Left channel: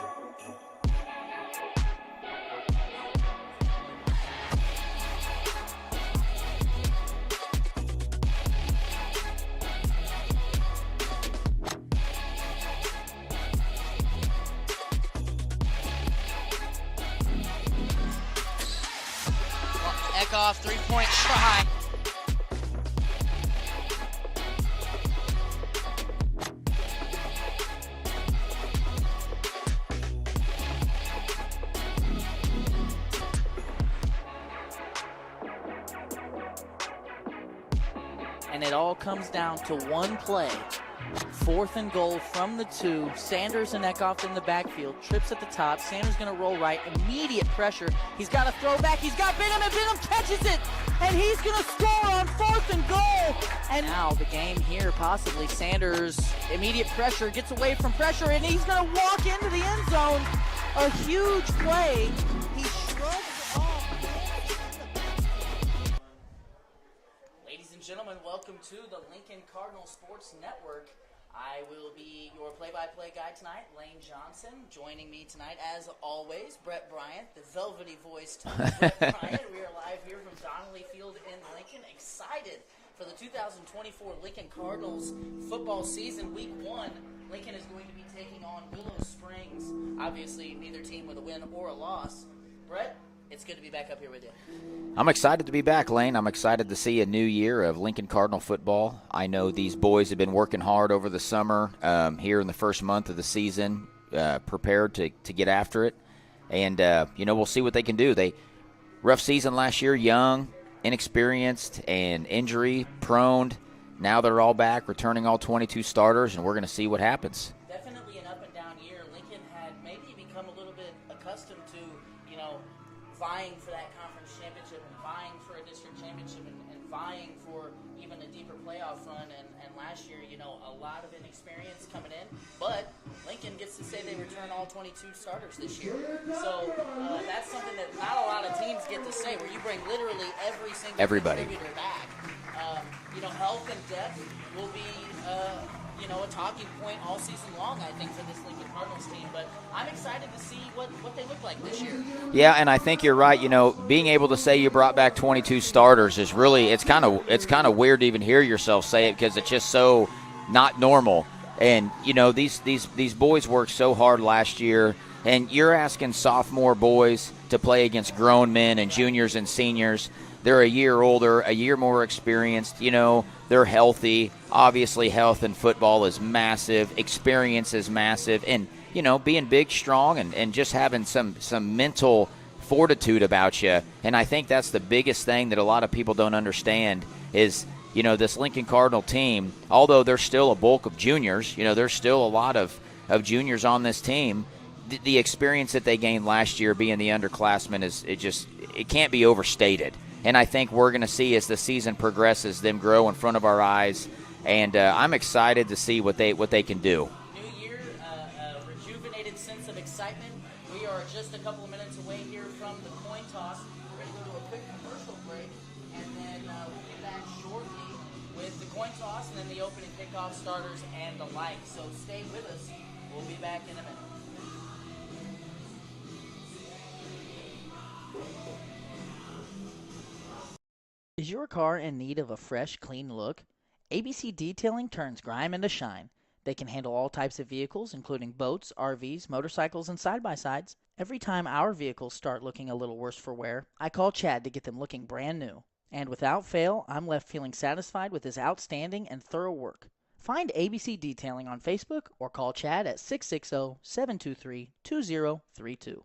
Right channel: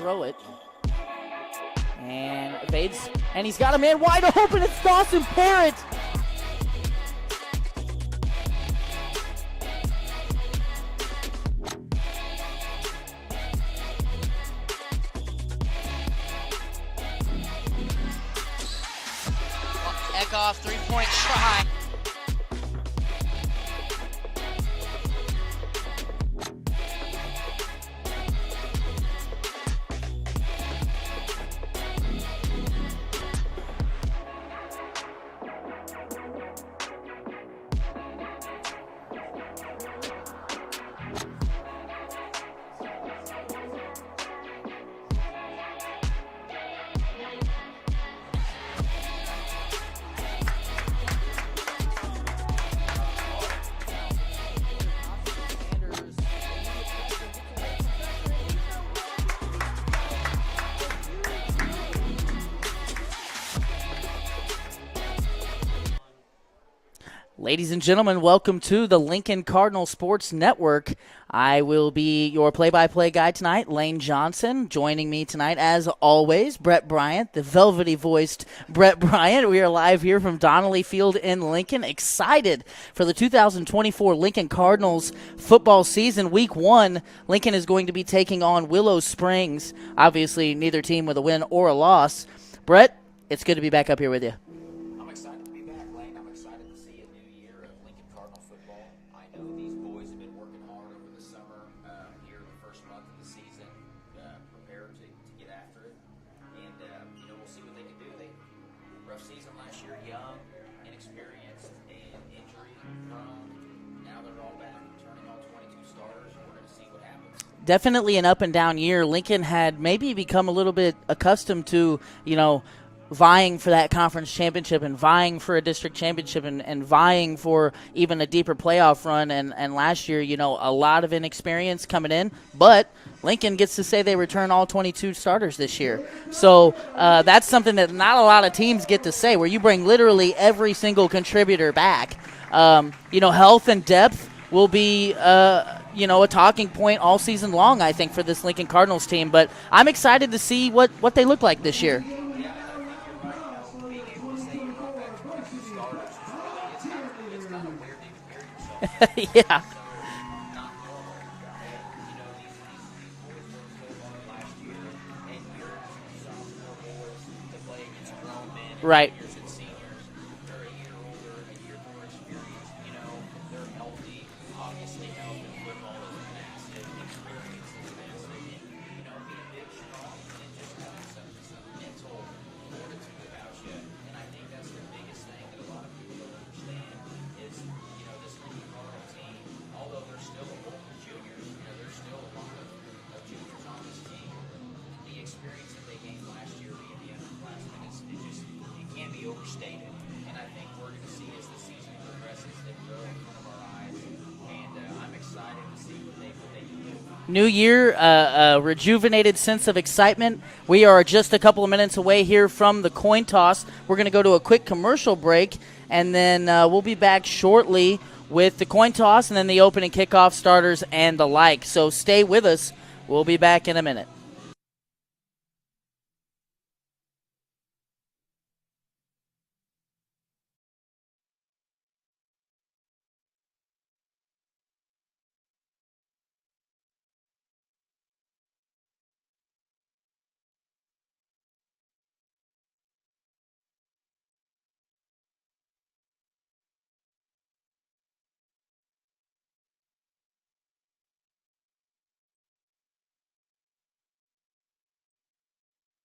throw it. And evades, and he's got a man wide open. It's Dawson Parrott. Kickoff, three-point try. And it all comes down to one play. 4th and goal from the 2. Sanders and Eckhoff in the backfield. Trips at the top. Sanders going to roll right. Immediate pressure. He's got a throwback. He's got Bingham, and Bingham catches it. And he's going to score on 4th and goal. And now the game here, possibly. Sanders, immediate pressure, gets away from pressure, and he's going to walk into the end zone. A huge play. He shrugs off. Ladies and gentlemen, welcome to the Lincoln Cardinal Sports Network. I will be your play-by-play guy tonight, Lane Johnson. Joining me tonight, as always, Brett Bryant, the velvety-voiced Brett Bryant. We are live here from Donnelly Field in Lincoln. Excited for the 2024 Lincoln Cardinals football season. Week 1, Lincoln is going to be taking on Willow Springs. Obviously, neither team with a win or a loss. Brett, it's good to be back up here with you. I'm excited to be back, Lane. I'm excited to see a new year of Lincoln Cardinal football. I know these boys have been working hard over the summer here in the first month of the season, prepared to get after it. And, we'll see what they can do. Rough season last year, young, inexperienced, and injury-prone. Now they're all back, returning all 22 starters, and we're going to see what happens. Definitely an up-and-down year. Lincoln had maybe become a little bit accustomed to, vying for that conference championship and vying for a district championship and vying for even a deeper playoff run. And last year, a lot of inexperience coming in. But Lincoln gets to say they return all 22 starters this year. So that's something that not a lot of teams get to say, where you bring literally every single contributor back. Health and depth will be a talking point all season long, I think, for this Lincoln Cardinals team. But I'm excited to see what they look like this year. Yeah, and I think you're right. Being able to say you brought back 22 starters is really it's kind of weird to even hear yourself say it because Yeah. It's just so not normal. And these boys worked so hard last year, and you're asking sophomore boys to play against grown men and Right. juniors and seniors. They're a year older, a year more experienced. They're healthy. Obviously, health in football is massive. Experience is massive. And, being big, strong, and just having some mental fortitude about you. And I think that's the biggest thing that a lot of people don't understand is, this Lincoln Cardinal team, although there's still a bulk of juniors, there's still a lot of juniors on this team, the experience that they gained last year being the underclassmen it can't be overstated. And I think we're going to see as the season progresses them grow in front of our eyes. And I'm excited to see what they can do. New year, a rejuvenated sense of excitement. We are just a couple of minutes away here from the coin toss. We're going to go to a quick commercial break, and then we'll be back shortly with the coin toss and then the opening kickoff starters and the like. So stay with us. We'll be back in a minute. Is your car in need of a fresh, clean look? ABC Detailing turns grime into shine. They can handle all types of vehicles, including boats, RVs, motorcycles, and side-by-sides. Every time our vehicles start looking a little worse for wear, I call Chad to get them looking brand new. And without fail, I'm left feeling satisfied with his outstanding and thorough work. Find ABC Detailing on Facebook or call Chad at 660-723-2032.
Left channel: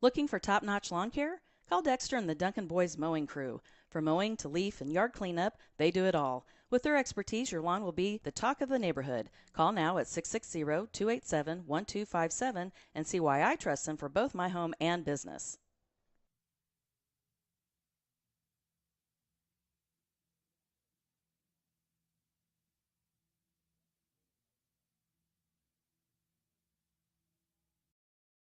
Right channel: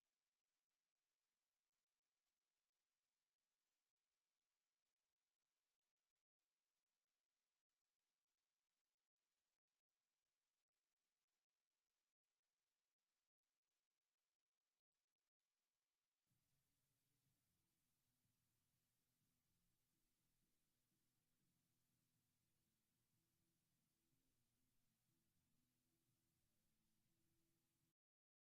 Looking for top-notch lawn care? Call Dexter and the Duncan Boys Mowing Crew. From mowing to leaf and yard cleanup, they do it all. With their expertise, your lawn will be the talk of the neighborhood. Call now at 660-287-1257 and see why I trust them for both my home and business.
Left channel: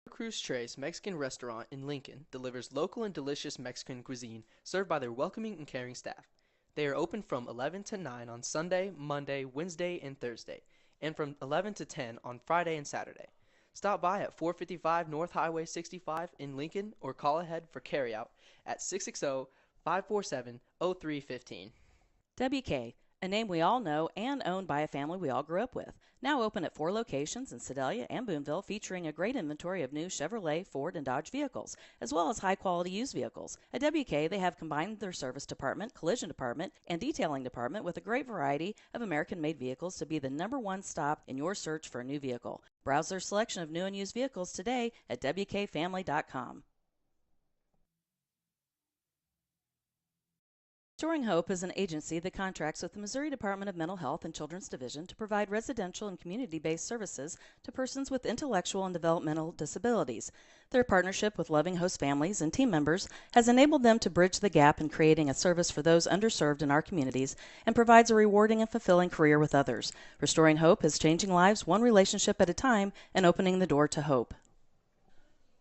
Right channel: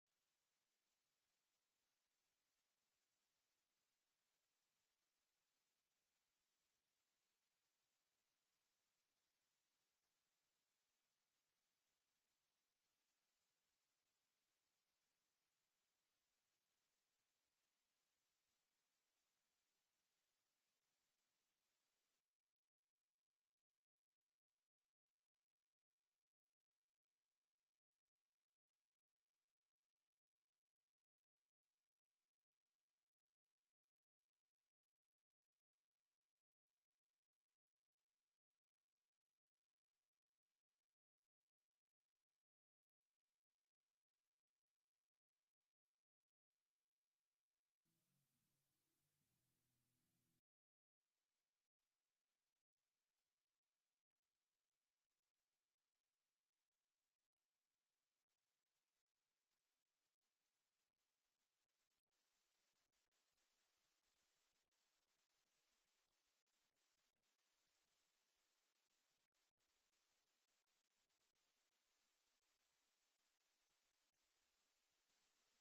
Cruz Tres Mexican Restaurant in Lincoln delivers local and delicious Mexican cuisine served by their welcoming and caring staff. They are open from 11 to 9 on Sunday, Monday, Wednesday, and Thursday, and from 11 to 10 on Friday and Saturday. Stop by at 455 North Highway 65 in Lincoln or call ahead for carryout at 660-547-0315. WK, a name we all know and owned by a family we all grew up with. Now open at 4 locations in Sedalia and Boonville, featuring a great inventory of new Chevrolet, Ford, and Dodge vehicles, as well as high-quality used vehicles. At WK, they have combined their service department, collision department, and detailing department with a great variety of American-made vehicles to be the #1 stop in your search for a new vehicle. Browse their selection of new and used vehicles today at WKFamily.com. Restoring Hope is an agency that contracts with the Missouri Department of Mental Health and Children's Division to provide residential and community-based services to persons with intellectual and developmental disabilities. Their partnership with loving host families and team members has enabled them to bridge the gap in creating a service for those underserved in our communities and provides a rewarding and fulfilling career with others. Restoring Hope is changing lives one relationship at a time and opening the door to hope.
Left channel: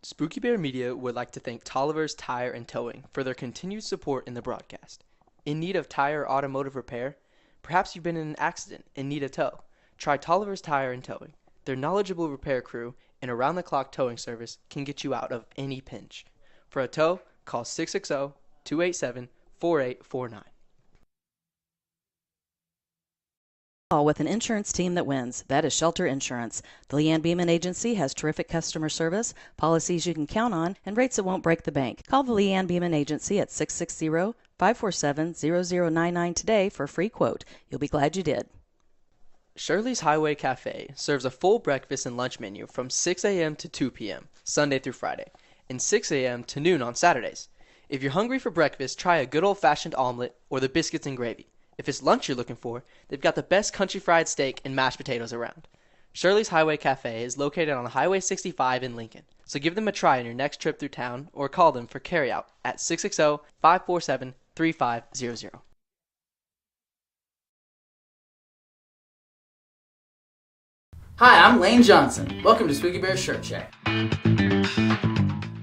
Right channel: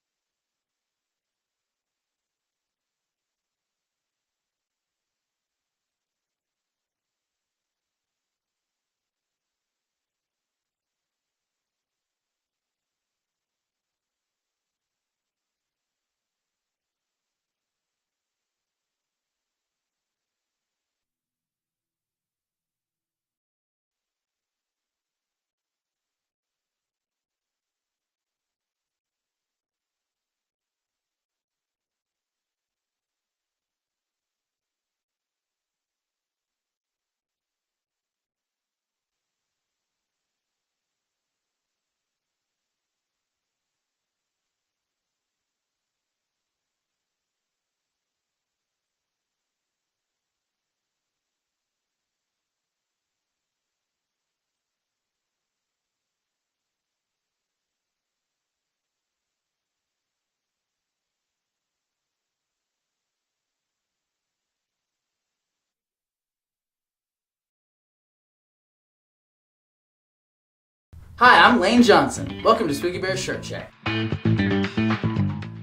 Spooky Bear Media would like to thank Tolliver's Tire and Towing for their continued support in the broadcast. In need of tire or automotive repair? Perhaps you've been in an accident and need a tow. Try Tolliver's Tire and Towing. Their knowledgeable repair crew and around-the-clock towing service can get you out of any pinch. For a tow, call 660-287-4849. With an insurance team that wins. That is Shelter Insurance. The Leanne Beeman Agency has terrific customer service, policies you can count on, and rates that won't break the bank. Call the Leanne Beeman Agency at 660-547-0099 today for a free quote. You'll be glad you did. Shirley's Highway Cafe serves a full breakfast and lunch menu from 6 a.m. to 2 p.m., Sunday through Friday, and 6 a.m. to noon on Saturdays. If you're hungry for breakfast, try a good old-fashioned omelet or the biscuits and gravy. If it's lunch you're looking for, they've got the best country fried steak and mashed potatoes around. Shirley's Highway Cafe is located on Highway 65 in Lincoln, so give them a try on your next trip through town or call them for carryout at 660-547-3500. Hi, I'm Lane Johnson. Welcome to Spooky Bear Shirt Shack.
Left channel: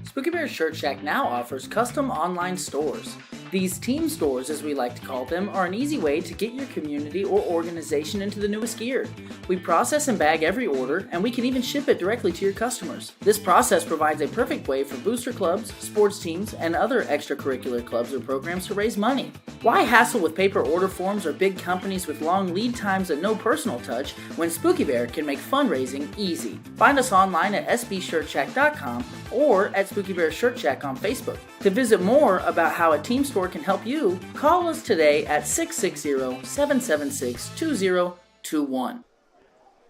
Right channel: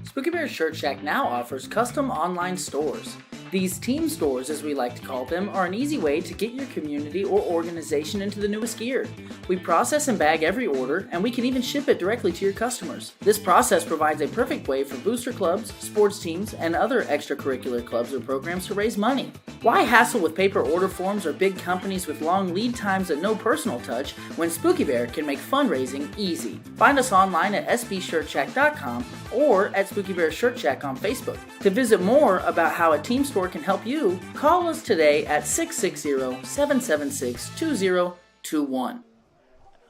Spooky Bear Shirt Shack now offers custom online stores. These team stores, as we like to call them, are an easy way to get your community or organization into the newest gear. We process and bag every order, and we can even ship it directly to your customers. This process provides a perfect way for booster clubs, sports teams, and other extracurricular clubs or programs to raise money. Why hassle with paper order forms or big companies with long lead times and no personal touch when Spooky Bear can make fundraising easy? Find us online at sbshirtshack.com or at Spooky Bear Shirt Shack on Facebook. To visit more about how a team store can help you, call us today at 660-776-2021.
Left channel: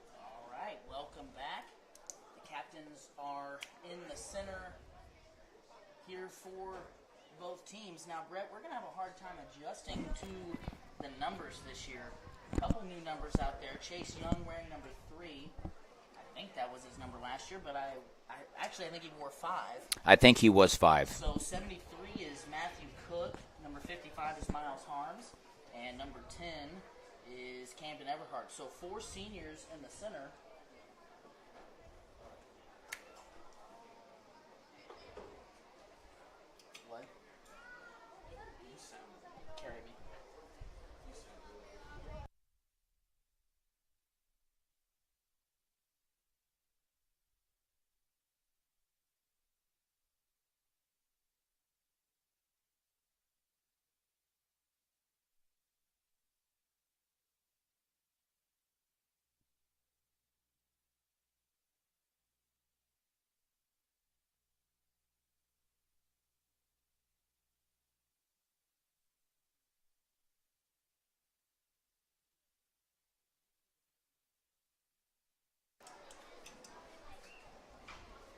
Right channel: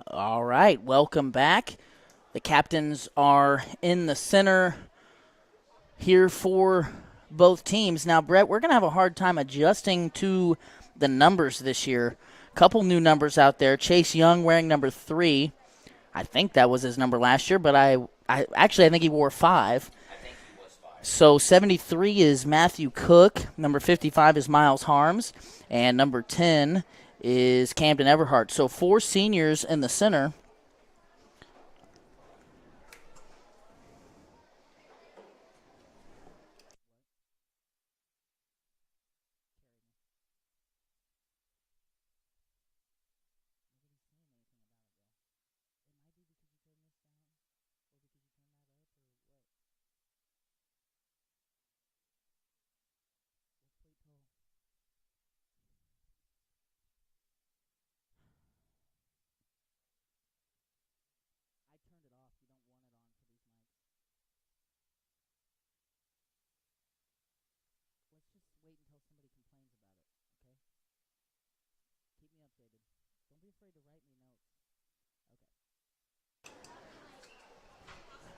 All right, welcome back. The captains are in the center here for both teams. Now, Brett, we're going to have a hard time adjusting to the numbers this year. A couple new numbers out there. Chase Young wearing number 3. I think that was his number last year, but I think he wore 5. I think he was 5. So 73 is Matthew Cook. Number 55 is Miles Harms. And number 10 is Camden Everhart. So 4 seniors in the center.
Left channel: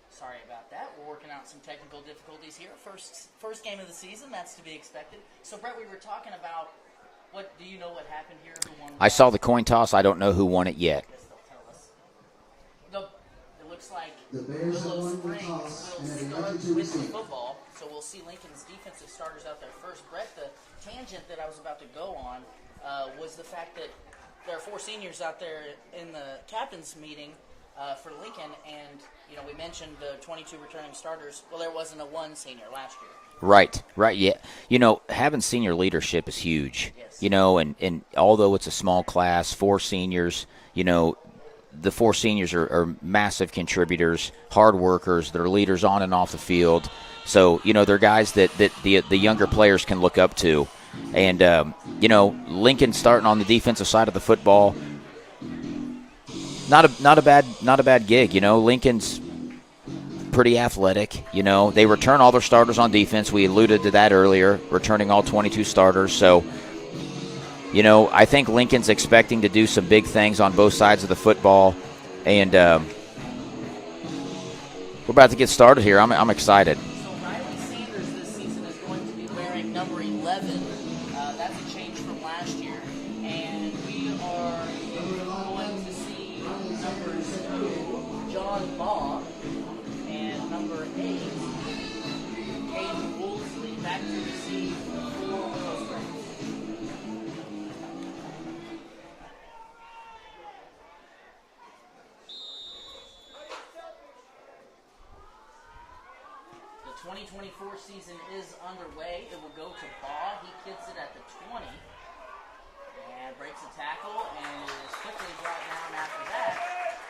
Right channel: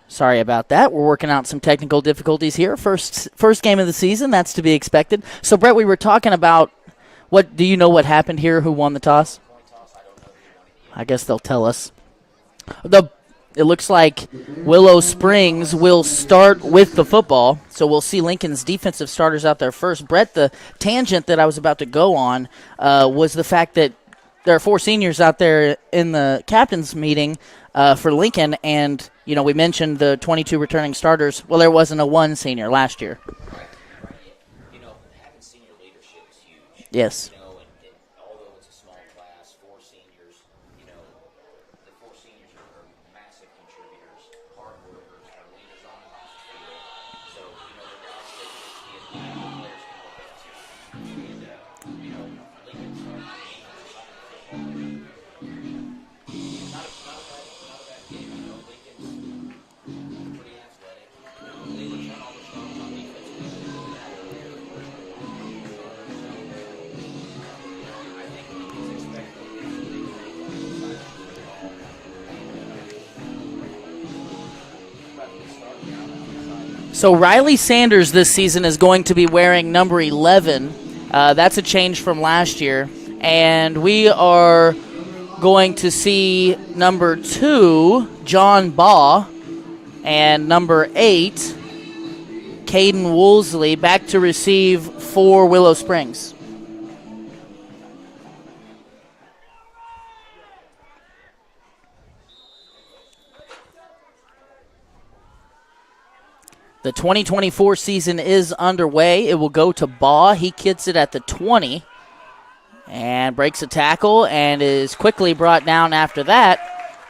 Sorry about that. We're working out some technical difficulties here. First game of the season, that's to be expected. So, Brett, we were talking about do you know what happened here? Who won the toss? I saw the coin toss. I don't know who won it yet. I guess they'll tell us. It looks like Willow Springs will start with the football, so we'll see Lincoln's defensive starters out there first. Brett, the tangent that I was about to go on was the fact that there are 4 seniors out there in the captain's meeting for Lincoln, and we mentioned the 22 returning starters. Well, there wasn't a 1 senior last year. Right, yeah. Having senior leadership is huge. Yes. And although it's a small class, 4 seniors, the four seniors are massive contributors, hard workers. They're leaders on and off the field. So, they're guys that the younger players can look up to. And, Lincoln starting on the defensive side of the football, not a bad gig. Lincoln's pretty athletic. They return all their starters on defense. We alluded to that earlier, returning all 22 starters. So, I think Lincoln's expecting to do some big things on both sides of the football. And we're about to get started here. I'm excited. So Riley Sanders this season is going to be wearing number 11. That's a change from last year. And we are going to see number 2, John Baugh, and number 8, Caden Woolsey, back to receive for Willow Springs. The 2024 season is underway. It will go to Baugh. He gets it at the 20 and breaks a tackle and is quickly brought down after that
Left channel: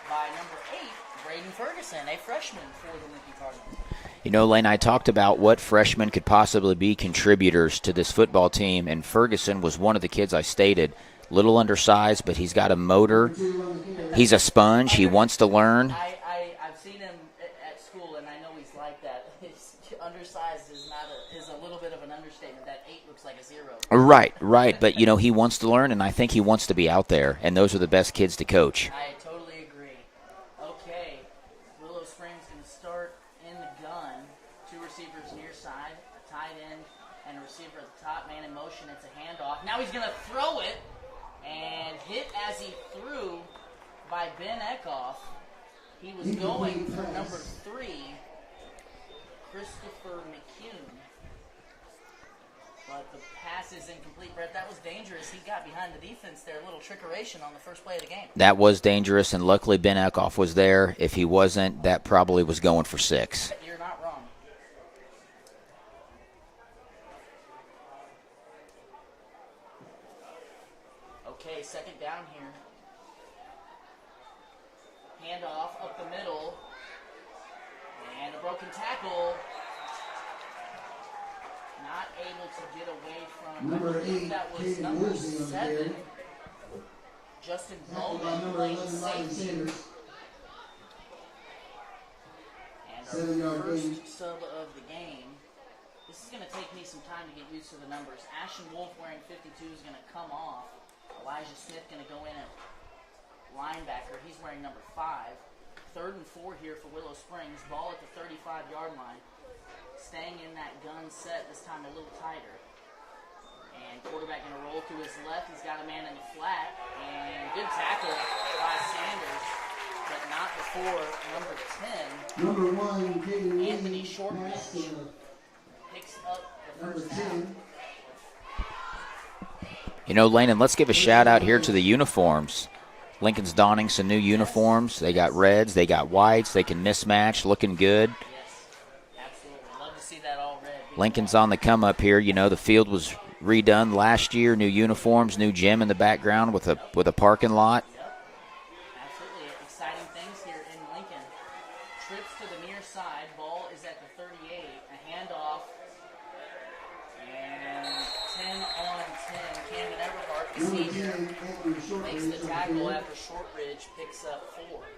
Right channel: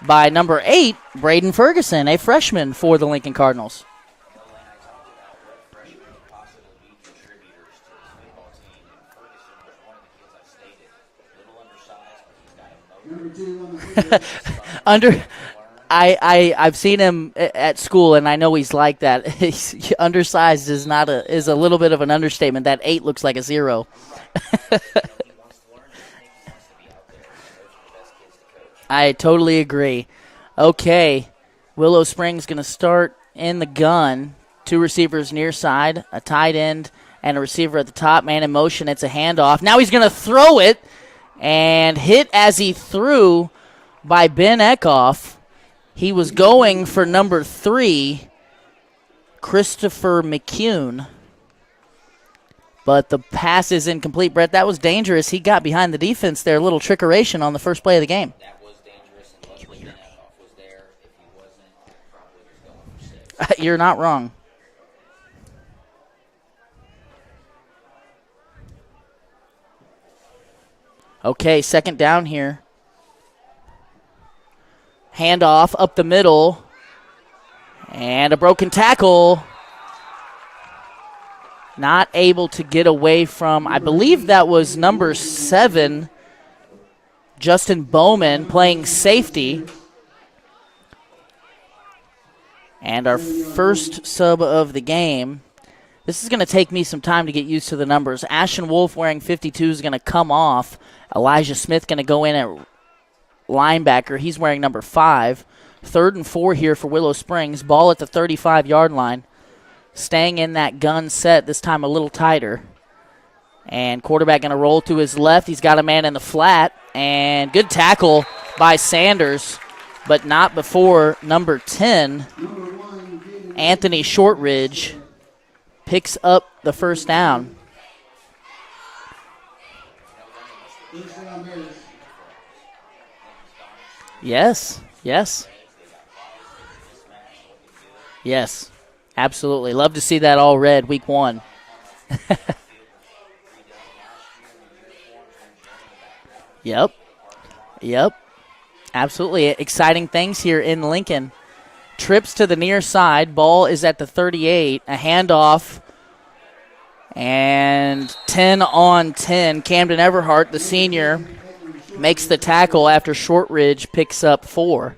by number 8, Braden Ferguson, a freshman for the Lincoln Cardinals. Lane, I talked about what freshmen could possibly be contributors to this football team, and Ferguson was one of the kids I stated. Little undersized, but he's got a motor. He's a sponge. He wants to learn. I've seen him at school, and I know he's like that. He's undersized is a little bit of an understatement. That 8 looks like a 0. Right. But he wants to learn, and I think he wants to be out there. And those are the best kids to coach. I totally agree. Okay, Willow Springs going to start in the gun. 2 receivers near side, a tight end, and a receiver at the top. Man in motion. It's a handoff. Now he's going to throw it. And hit as he threw by Ben Eckhoff. He was going for number 3, Christopher McCune. But the pass is incomplete. Brett, that was dangerous. He got behind the defense there. A little trickeration on the first play of the game. That was dangerous, and luckily Ben Eckhoff was there. If he wasn't, that probably was going for 6. You're not wrong. Okay, second down here. Handoff up the middle. And a broken tackle. Not able to get away from, I believe that was number 7, Justin Bowman, playing safety. And our first sub of the game. This is going to take me some time to get used to the numbers. Ashton Wolf wearing 52 is going to come off. Elijah Smith going to go in at linebacker. He's wearing number 5. 3rd and 4 here for Willow Springs. Ball at the 35-yard line. Staying in that gun set, this time a little tighter. And quarterback going to roll to his left. He's got a man in the flat. And good tackle by Sanders, but not before number 10, Anthony Shortridge, picks up the first down. Lane, and let's give a shout-out here to the uniforms. Lincoln's donning some new uniforms. They got reds, they got whites, they can mismatch, looking good. Yes, absolutely. Love to see that all red week 1. Lincoln's on the come-up here. The field was redone last year, new uniforms, new gym in the background with a parking lot. Yep, absolutely. Exciting things here in Lincoln. Trips to the near side. Ball is at the 38. A handoff. And 10 on 10. Camden Everhart, the senior, makes the tackle after Shortridge picks up 4.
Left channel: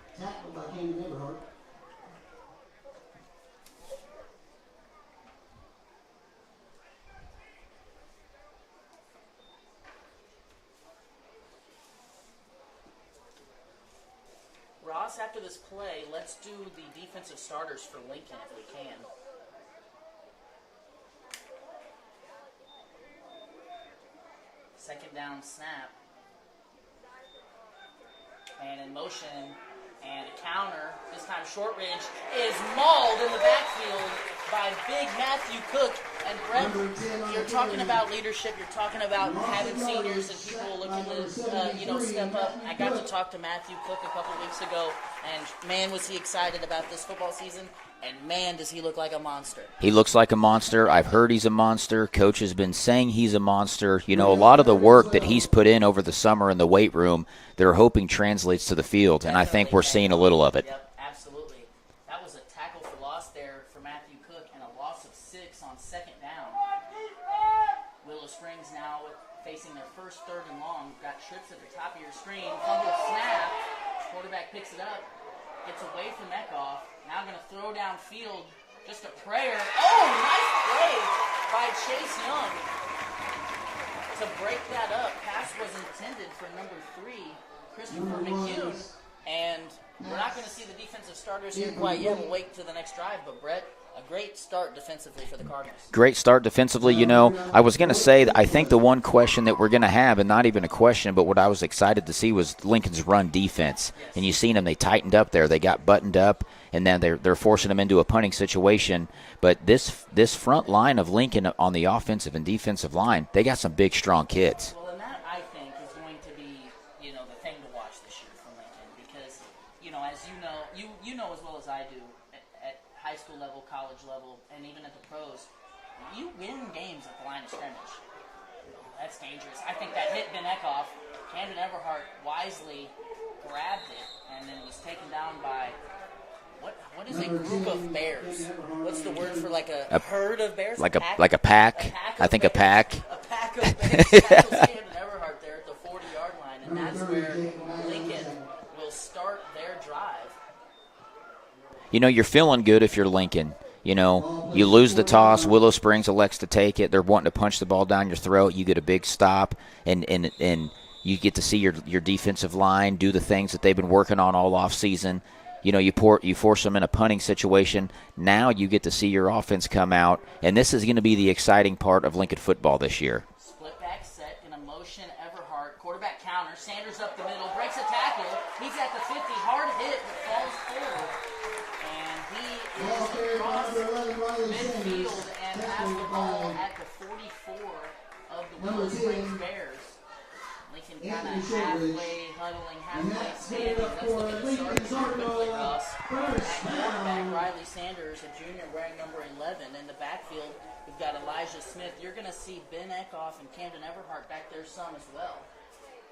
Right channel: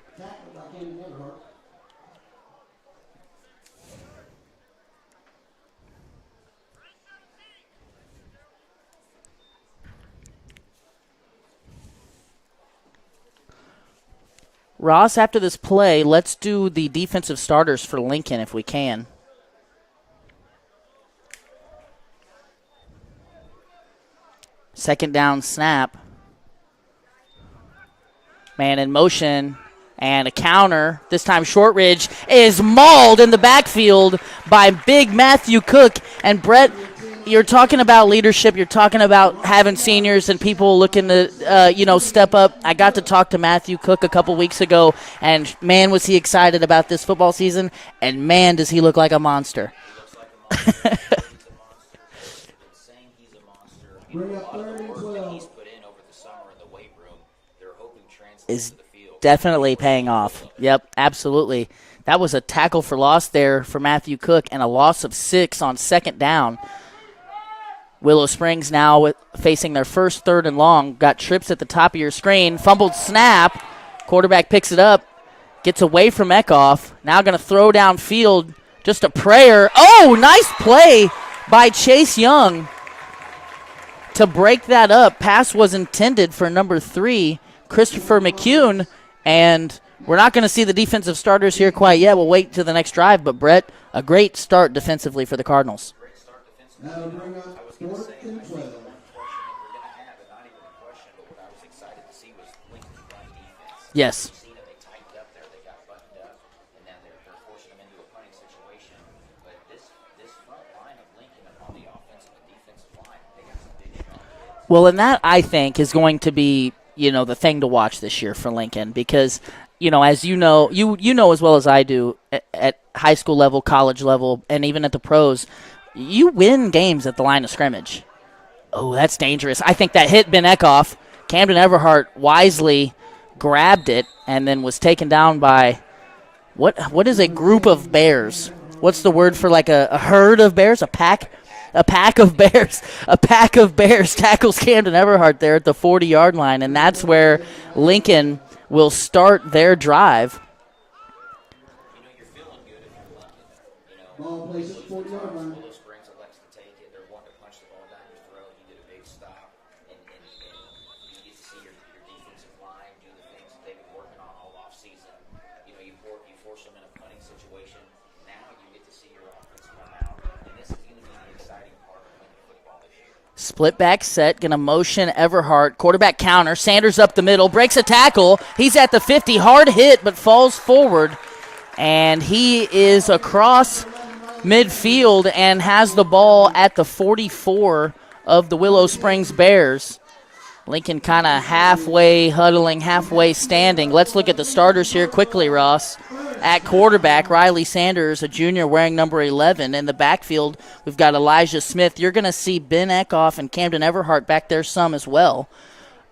Ross, after this play, let's do the defensive starters for Lincoln if we can. Second down snap. Man in motion and a counter. This time Shortridge is mauled in the backfield by big Matthew Cook. And Brett, you're talking about leadership. You're talking about having seniors and people looking to, step up. I got to talk to Matthew Cook a couple weeks ago, and, man, was he excited about this football season, and, man, does he look like a monster. He looks like a monster. I've heard he's a monster. Coach has been saying he's a monster. A lot of the work that he's put in over the summer in the weight room they're hoping translates to the field. Definitely and I think we're paying seeing off. a little of it. Yep, absolutely. That was a tackle for loss there for Matthew Cook and a loss of 6 on second down. Willow Springs now facing their first 3rd and long. Got trips at the top of your screen. Fumbled snap. Quarterback picks it up. Gets away from Kickoff. Now going to throw downfield. Just a prayer. Oh, nice play by Chase Young to break that up. Pass was intended for number 3, Christopher McCune. And we're not going to see the defensive starters here quite yet. We'll wait to the next drive. But, Brett, a great start defensively for the Cardinals. Great start defensively. You know, I was going to say that I think the one question that we're going to have, and not even a question, but what I was excited to see was Lincoln's run defense. Yes. And you seen them. They tightened up there. They got buttoned up, and then they're forcing them into a punting situation. But this front line of Lincoln on the offensive and defensive line, they got some big, strong kids. Well, and that, I think, is going to be, the thing to watch this year for Lincoln because – as you know as well as I do, at high school level, college level, and even at the pros, you win games at the line of scrimmage. Oh, that's dangerous. I think that hit Ben Kickoff. Camden Everhart wisely grabbed it and then was taken down by what is a group of bears? What's the word for like a herd of bears? Like a pack? Like a pack. A pack of bears. A pack of bears tackles Camden Everhart there at the 40-yard line, and that's where Lincoln will start their drive. You're feeling good if you're Lincoln. You lose the toss. Willow Springs elects to take it. They're wanting to punch the ball down your throat. You get a big stop, and you get to see your defensive line do the things that they've been working on all off season. You force them in a punting situation. Now you get to see your offense come out, and this is going to be the exciting part of Lincoln football this year. Split back set, going to motion Everhart. Quarterback counter. Sanders up the middle, breaks a tackle. He's at the 50, hard hit, but falls forward. And he is across midfield and has the ball at the 44 of the Willow Springs Bears. Lincoln kind of halfway huddling, halfway standing. Let's look at the starters here quickly, Ross. At quarterback, Riley Sanders, a junior wearing number 11. In the backfield, we've got Elijah Smith. You're going to see Ben Kickoff and Camden Everhart back there some as well.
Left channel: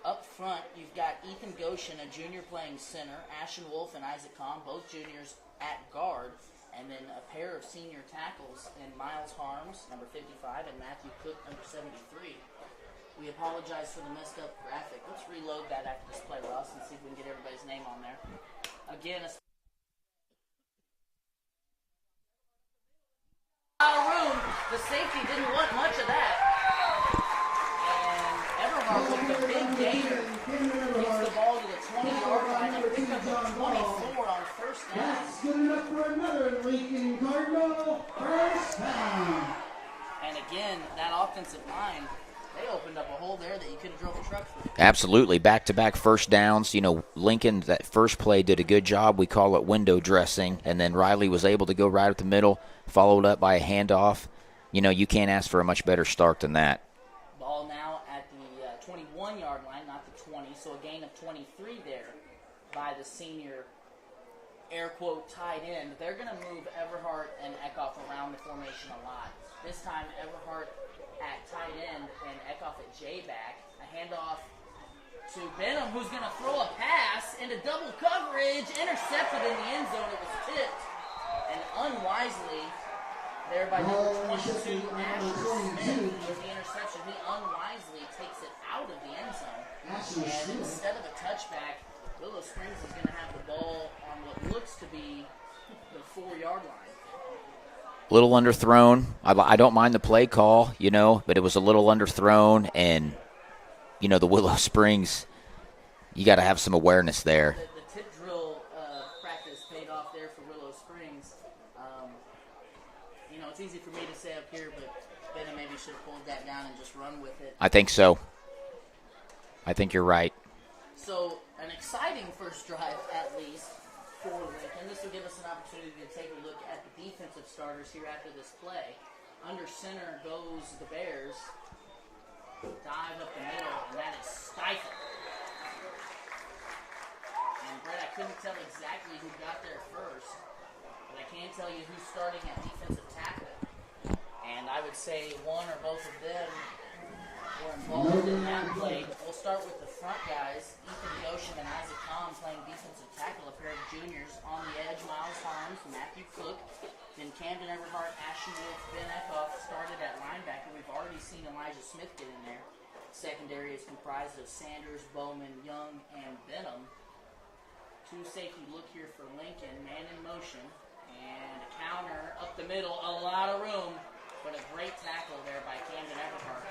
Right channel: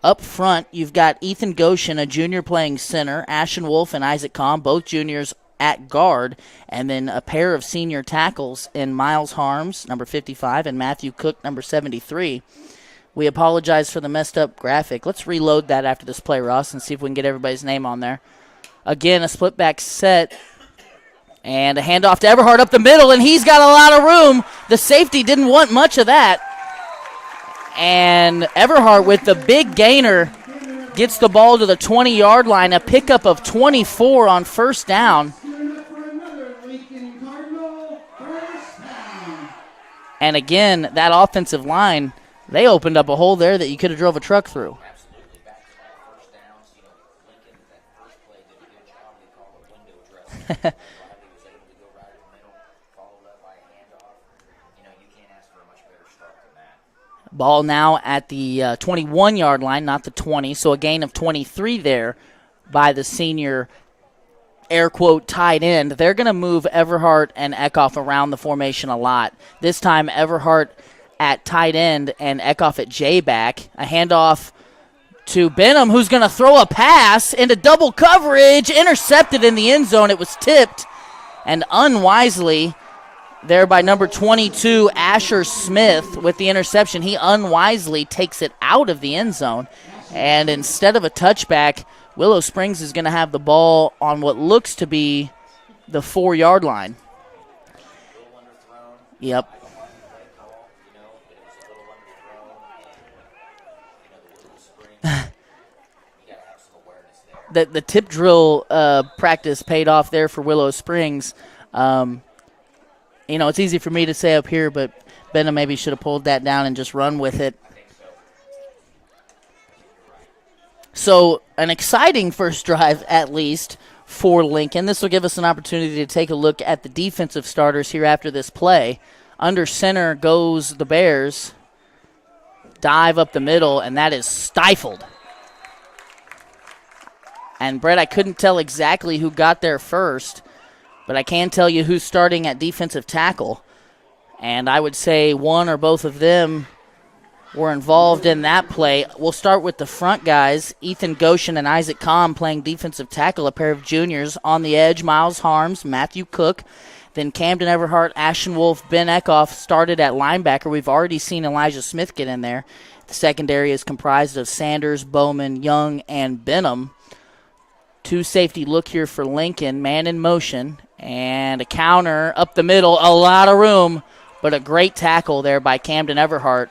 Up front, you've got Ethan Goshen, a junior playing center. Ashton Wolf and Isaac Kahn, both juniors at guard. And then a pair of senior tackles in Miles Harms, number 55, and Matthew Cook, number 73. We apologize for the messed up graphic. Let's reload that after this play, Ross, and see if we can get everybody's name on there. Again, a split back set. And a handoff to Everhart up the middle, and he's got a lot of room. The safety didn't want much of that. And Everhart with the big gainer gets the ball to the 20-yard line, a pickup of 24 on first down. And again, that offensive line, they opened up a hole there that you could have drove a truck through. Absolutely. Back-to-back first downs. Lincoln, that first play, did a good job. We call it window dressing. And then Riley was able to go right up the middle, followed up by a handoff. You can't ask for a much better start than that. Ball now at the 21-yard line, not the 20. So a gain of 23 there by the senior, air quote, tight end. They're going to move Everhart and Kickoff around the formation a lot. This time, Everhart at tight end and Kickoff at J-back. A handoff to Benham, who's going to throw a pass into double coverage, intercepted in the end zone. It was tipped, and unwisely there by number 22, Asher Smith, with the interception. He unwisely takes it out of the end zone, and instead of a touchback, Willow Springs is going to have the ball on what looks to be the 4-yard line. Little underthrown. Yep. I don't mind the play call, but it was a little underthrown, and, the Willow Springs, you got to have some awareness there. The tip drill practice paid off there for Willow Springs. It's easy for me to say up here, but Benham maybe should have pulled that down and just run with it. I think so. I think you're right. So an exciting first drive, at least, for Lincoln. This will give us an opportunity to take a look at the defensive starters here after this play. Under center goes the Bears. Dive up the middle, and that is stifled. And, Brett, I couldn't tell exactly who got there first, but I can tell you who's starting at defensive tackle. And I would say one or both of them were involved in that play. We'll start with the front guys. Ethan Goshen and Isaac Kahn playing defensive tackle, a pair of juniors. On the edge, Miles Harms, Matthew Cook. Then Camden Everhart, Ashton Wolf, Ben Eckhoff started at linebacker. We've already seen Elijah Smith get in there. The secondary is comprised of Sanders, Bowman, Young, and Benham. Two safety look here for Lincoln, man in motion. And a counter up the middle, a lot of room, but a great tackle there by Camden Everhart.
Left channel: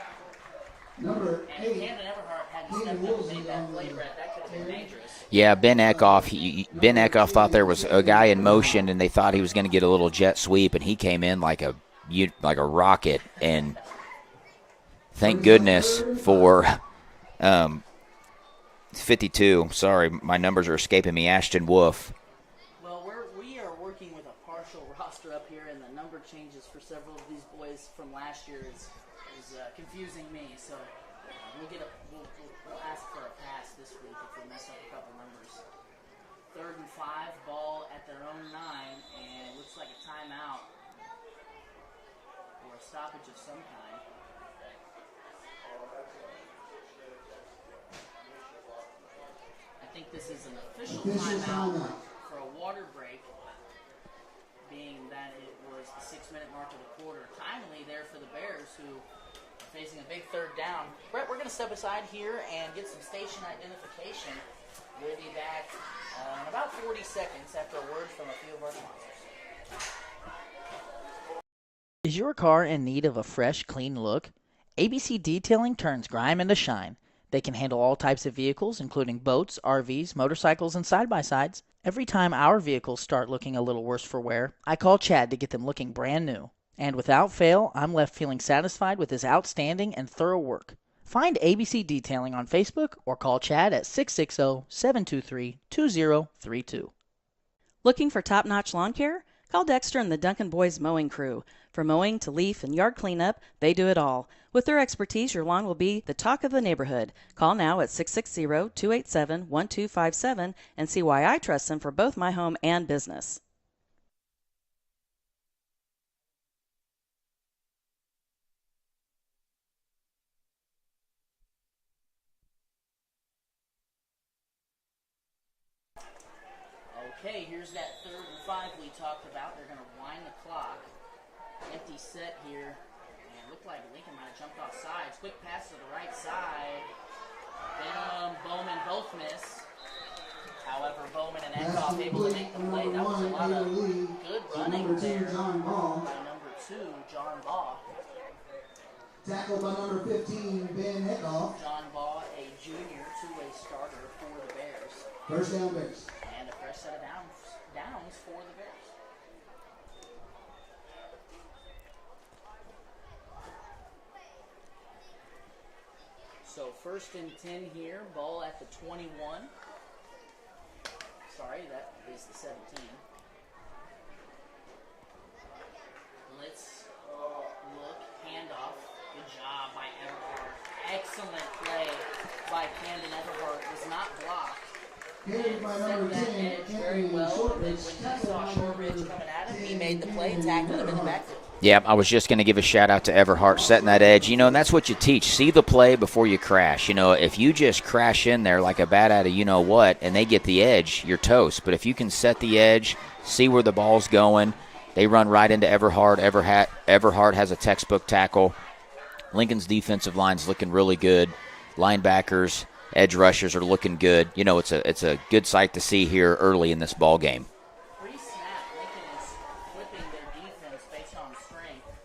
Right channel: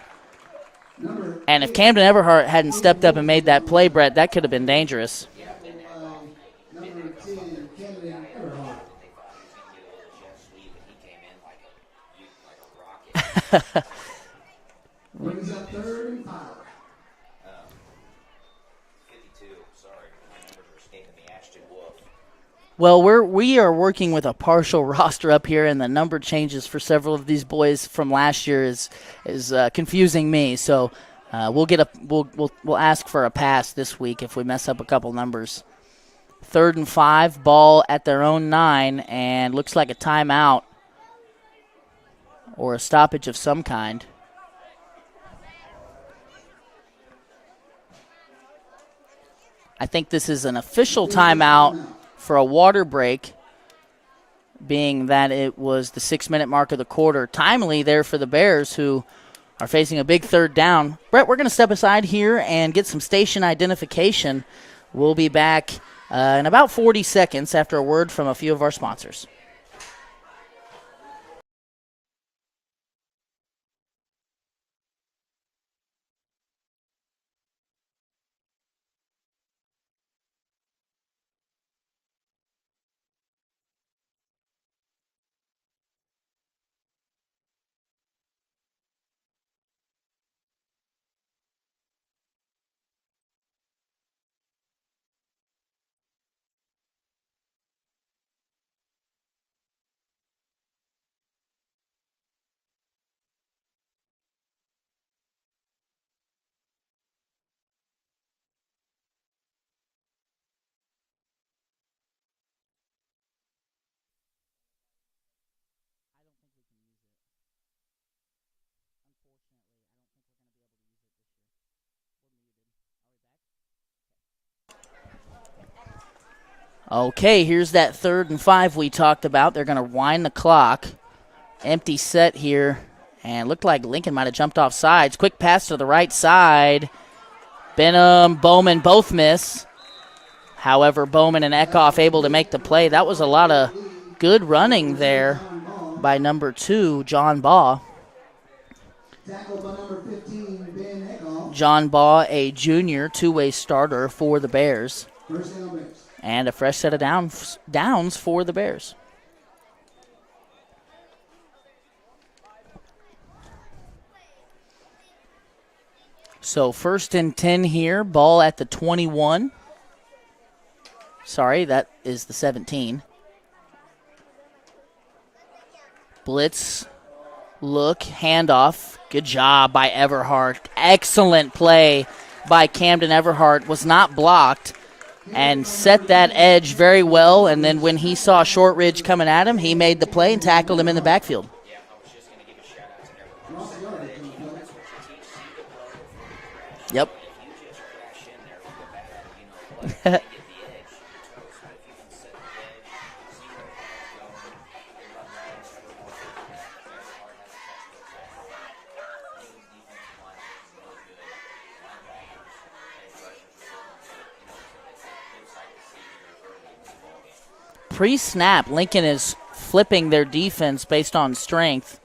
And if Camden Everhart hadn't stepped up and made that play, Brett, that could have been dangerous. Yeah, Ben Eckhoff thought there was a guy in motion, and they thought he was going to get a little jet sweep, and he came in like a rocket. And thank goodness for 52. Sorry, my numbers are escaping me. Ashton Wolf. Well, we are working with a partial roster up here, and the number changes for several of these boys from last year is confusing me. So we'll ask for a pass this week if we mess up a couple numbers. 3rd and 5, ball at their own 9, and looks like a timeout or a stoppage of some kind. I think this is an official timeout for a water break, being that it was the 6-minute mark of the quarter. Timely there for the Bears, who are facing a big 3rd down. Brett, we're going to step aside here and get some station identification. We'll be back in about 40 seconds after a word from a few of our sponsors. Is your car in need of a fresh, clean look? ABC Detailing turns grime into shine. They can handle all types of vehicles, including boats, RVs, motorcycles, and side-by-sides. Every time our vehicles start looking a little worse for wear, I call Chad to get them looking brand new. And without fail, I'm left feeling satisfied with his outstanding and thorough work. Find ABC Detailing on Facebook or call Chad at 660-723-2032. Looking for top-notch lawn care? Call Dexter and the Duncan Boys Mowing Crew. From mowing to leaf and yard cleanup, they do it all. With their expertise, your lawn will be the talk of the neighborhood. Call now at 660-287-1257 and see why I trust them for both my home and business. Okay, here's that 3rd and 5 we talked about. They're going to wind the clock. Empty set here. And looked like Lincoln might have jumped off sides. Quick pass to the right side. Benham, Bowman both miss. However, Bowman and Eckhoff able to make the play. That was a lot of good running there by number 2, John Baugh. John Baugh, a junior two-way starter for the Bears. And a fresh set of downs for the Bears. So 1st and 10 here, ball at the 21. Sorry, that is the 17. Blitz, look, handoff. Good job by Everhart. Excellent play by Camden Everhart. Was not blocked and set that edge very well. And then when he saw Shortridge coming at him, he made the play and tackled him in the backfield. Yeah, I was just going to give a shout-out to Everhart setting that edge. You know, and that's what you teach. See the play before you crash. You know, if you just crash in there like a bat out of you-know-what and they get the edge, you're toast. But if you can set the edge, see where the ball's going, they run right into Everhart. Everhart has a textbook tackle. Lincoln's defensive line's looking really good. Linebackers, edge rushers are looking good. You know, it's a good sight to see here early in this ball game. Pre-snap, Lincoln is flipping their defense based on strength.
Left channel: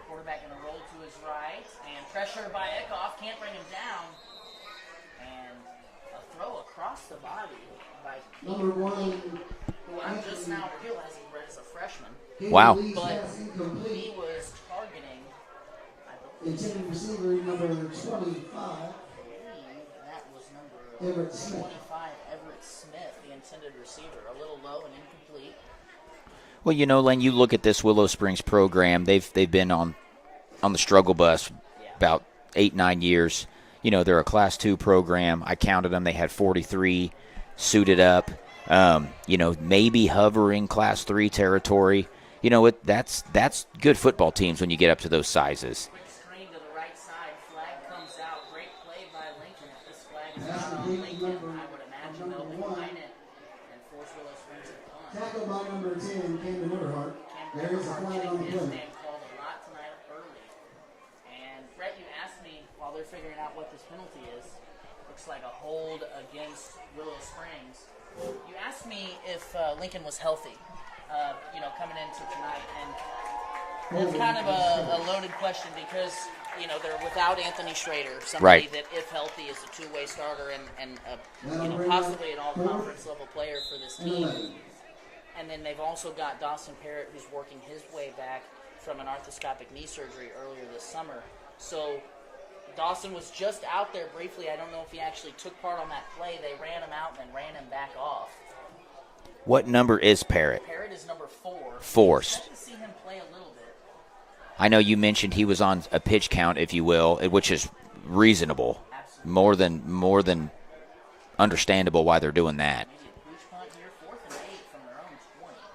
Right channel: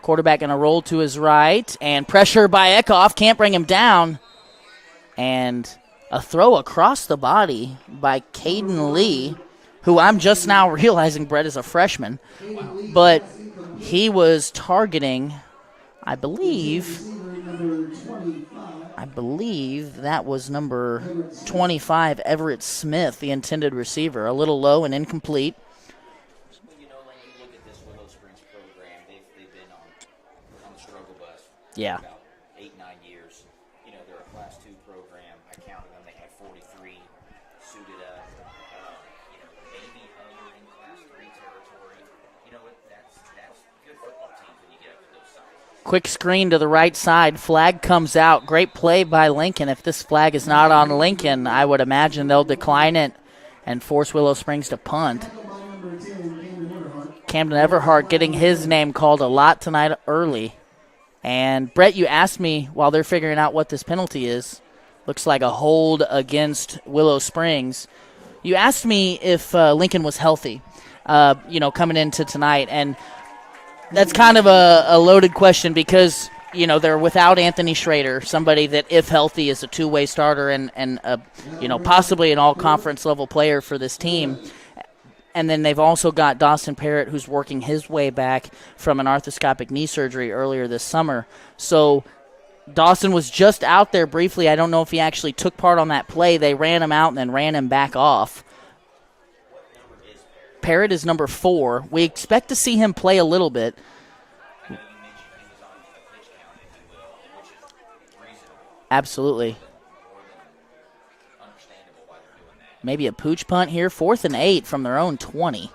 Quarterback going to roll to his right, and pressure by Eckhoff. Can't bring him down. And a throw across the body by Caden Lee, who I'm just now realizing, Brett, is a freshman. Wow. But he was targeting, I believe that was number 25, Everett Smith, the intended receiver. A little low and incomplete. Well, you know, Len, you look at this Willow Springs program. They've been on the struggle bus about 8-9 years. You know, they're a Class 2 program. I counted them. They had 43 suited up. You know, maybe hovering Class 3 territory. that's good football teams when you get up to those sizes. Quick screen to the right side. Flag comes out. Great play by Lincoln. If this flag is not on Lincoln, I would imagine they'll decline it and force Willow Springs to punt. Camden Everhart getting his name called a lot tonight early. And, Brett, you asked me while they're figuring out what this penalty is. Looks like a hold against Willow Springs. You asked me if Lincoln was healthy, coming into tonight. And that's kind of a loaded question because, they're without Anthony Schrader, somebody right. that, if healthy, is a two-way starter and possibly an all-conference level player for this team. And then they've also got Dawson Parrott, who's working his way back from an arthroscopic knee surgery earlier this summer. So Dawson was just out there briefly. I don't know if he actually took part on that play. They ran him out and then ran him back off. What number is Parrott? Parrott is number 4. We expect to see him play a little bit. I know you mentioned he was on a pitch count, if you will, which is reasonable. Absolutely. More than understandable why they're doing that. Maybe a pooch punt here. 4th and 8 from their own 20.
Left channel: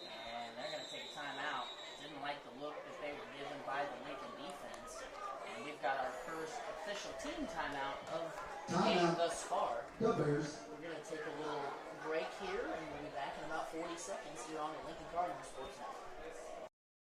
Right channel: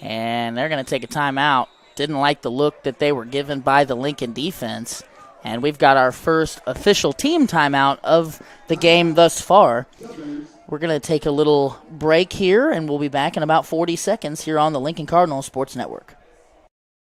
And they're going to take a timeout. Didn't like the look that they were given by the Lincoln defense. And we've got our first official team timeout of the game thus far. We're going to take a little break here, and we'll be back in about 40 seconds here on the Lincoln Cardinal Sports Network.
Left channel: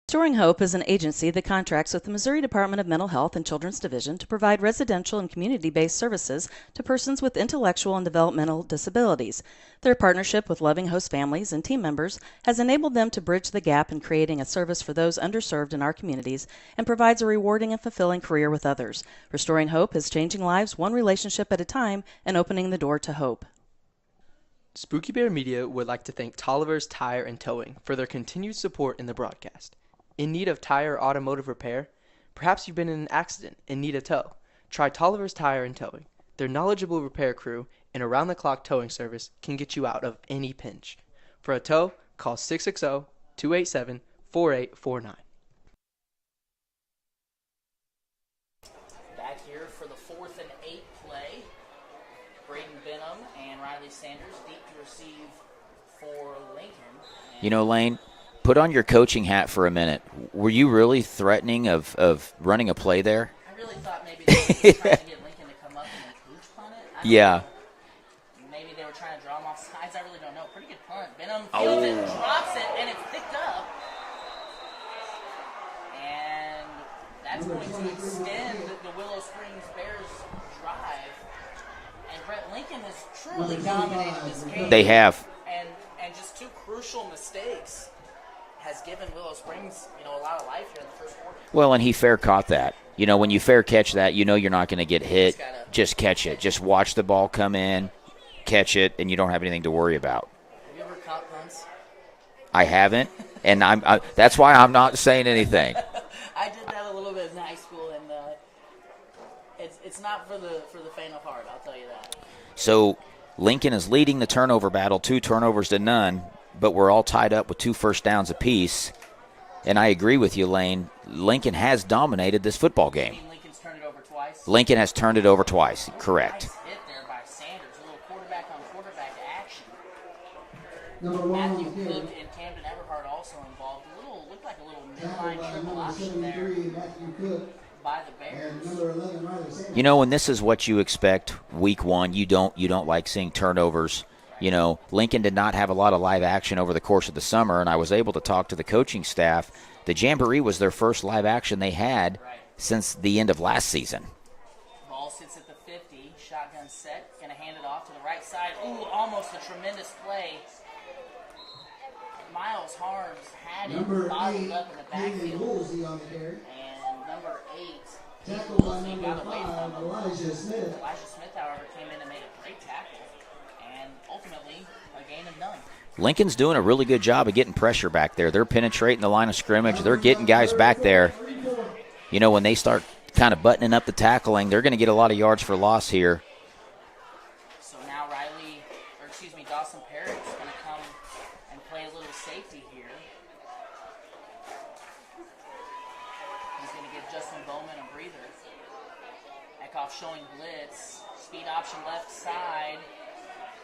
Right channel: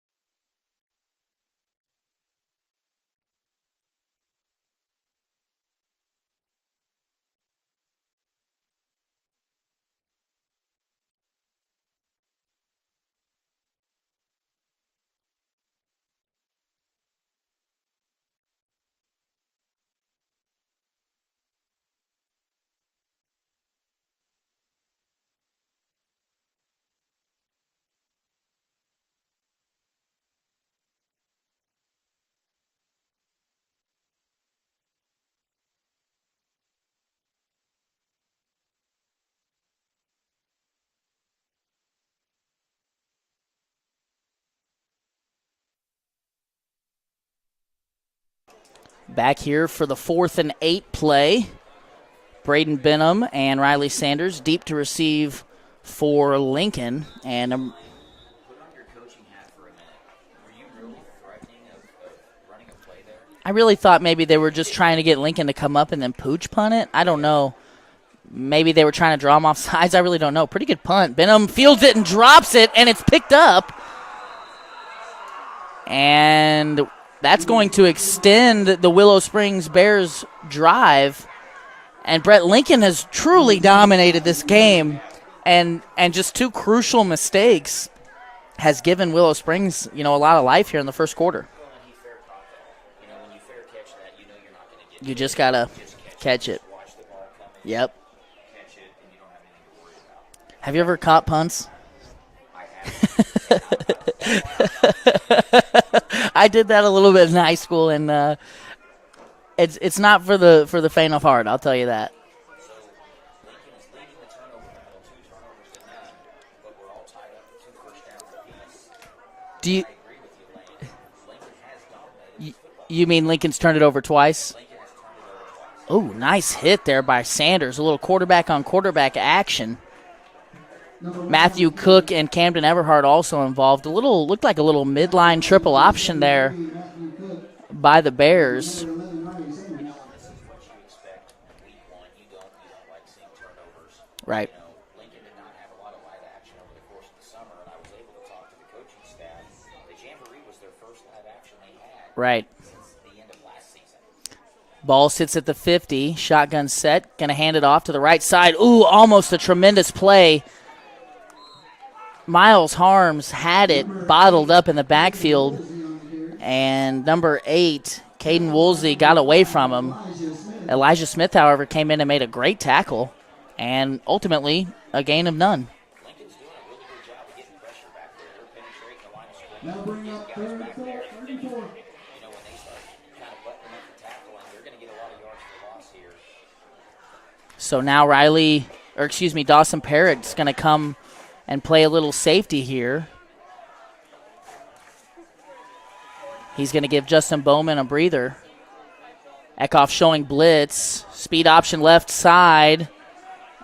Restoring Hope is an agency that contracts with the Missouri Department of Mental Health and Children's Division to provide residential and community-based services to persons with intellectual and developmental disabilities. Their partnership with loving host families and team members has enabled them to bridge the gap in creating a service for those underserved in our communities and provides a rewarding and fulfilling career with others. Restoring Hope is changing lives one relationship at a time and opening the door to hope. Spooky Bear Media would like to thank Tolliver's Tire and Towing for their continued support in the broadcast. In need of tire or automotive repair? Perhaps you've been in an accident and need a tow. Try Tolliver's Tire and Towing. Their knowledgeable repair crew and around-the-clock towing service can get you out of any pinch. For a tow, call 660-287-4849. Back here for the 4th and 8 play. Braden Benham and Riley Sanders deep to receive for Lincoln. And Lane, put on your coaching hat for a minute. Were you really threatening of running a play there? I really thought maybe they were just trying to get Lincoln to come up and then pooch punt it. I don't know. Maybe they were trying to draw him off sides. I really don't know. Pretty good punt. Benham fields it and drops it, and it's picked up. And that's going to extend the Willow Springs Bears drive. And Brett, Lincoln has truly dominated this game. They have. And just 2 crucial mistakes has given Willow Springs, a lot of life here in the first quarter. Well, and he fair caught that. When you fair catch that, you're not going to get hit. You just got to catch it. Just watch the ball come in, catch it, and you don't have anything to worry about. Have you ever caught punts? I haven't, and that's why I'm not saying anything. I did that a little bit in high school, and it's not for the faint of heart, I'll tell you that. So Lincoln is leading the turnover battle, 2 turnovers to none, but we're all tied up with 2 first downs apiece. And I agree with you, Lane. Lincoln has dominated this football game. You mean Lincoln's turned it over twice? Lincoln has turned it over twice. Oh, correct. Nice hit there by Sanders. A little quarterback-on-quarterback action. Matthew Cook and Camden Everhart also involved. Looked like a little midline triple option there by the Bears. And this is what you expect week 1. You don't like seeing turnovers. Right. Lincoln did not have a lot of live action over the course of the summer, and I was able to talk to the coaching staff. The Jamboree was their first live action they had since the end of last season. Ball sits at the 50. Shotgun set. Going to hand it off to the right side. Ooh, almost a tremendous play. Miles Harms had it bottled up in the backfield. And number 8, Caden Woolsey, got away from him. Elijah Smith, however, came in and made a great tackle. And ultimately, a gain of none. Lincoln's doing a really good job of getting pressure back there. They're penetrating the line of scrimmage. They're getting guys back there. When they start kind of buttoning up the tackling, they're going to get a lot of yards for loss here. So now Dawson Parrott's going to come and play a little safety here. He's going to give Justin Bowman a breather. Eckhoff showing blitz. Speed option left side.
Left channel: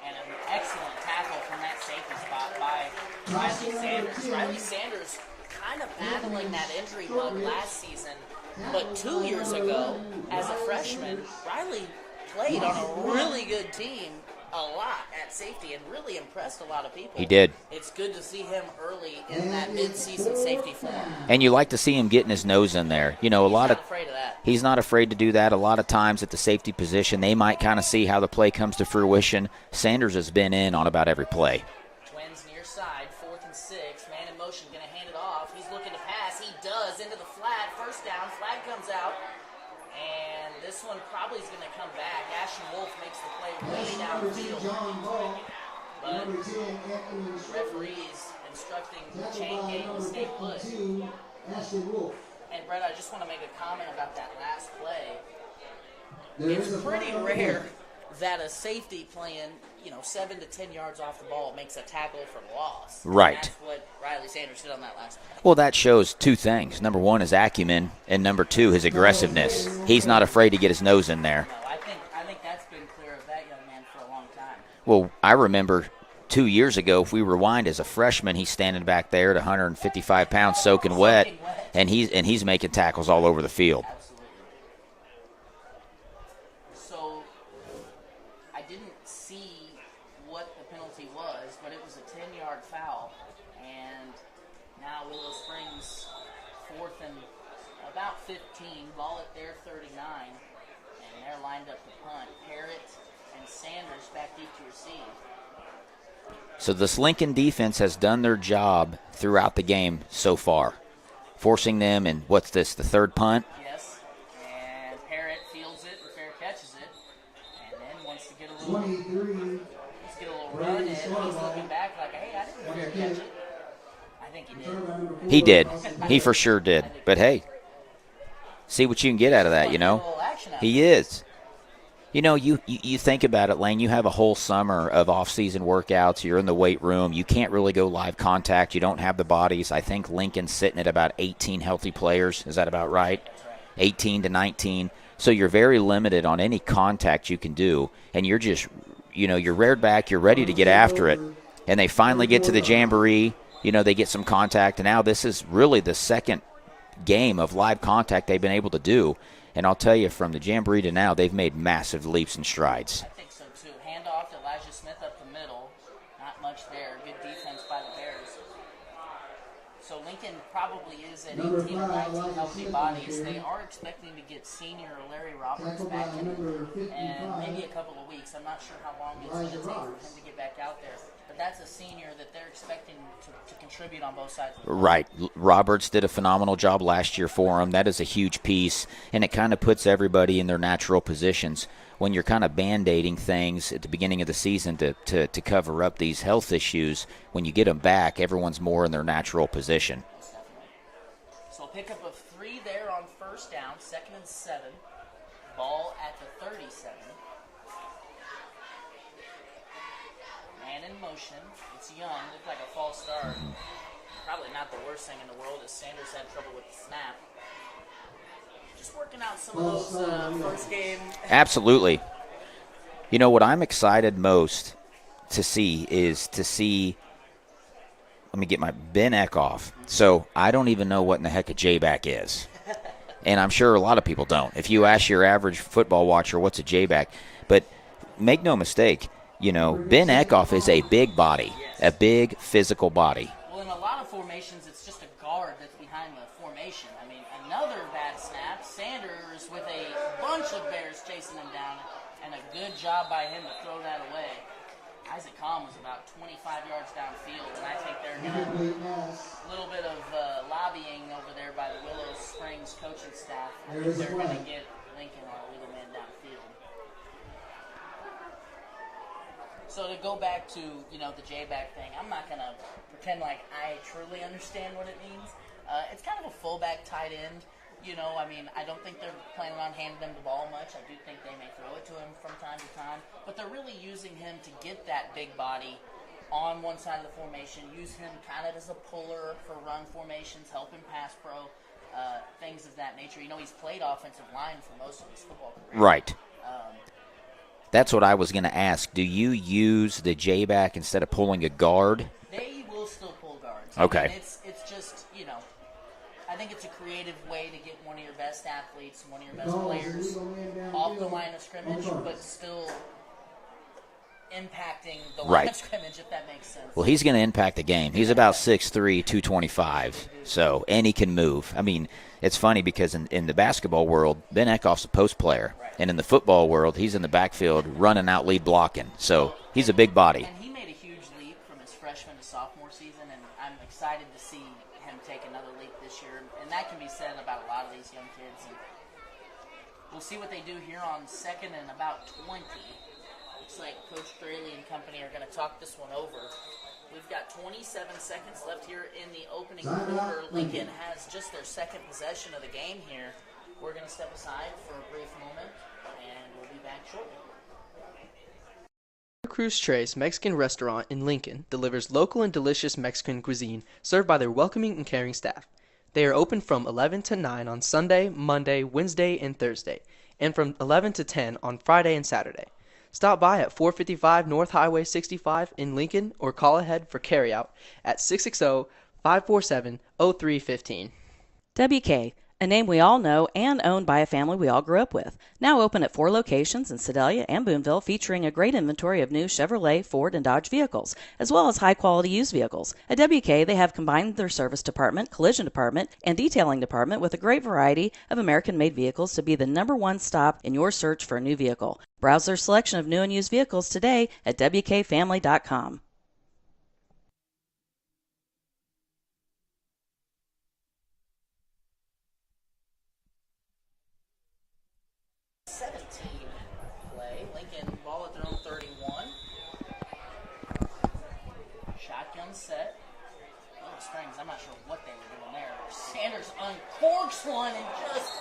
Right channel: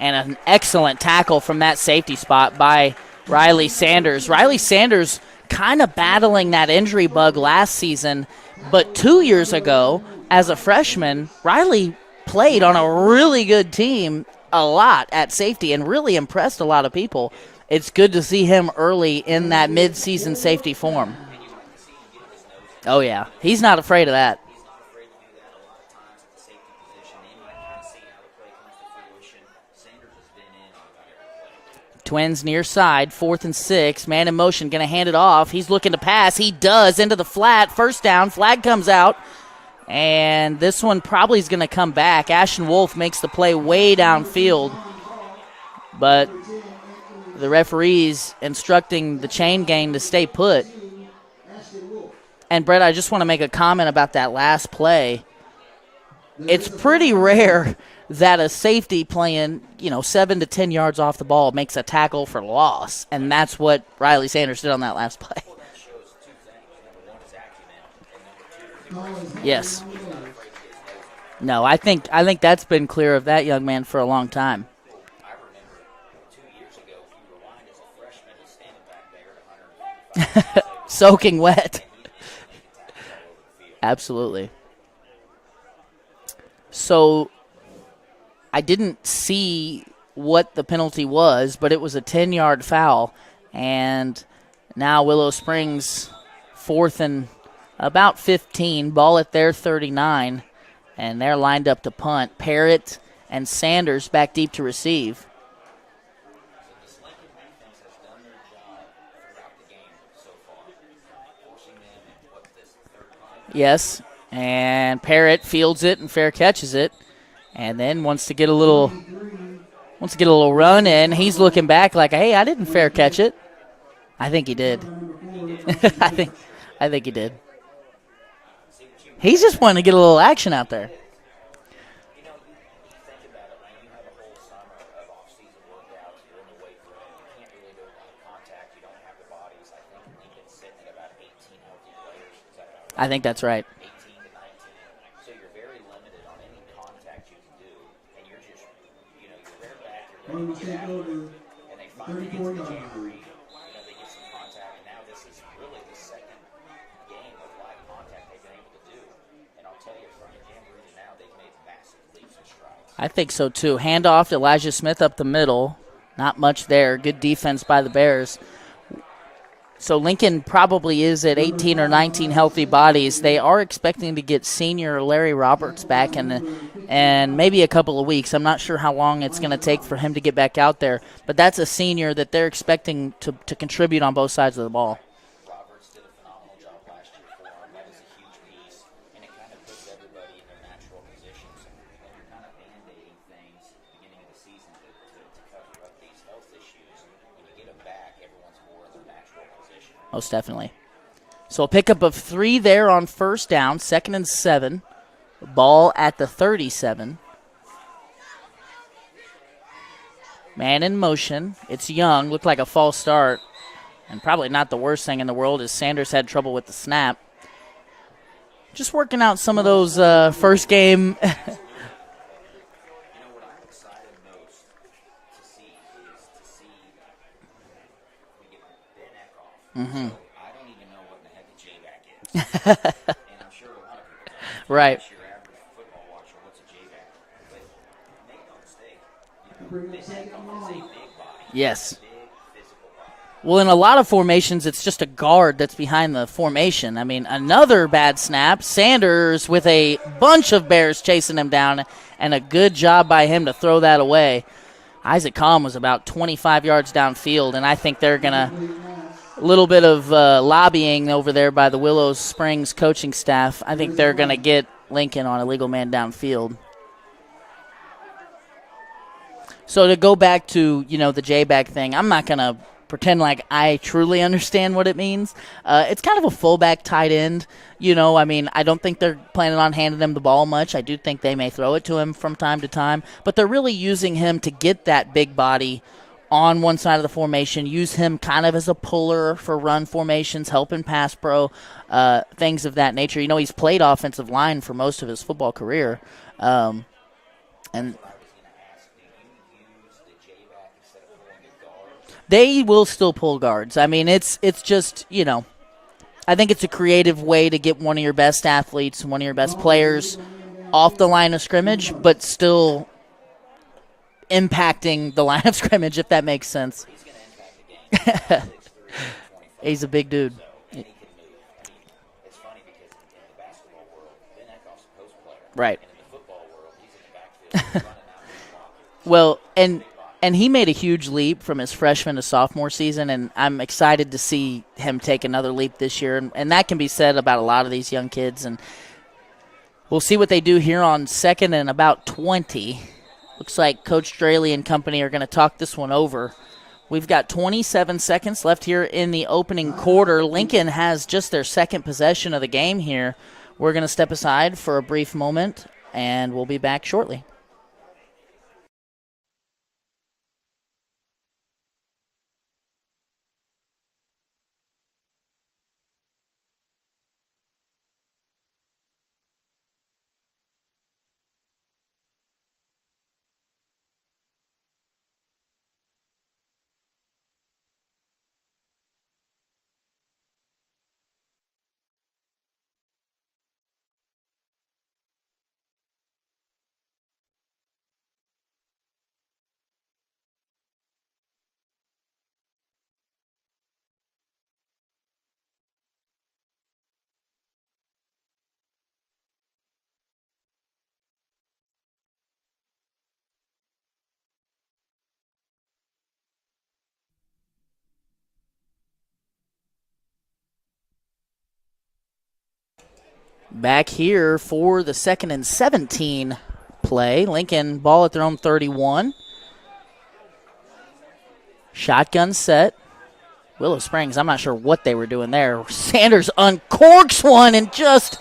And an excellent tackle from that safety spot by Riley Sanders. Riley Sanders kind of battling that injury bug last season, but 2 years ago, as a freshman, Riley played on a really good team a lot at safety and really impressed a lot of people. He did. It's good to see him early in that mid-season safety form. And you like to see him getting his nose in there. Oh, yeah. You know, he's not afraid of that. He's not afraid to do that. A lot of times at the safety position, they might kind of see how the play comes to fruition. Sanders has been in on about every play. Twins near side, 4th and 6. Man in motion, going to hand it off. He's looking to pass. He does, into the flat. First down. Flag comes out. And this one probably is going to come back. Ashton Wolf makes the play way downfield. But the referee's instructing the chain gang to stay put. And, Brett, I just want to make a comment about that last play. It's pretty rare that a safety playing, 7 to 10 yards off the ball makes a tackle for loss. And Right. that's what Riley Sanders did on that last play. Well, that shows two things. Number one, his acumen, and number two, his aggressiveness. Yes. He's not afraid to get his nose in there. No, I think that's been clear of that young man for a long time. Well, I remember 2 years ago, if we rewind, as a freshman, he's standing back there at 155 pounds soaking wet. Soaking wet. And he's making tackles all over the field. Absolutely. So I didn't see what the penalty was, but it was a 10-yard foul. And now Willow Springs 4th and about 15, ball at their 39, and they're lined up to punt. Parrott and Sanders back deep to receive. So this Lincoln defense has done their job throughout the game so far, forcing them, and what's this, the third punt? Yes, and Parrott fields it and fair catches it, and then wants to get a little run in. He's looking back like, hey, I didn't fair catch it. I think he did. He did. He for sure did. I think he but did. Hey, see what you can get He's out of just that. wanting to get a little action out He there. is. You think about it, Lane. You have a whole summer of off-season workouts. You're in the weight room. You can't really go live contact. You don't have the bodies. I think Lincoln's sitting at about 18 healthy players. Is that about right? I think that's right. 18 to 19. So you're very limited on any contact you can do. And you're just, you're reared back. You're ready to get after it. And they finally get to the jamboree. They get some contact. And now this is really the second game of live contact they've been able to do. And I'll tell you, from the jamboree to now, they've made massive leaps and strides. I think so, too. Handoff to Elijah Smith up the middle. Not much there. Good defense by the Bears. So Lincoln probably is at 18 or 19 healthy bodies. They are expecting to get senior Larry Roberts back in maybe a couple of weeks. I'm not sure how long it's going to take for him to get back out there. But that's a senior that they're expecting to contribute on both sides of the ball. Right. Roberts did a phenomenal job last year for him. That is a huge piece, and it kind of puts everybody in their natural positions. When you're kind of Band-Aiding things at the beginning of the season to cover up these health issues, when you get them back, everyone's more in their natural position. Most definitely. So a pickup of 3 there on first down, 2nd and 7. Ball at the 37. Man in motion. It's Young. Looked like a false start. And probably not the worst thing in the world is Sanders had trouble with the snap. Just working out some of those first game. Absolutely. What I'm excited most to see is let me get my Ben Eckhoff. Mm-hmm. So I don't even know what in the heck a J-back is. And I'm sure a lot of people don't. If you ask your average football watcher what's a J-back. But make no mistake, Ben Eckhoff is a big body. Yes. A big physical body. Well, in a lot of formations, it's just a guard that's behind the formation. I mean, another bad snap. Sanders with a bunch of Bears chasing him down, and a good job by him to throw that away. Isaac Kahn was about 25 yards downfield, and I think they're going to a little bit of lobbying over there by the Willow Springs coaching staff. I think they're going to get Lincoln on a legal man downfield. So to go back to, the J-back thing, I'm not going to pretend like I truly understand what it means. It's kind of a fullback tight end. I don't think they're planning on handing him the ball much. I do think they may throw it to him from time to time. But they're really using him to get that big body on one side of the formation, use him kind of as a puller for run formations, helping pass pro, things of that nature. He's played offensive line for most of his football career. Right. That's what I was going to ask. Do you use the J-back instead of pulling a guard? They will still pull guards. Okay. I mean, it's just, I think it's a creative way to get one of your best athletes, one of your best players off the line of scrimmage, but still impacting the line of scrimmage, if that makes sense. Well, he's going to impact the game. He's about 6'3", 225. He's a big dude. So, and he can move. I mean, it's funny because in the basketball world, Ben Eckhoff's a post player. Right. And in the football world, he's in the backfield running out lead blocking. So he's a big body. And he made a huge leap from his freshman to sophomore season, and I'm excited to see him take another leap this year. And that can be said about a lot of these young kids. And we'll see what they do here on 2nd and about 20. Looks like Coach Straley and company are going to talk this one over. We've got 27 seconds left here in the opening quarter. Lincoln has just their second possession of the game here. We're going to step aside for a brief moment, and we'll be back shortly. Cruz Tres Mexican Restaurant in Lincoln delivers local and delicious Mexican cuisine served by their welcoming and caring staff. They are open from 11 to 9 on Sunday, Monday, Wednesday, and Thursday, and from 11 to 10 on Friday and Saturday. Stop by at 455 North Highway 65 in Lincoln or call ahead for carryout at 660-547-0315. WK, a name we all know and owned by a family we all grew up with. Now open at 4 locations in Sedalia and Boonville, featuring a great inventory of new Chevrolet, Ford, and Dodge vehicles, as well as high-quality used vehicles. At WK, they have combined their service department, collision department, and detailing department with a great variety of American-made vehicles to be the #1 stop in your search for a new vehicle. Browse their selection of new and used vehicles today at WKFamily.com. Back here for the 2nd and 17 play. Lincoln ball at their own 31. Shotgun set. Willow Springs, I'm not sure what they were doing there. Sanders uncorks one and just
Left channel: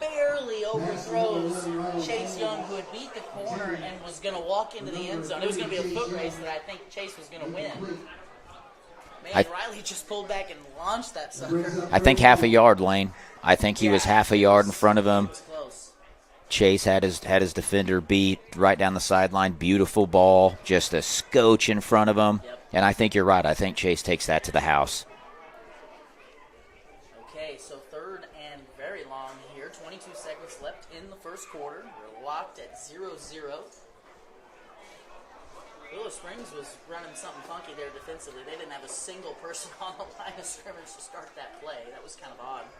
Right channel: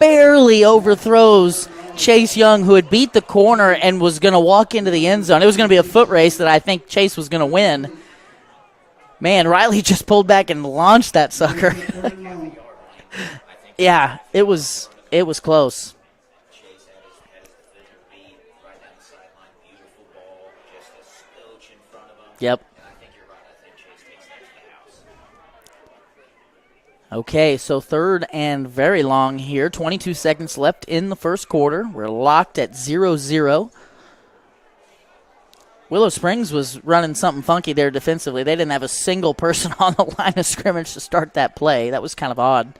barely overthrows Chase Young, who had beat the corner and was going to walk into the end zone. It was going to be a foot race that I think Chase was going to win. Man, Riley just pulled back and launched that sucker. I think half a yard, Lane. I think he was half a yard in front of him. It was close. Chase had his defender beat right down the sideline. Beautiful ball, just a scotch in front of him. Yep. And I think you're right. I think Chase takes that to the house. Okay, so 3rd and very long here. 22 seconds left in the first quarter. We're locked at 0-0. Willow Springs was running something funky there defensively. They didn't have a single person on the line of scrimmage to start that play. That was kind of odd.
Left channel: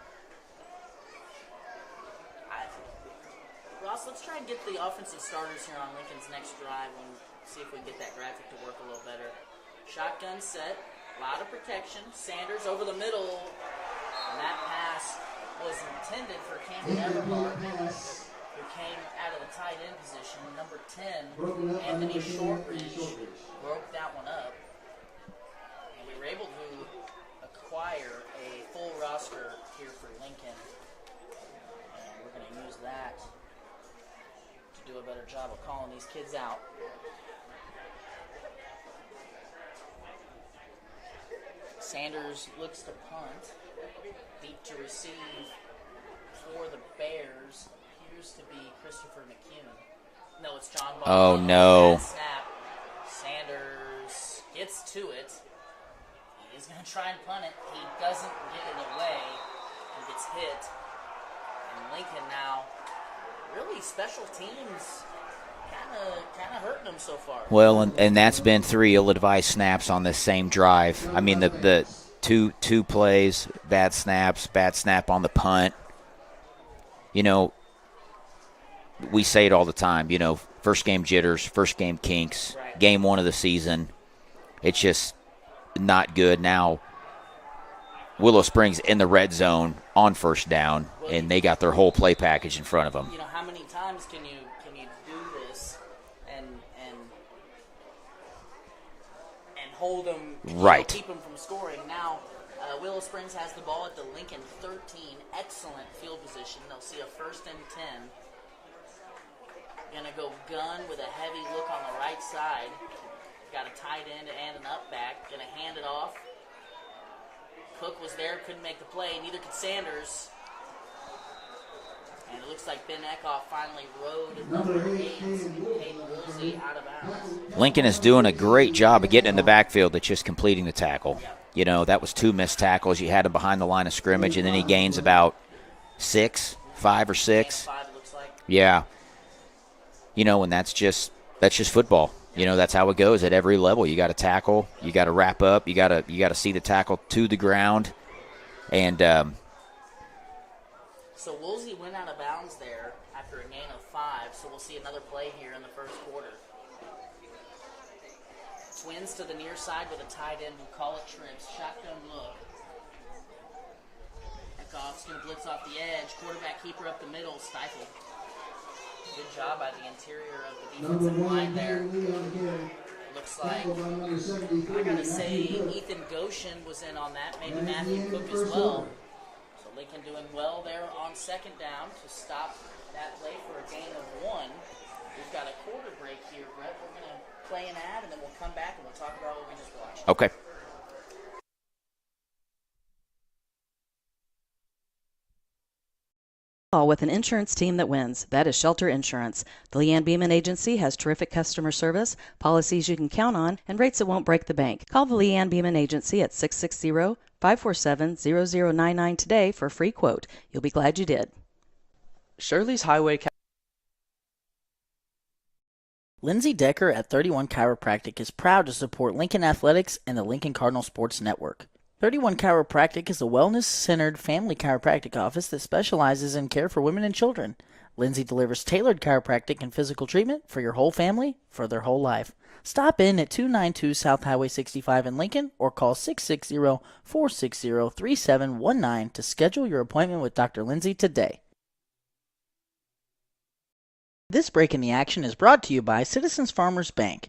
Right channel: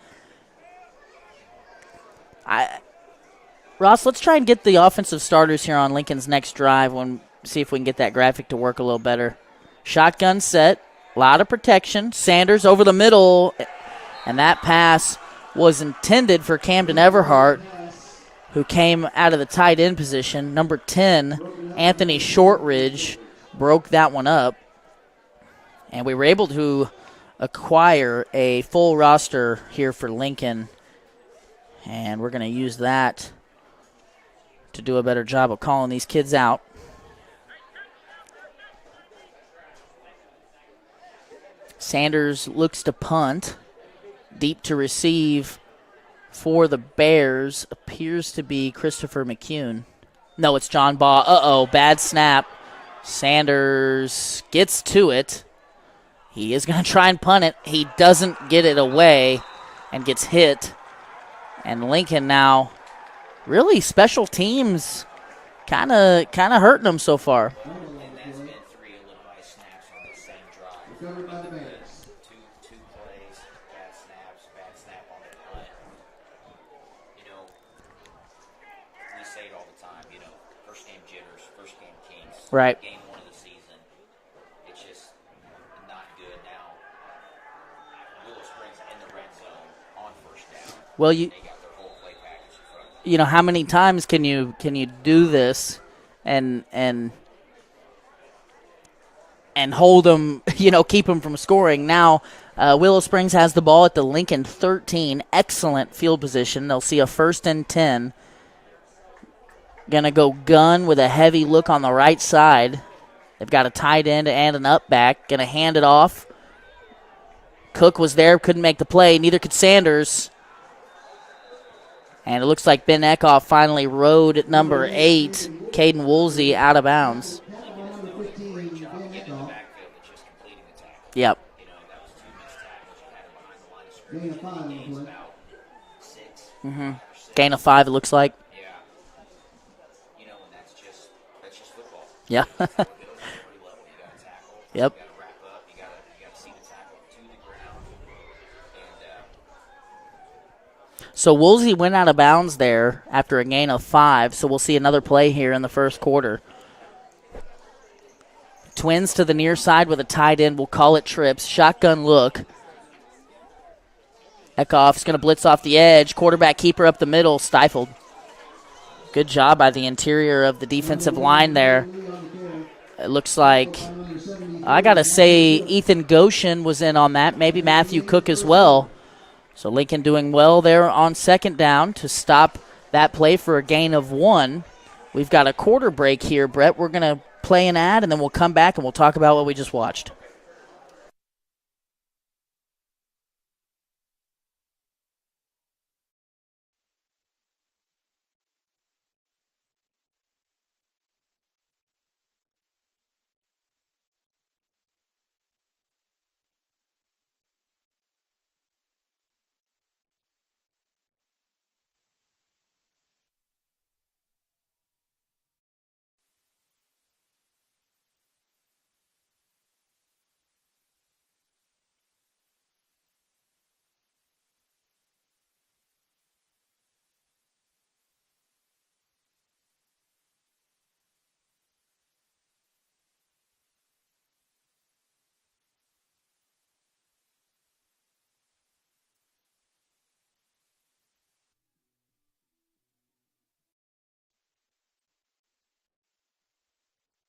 Ross, let's try and get the offensive starters here on Lincoln's next drive. See if we can get that graphic to work a little better. Shotgun set, a lot of protection. Sanders over the middle, and that pass was intended for Camden Everhart, who came out of the tight end position. Number 10, Anthony Shortridge, broke that one up. And we were able to acquire a full roster here for Lincoln. And we're going to use that to do a better job of calling these kids out. Sanders looks to punt. Deep to receive for the Bears appears to be Christopher McCune. No, it's John Ball. No. Bad snap. Sanders gets to it. He is going to try and punt it. He doesn't get it away and gets hit. And Lincoln now, really special teams kind of hurting them so far. Well, and that's been 3 ill-advised snaps on this same drive. I mean, the two plays, bad snaps, bad snap on the punt. You know, we say it all the time, you know, first game jitters, first game kinks, right. Game 1 of the season. It's just not good. Now, Willow Springs in the red zone on first down, and they got their whole play package in front of them. You know, how many times can you do this and hold them, you know, keep them from scoring? Now, Willow Springs has the ball at the Lincoln 13. Excellent field position. They'll see a 1st and 10. Going to go gun with a heavy look on the right side. They've got a tight end and an up back. Going to hand it off. Cook was there, couldn't make the play. Neither could Sanders. And it looks like Ben Eckhoff finally rode number 8, Caden Woolsey out of bounds. Lincoln is doing a great job of getting in the backfield, but just completing the tackle. Yep. You know, that was 2 missed tackles. You had him behind the line of scrimmage, and then he gains about 5 or 6. Gain of 5, it looks like. Yeah. You know, and that's just football. Yep. You know, that's how it goes at every level. You got to tackle. Yep. You got to wrap up. You got to see the tackle to the ground. And so Woolsey went out of bounds there after a gain of 5, so we'll see another play here in the first quarter. Twins to the near side with a tight end. We'll call it trips. Shotgun look. Eckhoff's going to blitz off the edge. Quarterback keeper up the middle, stifled. Good job by the interior of the defensive line there. It looks like, I got to say, Ethan Goshen was in on that. Maybe Matthew Cook as well. So Lincoln doing well there on second down to stop that play for a gain of 1. We've got a quarter break here, Brett. We're going to play an ad, and then we'll come back and we'll talk about what we just watched. Okay. With an insurance team that wins. That is Shelter Insurance. The Leanne Beeman Agency has terrific customer service, policies you can count on, and rates that won't break the bank. Call the Leanne Beeman Agency at 660-547-0099 today for a free quote. You'll be glad you did. Shirley's Highway Lindsay Decker at 31 Chiropractic is proud to support Lincoln Athletics and the Lincoln Cardinal Sports Network. 31 Chiropractic is a wellness-centered family chiropractic office that specializes in care for women and children. Lindsay delivers tailored chiropractic and physical treatment for your whole family for their whole life. Stop in at 292 South Highway 65 in Lincoln or call 660-460-3719 to schedule your appointment with Dr. Lindsay today. This break in the action is brought to you by Citizens Farmers Bank.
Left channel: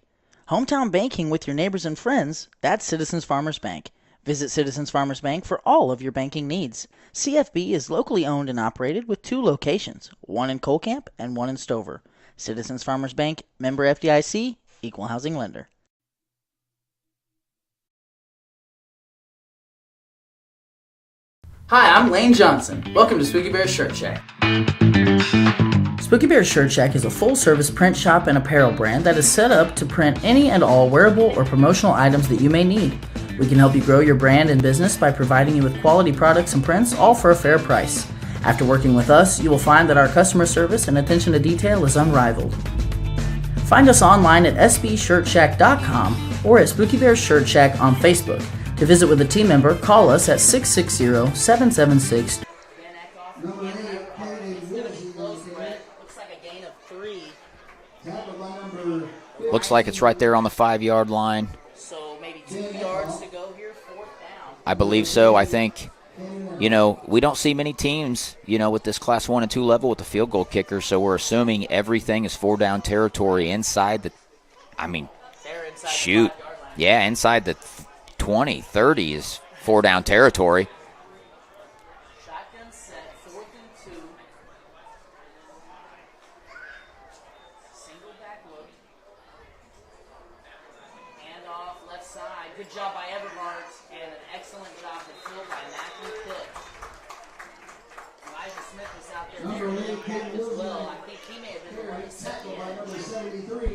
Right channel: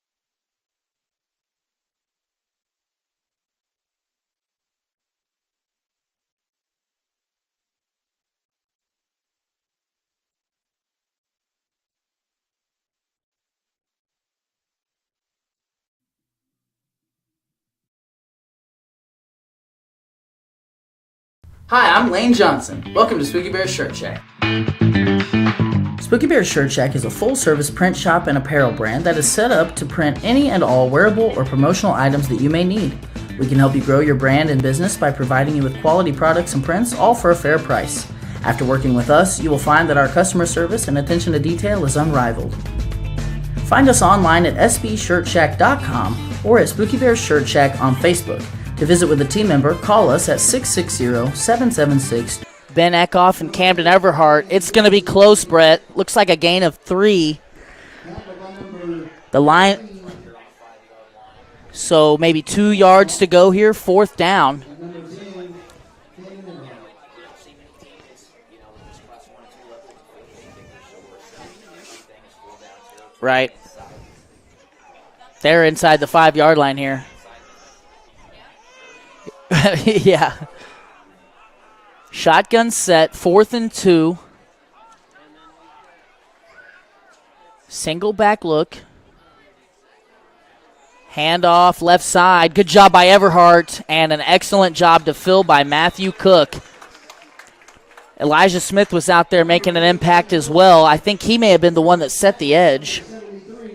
Hometown banking with your neighbors and friends, that's Citizens Farmers Bank. Visit Citizens Farmers Bank for all of your banking needs. CFB is locally owned and operated with 2 locations, one in Colcamp and one in Stover. Citizens Farmers Bank, member FDIC, equal housing lender. Hi, I'm Lane Johnson. Welcome to Spooky Bear Shirt Shack. Spooky Bear Shirt Shack is a full-service print shop and apparel brand that is set up to print any and all wearable or promotional items that you may need. We can help you grow your brand and business by providing you with quality products and prints, all for a fair price. After working with us, you will find that our customer service and attention to detail is unrivaled. Find us online at sbshirtshack.com or at Spooky Bear Shirt Shack on Facebook. To visit with a team member, call us at 660-776. Ben Eckhoff and Camden Everhart. It's going to be close, Brett. Looks like a gain of 3. The line looks like it's right there on the 5-yard line. So maybe 2 yards to go here, 4th down. I believe so. I think, you know, we don't see many teams, you know, with this Class 1 and 2 level with the field goal kicker, so we're assuming everything is 4-down territory right inside the, they're inside the 5-yard line here. Yeah, inside the 20, 30 is 4-down yeah. territory. Shotgun set, 4th and 2. Single back look. Handoff left side. Good job by Everhart, and an excellent job to fill by Matthew Cook. Elijah Smith was out there making an impact as well. I think he may have been the one that set the edge.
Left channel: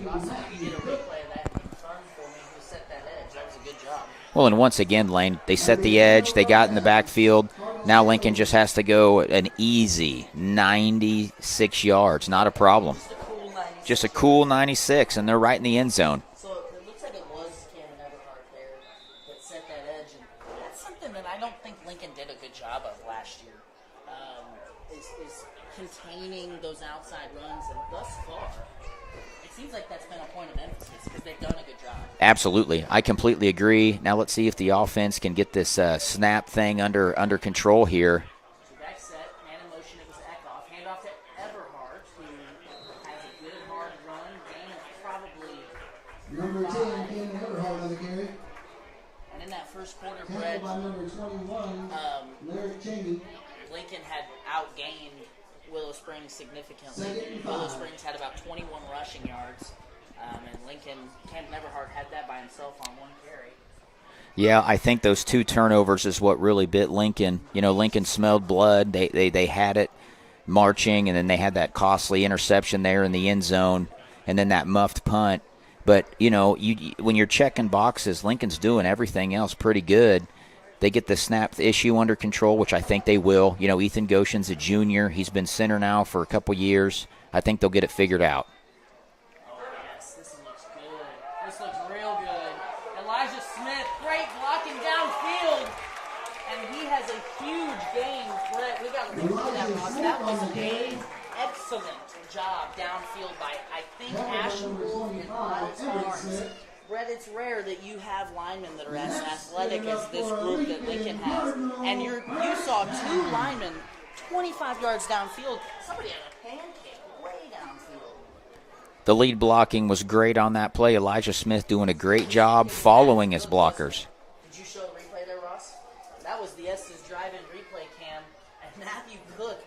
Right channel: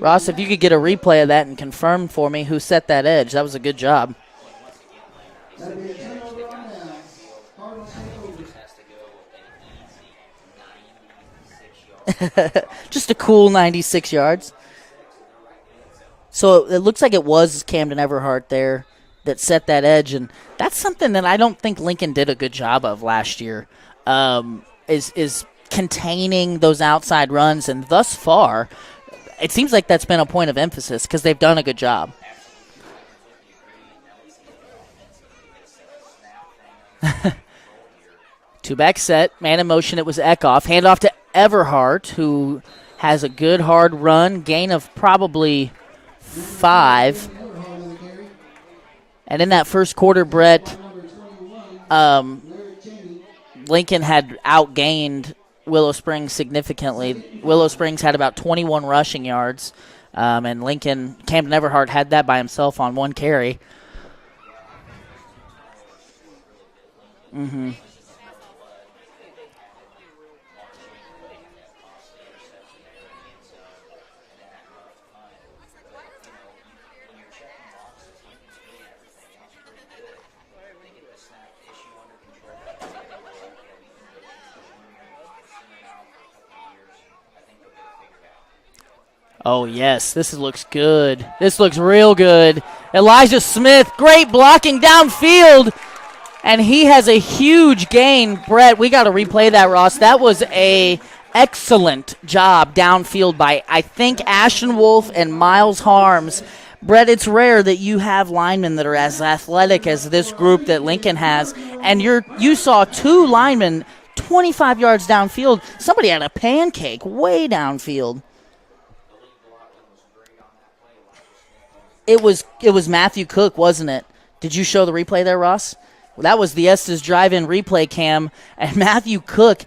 Ross, if you could get a replay of that and confirm for me who set that edge, that was a good job. Well, and once again, Lane, they set the edge. They got in the backfield. Now Lincoln just has to go an easy 96 yards. Not a problem. Just a cool 96 yards. Just a cool 96, and they're right in the end zone. So it looks like it was Camden Everhart there that set that edge, and that's something that I don't think Lincoln did a good job of last year, is containing those outside runs, and thus far it seems like that's been a point of emphasis because they've done a good job. Absolutely. I completely agree. Now let's see if the offense can get this snap thing under control here. 2-back set, man in motion. It was Eckhoff. Handoff to Everhart, who has a good hard run, gain of probably 5. And in that first quarter, Brett, Lincoln had outgained Willow Springs significantly. Willow Springs had about 21 rushing yards, and Camden Everhart had that by himself on 1 carry. Yeah, I think those 2 turnovers is what really bit Lincoln. Mm-hmm. You know, Lincoln smelled blood. They had it marching, and then they had that costly interception there in the end zone. and then that muffed punt. But, when you're checking boxes, Lincoln's doing everything else pretty good. They get the snap issue under control, which I think they will. Ethan Goshen's a junior. He's been center now for a couple years. I think they'll get it figured out. Oh, yes, this looks good. This looks real good. Elijah Smith, great blocking downfield, and he has a huge gain. Brett, we got to replay that, Ross. That was a excellent job downfield by, I think, Ashton Wolf and Miles Harms. Brett, it's rare that you have linemen that are as athletic as this group that Lincoln has, and you saw 2 linemen 25 yards downfield. Somebody had a pancake way downfield. The lead blocking was great on that play. Elijah Smith doing a great job. It was following Matthew Cook, his wasn't blockers. it? Did you show the replay there, Ross? That was the Estes drive-in replay cam, and Matthew Cook,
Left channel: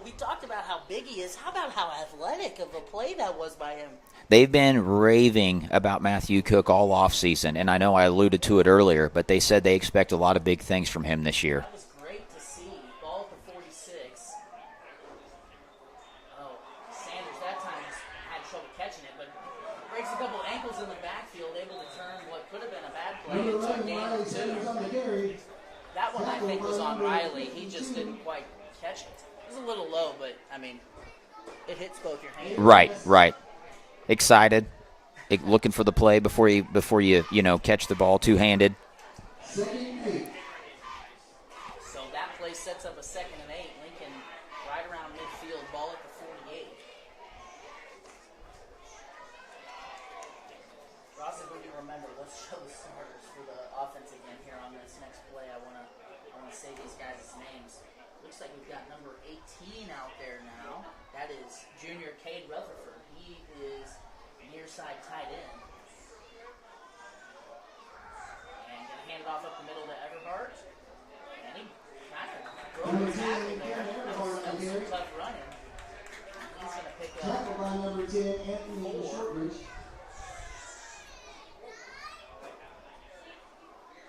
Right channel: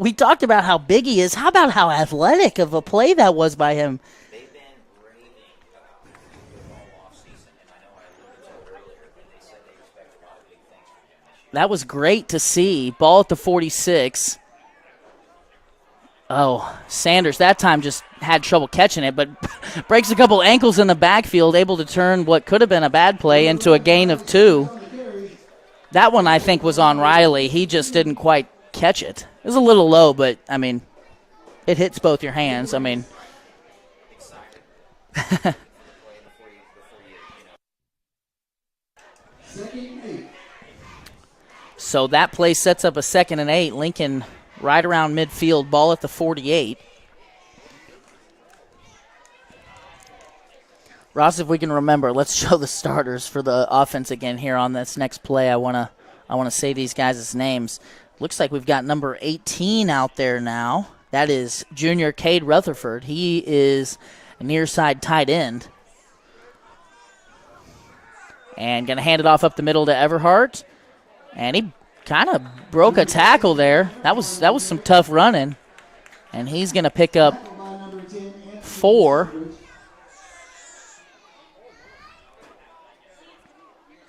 we talked about how big he is. How about how athletic of a play that was by him? They've been raving about Matthew Cook all offseason, and I know I alluded to it earlier, but they said they expect a lot of big things from him this year. That was great to see. Ball at the 46. Oh, Sanders that time just had trouble catching it, but breaks a couple ankles in the backfield, able to turn what could have been a bad play into a gain of 2. That one, I think, was on Riley. He just didn't quite catch it. It was a little low, but, it hits both your hands. Right. Excited, looking for the play before you catch the ball two-handed. So that play sets up a 2nd and 8. Lincoln right around midfield, ball at the 48. Ross, if we can remember, let's show the starters for the offense again here on this next play. I wanna say these guys' names. Looks like we've got number 18 out there now. That is junior Cade Rutherford. He is a near side tight end. And going to hand it off up the middle to Everhart. And he kind of broke a tackle there. That was some tough running. And he's going to pick up 4.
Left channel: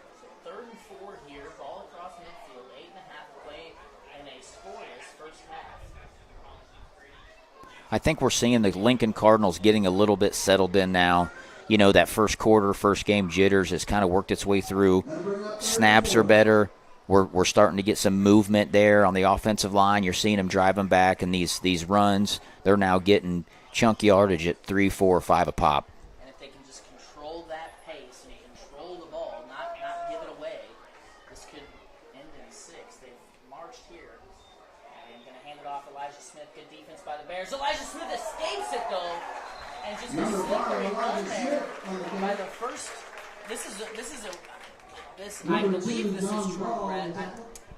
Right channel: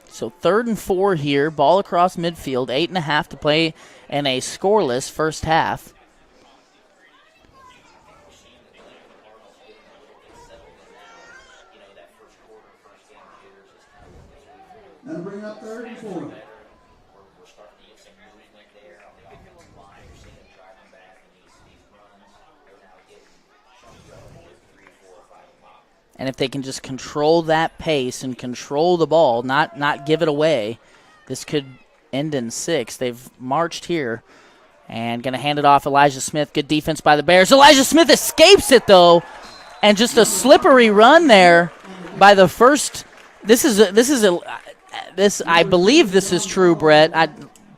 So 3rd and 4 here. Ball across midfield. 8.5 to play in a scoreless first half. I think we're seeing the Lincoln Cardinals getting a little bit settled in now. That first quarter, first game jitters has kind of worked its way through. Snaps are better. We're starting to get some movement there on the offensive line. You're seeing them drive them back, and these runs, they're now getting chunk yardage at 3, 4, 5 a pop. And if they can just control that pace and control the ball, not give it away, this could end in 6. They've marched here. And going to hand it off Elijah Smith. Good defense by the Bears. Elijah Smith escapes it, though. And just a slippery run there by the first. I believe this is true, Brett.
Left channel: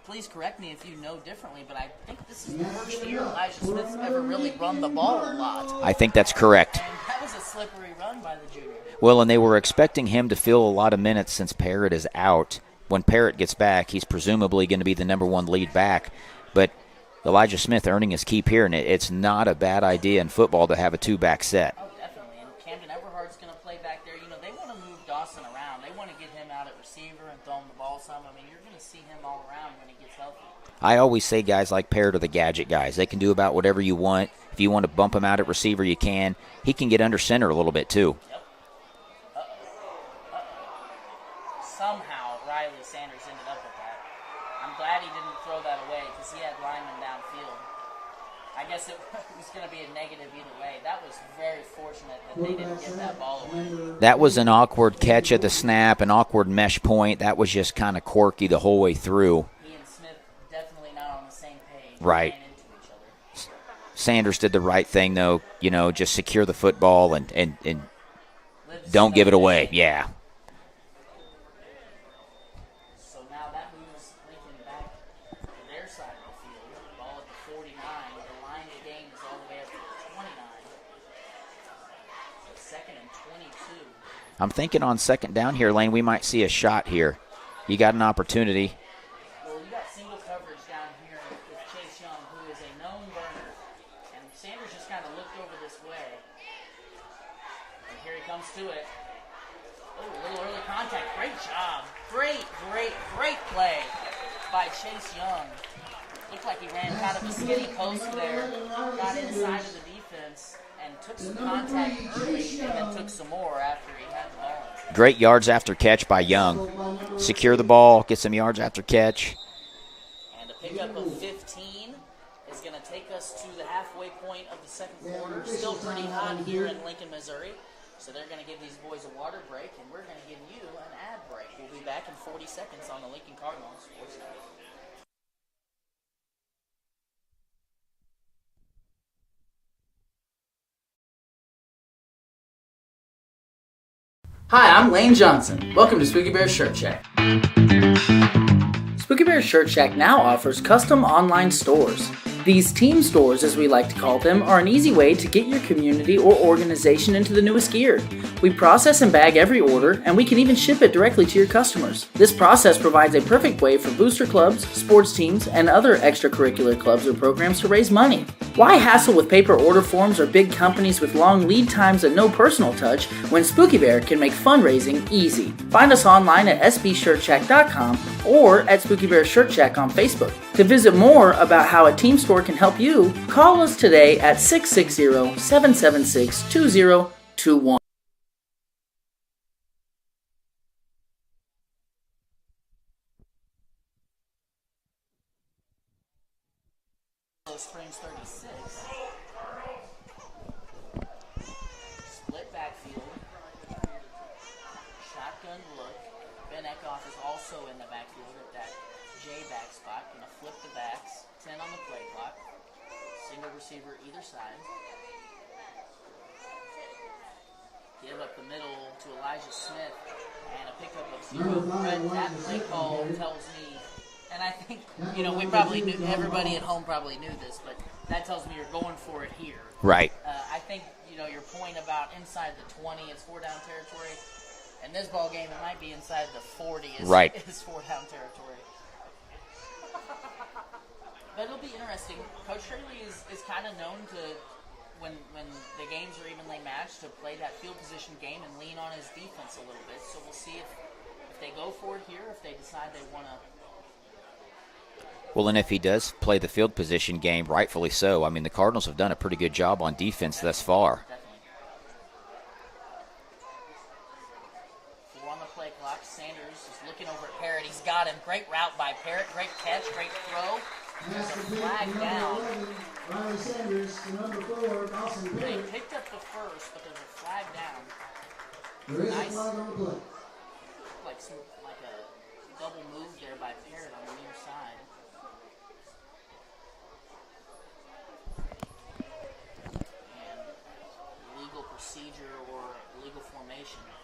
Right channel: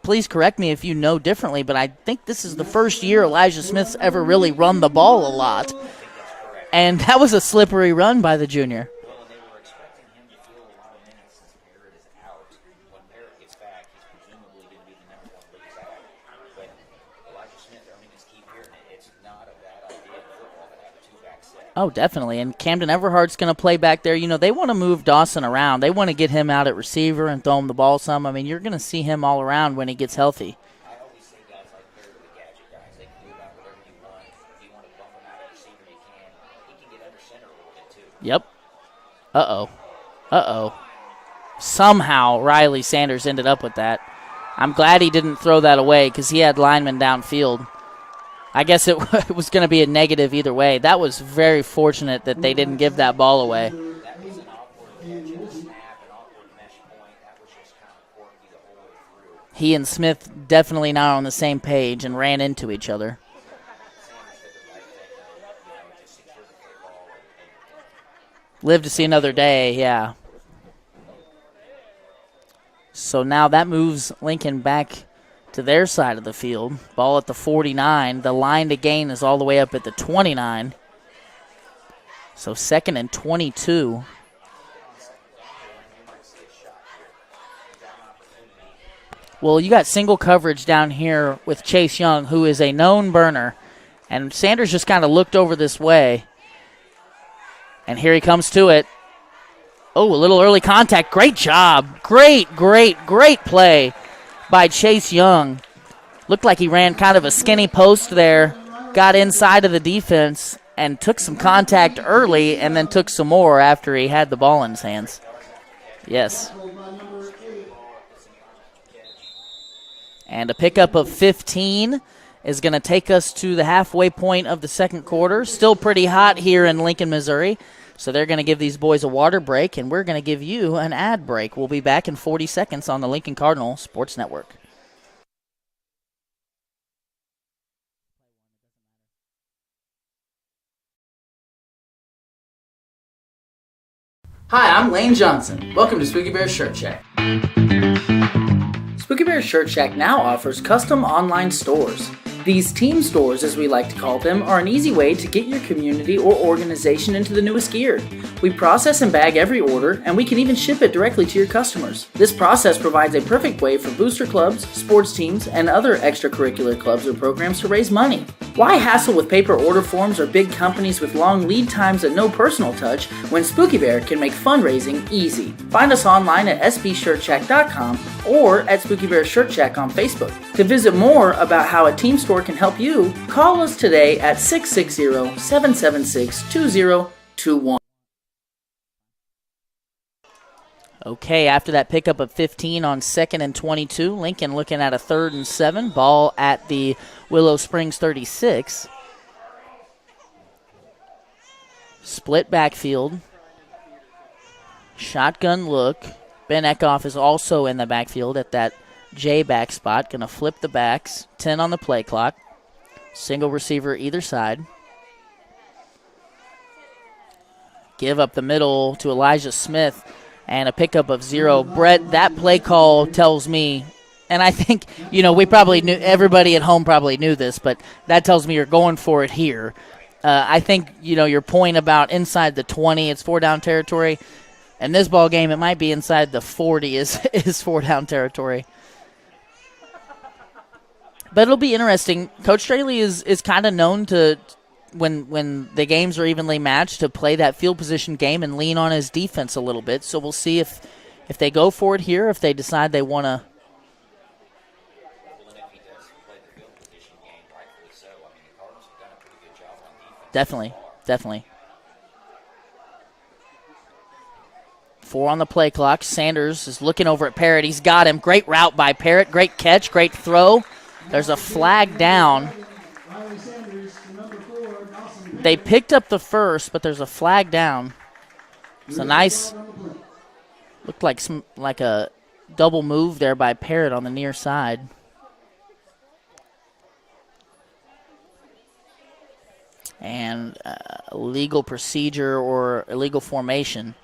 Please correct me if you know differently, but I think this is the first year Elijah Smith's ever really run the ball a lot. I think that's correct. And that was a slippery run by the junior. Well, and they were expecting him to fill a lot of minutes since Parrott is out. When Parrott gets back, he's presumably going to be the number 1 lead back. But Elijah Smith earning his keep here, and it's not a bad idea in football to have a 2-back set. Oh, definitely. And Camden Everhart's going to play back there. They want to move Dawson around. They want to get him out at receiver and throw him the ball some. You're going to see him all around when he gets healthy. I always say guys like Parrott are the gadget guys. They can do about whatever you want. If you want to bump him out at receiver, you can. He can get under center a little bit, too. Yep. Uh-oh. Somehow Riley Sanders ended up with that. I'm glad he didn't throw that away because he had linemen downfield. I guess it was going to be a negative either way. That was very fortunate that they didn't give that ball away. That was an awkward catch at the snap, an awkward mesh point. That was just kind of quirky the whole way through. He and Smith definitely not on the same page and Right. ran into each other. Sanders did the right thing, though. Just secure the football and Live to see don't another give it day. away. Yeah. So now that moves Lincoln back to their side of the field. Ball at the 49. The line to gain is all the way up at the 29. So 2nd and 22. I'm thinking on 2nd down here, Lane, we might see a shot here. You got an opportunity. Well, you got single coverage down here with Chase Young, who is a known burner. And Sanders just kind of looked over this way. And here he comes to it. Oh, a little early contact. Great job. Great play by Chase Young. Looked like he ran kind of a skinny post there, got inside of the defense, and took some contact early and then took some more after he had the ball in his hands. Great yards after catch by Yes. Young. Secure the ball, get some yards after catch. And a pickup of 15 is going to take us to the halfway point of the second quarter. Still pretty hot here in Lincoln, Missouri. So they're going to give these boys a water break, and we're going to give you an ad break. We'll be back in 40 seconds on the Lincoln Cardinal Sports Network. Hi, I'm Lane Johnson. Welcome to Spooky Bear Shirt Shack. Spooky Bear Shirt Shack now offers custom online stores. These team stores, as we like to call them, are an easy way to get your community or organization into the newest gear. We process and bag every order, and we can even ship it directly to your customers. This process provides a perfect way for booster clubs, sports teams, and other extracurricular clubs or programs to raise money. Why hassle with paper order forms or big companies with long lead times and no personal touch when Spooky Bear can make fundraising easy? Find us online at sbshirtshack.com or at Spooky Bear Shirt Shack on Facebook. To visit more about how a team store can help you, call us today at 660-776-2021. Okay, after that pickup of 15 on 2nd and 22, Lincoln looking at a 3rd and 7. Ball at the Willow Springs 36. Split backfield. Shotgun look. Ben Eckhoff is also in the backfield at that J back spot. Going to flip the backs. 10 on the play clock. Single receiver either side. Give up the middle to Elijah Smith. And a pickup of 0. Brett, that play call tells me, and I think, we probably knew, everybody at home probably knew this, but that tells me you're going for it here. Right. I think, your point about inside the 20, it's 4-down territory. In this ball game, it might be inside the 40 is 4-down territory. But it'll be interesting. Coach Straley is kind of known to, when the games are evenly matched, to play that field position game and lean on his defense a little bit. So we'll see if they go for it here, if they decide they want to. Well, and if he does play the field position game, rightfully so. I mean, the Cardinals have done a pretty good job on defense thus far. Definitely. 4 on the play clock. Sanders is looking over at Parrott. He's got him. Great route by Parrott. Great catch. Great throw. There's a flag down. They picked up the first, but there's a flag down. It's a nice, looked like a double move there by Parrott on the near side. And illegal procedure or illegal formation.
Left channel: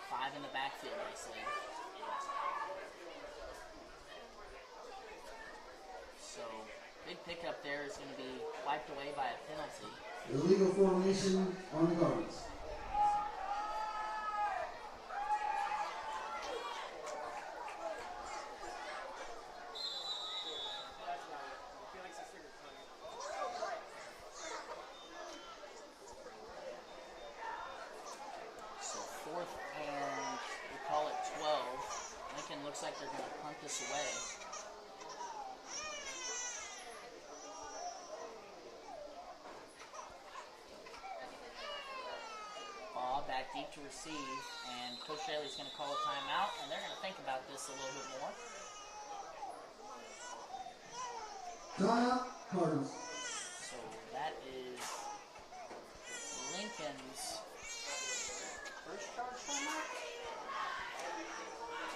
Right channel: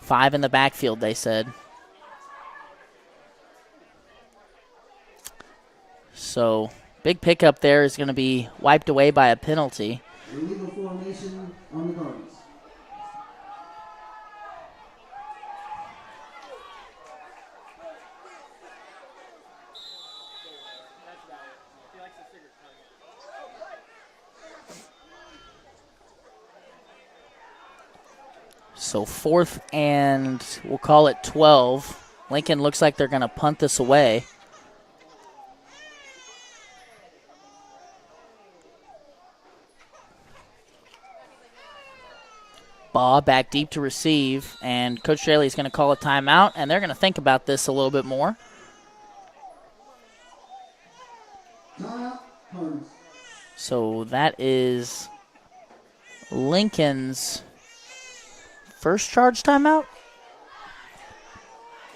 5 in the backfield, they said. So big pickup there is going to be wiped away by a penalty. Illegal formation on the Cardinals. So 4th and we'll call it 12. Lincoln looks like they're going to punt this away. Ball back deep to receive, and Coach Straley is going to call a timeout, and they're going to think about this a little bit more. So that is Lincoln's first charge timeout?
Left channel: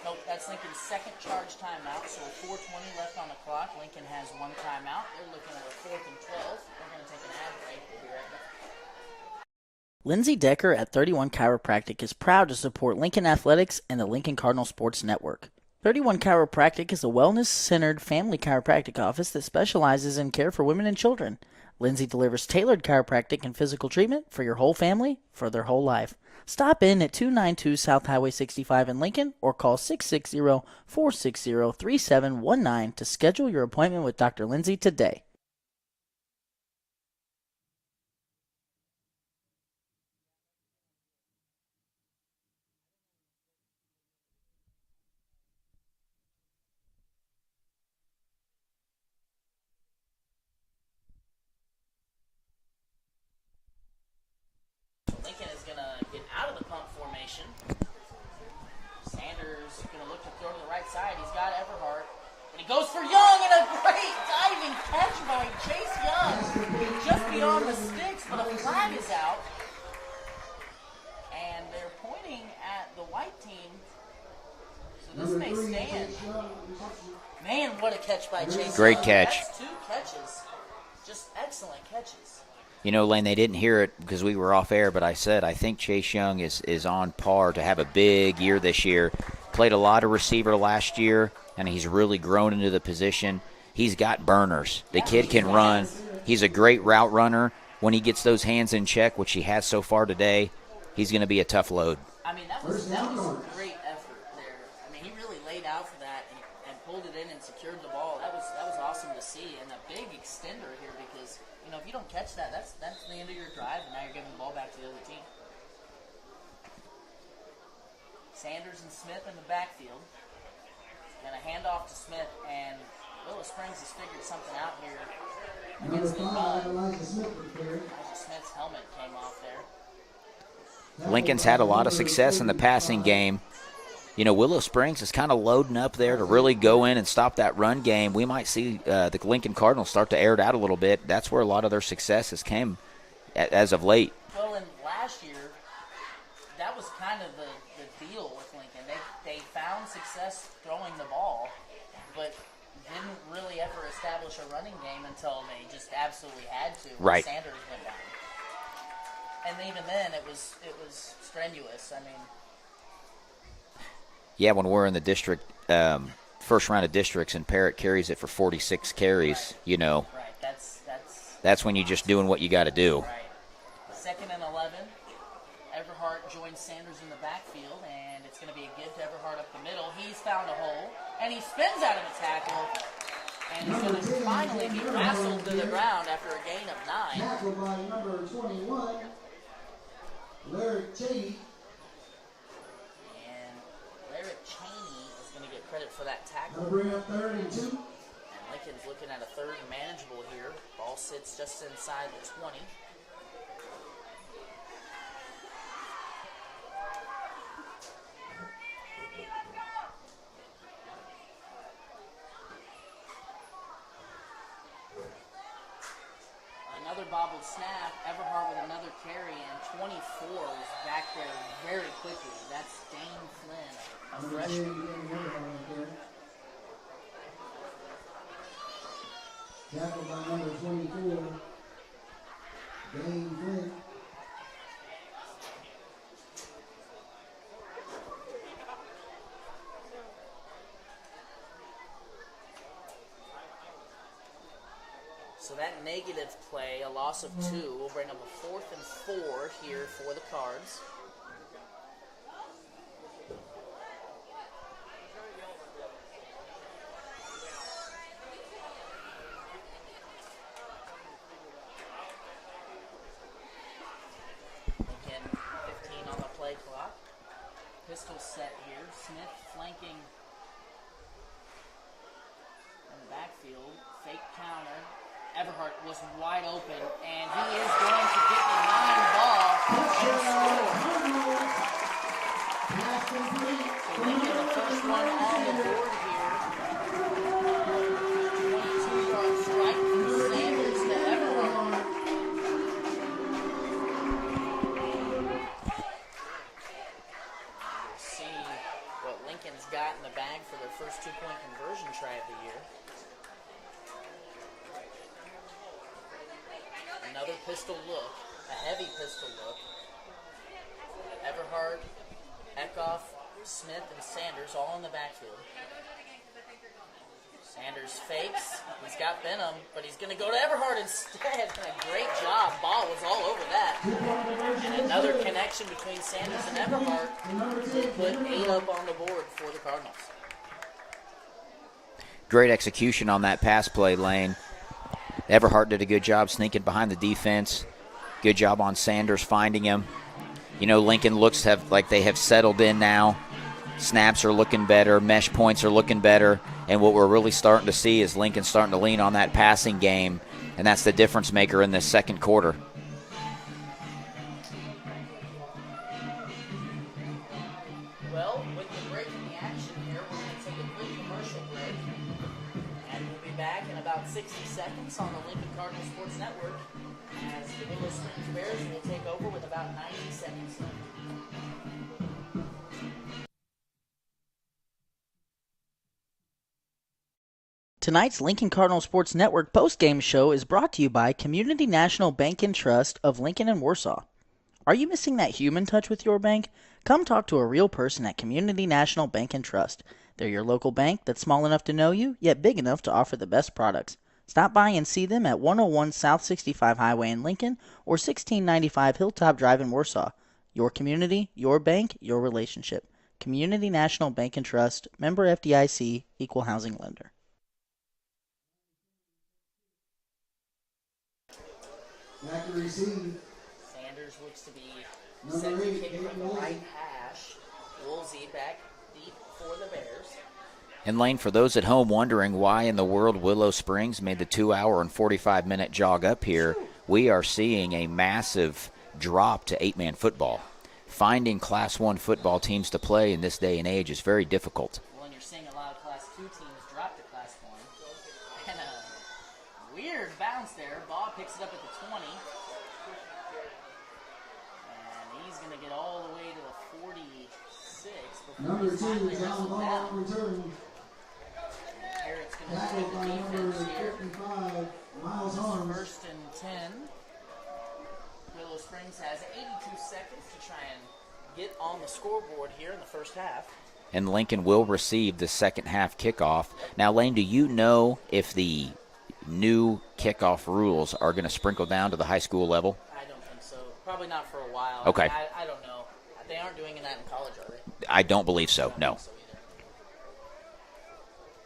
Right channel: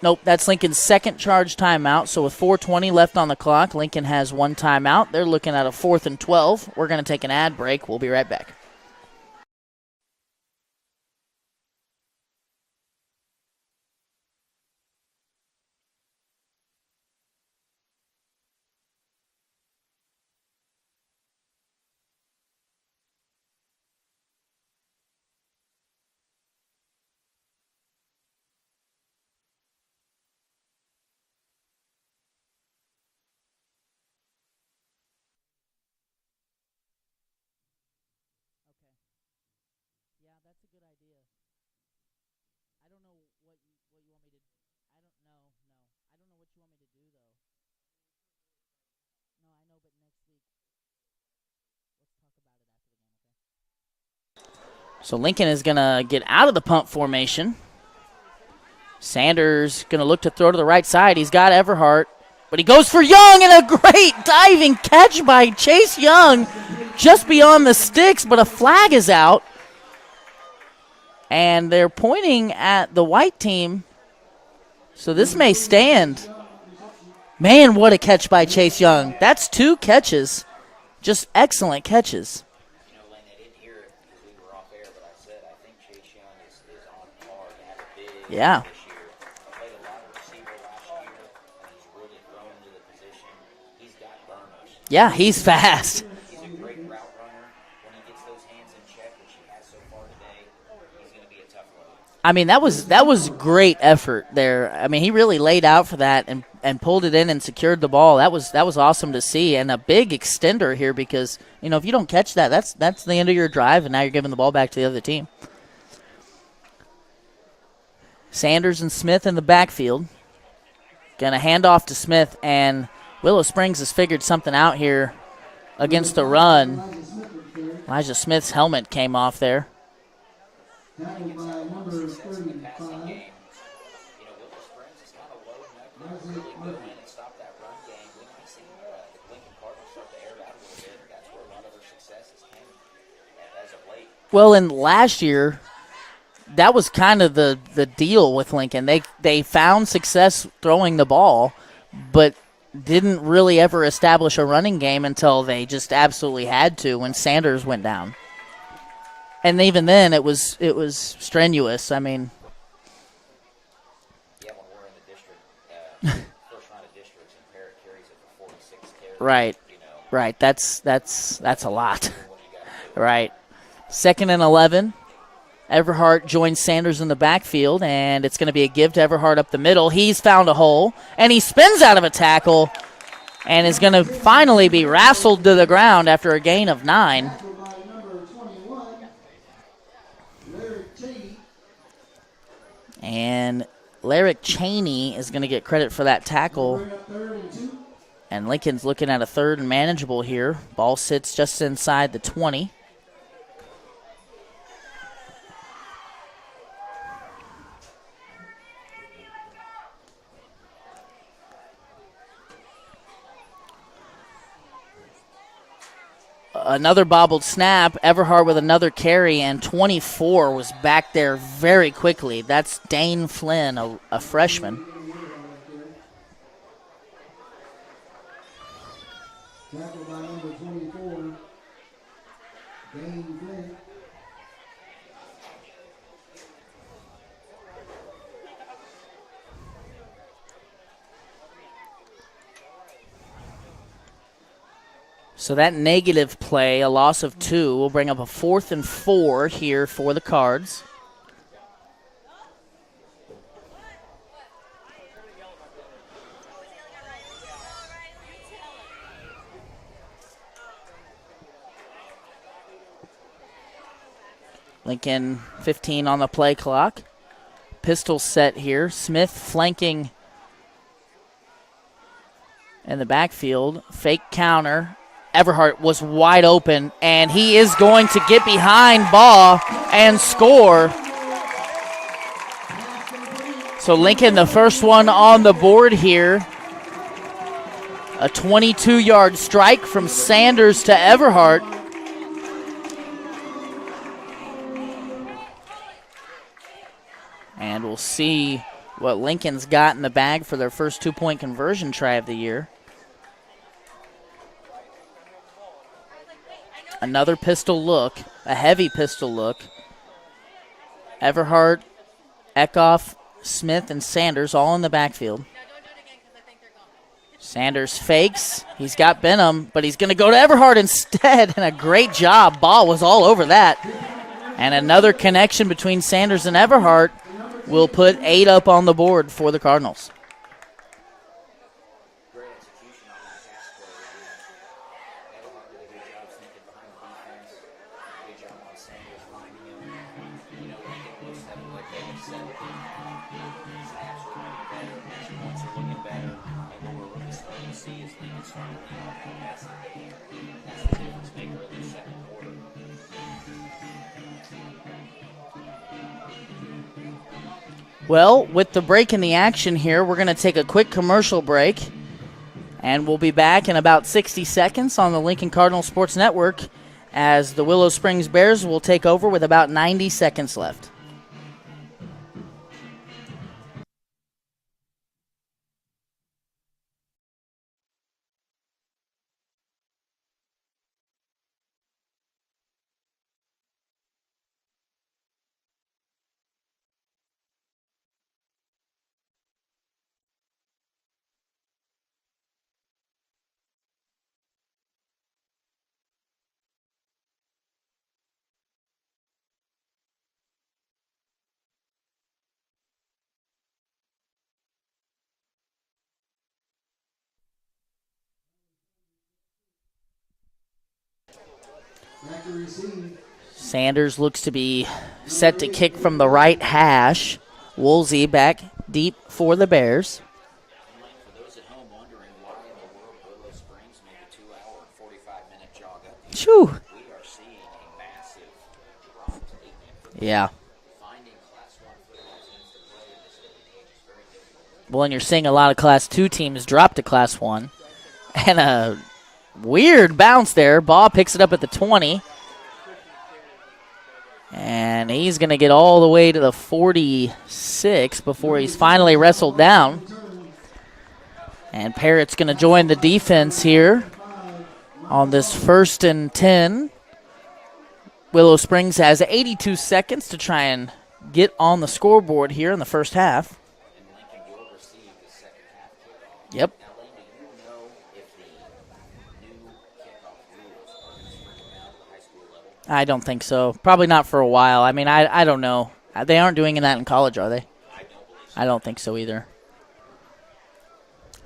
Nope, that's Lincoln's second charge timeout. So with 4:20 left on the clock, Lincoln has 1 timeout. They're looking at a 4th and 12. We're going to take an ad break. We'll be right back. Lindsay Decker at 31 Chiropractic is proud to support Lincoln Athletics and the Lincoln Cardinal Sports Network. 31 Chiropractic is a wellness-centered family chiropractic office that specializes in care for women and children. Lindsay delivers tailored chiropractic and physical treatment for your whole family for their whole life. Stop in at 292 South Highway 65 in Lincoln or call 660-460-3719 to schedule your appointment with Dr. Lindsay today. So Lincoln is going to get out of the punt formation. Sanders going to look to throw to the right side. He's got Everhart, but he goes for Young, and a great diving catch by Chase Young just beyond the sticks, but a flag is out. And they're pointing at the white team, so this may stand. Man, what a catch by Chase Great Young. catch. That's 2 catches, just excellent catches. You know, Lane, they didn't hear it because we were off air, but I said I think Chase Young is on par to have a big year this year. Played a lot of receiver last year, and he's really grown into the position. He's got burners. Yeah, The kid he's can fast. run. He's a great route runner. When he gets those hands in check, which he has so far today, he's going to be a tough load. I mean, that was great effort there. I mean, he really laid out for that and pulled it in and secured the ball. That was awesome to see, and a big extender here because, you know, if you don't catch that, that's the end of your drive, and now you're giving the ball back to the other team. Sanders and Smith in the backfield. Going to hand off to Smith, and Willow Springs has figured something out here against the run. Elijah Smith's helmet came off there. Lincoln's had a lot of success in the passing game. You know, Willow Springs is kind of loading up there to really go in and stop that run game. We might see the Lincoln Cardinals start to air it out a little bit. That's where a lot of their successes came as of late. Well, and last year, that was kind of the deal with Lincoln. They found success throwing the ball, but didn't really ever establish a running game until they just absolutely had to when Sanders went down. And even then, it was strenuous. I mean, yeah, when we're in the district, first round of districts, and Parrott carries it for 46 carries. Right. You know. Right. That's when you're just doing what you got to do. Right. 2nd and 11. Everhart joins Sanders in the backfield, and it's going to be a give to Everhart up the middle. He's found a hole, and he spins out of a tackle and is going to finally be wrestled to the ground after a gain of 9. And Larrick Cheney is going to get credit for that tackle. And Lincoln's looking at a 3rd and manageable here. Ball sits just inside the 20. Another bobbled snap. Everhart with another carry, and 24 was back there very quickly. That's Dane Flynn, a freshman. Tackled by number 24, Dane Flynn. So that negative play, a loss of 2, will bring up a 4th and 4 here for the Cards. Lincoln 15 on the play clock. Pistol set here. Smith flanking in the backfield. Fake counter. Everhart was wide open, and he is going to get behind Baugh and score. So Lincoln, the first one on the board here. A 22-yard strike from Sanders to Everhart. And we'll see what Lincoln's got in the bag for their first 2-point conversion try of the year. Another pistol look, a heavy pistol look. Everhart, Kickoff, Smith, and Sanders all in the backfield. Sanders fakes. He's got Benham, but he's going to go to Everhart instead, and a great job. Ball was all over that. And another connection between Sanders and Everhart will put 8 up on the board for the Cardinals. Great execution on that pass play, Lane. Everhart did a good job sneaking behind the defense. Good job on Sanders finding him. You know, Lincoln looks like they have settled in now. Snaps are looking better. Mesh points are looking better. And what we're really starting to see is Lincoln starting to lean on that passing game, and that's the difference maker in this second quarter. Well, with the break in the action here, we're going to take a quick commercial break, and we'll be back in about 60 seconds on the Lincoln Cardinal Sports Network as the Willow Springs Bears will take over with about 90 seconds left. Tonight's Lincoln Cardinal Sports Network postgame show is brought to you by Community National Bank and Trust of Lincoln and Warsaw. Are you missing that human touch with your bank? Come talk to a real person at Community National Bank and Trust. They're your local bank that's small enough to know you, yet big enough to offer the best products. Stop by and see them at 101 South 65 Highway in Lincoln or 1695 Hilltop Drive in Warsaw. Your community, your bank, your relationship. Community National Bank and Trust, member FDIC, equal housing lender. Sanders looks to be set to kick from the right hash. Woolsey back deep for the Bears. And Lane, for those at home wondering why in the world Willow Springs made the 2-hour and 45-minute jog up here, we are seeing a massive drop to 8-man football. Yeah. Finding Class 1 football teams to play in this day and age is very difficult. Well, and you're seeing a lot of Class 2 teams drop to Class 1. And a weird bounce there. Ball picks it up at the 20. And he's going to get all the way to the 46 before he's finally wrestled down. And Parrott's going to join the defense here on this 1st and 10. Willow Springs has 82 seconds to try and get on the scoreboard here in the first half. And Lincoln will receive the second half kickoff. Yep. Now, Lane, do you know if the new kickoff rules are going to sprinkle down to the high school level? I don't think so. Probably not for a while. Okay. I mean, I don't know. They aren't doing that in college, are they? I don't believe so. I don't think so either.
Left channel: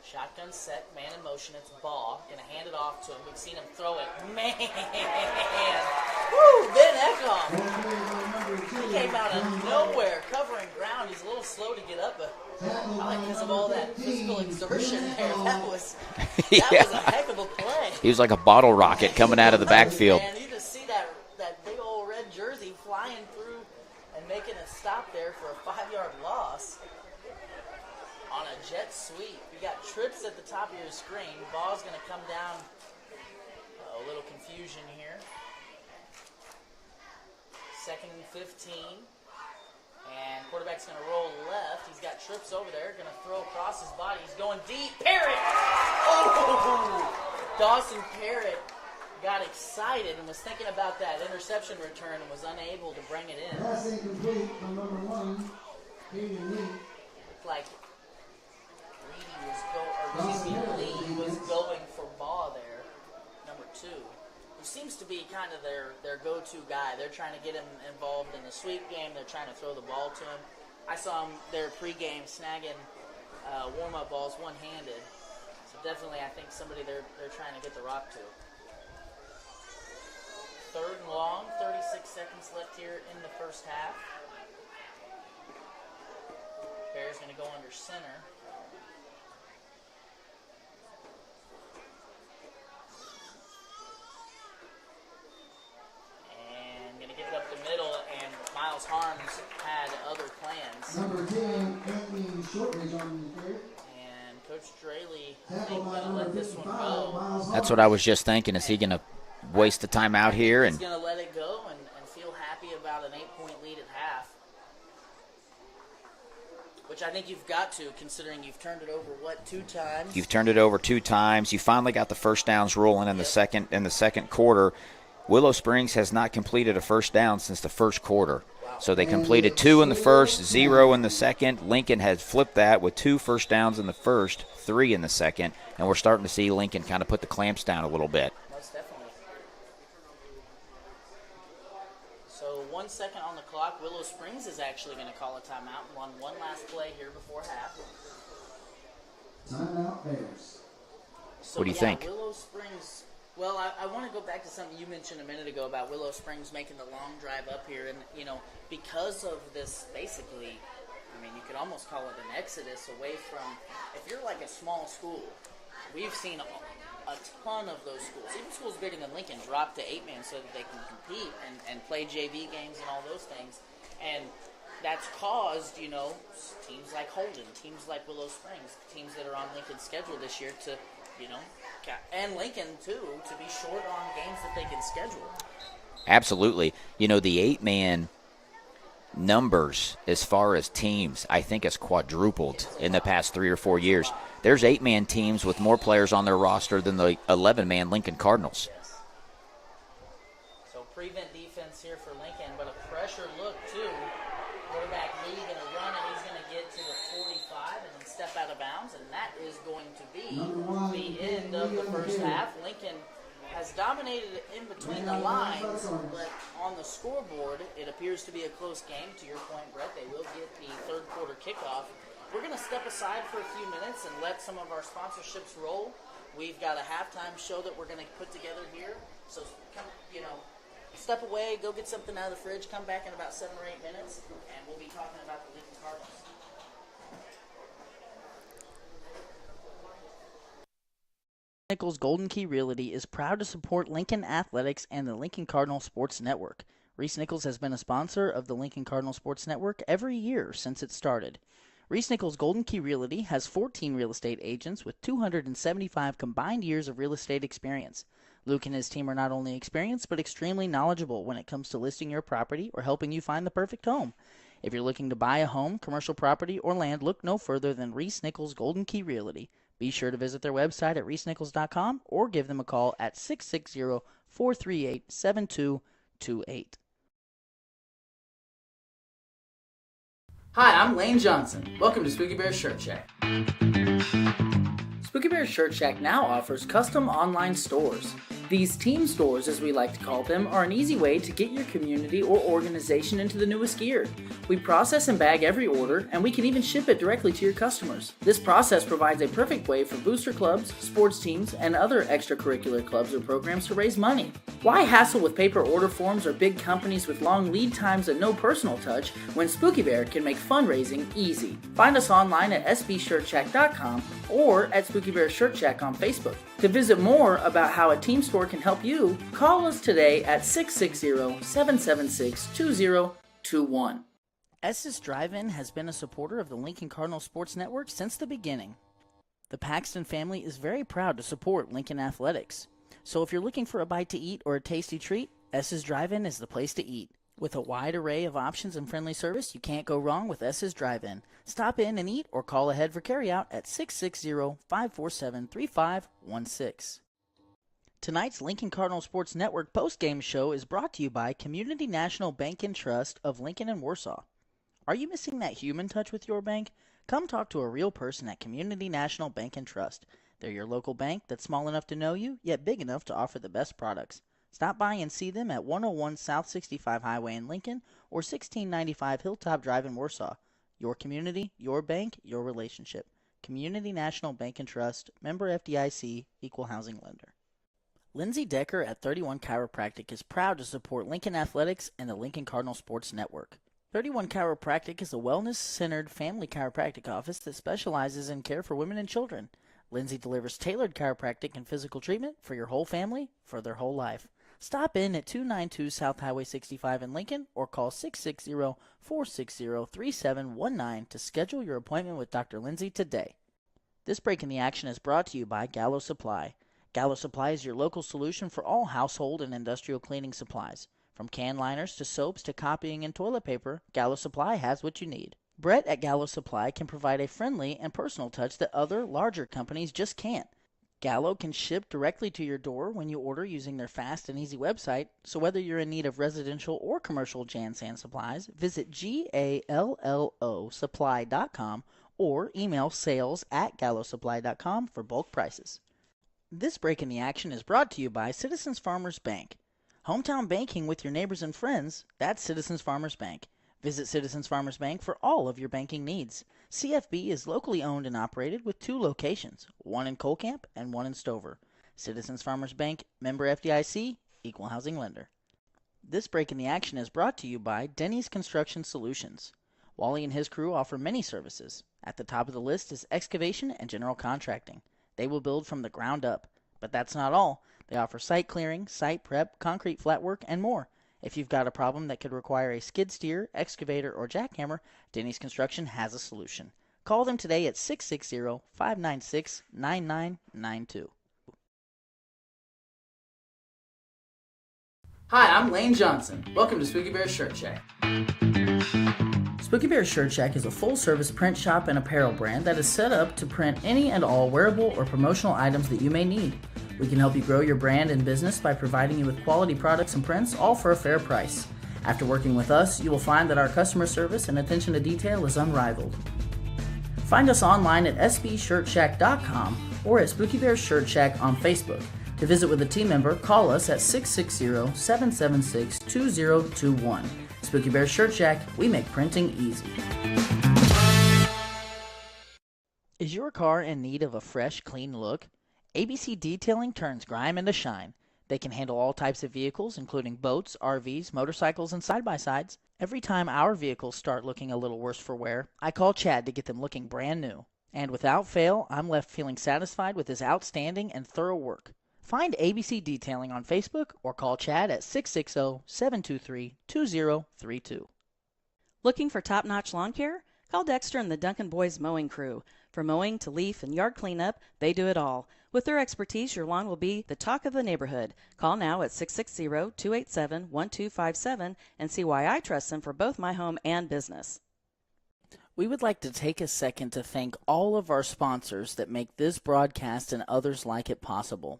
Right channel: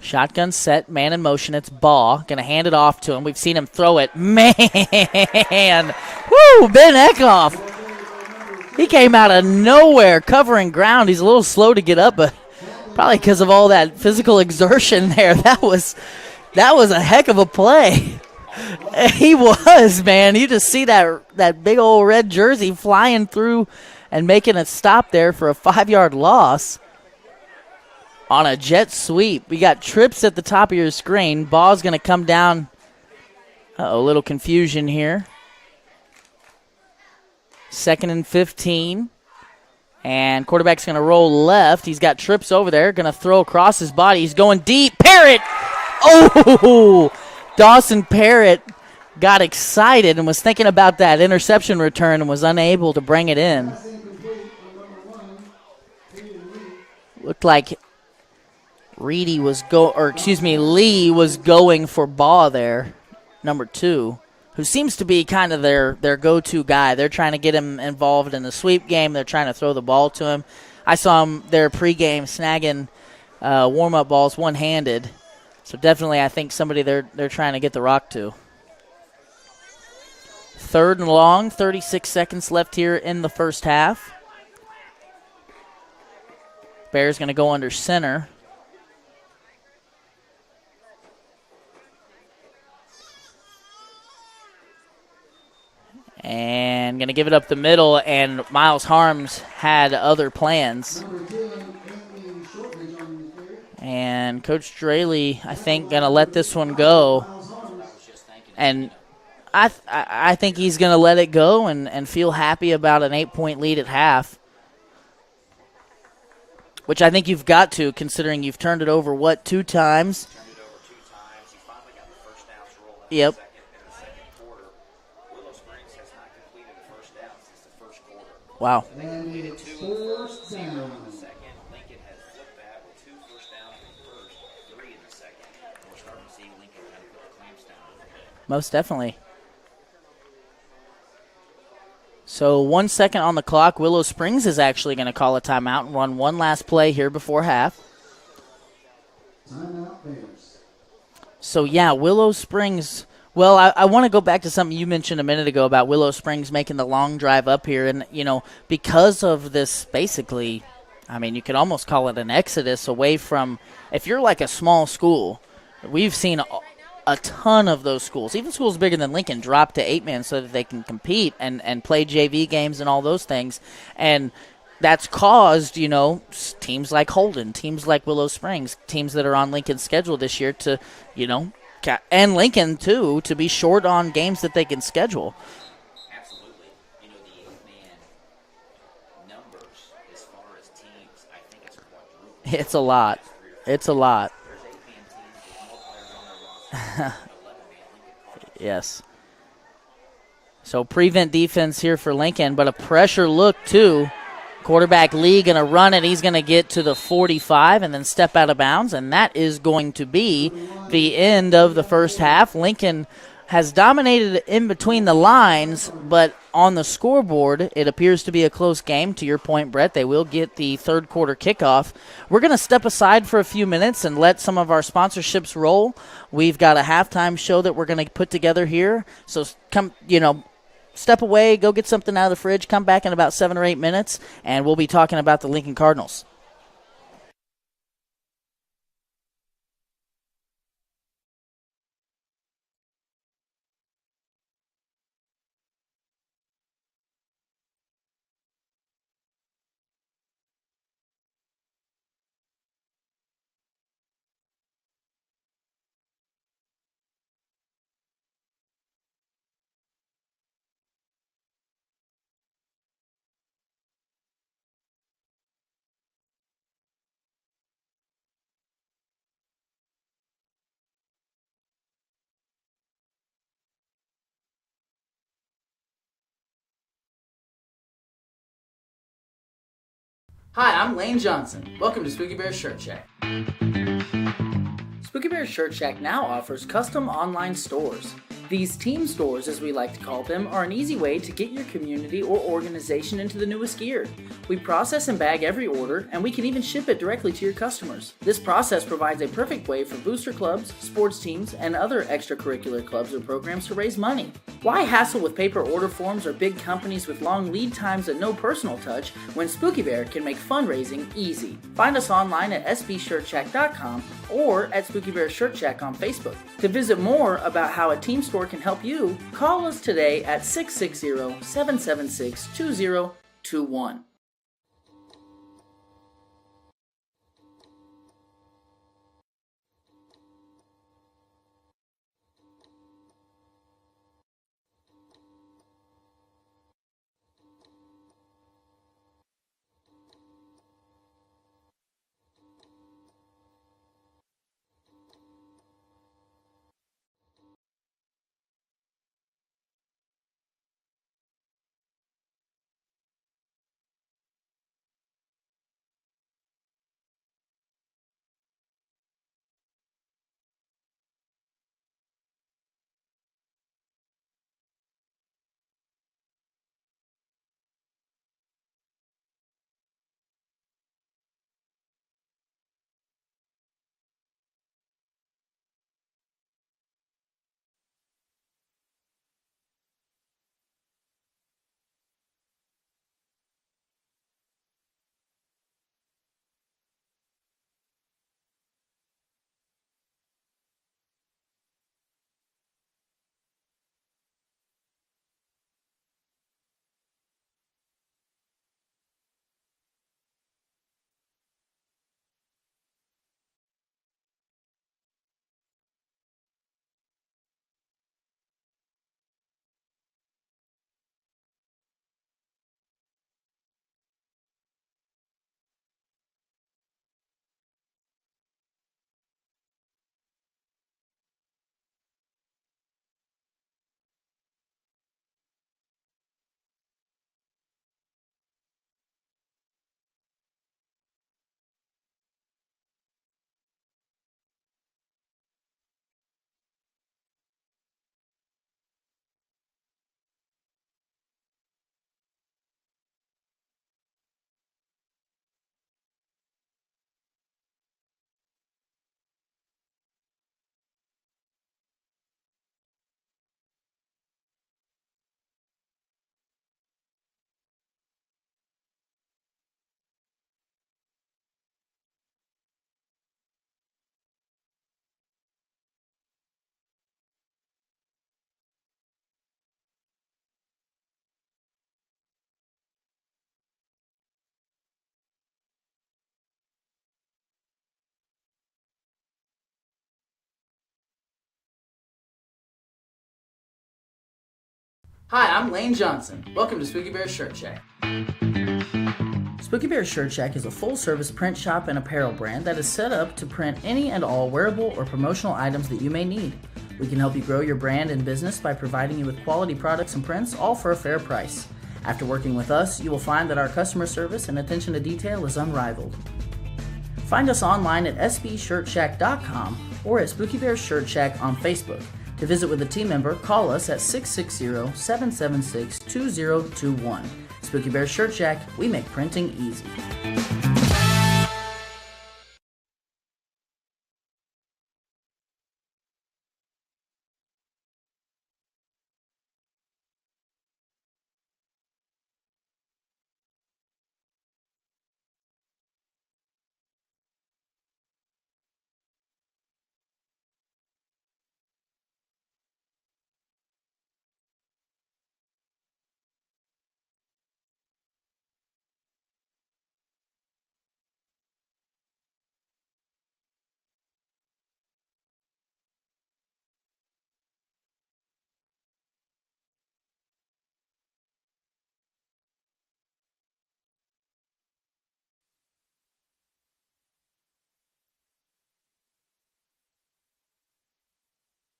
Shotgun set, man in motion. It's Baugh. Going to hand it off to him. We've seen him throw it. Man! Woo! Ben Eckhoff. He came out of nowhere covering ground. He's a little slow to get up, but probably because of all that physical exertion there. That was a heck of a play. He was like a bottle rocket. He coming out of the was, backfield. man. You just see that big old red jersey flying through and making a stop there for a 5-yard loss on a jet sweep. We got trips at the top of your screen. Ball's going to come down. A little confusion here. 2nd and 15. And quarterback's going to roll left. He's got trips over there. Going to throw across his body. He's going deep. Parrott! Oh! Dawson Parrott got excited and was thinking about that interception return and was unable to bring it in. Looked like Lee was going for Baugh there, number 2. Who seems to be kind of their go-to guy. They're trying to get him involved in the sweep game. They're trying to throw the ball to him. I saw him there pregame snagging warm-up balls one-handed. So definitely I think somebody they're trying to get the rock to. 3rd and long, 36 seconds left here in the first half. Bears going to go under center. And going to give it up the middle, and Miles Harms had other plans. And Coach Draley, I think, going to let this one go. That's what I was just thinking. Is he going to waste the time out I here? think he's going to let it go and feel happy about an 8-point lead at half. Which I think you've got to, considering you've turned it over, 2 times? You've turned it over 2 times. You finally got the first downs rolling in the second quarter. Willow Springs has not completed a first down since the first quarter. Wow. So they completed 2 in the first, 0 in the second. Lincoln has flipped that with 2 first downs in the first, 3 in the second. And we're starting to see Lincoln kind of put the clamps down a little bit. Most definitely. So 1 second on the clock. Willow Springs is actually going to call a timeout and run one last play here before half. Timeout Bears. So, think? Willow Springs. Well, I want to go back to something you mentioned a minute ago about Willow Springs making the long drive up here. And, because of this basically, you could almost call it an exodus away from, if you're like a small school, we've seen a ton of those schools, even schools bigger than Lincoln, drop to 8-man so that they can compete and play JV games and all those things. And that's caused, teams like Holden, teams like Willow Springs, teams that are on Lincoln's schedule this year to, and Lincoln, too, to be short on games that they can schedule. Absolutely. The 8-man numbers as far as teams, I think, has quadrupled it's a in lot. the past 3 or 4 years. It's a lot. There's 8-man teams with more players on their roster than the 11-man Lincoln Cardinals. Yes. So prevent defense here for Lincoln, but a pressure look, too. Quarterback Lee going to run it. He's going to get to the 45 and then step out of bounds, and that is going to be the end of the first half. Lincoln has dominated in between the lines, but on the scoreboard, it appears to be a close game. To your point, Brett, they will get the third quarter kickoff. We're going to step aside for a few minutes and let some of our sponsorships roll. We've got a halftime show that we're going to put together here. So come, step away, go get something out of the fridge, come back in about 7 or 8 minutes, and we'll be talking about the Lincoln Cardinals. Nichols Golden Key Realty is proud to support Lincoln Athletics and the Lincoln Cardinal Sports Network. Reese Nichols has been a sponsor of the Lincoln Cardinal Sports Network every year since it started. Reese Nichols Golden Key Realty has 14 real estate agents with 275 combined years of real estate experience. Luke and his team are not only experienced but extremely knowledgeable when it comes to listing your property or helping you find the perfect home. If you're looking to buy a home, commercial property, or land, look no further than Reese Nichols Golden Key Realty. Be sure to visit their website at reesenichols.com or give them a call at 660-438-7228. Hi, I'm Lane Johnson. Welcome to Spooky Bear Shirt Shack. Spooky Bear Shirt Shack now offers custom online stores. These team stores, as we like to call them, are an easy way to get your community or organization into the newest gear. We process and bag every order, and we can even ship it directly to your customers. This process provides a perfect way for booster clubs, sports teams, and other extracurricular clubs or programs to raise money. Why hassle with paper order forms or big companies with long lead times and no personal touch when Spooky Bear can make fundraising easy? Find us online at sbshirtshack.com or at Spooky Bear Shirt Shack on Facebook. To visit more about how a team store can help you, call us today at 660-776-2021. Estes Drive-In has been a supporter of the Lincoln Cardinal Sports Network since the beginning. The Paxton family is very proud to support Lincoln Athletics. So if you're looking for a bite to eat or a tasty treat, Estes Drive-In is the place to eat. With a wide array of options and friendly service, you can't go wrong with Estes Drive-In. Stop in and eat or call ahead for carryout at 660-547-3516. Tonight's Lincoln Cardinal Sports Network postgame show is brought to you by Community National Bank and Trust of Lincoln and Warsaw. Are you missing that human touch with your bank? Come talk to a real person at Community National Bank and Trust. They're your local bank that's small enough to know you, yet big enough to offer the best products. Stop by and see them at 101 South 65 Highway in Lincoln or 1695 Hilltop Drive in Warsaw. Your community, your bank, your relationship. Community National Bank and Trust, member FDIC, equal housing lender. Lindsay Decker at 31 Chiropractic is proud to support Lincoln Athletics and the Lincoln Cardinal Sports Network. 31 Chiropractic is a wellness-centered family chiropractic office that specializes in care for women and children. Lindsay delivers tailored chiropractic and physical treatment for your whole family for their whole life. Stop in at 292 South Highway 65 in Lincoln or call 660-460-3719 to schedule your appointment with Dr. Lindsay today. This break in the action is brought to you by Gallo Supply. Gallo Supply is your local solution for all household and industrial cleaning supplies. From can liners to soaps to copying and toilet paper, Gallo Supply has what you need. Brett at Gallo Supply can provide a friendly and personal touch that other, larger companies just can't. Gallo can ship directly to your door when you order using their fast and easy website, so whether you're in need of residential or commercial Jan Sand supplies, visit GALLOsupply.com or email sales@gallosupply.com for bulk prices. This break in the action is brought to you by Citizens Farmers Bank. Hometown banking with your neighbors and friends, that's Citizens Farmers Bank. Visit Citizens Farmers Bank for all of your banking needs. CFB is locally owned and operated with 2 locations, one in Colcamp and one in Stover. Citizens Farmers Bank, member FDIC, equal housing lender. This break in the action is brought to you by Denny's Construction Solutions. Wally and his crew offer many services. At the top of the list is excavation and general contracting. They will build from the ground up. But that's not all. They offer site clearing, site prep, concrete flat work, and more. If you've got a problem that could require a skid steer, excavator, or jackhammer, Denny's Construction has a solution. Call them today at 660-596-9992. Hi, I'm Lane Johnson. Welcome to Spooky Bear Shirt Shack. Spooky Bear Shirt Shack is a full-service print shop and apparel brand that is set up to print any and all wearable or promotional items that you may need. We can help you grow your brand and business by providing you with quality products and prints, all for a fair price. After working with us, you will find that our customer service and attention to detail is unrivaled. Find us online at sbshirtshack.com or at Spooky Bear Shirt Shack on Facebook. To visit with a team member, call us at 660-776-2021. Spooky Bear Shirt Shack, we make printing easy. Is your car in need of a fresh, clean look? ABC Detailing turns grime into shine. They can handle all types of vehicles, including boats, RVs, motorcycles, and side-by-sides. Every time our vehicles start looking a little worse for wear, I call Chad to get them looking brand new. And without fail, I'm left feeling satisfied with his outstanding and thorough work. Find ABC Detailing on Facebook or call Chad at 660-723-2032. Looking for top-notch lawn care? Call Dexter and the Duncan Boys Mowing Crew. From mowing to leaf and yard cleanup, they do it all. With their expertise, your lawn will be the talk of the neighborhood. Call now at 660-287-1257 and see why I trust them for both my home and business. We would like to take a second to thank all of our sponsors that make this broadcast and others like it possible.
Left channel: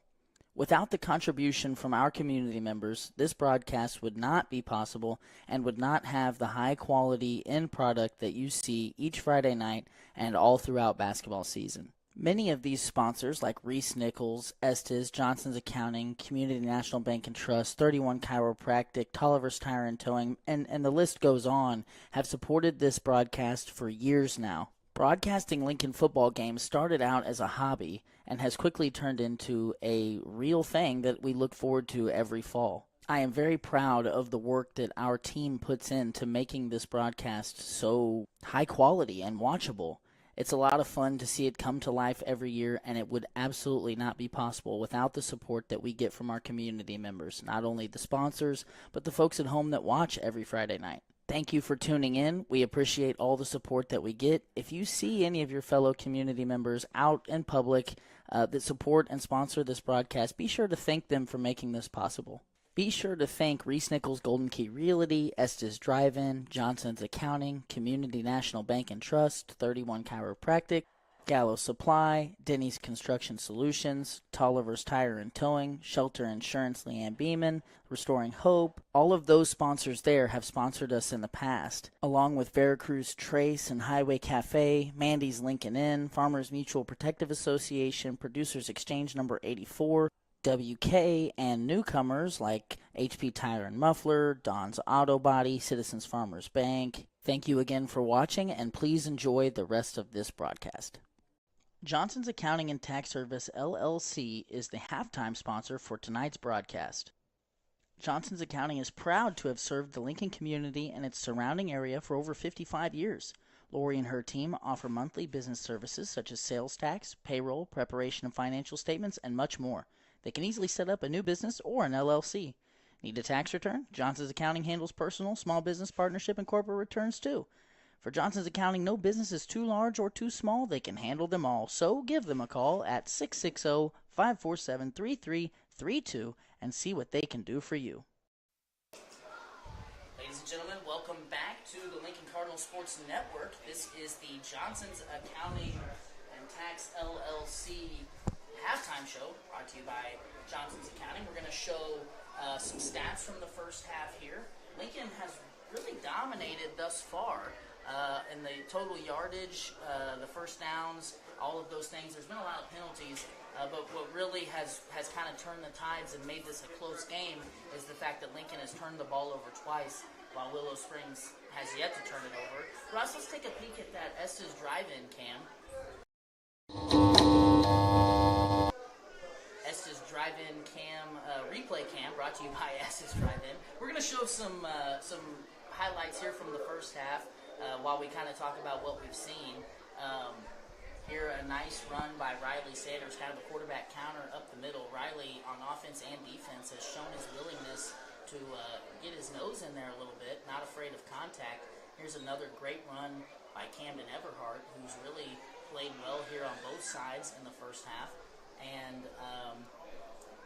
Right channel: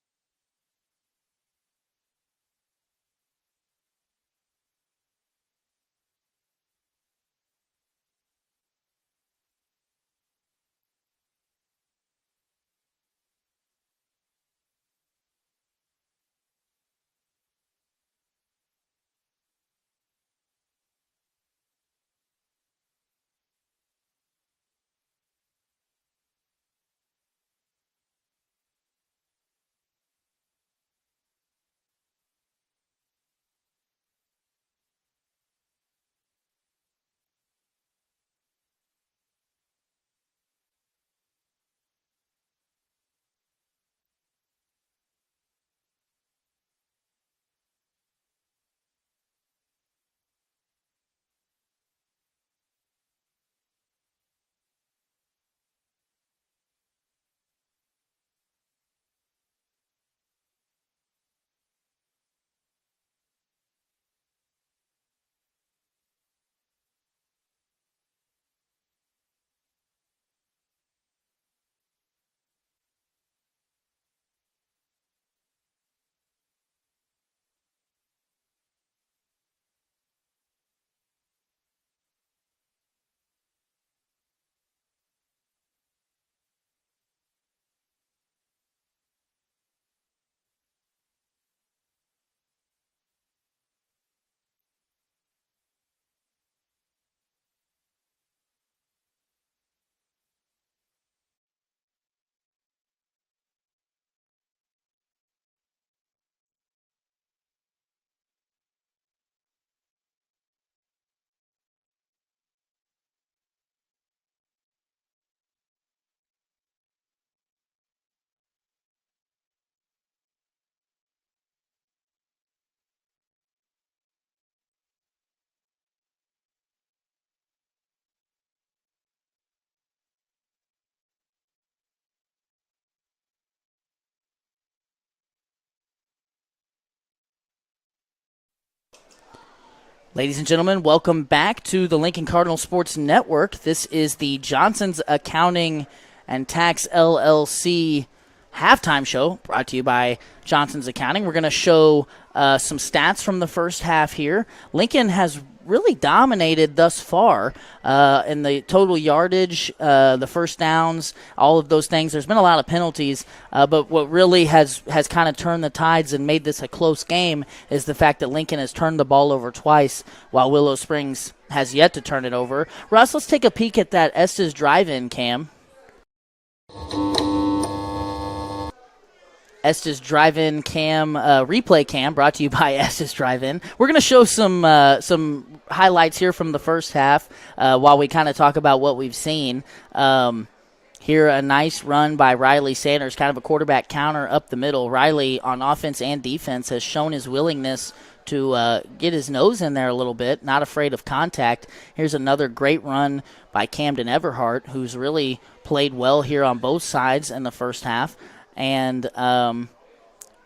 Without the contribution from our community members, this broadcast would not be possible and would not have the high-quality end product that you see each Friday night and all throughout basketball season. Many of these sponsors, like Reese Nichols, Estes, Johnson's Accounting, Community National Bank and Trust, 31 Chiropractic, Tolliver's Tire and Towing, and the list goes on, have supported this broadcast for years now. Broadcasting Lincoln football games started out as a hobby and has quickly turned into a real thing that we look forward to every fall. I am very proud of the work that our team puts into making this broadcast so high quality and watchable. It's a lot of fun to see it come to life every year, and it would absolutely not be possible without the support that we get from our community members, not only the sponsors, but the folks at home that watch every Friday night. Thank you for tuning in. We appreciate all the support that we get. If you see any of your fellow community members out in public that support and sponsor this broadcast, be sure to thank them for making this possible. Be sure to thank Reese Nichols Golden Key Realty, Estes Drive-In, Johnson's Accounting, Community National Bank and Trust, 31 Chiropractic, Gallo Supply, Denny's Construction Solutions, Tolliver's Tire and Towing, Shelter Insurance Leanne Beeman, Restoring Hope. All of those sponsors there have sponsored us in the past, along with Veracruz Trace and Highway Cafe, Mandy's Lincoln Inn, Farmers Mutual Protective Association, Producers Exchange number 84, WK, and newcomers like HP Tire and Muffler, Don's Auto Body, Citizens Farmers Bank. Thank you again for watching, and please enjoy the rest of this broadcast. Johnson's Accounting and Tax Service, LLC, is the halftime sponsor for tonight's broadcast. Johnson's Accounting is proud to have served the Lincoln community and its surrounding area for over 55 years. Lori and her team offer monthly business services such as sales tax, payroll, preparation of financial statements, and much more. They can easily set up a new business or an LLC. Need a tax return? Johnson's Accounting handles personal, small business, partnership, and corporate returns too. For Johnson's Accounting, no business is too large or too small. They can handle them all. So give them a call at 660-547-3332 and see what they can do for you. Ladies and gentlemen, welcome back to the Lincoln Cardinal Sports Network. This is the Johnson's Accounting and Tax LLC halftime show brought to you by Johnson's Accounting. We're going to show some stats from the first half here. Lincoln has really dominated thus far in the total yardage, the first downs, all of those things. There's been a lot of penalties, but what really has kind of turned the tides and made this a close game is the fact that Lincoln has turned the ball over twice while Willow Springs has yet to turn it over. Russ, let's take a peek at that Estes drive-in cam. Estes Drive-In cam, replay cam, brought to you by Estes Drive-In. We're going to show some highlights here from the first half while we kind of talk about what we've seen. Here, a nice run by Riley Sanders, kind of a quarterback counter up the middle. Riley, on offense and defense, has shown his willingness to get his nose in there a little bit, not afraid of contact. Here's another great run by Camden Everhart, who's really played well here on both sides in the first half. And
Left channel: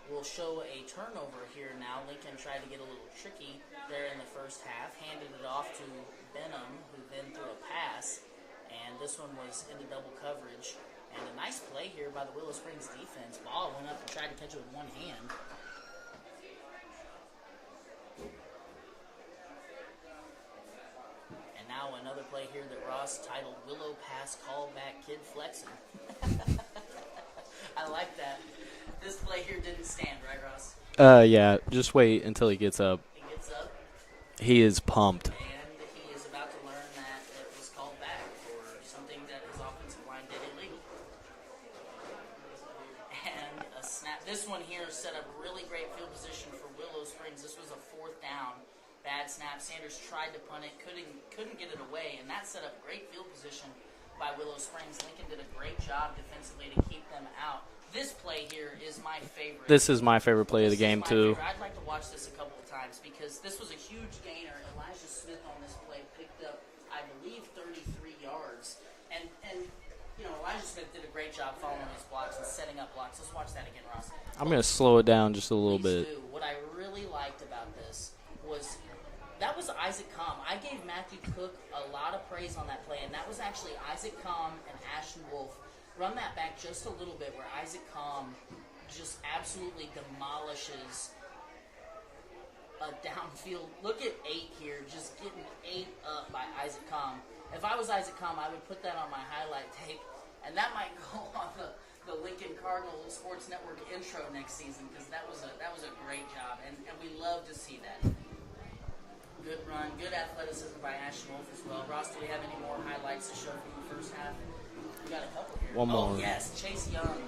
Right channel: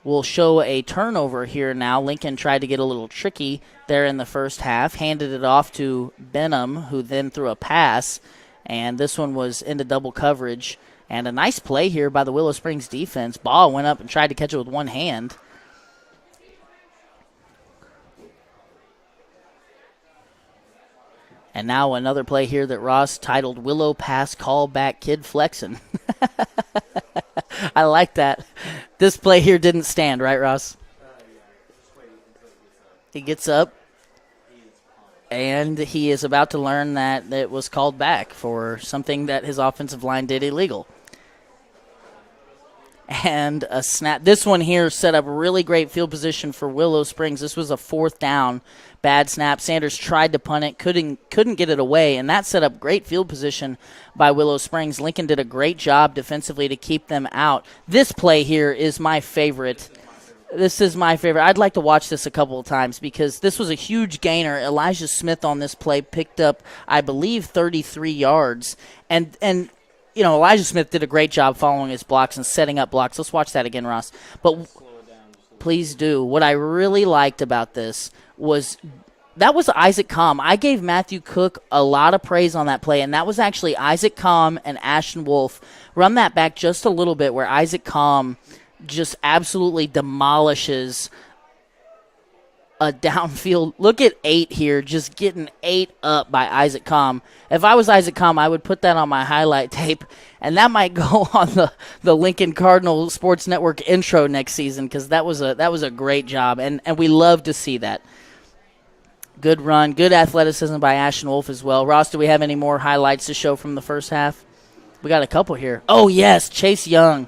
we'll show a turnover here now. Lincoln tried to get a little tricky there in the first half, handed it off to Benham, who then threw a pass, and this one was into double coverage. And a nice play here by the Willow Springs defense. Ball went up and tried to catch it with one hand. And now another play here that Ross titled Willow Pass Callback Kid Flexin'. I like that. This play here didn't stand, right, Ross? Yeah, just wait until he gets up. He gets up. He is pumped. And he is about to learn that it was called back for something that his offensive line did illegal. And a snap. This one here set up really great field position for Willow Springs. This was a 4th down. Bad snap. Sanders tried to punt it, couldn't get it away, and that set up great field position by Willow Springs. Lincoln did a great job defensively to keep them out. This play here is my favorite. This is my favorite play This of the game, is my too. favorite. I'd like to watch this a couple of times because this was a huge gainer. Elijah Smith on this play picked up, I believe, 33 yards. And you know, Elijah Smith did a great job following his blocks and setting up blocks. Let's watch that again, Ross. I'm going to slow it down just a little bit. Please do. What I really liked about this was that was Isaac Comm. I gave Matthew Cook a lot of praise on that play, and that was actually Isaac Comm and Ashton Wolf. Run that back just a little bit where Isaac Comm just absolutely demolishes a downfield. Look at 8 here, just getting 8 up by Isaac Comm. If I was Isaac Comm, I would put that on my highlight tape, and that might go on the Lincoln Cardinal Sports Network intro next season because that was a great job, and we love to see that. Good run, good athleticism by Ashton Wolf as well. Ross, do we have any more highlights to show from the first half? We got a couple here. Oh, yes, Chase Young.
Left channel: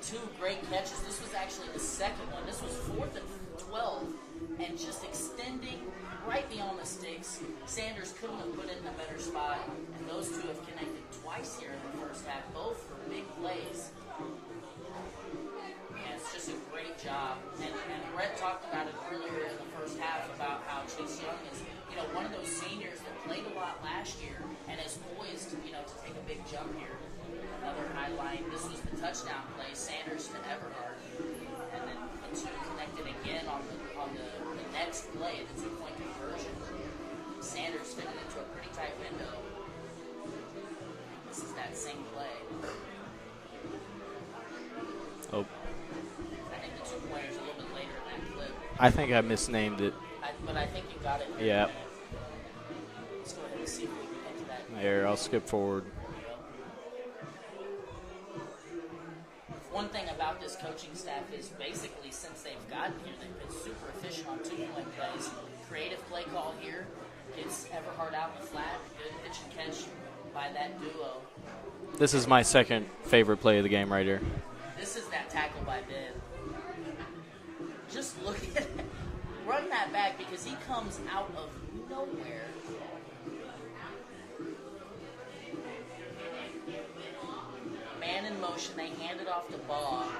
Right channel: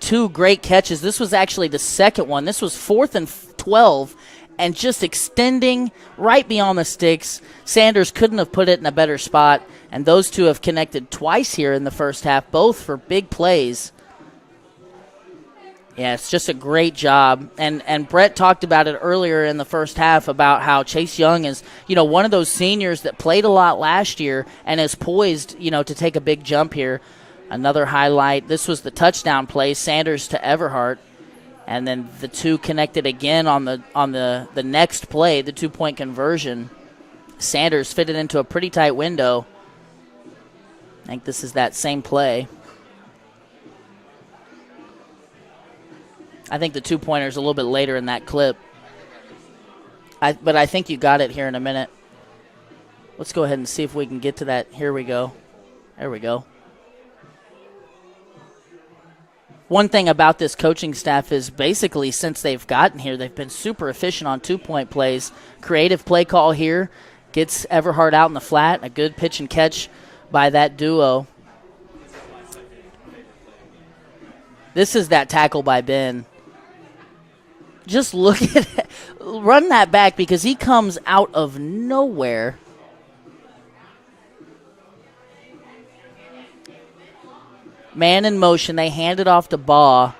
2 great catches. This was actually the second one. This was 4th and 12, and just extending right beyond the sticks. Sanders couldn't have put it in a better spot, and those two have connected twice here in the first half, both for big plays. Yeah, it's just a great job. And Brett talked about it earlier in the first half about how Chase Young is, you know, one of those seniors that played a lot last year and is poised, you know, to take a big jump here. Another highlight. This was the touchdown play, Sanders to Everhart. And then the two connected again on the next play, the 2-point conversion. Sanders fitted into a pretty tight window. I think this is that same play. Oh. I think the 2-pointer is a little bit later in that clip. I think I misnamed it. But I think you got it here in a Yeah. minute. Let's go ahead and see if we can get to that. Here we go. I'll skip forward. There we go. One thing about this coaching staff is basically since they've gotten here, they've been super efficient on 2-point plays. Creative play call here gets Everhart out in the flat. A good pitch and catch by that duo. This is my second favorite play of the game right here. This is that tackle by Ben. Just look at it. Run that back because he comes out of nowhere. Man in motion. They hand it off to Baugh.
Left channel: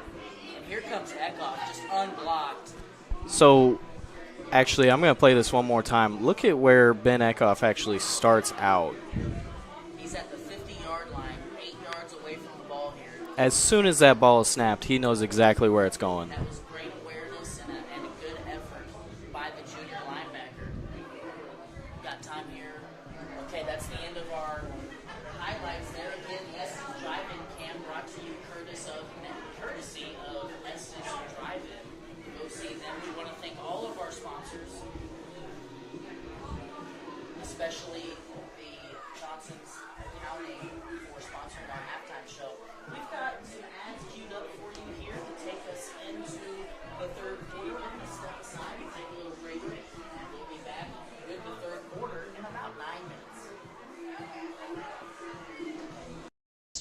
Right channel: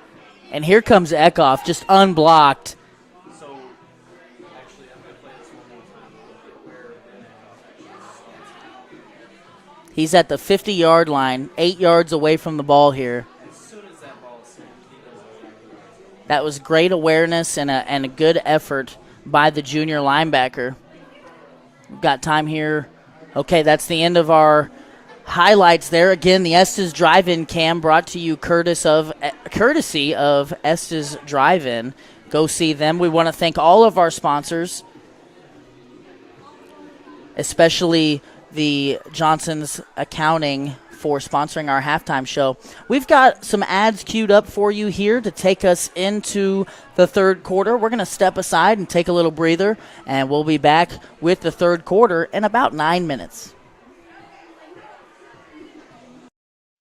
And here comes Kickoff, just unblocked. So, actually, I'm going to play this one more time. Look at where Ben Kickoff actually starts out. He's at the 50-yard line, 8 yards away from the ball here. As soon as that ball is snapped, he knows exactly where it's going. That was great awareness and a good effort by the junior linebacker. We've got time here. Okay, that's the end of our highlights there. Again, the Estes Drive-In cam brought to you courtesy of Estes Drive-In. Go see them. We want to thank all of our sponsors, especially the Johnson's Accounting for sponsoring our halftime show. We've got some ads queued up for you here to take us into the third quarter. We're going to step aside and take a little breather, and we'll be back with the third quarter in about 9 minutes.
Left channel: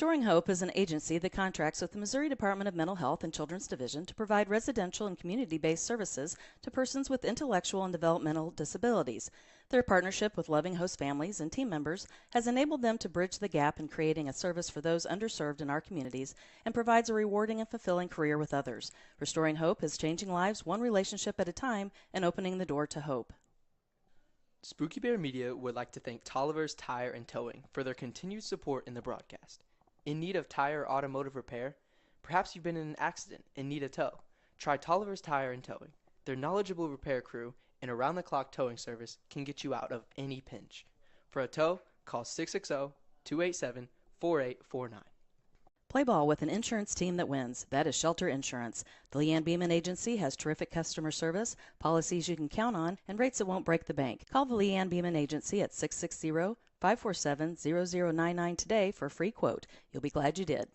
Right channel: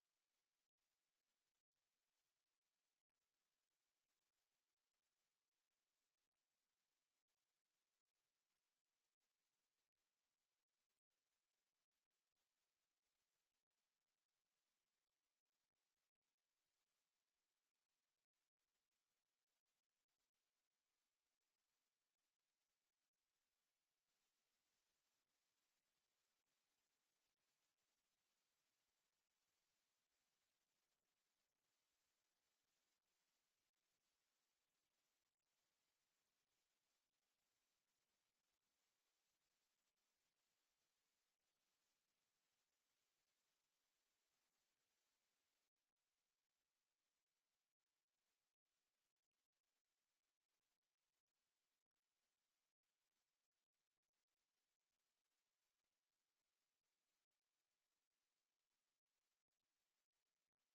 Restoring Hope is an agency that contracts with the Missouri Department of Mental Health and Children's Division to provide residential and community-based services to persons with intellectual and developmental disabilities. Their partnership with loving host families and team members has enabled them to bridge the gap in creating a service for those underserved in our communities and provides a rewarding and fulfilling career with others. Restoring Hope is changing lives one relationship at a time and opening the door to hope. Spooky Bear Media would like to thank Tolliver's Tire and Towing for their continued support in the broadcast. In need of tire or automotive repair? Perhaps you've been in an accident and need a tow. Try Tolliver's Tire and Towing. Their knowledgeable repair crew and around-the-clock towing service can get you out of any pinch. For a tow, call 660-287-4849. Play ball with an insurance team that wins. That is Shelter Insurance. The Leanne Beeman Agency has terrific customer service, policies you can count on, and rates that won't break the bank. Call the Leanne Beeman Agency at 660-547-0099 today for a free quote. You'll be glad you did.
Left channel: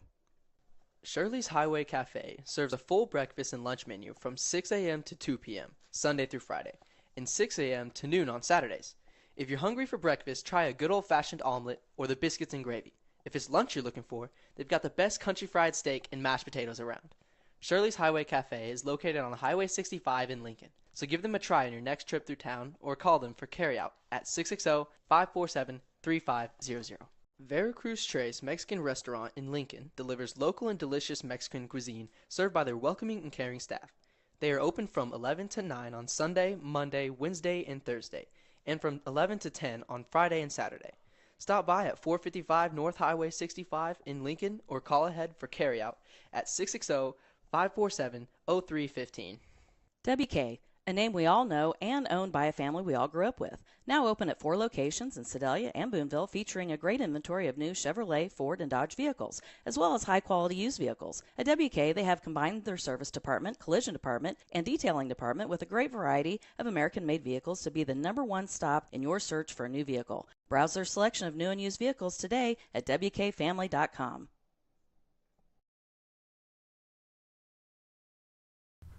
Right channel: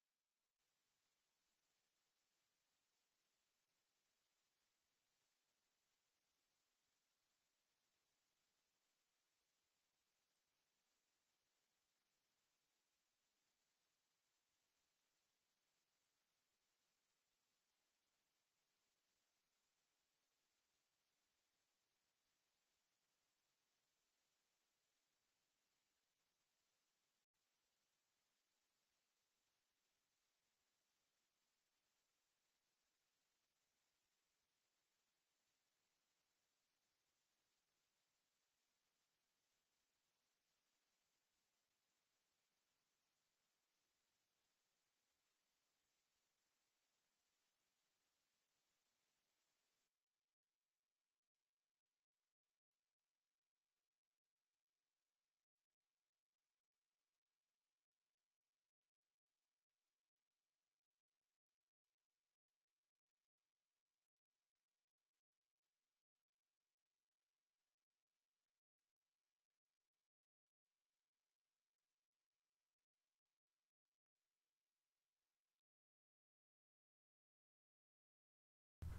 Shirley's Highway Cafe serves a full breakfast and lunch menu from 6 a.m. to 2 p.m., Sunday through Friday, and 6 a.m. to noon on Saturdays. If you're hungry for breakfast, try a good old-fashioned omelet or the biscuits and gravy. If it's lunch you're looking for, they've got the best country fried steak and mashed potatoes around. Shirley's Highway Cafe is located on Highway 65 in Lincoln, so give them a try on your next trip through town or call them for carryout at 660-547-3500. Veracruz Tres Mexican Restaurant in Lincoln delivers local and delicious Mexican cuisine served by their welcoming and caring staff. They are open from 11 to 9 on Sunday, Monday, Wednesday, and Thursday, and from 11 to 10 on Friday and Saturday. Stop by at 455 North Highway 65 in Lincoln or call ahead for carryout at 660-547-0315. WK, a name we all know and owned by a family we all grew up with. Now open at 4 locations in Sedalia and Boonville, featuring a great inventory of new Chevrolet, Ford, and Dodge vehicles, as well as high-quality used vehicles. At WK, they have combined their service department, collision department, and detailing department with a great variety of American-made vehicles to be the #1 stop in your search for a new vehicle. Browse their selection of new and used vehicles today at WKFamily.com.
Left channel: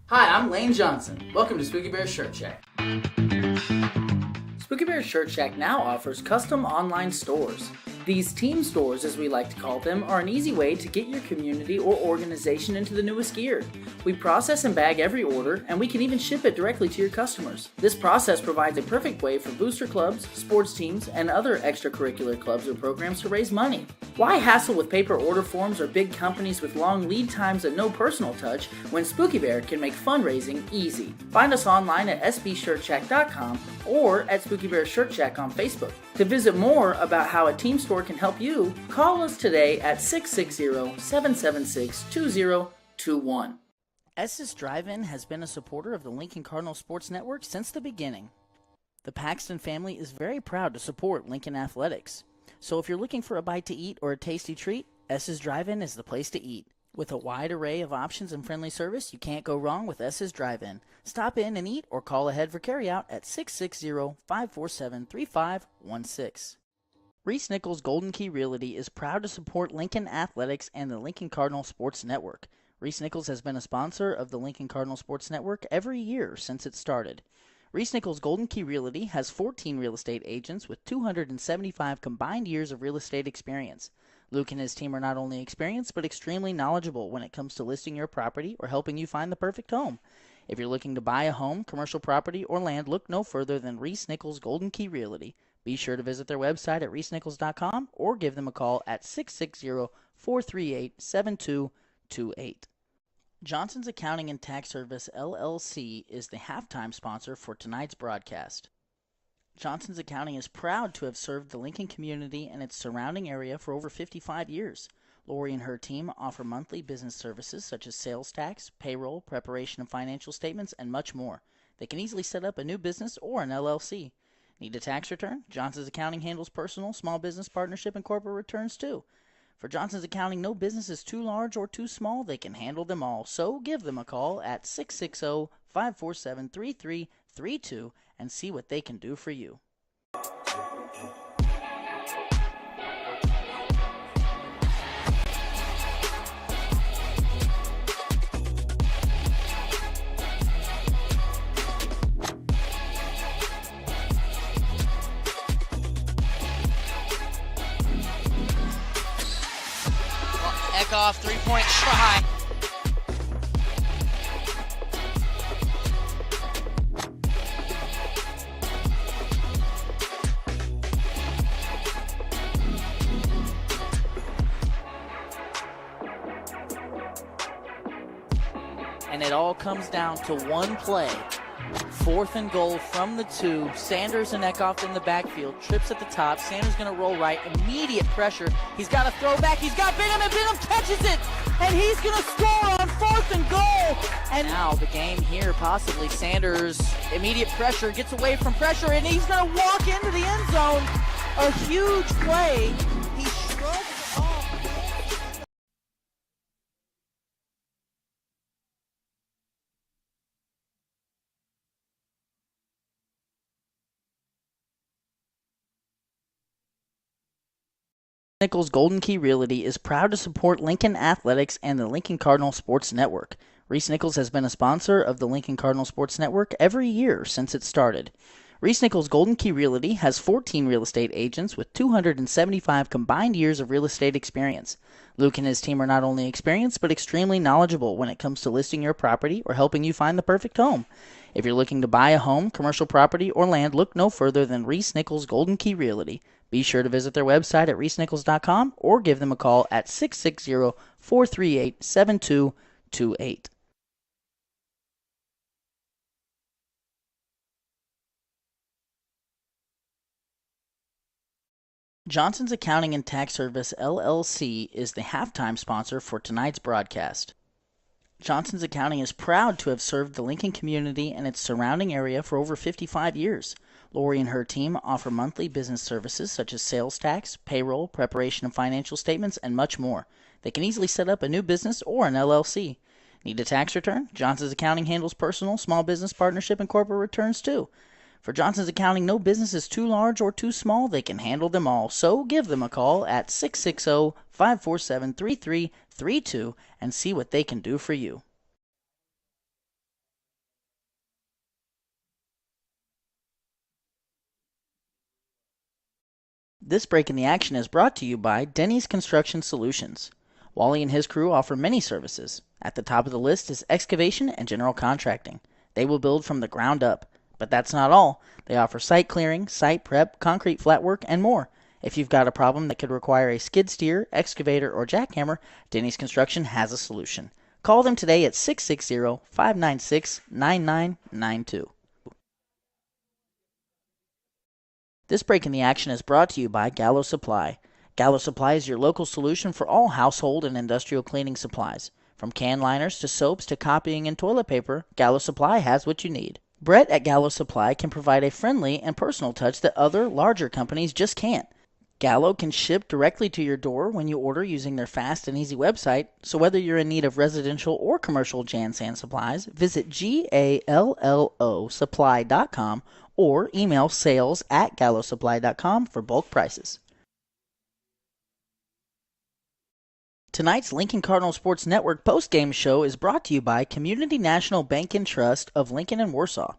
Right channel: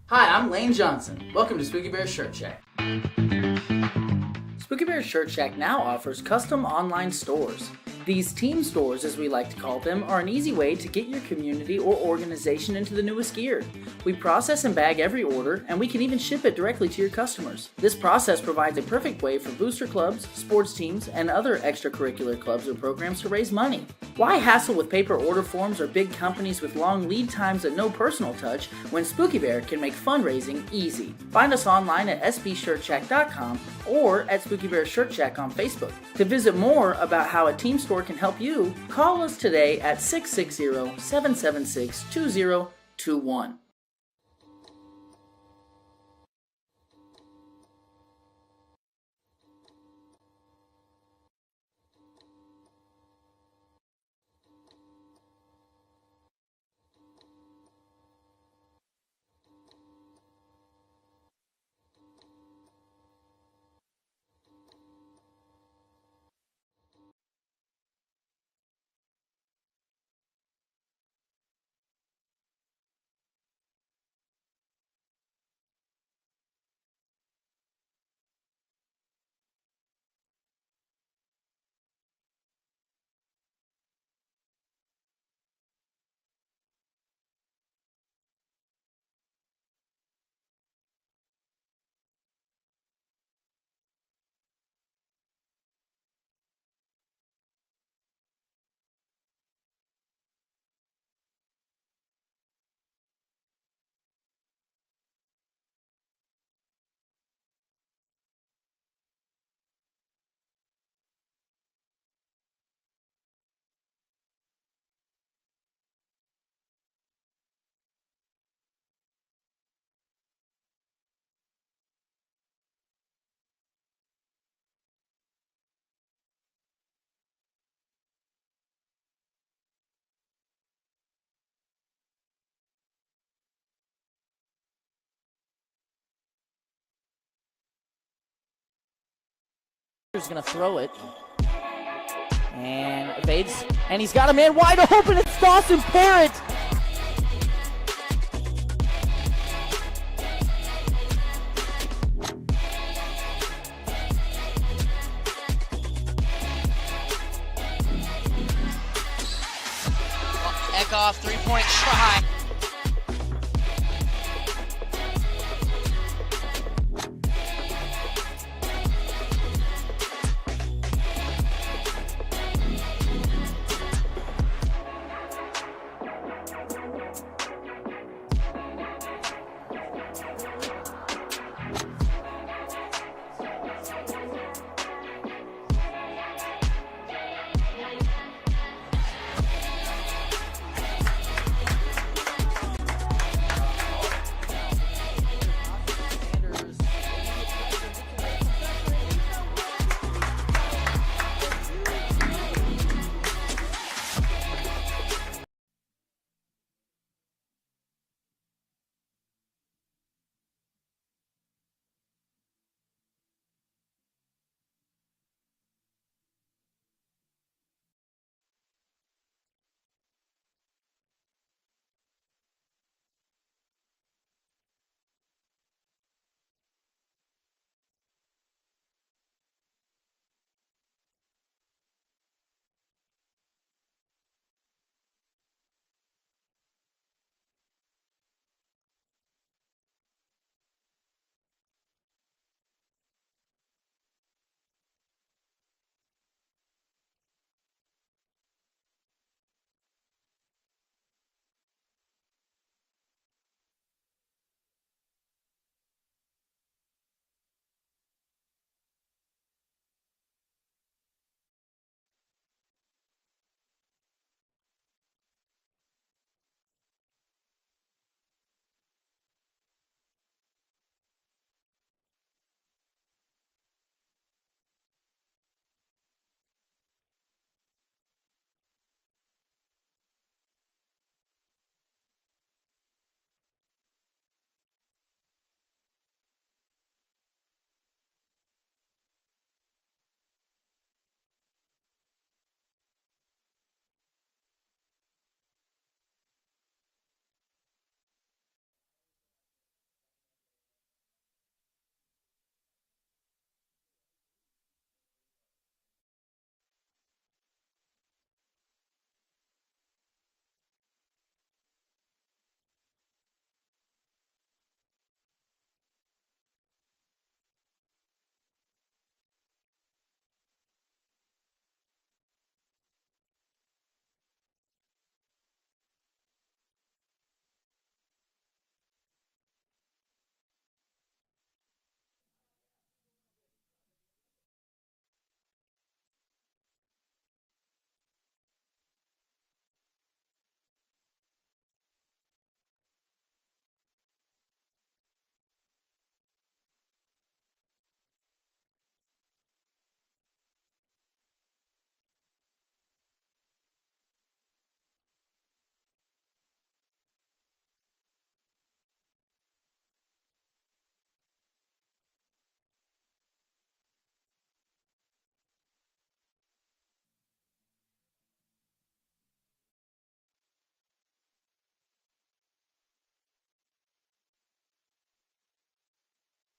Hi, I'm Lane Johnson. Welcome to Spooky Bear Shirt Shack. Spooky Bear Shirt Shack now offers custom online stores. These team stores, as we like to call them, are an easy way to get your community or organization into the newest gear. We process and bag every order, and we can even ship it directly to your customers. This process provides a perfect way for booster clubs, sports teams, and other extracurricular clubs or programs to raise money. Why hassle with paper order forms or big companies with long lead times and no personal touch when Spooky Bear can make fundraising easy? Find us online at sbshirtshack.com or at Spooky Bear Shirt Shack on Facebook. To visit more about how a team store can help you, call us today at 660-776-2021. Estes Drive-In has been a supporter of the Lincoln Cardinals Sports Network since the beginning. The Paxton family is very proud to support Lincoln Athletics. So if you're looking for a bite to eat or a tasty treat, Estes Drive-In is the place to eat. With a wide array of options and friendly service, you can't go wrong with Estes Drive-In. Stop in and eat or call ahead for carryout at 660-547-3516. Reese Nichols Golden Key Realty is proud to support Lincoln Athletics and the Lincoln Cardinal Sports Network. Reese Nichols has been a sponsor of the Lincoln Cardinal Sports Network every year since it started. Reese Nichols Golden Key Realty has 14 real estate agents with 275 combined years of real estate experience. Luke and his team are not only experienced but extremely knowledgeable when it comes to listing your property or helping you find the perfect home. If you're looking to buy a home, commercial property, or land, look no further than Reese Nichols Golden Key Realty. Be sure to visit their website at reesenichols.com or give them a call at 660-438-7228. Johnson's Accounting and Tax Service, LLC, is the halftime sponsor for tonight's broadcast. Johnson's Accounting is proud to have served the Lincoln community and its surrounding area for over 55 years. Lori and her team offer monthly business services such as sales tax, payroll, preparation of financial statements, and much more. They can easily set up a new business or an LLC. Need a tax return? Johnson's Accounting handles personal, small business, partnership, and corporate returns too. For Johnson's Accounting, no business is too large or too small. They can handle them all. So give them a call at 660-547-3332 and see what they can do for you. He's going to throw it. And evades. And he's got a man wide open. It's Dawson Parrott. Kickoff, three-point try. And it all comes down to one play. 4th and goal from the 2. Sanders and Eckhoff in the backfield. Trips at the top. Sanders going to roll right. Immediate pressure. He's got a throwback. He's got Bingham, and Bingham catches it. And he's going to score on 4th and goal. And now the game here, possibly. Sanders, immediate pressure, gets away from pressure, and he's going to walk into the end zone. A huge play. He shrugs off. Nichols Golden Key Realty is proud to support Lincoln Athletics and the Lincoln Cardinal Sports Network. Reese Nichols has been a sponsor of the Lincoln Cardinal Sports Network every year since it started. Reese Nichols Golden Key Realty has 14 real estate agents with 275 combined years of real estate experience. Luke and his team are not only experienced but extremely knowledgeable when it comes to listing your property or helping you find the perfect home. If you're looking to buy a home, commercial property, or land, look no further than Reese Nichols Golden Key Realty. Be sure to visit their website at reesenichols.com or give them a call at 660-438-7228. Johnson's Accounting and Tax Service, LLC, is the halftime sponsor for tonight's broadcast. Johnson's Accounting is proud to have served the Lincoln community and its surrounding area for over 55 years. Lori and her team offer monthly business services such as sales tax, payroll, preparation of financial statements, and much more. They can easily set up a new business or an LLC. Need a tax return? Johnson's Accounting handles personal, small business partnership, and corporate returns too. For Johnson's Accounting, no business is too large or too small. They can handle them all. So give them a call at 660-547-3332 and see what they can do for you. This break in the action is brought to you by Denny's Construction Solutions. Wally and his crew offer many services. At the top of the list is excavation and general contracting. They will build from the ground up. But that's not all. They offer site clearing, site prep, concrete flat work, and more. If you've got a problem that could require a skid steer, excavator, or jackhammer, Denny's Construction has a solution. Call them today at 660-596-9992. This break in the action is brought to you by Gallo Supply. Gallo Supply is your local solution for all household and industrial cleaning supplies. From can liners to soaps to copying and toilet paper, Gallo Supply has what you need. Brett at Gallo Supply can provide a friendly and personal touch that other, larger companies just can't. Gallo can ship directly to your door when you order using their fast and easy website, so whether you're in need of residential or commercial Jan-San supplies, visit GALLOsupply.com or email sales@gallosupply.com for bulk prices. Tonight's Lincoln Cardinal Sports Network postgame show is brought to you by Community National Bank and Trust of Lincoln and Warsaw.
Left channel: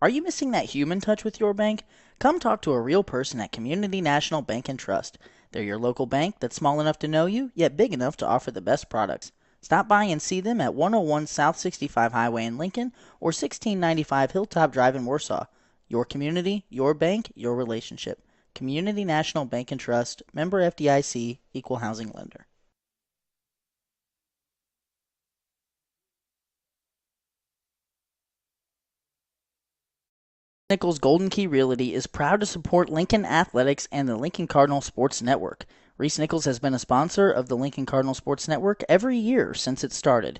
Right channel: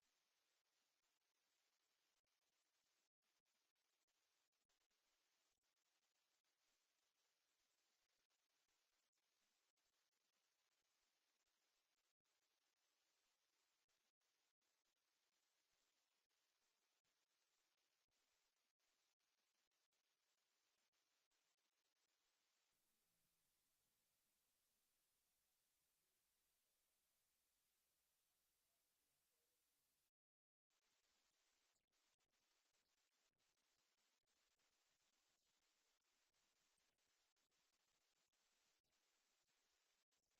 Are you missing that human touch with your bank? Come talk to a real person at Community National Bank and Trust. They're your local bank that's small enough to know you, yet big enough to offer the best products. Stop by and see them at 101 South 65 Highway in Lincoln or 1695 Hilltop Drive in Warsaw. Your community, your bank, your relationship. Community National Bank and Trust, member FDIC, equal housing lender. Nichols Golden Key Realty is proud to support Lincoln Athletics and the Lincoln Cardinal Sports Network. Reese Nichols has been a sponsor of the Lincoln Cardinal Sports Network every year since it started.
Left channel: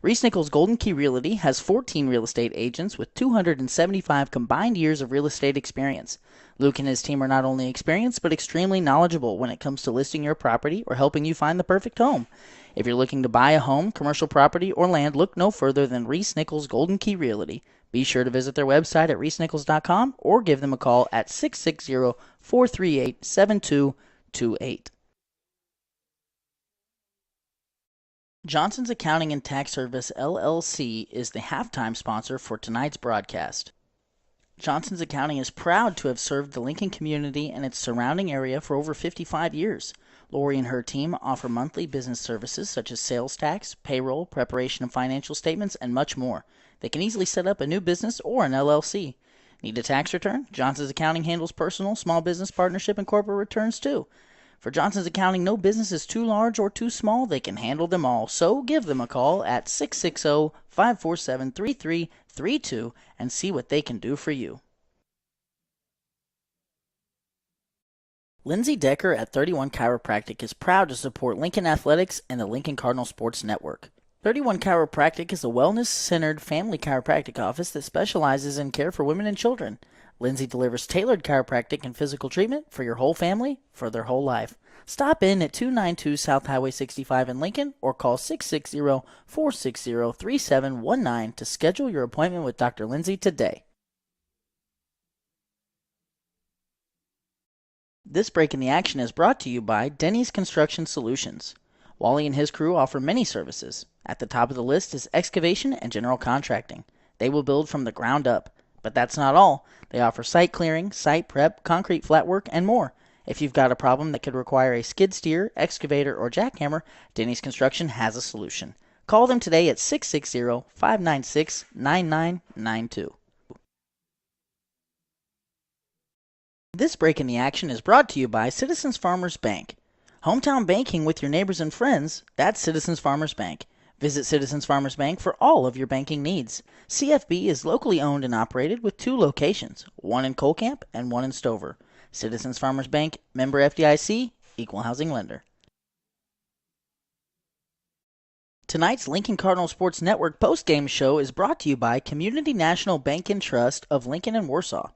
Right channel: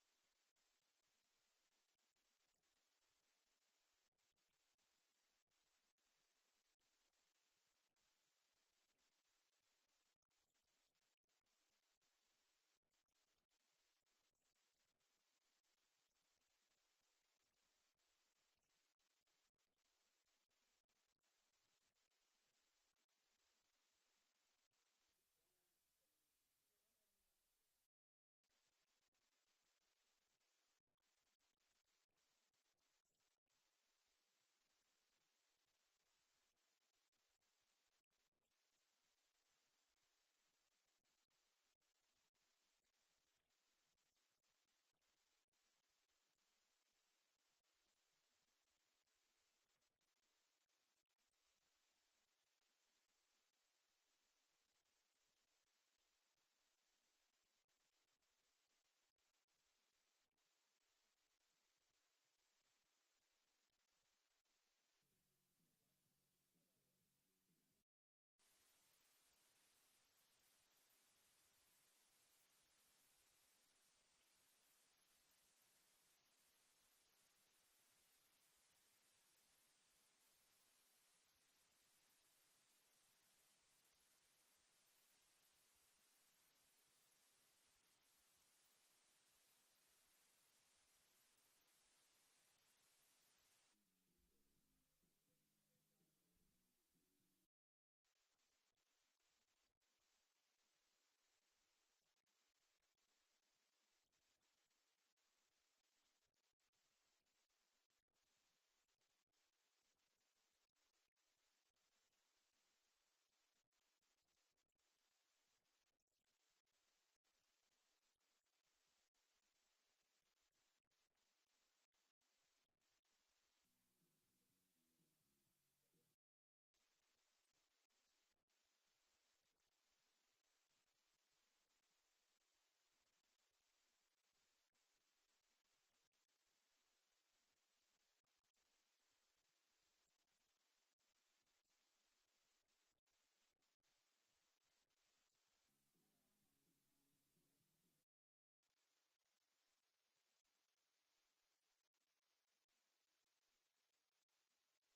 Reese Nichols Golden Key Realty has 14 real estate agents with 275 combined years of real estate experience. Luke and his team are not only experienced but extremely knowledgeable when it comes to listing your property or helping you find the perfect home. If you're looking to buy a home, commercial property, or land, look no further than Reese Nichols Golden Key Realty. Be sure to visit their website at reesenichols.com or give them a call at 660-438-7228. Johnson's Accounting and Tax Service, LLC, is the halftime sponsor for tonight's broadcast. Johnson's Accounting is proud to have served the Lincoln community and its surrounding area for over 55 years. Lori and her team offer monthly business services such as sales tax, payroll, preparation of financial statements, and much more. They can easily set up a new business or an LLC. Need a tax return? Johnson's Accounting handles personal, small business, partnership, and corporate returns too. For Johnson's Accounting, no business is too large or too small. They can handle them all. So give them a call at 660-547-3332 and see what they can do for you. Lindsay Decker at 31 Chiropractic is proud to support Lincoln Athletics and the Lincoln Cardinal Sports Network. 31 Chiropractic is a wellness-centered family chiropractic office that specializes in care for women and children. Lindsay delivers tailored chiropractic and physical treatment for your whole family for their whole life. Stop in at 292 South Highway 65 in Lincoln or call 660-460-3719 to schedule your appointment with Dr. Lindsay today. This break in the action is brought to you by Denny's Construction Solutions. Wally and his crew offer many services. At the top of the list is excavation and general contracting. They will build from the ground up. But that's not all. They offer site clearing, site prep, concrete flat work, and more. If you've got a problem that could require a skid steer, excavator, or jackhammer, Denny's Construction has a solution. Call them today at 660-596-9992. This break in the action is brought to you by Citizens Farmers Bank. Hometown banking with your neighbors and friends, that's Citizens Farmers Bank. Visit Citizens Farmers Bank for all of your banking needs. CFB is locally owned and operated with 2 locations, one in Colcamp and one in Stover. Citizens Farmers Bank, member FDIC, equal housing lender. Tonight's Lincoln Cardinal Sports Network postgame show is brought to you by Community National Bank and Trust of Lincoln and Warsaw.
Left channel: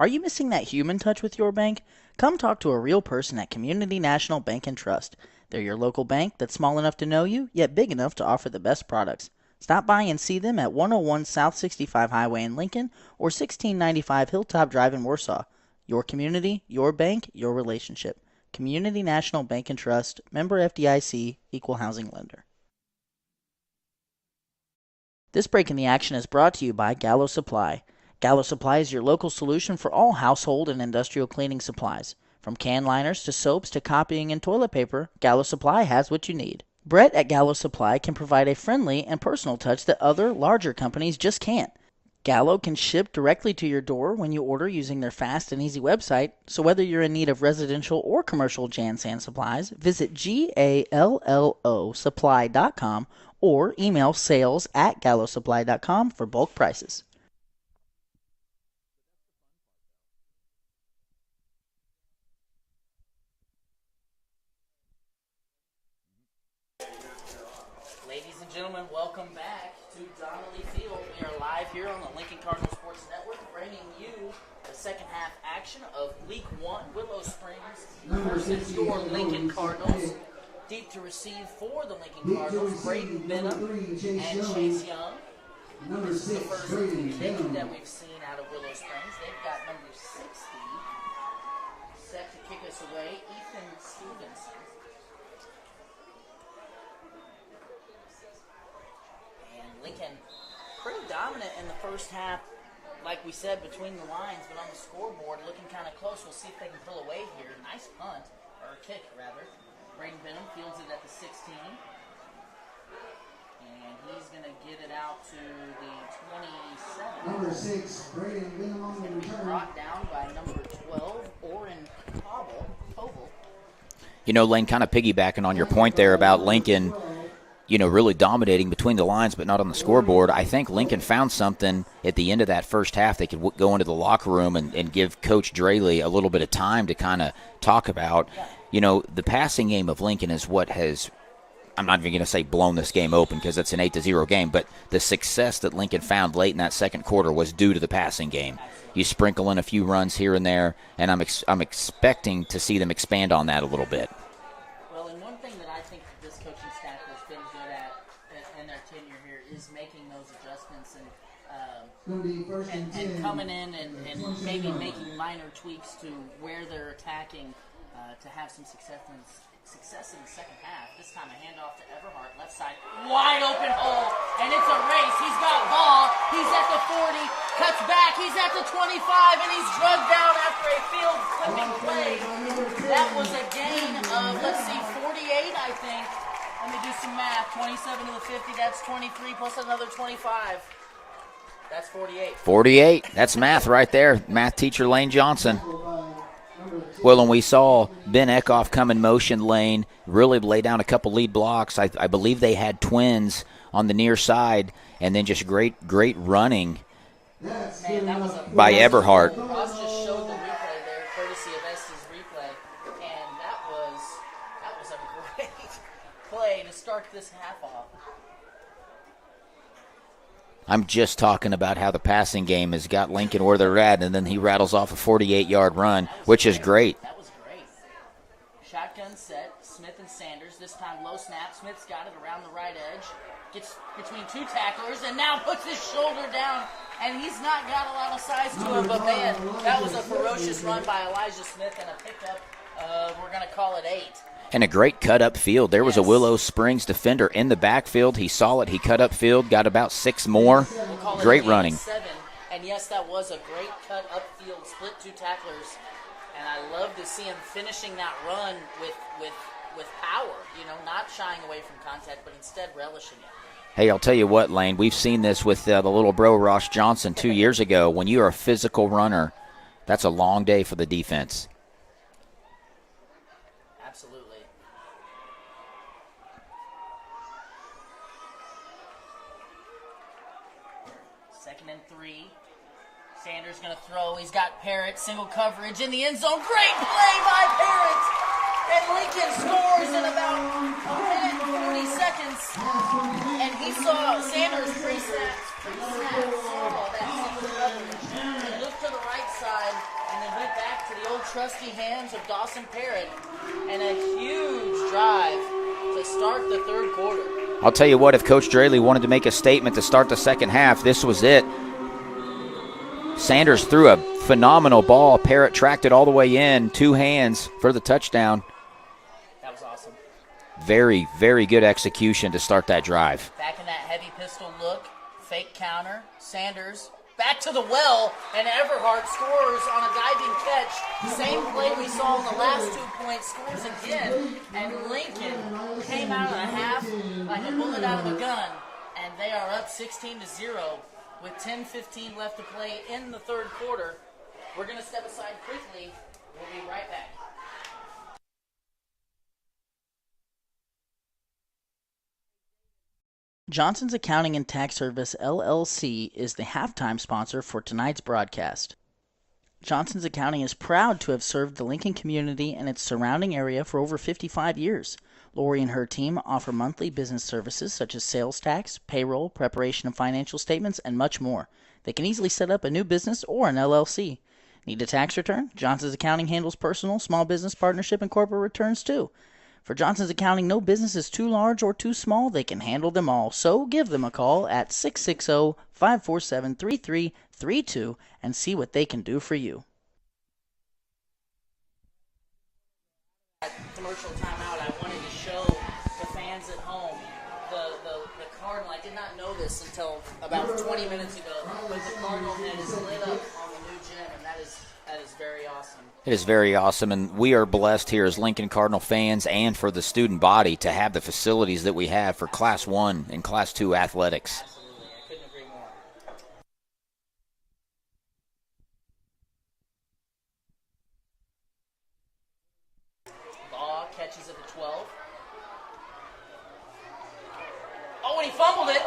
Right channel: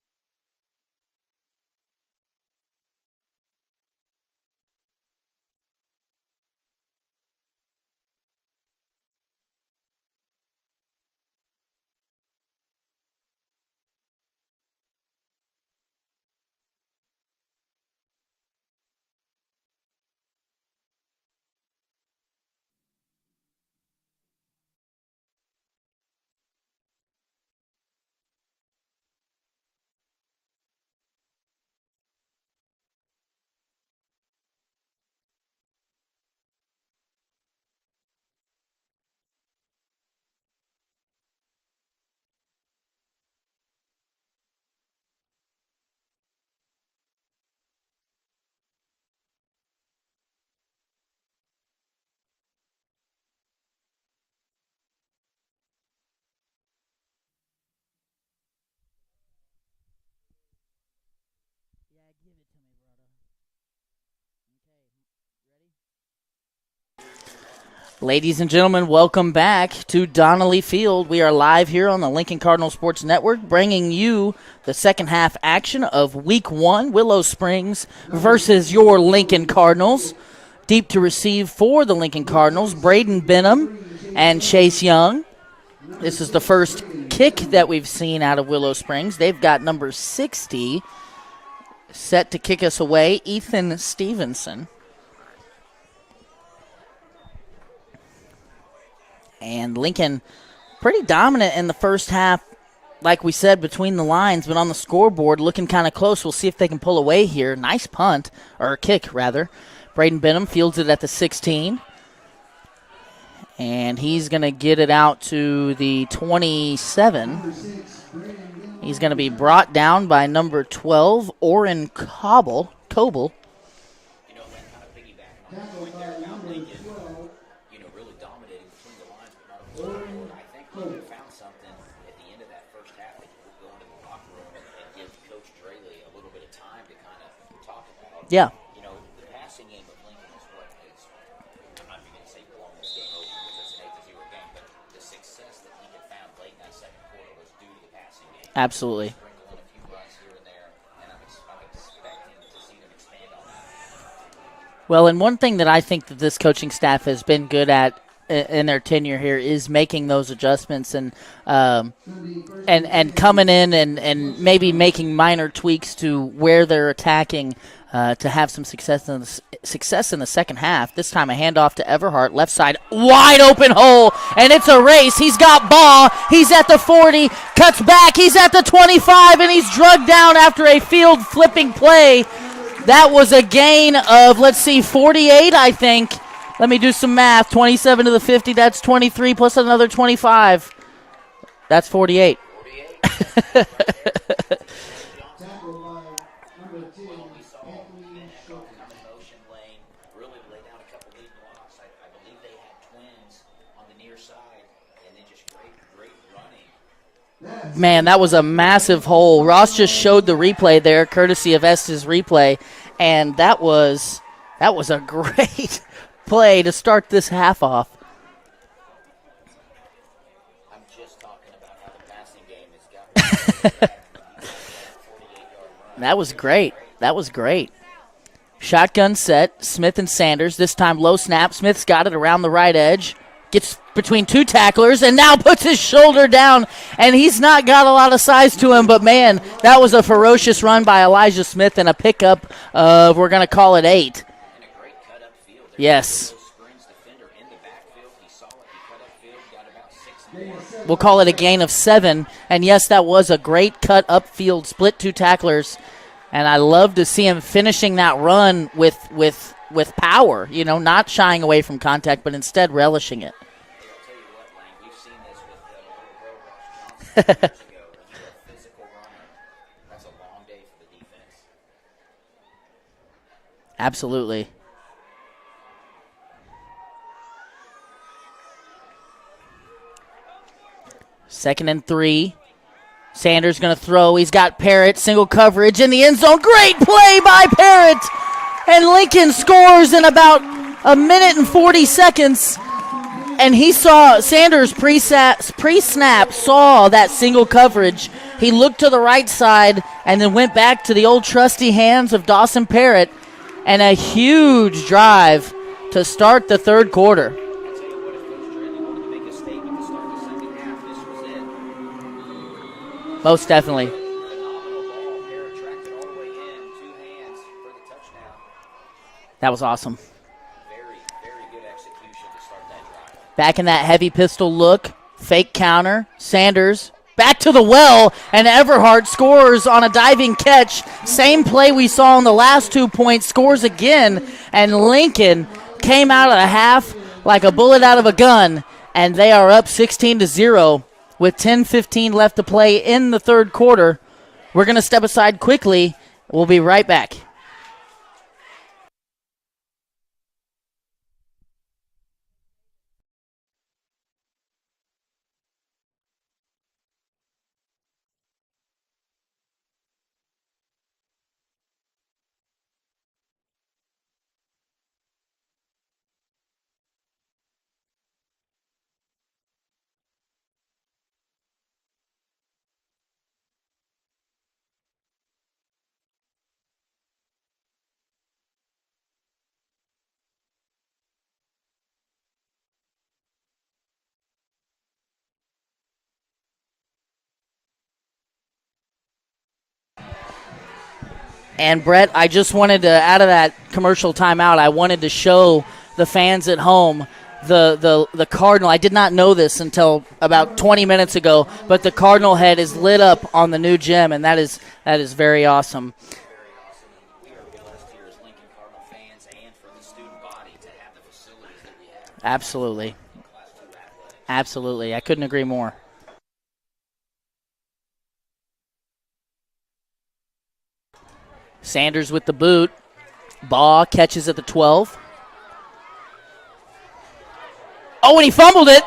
Are you missing that human touch with your bank? Come talk to a real person at Community National Bank and Trust. They're your local bank that's small enough to know you, yet big enough to offer the best products. Stop by and see them at 101 South 65 Highway in Lincoln or 1695 Hilltop Drive in Warsaw. Your community, your bank, your relationship. Community National Bank and Trust, member FDIC, equal housing lender. This break in the action is brought to you by Gallo Supply. Gallo Supply is your local solution for all household and industrial cleaning supplies. From can liners to soaps to copying and toilet paper, Gallo Supply has what you need. Brett at Gallo Supply can provide a friendly and personal touch that other, larger companies just can't. Gallo can ship directly to your door when you order using their fast and easy website, so whether you're in need of residential or commercial Jan Sand supplies, visit GALLOsupply.com or email sales@gallosupply.com for bulk prices. Ladies and gentlemen, welcome back to Donnelly Field. We are live here on the Lincoln Cardinal Sports Network, bringing you the second half action of Week 1, Willow Springs versus your Lincoln Cardinals. Deep to receive for the Lincoln Cardinals, Braden Benham and Chase Young. This is the first kick that we've seen out of Willow Springs. They've got number 60 set to kick us away, Ethan Stevenson. And Lincoln pretty dominant in the first half, like we said, between the lines, but on the scoreboard looking kind of close. We'll see if they can pull away here. Nice punt, or kick rather. Braden Benham fields it at the 16. And he's going to get it out to the 27. He's going to be brought down by number 12, Orrin Coble. You know, Lane, kind of piggybacking on your point there about Lincoln, you know, really dominating between the lines but not on the scoreboard. I think Lincoln found something at the end of that first half. They could go into the locker room and give Coach Draley a little bit of time to kind of talk about. Yeah. You know, the passing game of Lincoln is what has, I'm not even going to say blown this game open because it's an 8-0 game, but the success that Lincoln found late in that second quarter was due to the passing game. Absolutely. You sprinkle in a few runs here and there, and I'm expecting to see them expand on that a little bit. Well, and one thing that I think that this coaching staff has been good at in their tenure here is making those adjustments and coming in and maybe making minor tweaks to where they're attacking to have some success in the second half. This time a handoff to Everhart, left side, wide open hole, and it's a race. He's got ball. He's at the 40, cuts back. He's at the 25, and he's drugged down after a field flipping play That was a gain of, 48, I think. Let me do some math. 27 to the 50, that's 23 plus another 25. That's 48. 48. That's math right there. Math teacher Lane Johnson. Well, and we saw Ben Eckhoff come in motion lane, really lay down a couple lead blocks. I believe they had twins on the near side, and then just great running. Man, that was a massive hole. Ross just showed the replay there, courtesy of Estes Replay, and that was a great play to start this half off. I'm just talking about how the passing game has got Lincoln where they're at, and then he rattles off a 48-yard run, which is great. That was great. Shotgun set, Smith and Sanders. This time low snap. Smith's got it around the right edge. Gets between two tacklers and now puts his shoulder down, and he's not got a lot of size to him, but, man, that was a ferocious run by Elijah Smith and a pickup of, we're going to call it 8. And a great cut up field. There was a Willow Springs defender in the backfield. He saw it. He cut up field, got about 6 more. We'll call it great a gain running. of 7. And, yes, that was a great cut up field, split 2 tacklers. And I love to see him finishing that run with power, not shying away from contact, but instead relishing it. Hey, I'll tell you what, Lane, we've seen this with the little bro Ross Johnson 2 years ago. When you're a physical runner, that's a long day for the defense. Absolutely. Second and 3. Sanders going to throw. He's got Parrott, single coverage in the end zone. Great play by Parrott. And Lincoln scores in about a minute and 40 seconds. And he saw Sanders pre-snap, saw that single coverage. He looked to the right side and then went back to the old trusty hands of Dawson Parrott. And a huge drive to start the third quarter. I'll tell you what, if Coach Draley wanted to make a statement to start the second half, this was it. Sanders threw a phenomenal ball. Parrott tracked it all the way in, 2 hands for the touchdown. That was awesome. Very, very good execution to start that drive. Back in that heavy pistol look, fake counter, Sanders back to the well, and Everhart scores on a diving catch. Same play we saw in the last 2 points, scores again, and Lincoln came out of the half like a bullet out of a gun, and they are up 16-0 with 10:15 left to play in the third quarter. We're going to step aside quickly. We'll be right back. Johnson's Accounting and Tax Service, LLC, is the halftime sponsor for tonight's broadcast. Johnson's Accounting is proud to have served the Lincoln community and its surrounding area for over 55 years. Lori and her team offer monthly business services such as sales tax, payroll, preparation of financial statements, and much more. They can easily set up a new business or an LLC. Need a tax return? Johnson's Accounting handles personal, small business, partnership, and corporate returns too. For Johnson's Accounting, no business is too large or too small. They can handle them all. So give them a call at 660-547-3332 and see what they can do for you. And, Brett, I just wanted to, out of that commercial timeout, I wanted to show the fans at home the Cardinal. I did not know this until about 20 minutes ago, but the Cardinal head is lit up on the new gym, and that is very awesome. It is very awesome, and we are blessed here as Lincoln Cardinal fans and for the student body to have the facilities that we have for Class 1 and Class 2 athletics. Absolutely. I couldn't agree more. Sanders with the boot. Baugh catches at the 12. Oh, and he fumbled it.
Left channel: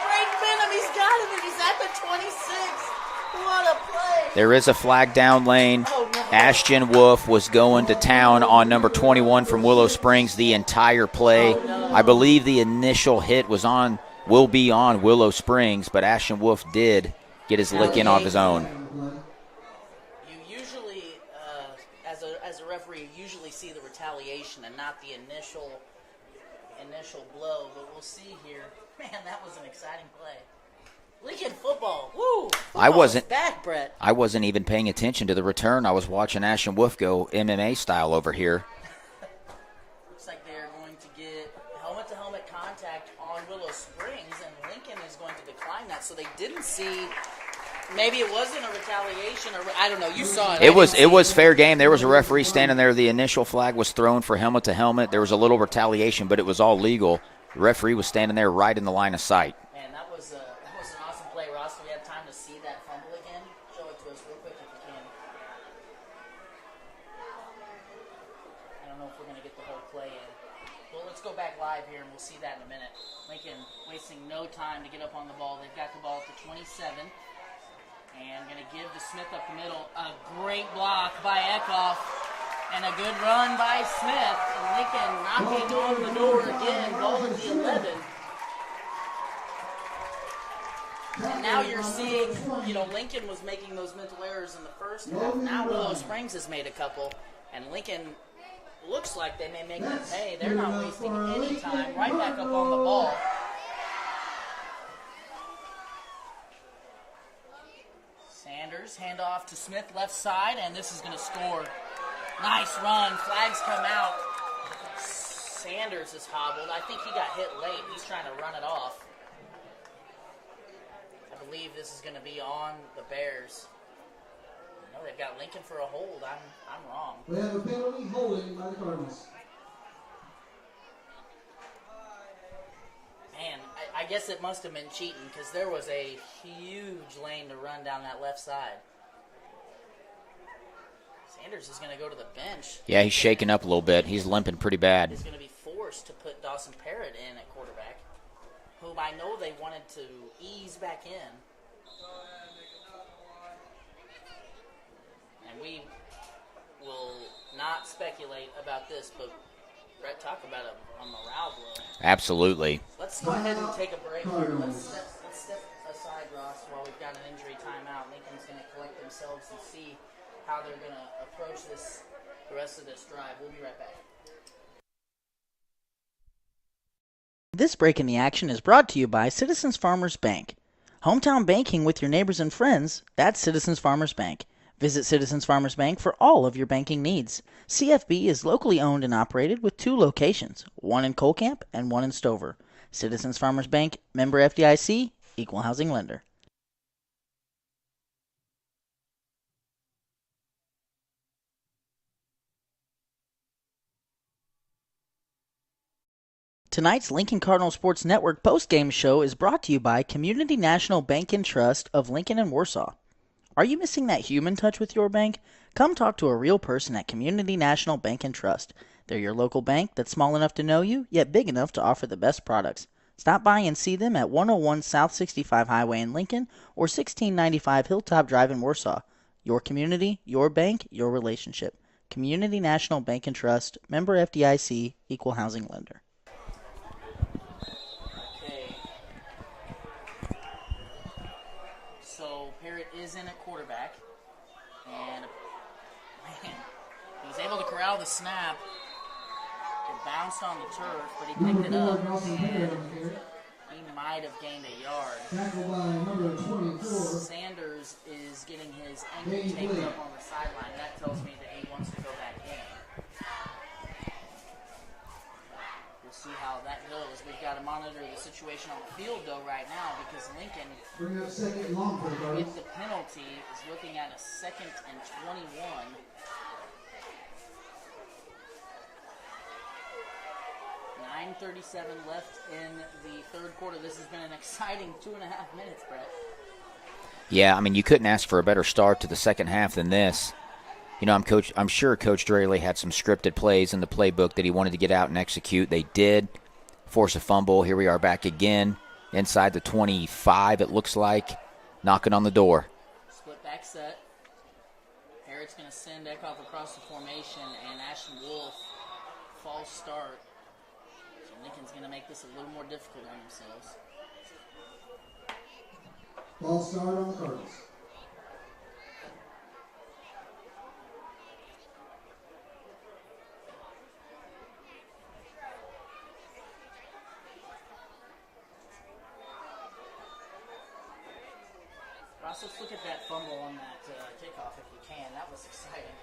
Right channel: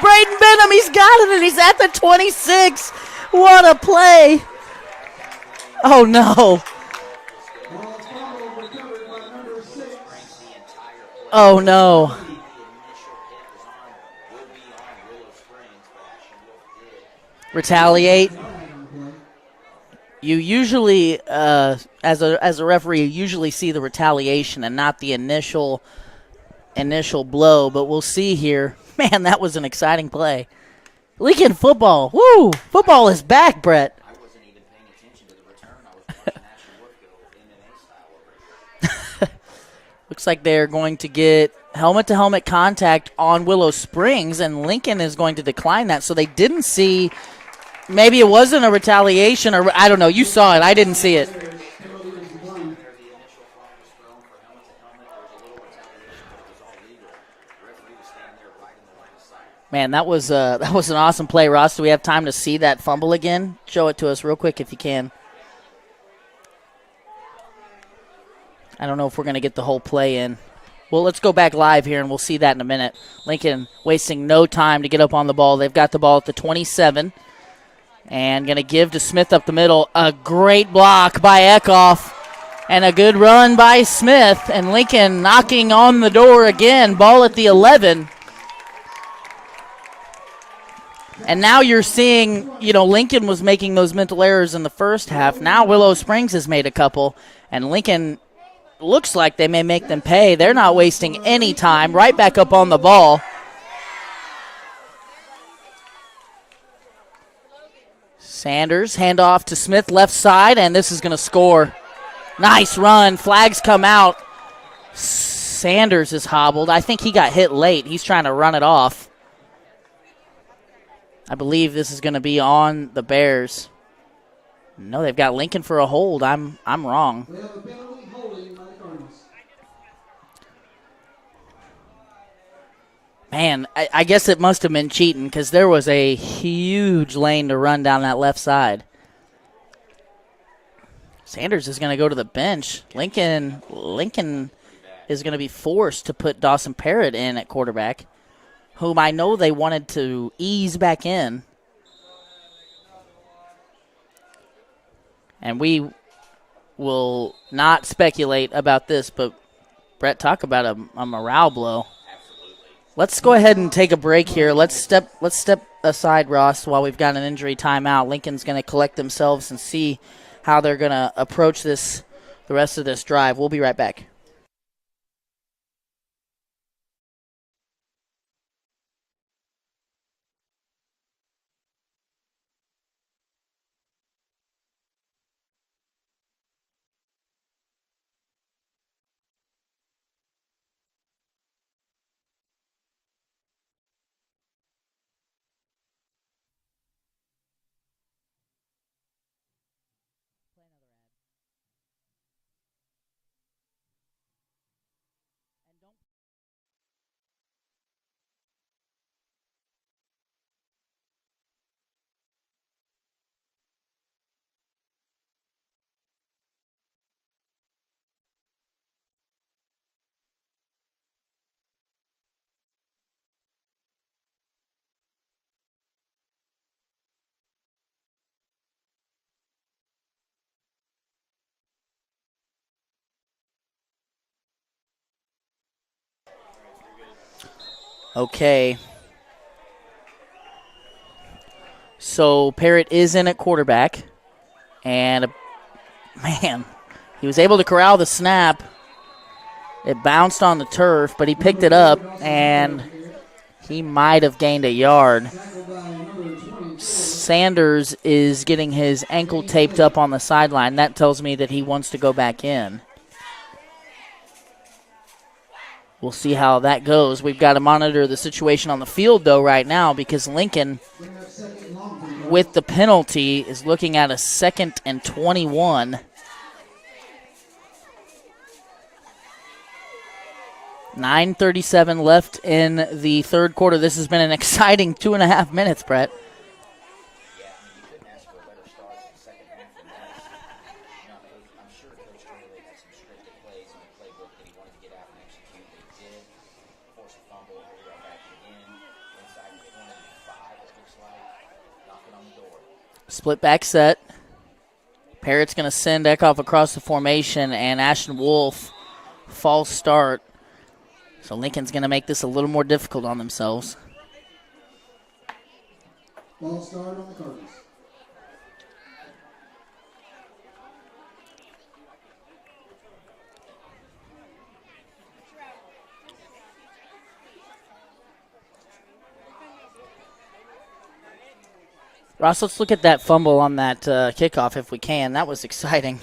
Braden Benham, he's got it, and he's at the 26. What a play. There is a flag down lane. Oh, no. Ashton Wolf was going to town on number 21 from Willow Springs the entire play. Oh, no. I believe the initial hit will be on Willow Springs, but Ashton Wolf did get his hook in off his own. You usually, as a referee, you usually see the retaliation and not the initial blow, but we'll see here. Man, that was an exciting play. Lincoln football. Woo! Football is back, Brett. I wasn't even paying attention to the return. I was watching Ashton Wolf go MMA style over here. Looks like they're going to get helmet-to-helmet contact on Willow Springs, and Lincoln is going to decline that. So they didn't see maybe it wasn't a retaliation, or I don't know. You saw it. I didn't see it. It was fair game. There was a referee standing there. The initial flag was thrown for helmet to helmet. There was a little retaliation, but it was all legal. The referee was standing there right in the line of sight. Man, that was an awesome play. Ross, do we have time to see that fumble again? Show it to us real quick if you can. I don't know if we're going to get the whole play in. Well, let's go back live here, and we'll see that in a minute. Lincoln wasting no time to get up on the ball. They've got the ball at the 27. And going to give to Smith up the middle. A great block by Kickoff. And a good run by Smith. And Lincoln knocking on the door again. Ball at the 11. And now you're seeing, Lincoln was making those mental errors in the first half. Now Willow Springs has made a couple. And Lincoln looks like they may make them pay. They're not wasting any time. Right back up on the ball. Sanders, handoff to Smith, left side, and this is going to score. Nice run. Flags come out. Sanders is hobbled. I think he got hit late. He's trying to run it off. I believe this is going to be on the Bears. No, they've got Lincoln for a hold. I'm wrong. We have a penalty holding by the Cardinals. Man, I guess it must have been cheating because there was a huge lane to run down that left side. Sanders is going to go to the bench. Yeah, he's shaking up a little bit. Lincoln he's limping pretty bad. Is going to be forced to put Dawson Parrott in at quarterback, whom I know they wanted to ease back in. And we will not speculate about this, but Brett, talk about a morale blow. Absolutely. Let's go ahead and take a break here. Let's step aside, Ross, while we've got an injury timeout. Lincoln's going to collect themselves and see how they're going to approach the rest of this drive. We'll be right back. This break in the action is brought to you by Citizens Farmers Bank. Hometown banking with your neighbors and friends, that's Citizens Farmers Bank. Visit Citizens Farmers Bank for all of your banking needs. CFB is locally owned and operated with 2 locations, one in Colcamp and one in Stover. Citizens Farmers Bank, member FDIC, equal housing lender. Tonight's Lincoln Cardinal Sports Network postgame show is brought to you by Community National Bank and Trust of Lincoln and Warsaw. Are you missing that human touch with your bank? Come talk to a real person at Community National Bank and Trust. They're your local bank that's small enough to know you, yet big enough to offer the best products. Stop by and see them at 101 South 65 Highway in Lincoln or 1695 Hilltop Drive in Warsaw. Your community, your bank, your relationship. Community National Bank and Trust, member FDIC, equal housing lender. Okay. So Parrott is in at quarterback, and man, he was able to corral the snap. It bounced on the turf, but he picked it up, and he might have gained a yard. Sanders is getting his ankle taped up on the sideline. That tells me that he wants to go back in. We'll see how that goes. We've got to monitor the situation on the field, though, right now, because Lincoln, with the penalty, is looking at a 2nd and 21. $9:37 left in the third quarter. This has been an exciting 2.5 minutes, Brett. Yeah, I mean, you couldn't ask for a better start to the second half than this. You know, I'm sure Coach Draley had some scripted plays in the playbook that he wanted to get out and execute. They did force a fumble. Here we are back again inside the 25, it looks like, knocking on the door. Split back set. Parrott's going to send Kickoff across the formation, and Ashton Wolf, false start. So Lincoln's going to make this a little more difficult on themselves. False start on the Cardinals. Ross, let's look at that fumble on that kickoff if we can. That was exciting.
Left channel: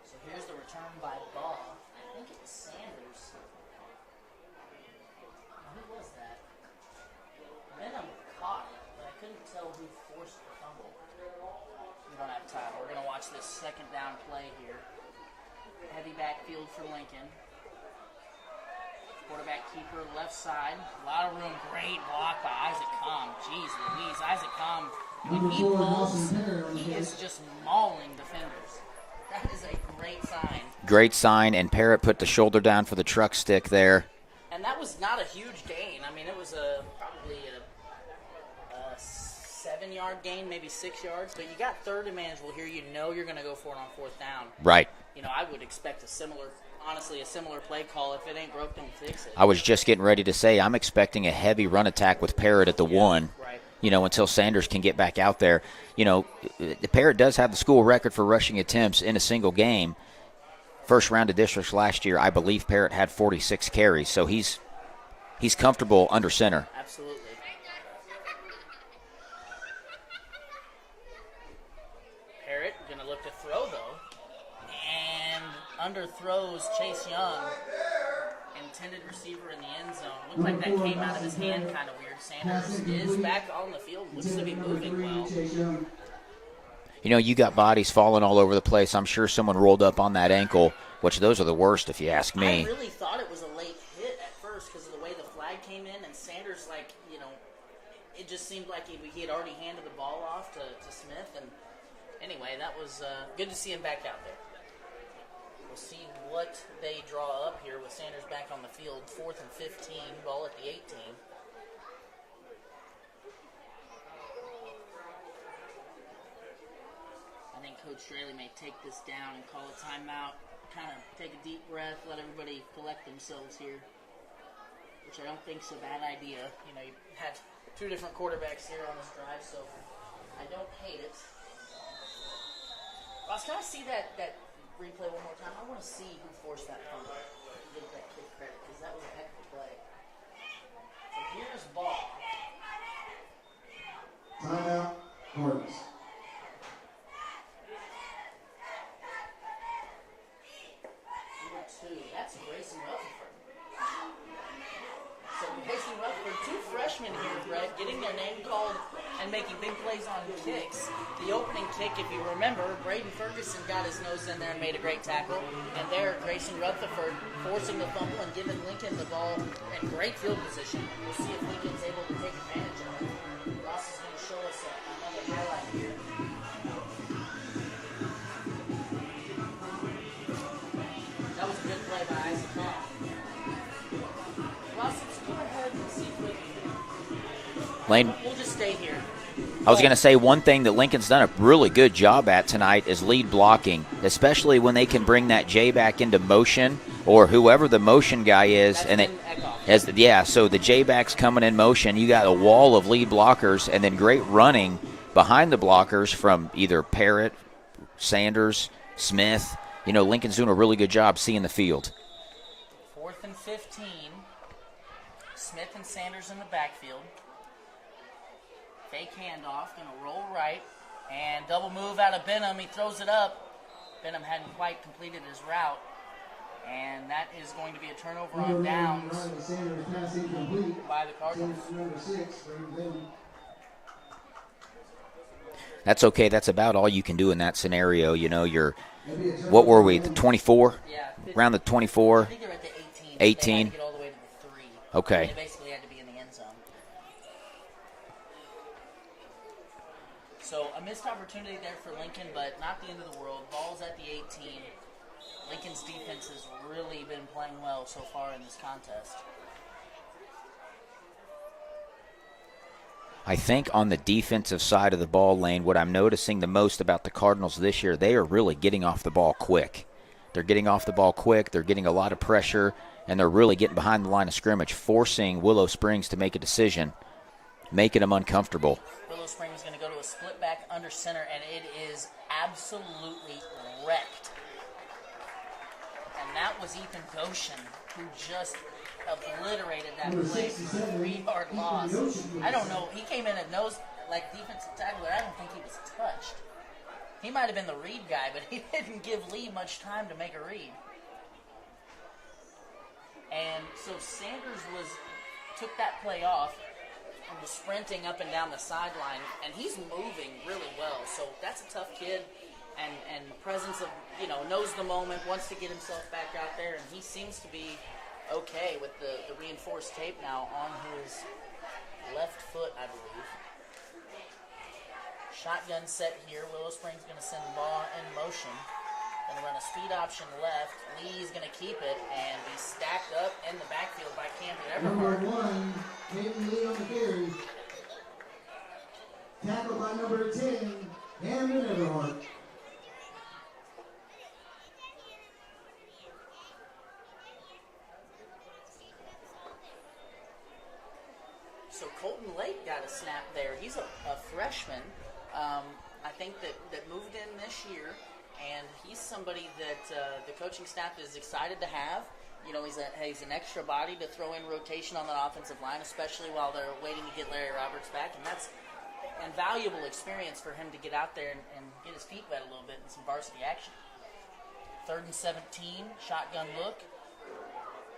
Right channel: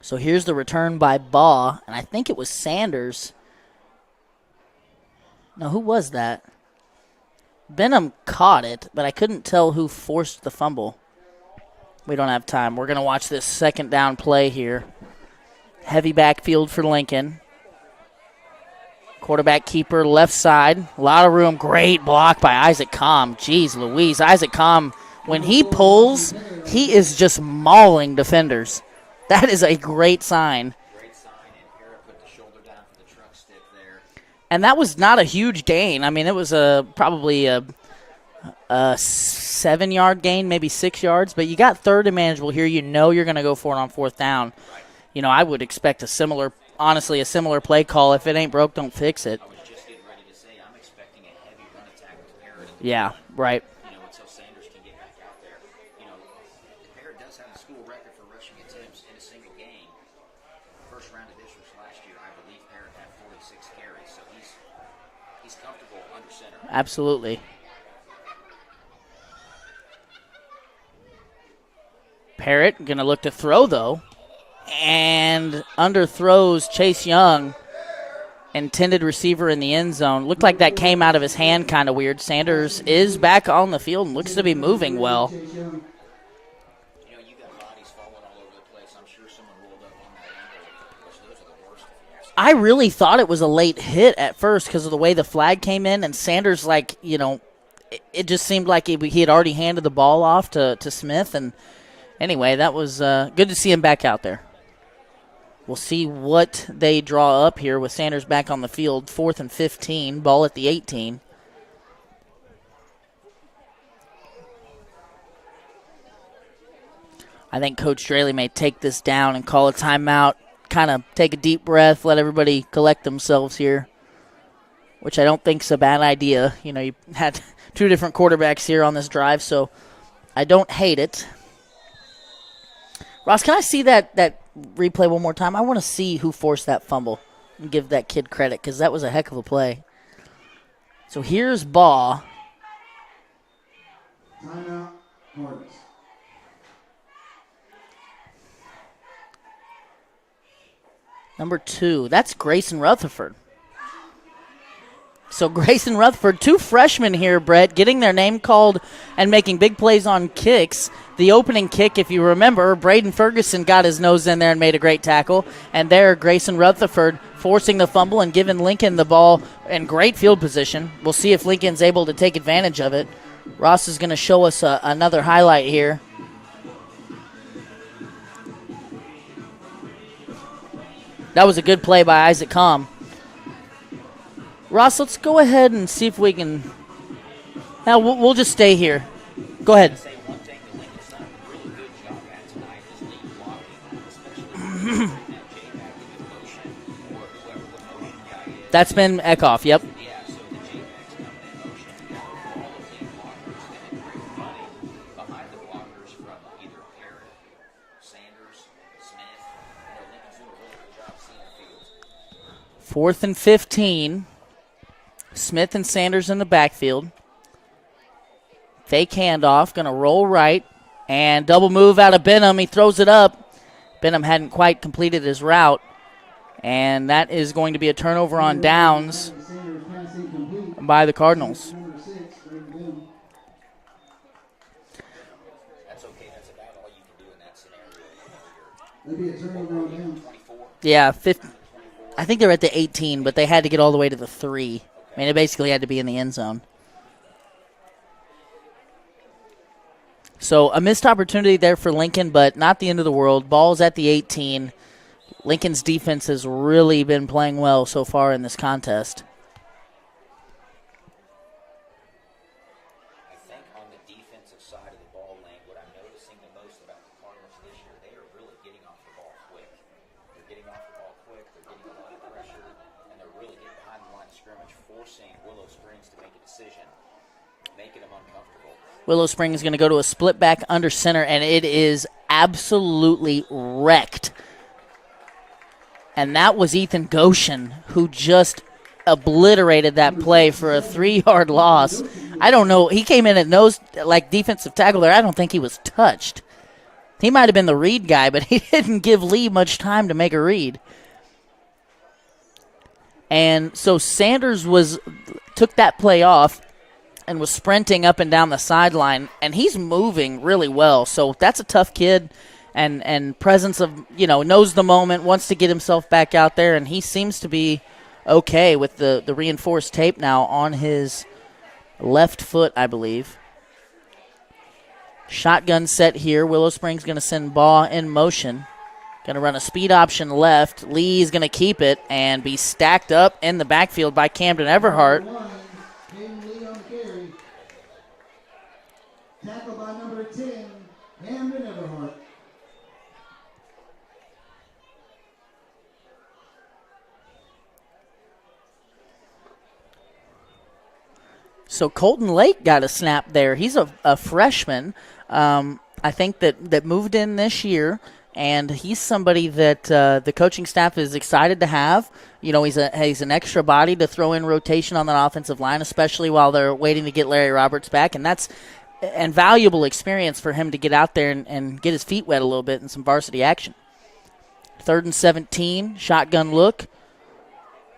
So here's the return by Baugh, and I think it was Sanders. No, who was that? Benham caught it, but I couldn't tell who forced the fumble. We don't have time. We're going to watch this second down play here. Heavy backfield for Lincoln. Quarterback keeper left side. A lot of room. Great block by Isaac Comm. Jeez Louise. Isaac Comm, when he pulls, he is just mauling defenders. That is a great sign. Great sign, and Parrott put the shoulder down for the truck stick there. And that was not a huge gain. I mean, it was probably a 7-yard gain, maybe 6 yards. But you got third and manageable here. You know you're going to go for it on fourth down. Right. You know, I would expect a similar play call. If it ain't broke, don't fix it. I was just getting ready to say I'm expecting a heavy run attack with Parrott at the one. Right. You know, until Sanders can get back out there. You know, Parrott does have the school record for rushing attempts in a single game. First round of districts last year, I believe Parrott had 46 carries, so he's comfortable under center. Absolutely. Parrott going to look to throw, though. And underthrows Chase Young, intended receiver in the end zone. Looked like that came out of his hand kind of weird. Sanders is back on the field and looks to be moving well. You know, you got bodies falling all over the place. I'm sure someone rolled up on that ankle, which those are the worst if you ask me. I really thought it was a late hit at first because of the way the flag came in, and Sanders, like, you know, it just seemed like he had already handed the ball off to Smith. And anyway, that was good to see him back out there. We'll see what they draw up here with Sanders back on the field. 4th and 15, ball at the 18. I think Coach Straley may take this down and call a timeout, kind of take a deep breath, let everybody collect themselves here, which I don't think is a bad idea. You know, you had 2 different quarterbacks here on this drive, so I don't hate it. Ross, can I see that replay one more time? I want to see who forced that fumble and give that kid credit because that was a heck of a play. So here's Baugh. Timeout, Cardinals. Number 2, that's Grayson Rutherford. So Grayson Rutherford, 2 freshmen here, Brett, getting their name called and making big plays on kicks. The opening kick, if you remember, Braden Ferguson got his nose in there and made a great tackle. And there, Grayson Rutherford forcing the fumble and giving Lincoln the ball in great field position. We'll see if Lincoln's able to take advantage of it. Ross is going to show us another highlight here. That was a good play by Isaac Comm. Ross, let's go ahead and see if we can. We'll just stay here. I was going to say one thing that Lincoln's done a really good job at tonight is lead blocking, especially when they can bring that J back into motion or whoever the motion guy is. That's been Kickoff, yep. Yeah, so the J back's coming in motion. You got a wall of lead blockers and then great running behind the blockers from either Parrott, Sanders, Smith. You know, Lincoln's doing a really good job seeing the field. 4th and 15. Smith and Sanders in the backfield. Fake handoff, going to roll right, and double move out of Benham. He throws it up. Benham hadn't quite completed his route, and that is going to be a turnover on downs by the Cardinals. That's okay. That's about all you can do in that scenario. You know, what were we, the 24? Yeah. Around the 24? I think they're at the 18, but they had to get all the way to the 3. Okay. I mean, it basically had to be in the end zone. So a missed opportunity there for Lincoln, but not the end of the world. Ball's at the 18. Lincoln's defense has really been playing well so far in this contest. I think on the defensive side of the ball lane, what I'm noticing the most about the Cardinals this year, they are really getting off the ball quick. They're getting off the ball quick. They're getting a lot of pressure, and they're really getting behind the line of scrimmage, forcing Willow Springs to make a decision, making them uncomfortable. Willow Springs is going to go to a split back under center, and it is absolutely wrecked. And that was Ethan Goshen, who just obliterated that play for a 3-yard loss. I don't know. He came in at nose, like defensive tackle there. I don't think he was touched. He might have been the read guy, but he didn't give Lee much time to make a read. And so Sanders took that play off. and was sprinting up and down the sideline, and he's moving really well. So that's a tough kid, and presence of, knows the moment, wants to get himself back out there, and he seems to be okay with the reinforced tape now on his left foot, I believe. Shotgun set here. Willow Springs going to send ball in motion. Going to run a speed option left. Lee's going to keep it and be stacked up in the backfield by Camden Everhart. Tackled by number 10, Camden Everhart. So Colton Lake got a snap there. He's a freshman, I think, that moved in this year. And he's somebody that the coaching staff is excited to have. He's an extra body to throw in rotation on that offensive line, especially while they're waiting to get Larry Roberts back. And that's an valuable experience for him to get out there and get his feet wet a little bit in some varsity action. 3rd and 17, shotgun look.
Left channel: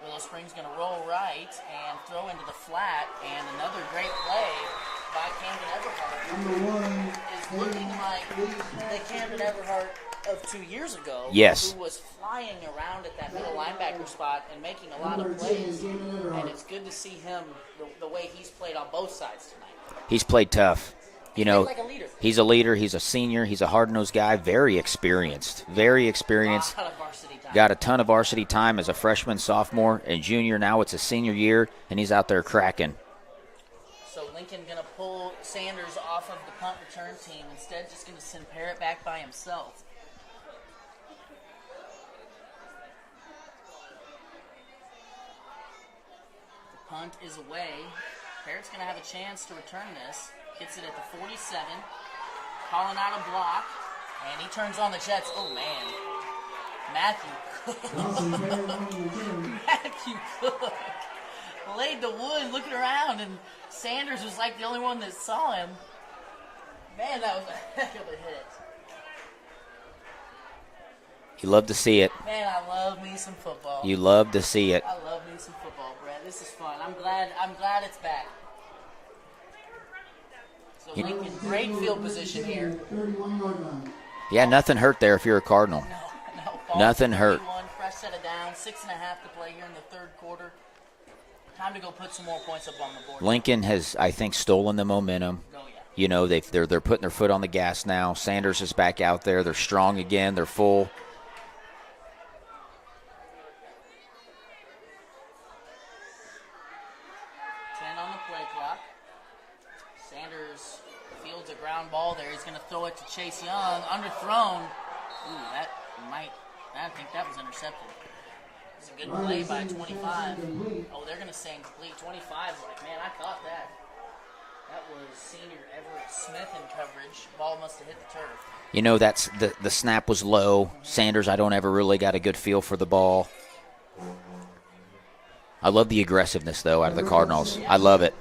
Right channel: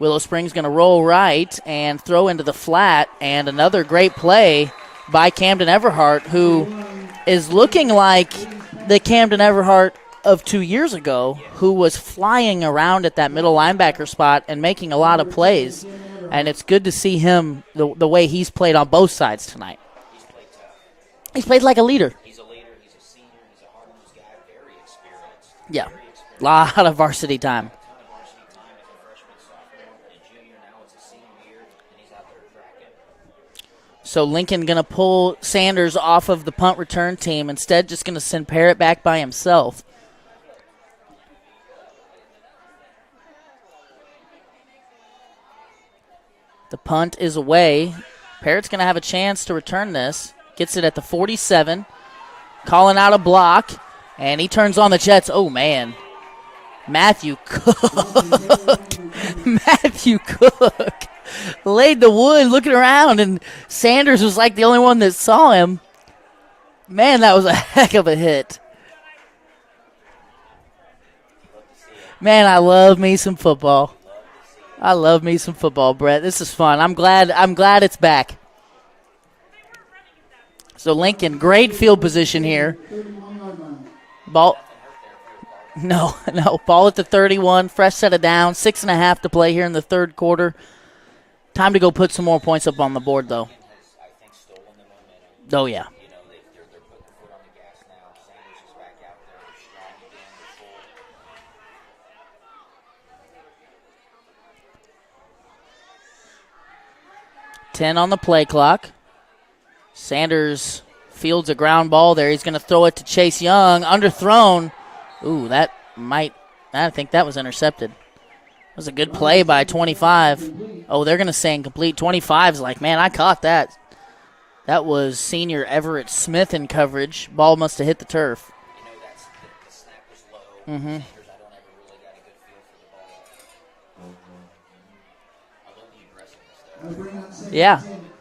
Willow Springs going to roll right and throw into the flat. And another great play by Camden Everhart, who is looking like the Camden Everhart of 2 years ago, yes, who was flying around at that middle linebacker spot and making a lot of plays. And it's good to see him the way he's played on both sides tonight. He's played tough. He's played like a leader. He's a leader. He's a senior. He's a hard-nosed guy. Very experienced. Yeah. Very experienced. A lot of varsity time. Got a ton of varsity time as a freshman, sophomore, and junior. Now it's a senior year, and he's out there cracking. So Lincoln going to pull Sanders off of the punt return team. Instead, just going to send Parrott back by himself. The punt is away. Parrott's going to have a chance to return this. Gets it at the 47. Calling out a block. And he turns on the Jets. Oh, man. Matthew Cook. Matthew Cook laid the wood looking around, and Sanders was like the only one that saw him. Man, that was a heck of a hit. You love to see it. Man, I love me some football. You love to see it. I love me some football, Brett. This is fun. I'm glad it's back. So Lincoln, great field position here. Yeah, nothing hurt there if you're a Cardinal. No. Ball Nothing at the 31, fresh set of downs, 6.5 to play here in the third quarter. Time to go put some more points up on the board, Lincoln has, I think, stolen the momentum. Oh, yeah. They're putting their foot on the gas now. Sanders is back out there. They're strong again. They're full. $10 on the play clock. Sanders fields a ground ball there. He's going to throw it to Chase Young. Underthrown. Ooh, I think that was intercepted. It was a good play by 25. Oh, they're going to say incomplete. 25's like, man, I caught that. That was senior Everett Smith in coverage. Ball must have hit the turf. That's the snap was low. Mm-hmm. Sanders, I don't ever really got a good feel for the ball. I love the aggressiveness, though, out of the Cardinals. Yeah. I love it.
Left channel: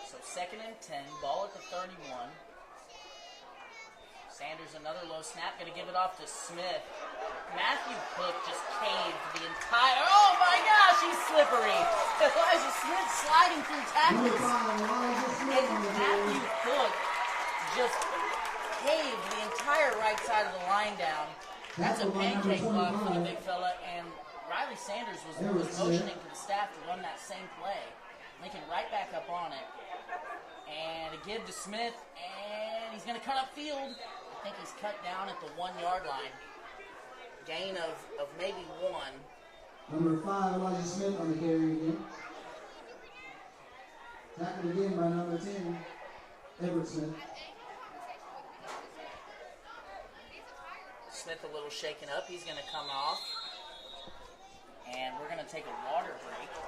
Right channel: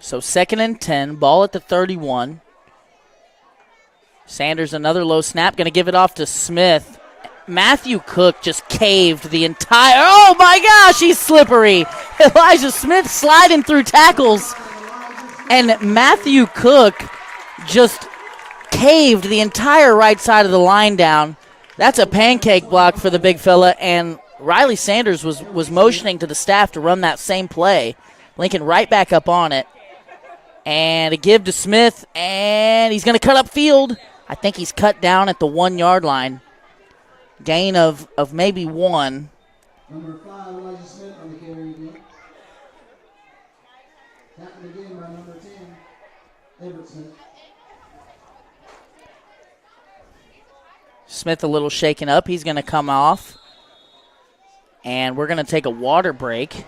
So 2nd and 10, ball at the 31. Sanders, another low snap, going to give it off to Smith. Matthew Cook just caved the entire, oh my gosh, he's slippery. Elijah Smith sliding through tackles. And Matthew Cook just caved the entire right side of the line down. That's a pancake block for the big fella, and Riley Sanders was motioning to the staff to run that same play. Lincoln right back up on it. And a give to Smith, and he's going to cut up field. I think he's cut down at the 1 yard line. Gain of maybe 1. Number 5, Elijah Smith on the carry again. Tackled again by number 10, Everett Smith. Smith a little shaken up. He's going to come off. And we're going to take a water break.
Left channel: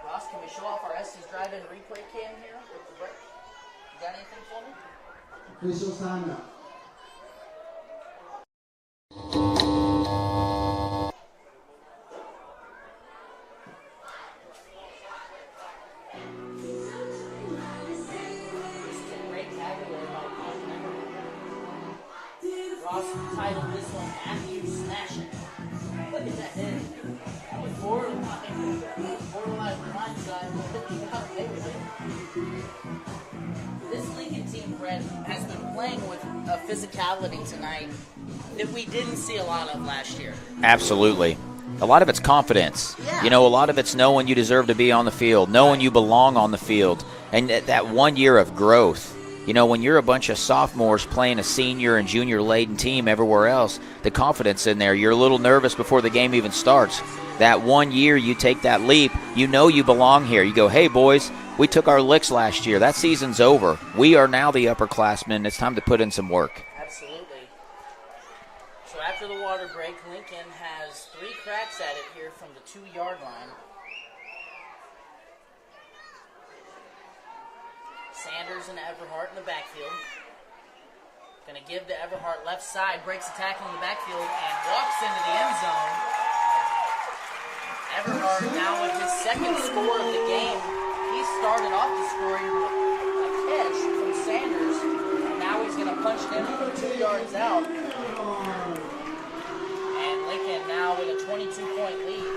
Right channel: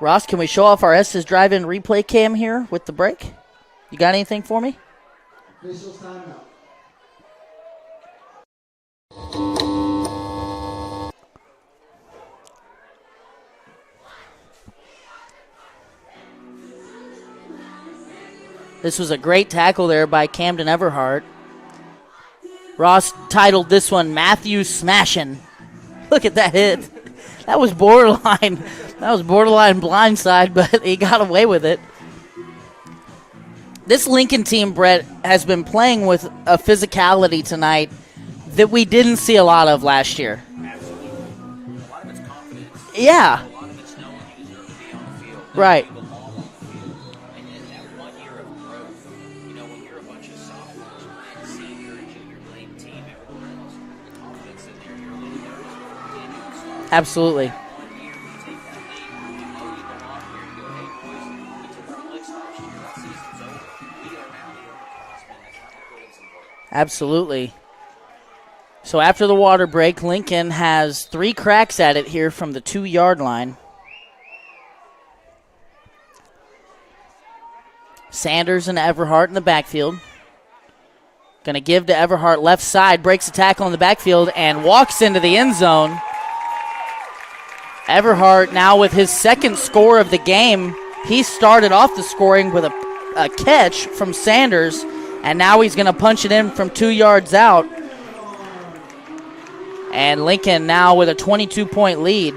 Ross, can we show off our Estes Drive-In replay cam here with the break? You got anything for me? Officials time out. This was a great tackle there by Camden Everhart. Ross titled this one Matthew Smashin'. Look at that hit. That was borderline. That was borderline blindside, but he got away with it. This Lincoln team, Brett, has been playing with a physicality tonight that we didn't see a lot of last year. Absolutely. A lot of it's confidence. Yeah. You know, a lot of it's knowing you deserve to be on the field, knowing Right. you belong on the field. And that 1 year of growth. You know, when you're a bunch of sophomores playing a senior and junior-laden team everywhere else, the confidence in there, you're a little nervous before the game even starts. Absolutely. That 1 year you take that leap, you know you belong here. You go, hey, boys, we took our licks last year. That season's over. We are now the upperclassmen. It's time to put in some work. Absolutely. So after the water break, Lincoln has 3 cracks at it here from the 2-yard line. Sanders and Everhart in the backfield. Going to give to Everhart left side, breaks the tackle in the backfield, and walks into the end zone. Everhart now with his second score of the game. He started off the scoring with a catch from Sanders, and now he's going to punch it in from 2 yards out. And Lincoln now with a 22-point lead.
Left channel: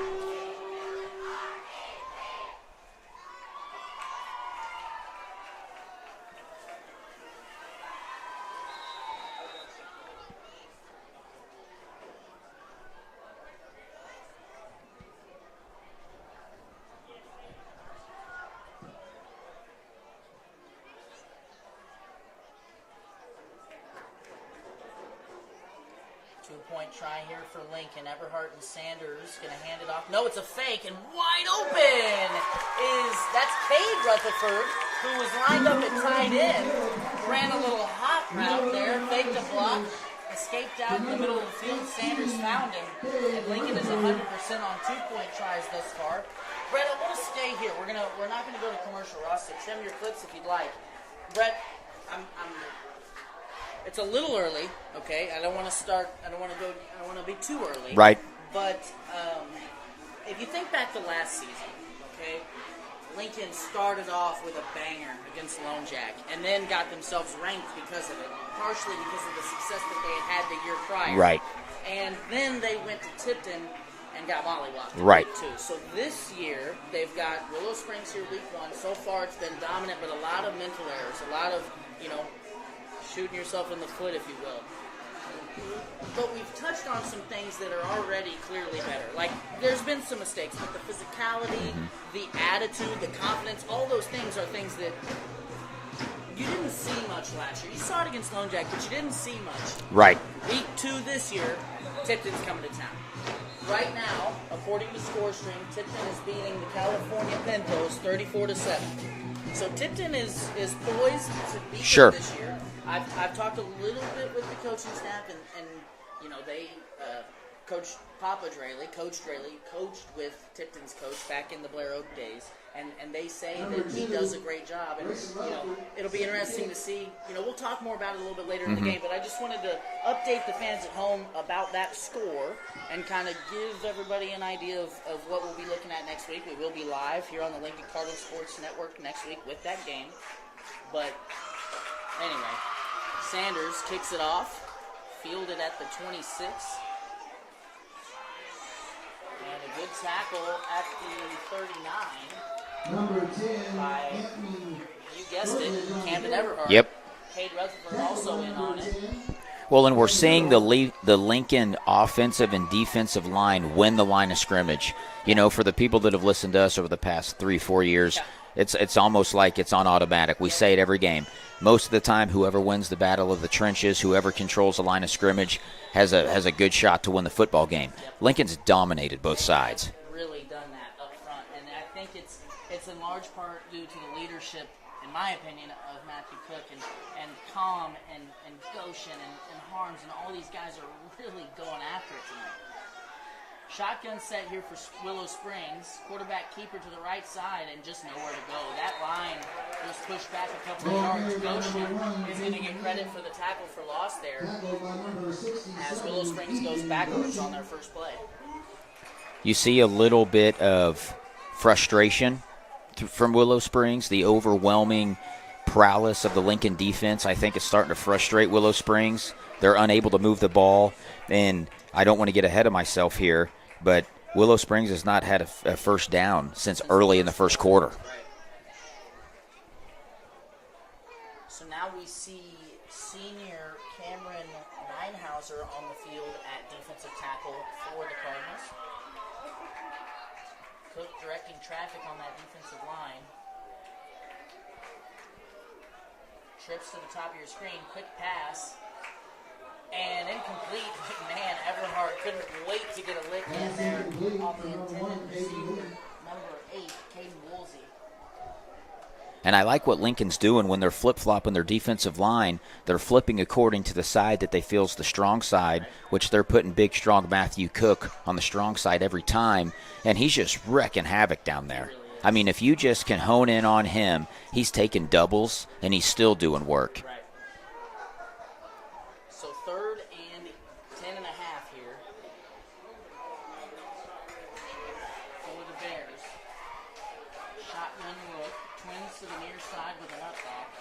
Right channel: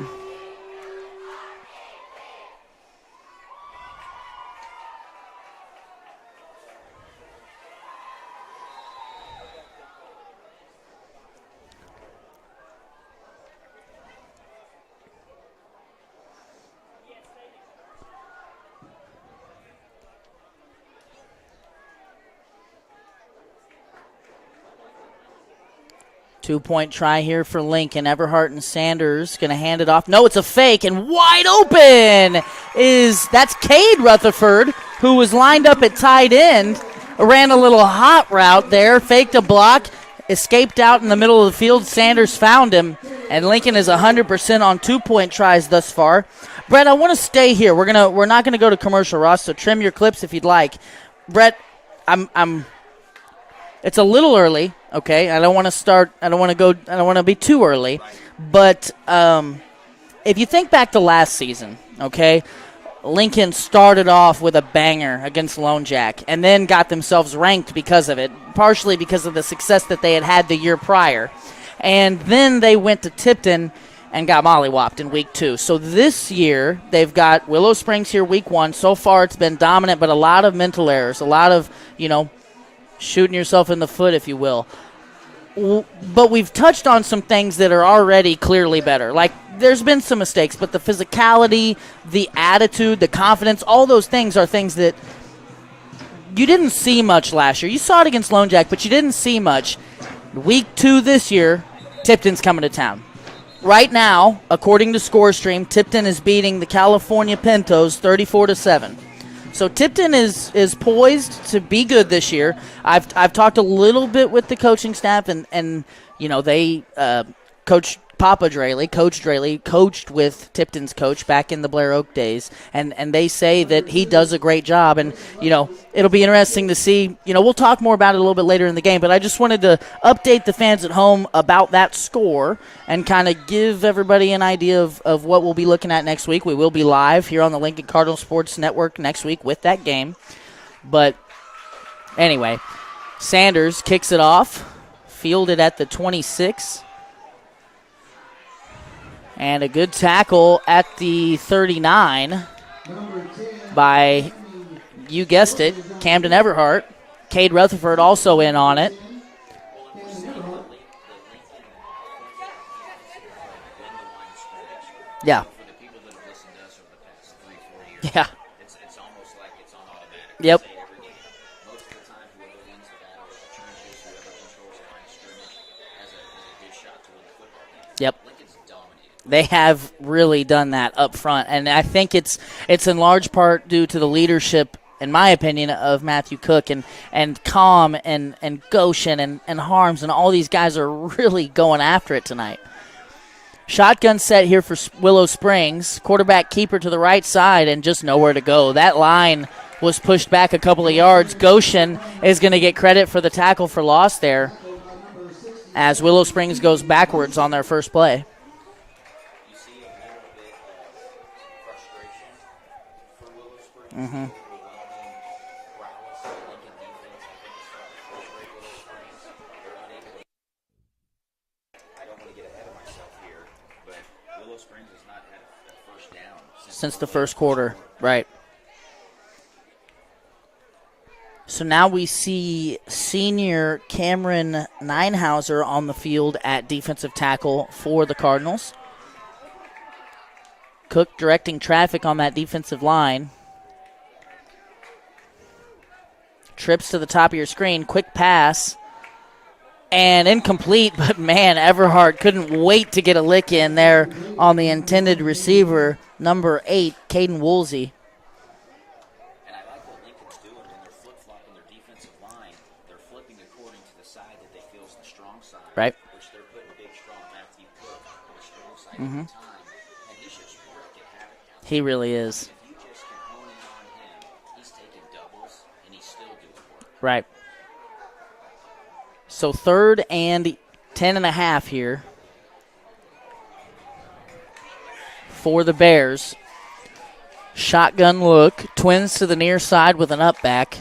Two-point try here for Lincoln. Everhart and Sanders going to hand it off. No, it's a fake, and wide open that's Cade Rutherford, who was lined up at tight end, ran a little hot route there, faked a block, escaped out in the middle of the field. Sanders found him, and Lincoln is 100% on two-point tries thus far. Brett, I want to stay here. We're not going to go to commercial, Ross, so trim your clips if you'd like. Brett, it's a little early, okay? I don't want to be too early. Right. But if you think back to last season, okay, Lincoln started off with a banger against Lone Jack and then got themselves ranked because of it, partially because of the success that they had the year prior. Right. And then they went to Tipton and got mollywopped in Right. week 2. So this year, they've got Willow Springs here week 1. So far, it's been dominant, but a lot of mental errors, a lot of, shooting yourself in the foot, if you will. But we've touched on some things that are already clearly better. Like, there's been some mistakes, but the physicality, the attitude, the confidence, all those things are things that you didn't see much last year. You saw it against Lone Jack, but you didn't see much. Right. Week 2 this year, Tipton's coming to town. Right now, according to ScoreStream, Tipton is beating the California Pintos 34-7. So Tipton is poised to be good Sure. this year. I've talked a little bit with the coaching staff, and they Coach Draley coached with Tipton's coach back in the Blair Oak days, and they say that he does a great job. And it'll be interesting to see. We'll talk more about it a little bit later in the game, but I just wanted to update the fans at home about that score and kind of give everybody an idea of what we'll be looking at next week. We will be live here on the Lincoln Cardinal Sports Network next week with that game. But anyway, Sanders kicks it off, fielded at the 26. And a good tackle at the 39 by, you guessed it, Camden Everhart. Yep. Cade Rutherford also in on it. Well, and we're seeing the Lincoln offensive and defensive line win the line of scrimmage. Yeah. For the people that have listened to us over the past 3-4 years, Yeah. it's almost like it's on automatic. We Yep. say it every game. Most of the time, whoever wins the battle of the trenches, whoever controls the line of scrimmage, has a good shot to win the football game. Yep. Lincoln's dominated both They sides. have really done that up front, and I think it's in large part due to the leadership, in my opinion, of Matthew Cook and Calm and Goshen and Harms, and all these guys are really going after it tonight. Shotgun set here for Willow Springs. Quarterback keeper to the right side and just nowhere to go. That line was pushed back a couple of yards. Goshen is going to get credit for the tackle for loss there as Willow Springs goes backwards on their first play. You see a little bit of frustration from Willow Springs. The overwhelming prowess of the Lincoln defense, I think, is starting to frustrate Willow Springs. They're unable to move the ball, and I don't want to get ahead of myself here, but Willow Springs has not had a first down since early in the first quarter. Right. So now we see senior Cameron Neinhauser on the field at defensive tackle for the Cardinals. Cook directing traffic on that defensive line. Trips to the top of your screen. Quick pass. And incomplete, but man, Everhart couldn't wait to get a lick in there on the intended receiver, number 8, Caden Woolsey. And I like what Lincoln's doing when they're flip-flopping their defensive line. They're flipping according to the side that they feel is the strong side, right, which they're putting big, strong Matthew Cook on the strong side every time. And he's just wrecking havoc down there. He really is. I mean, if you just can hone in on him, he's taking doubles, and he's still doing work. Right. So 3rd and 10.5 here for the Bears. Shotgun look. Twins to the near side with an up back.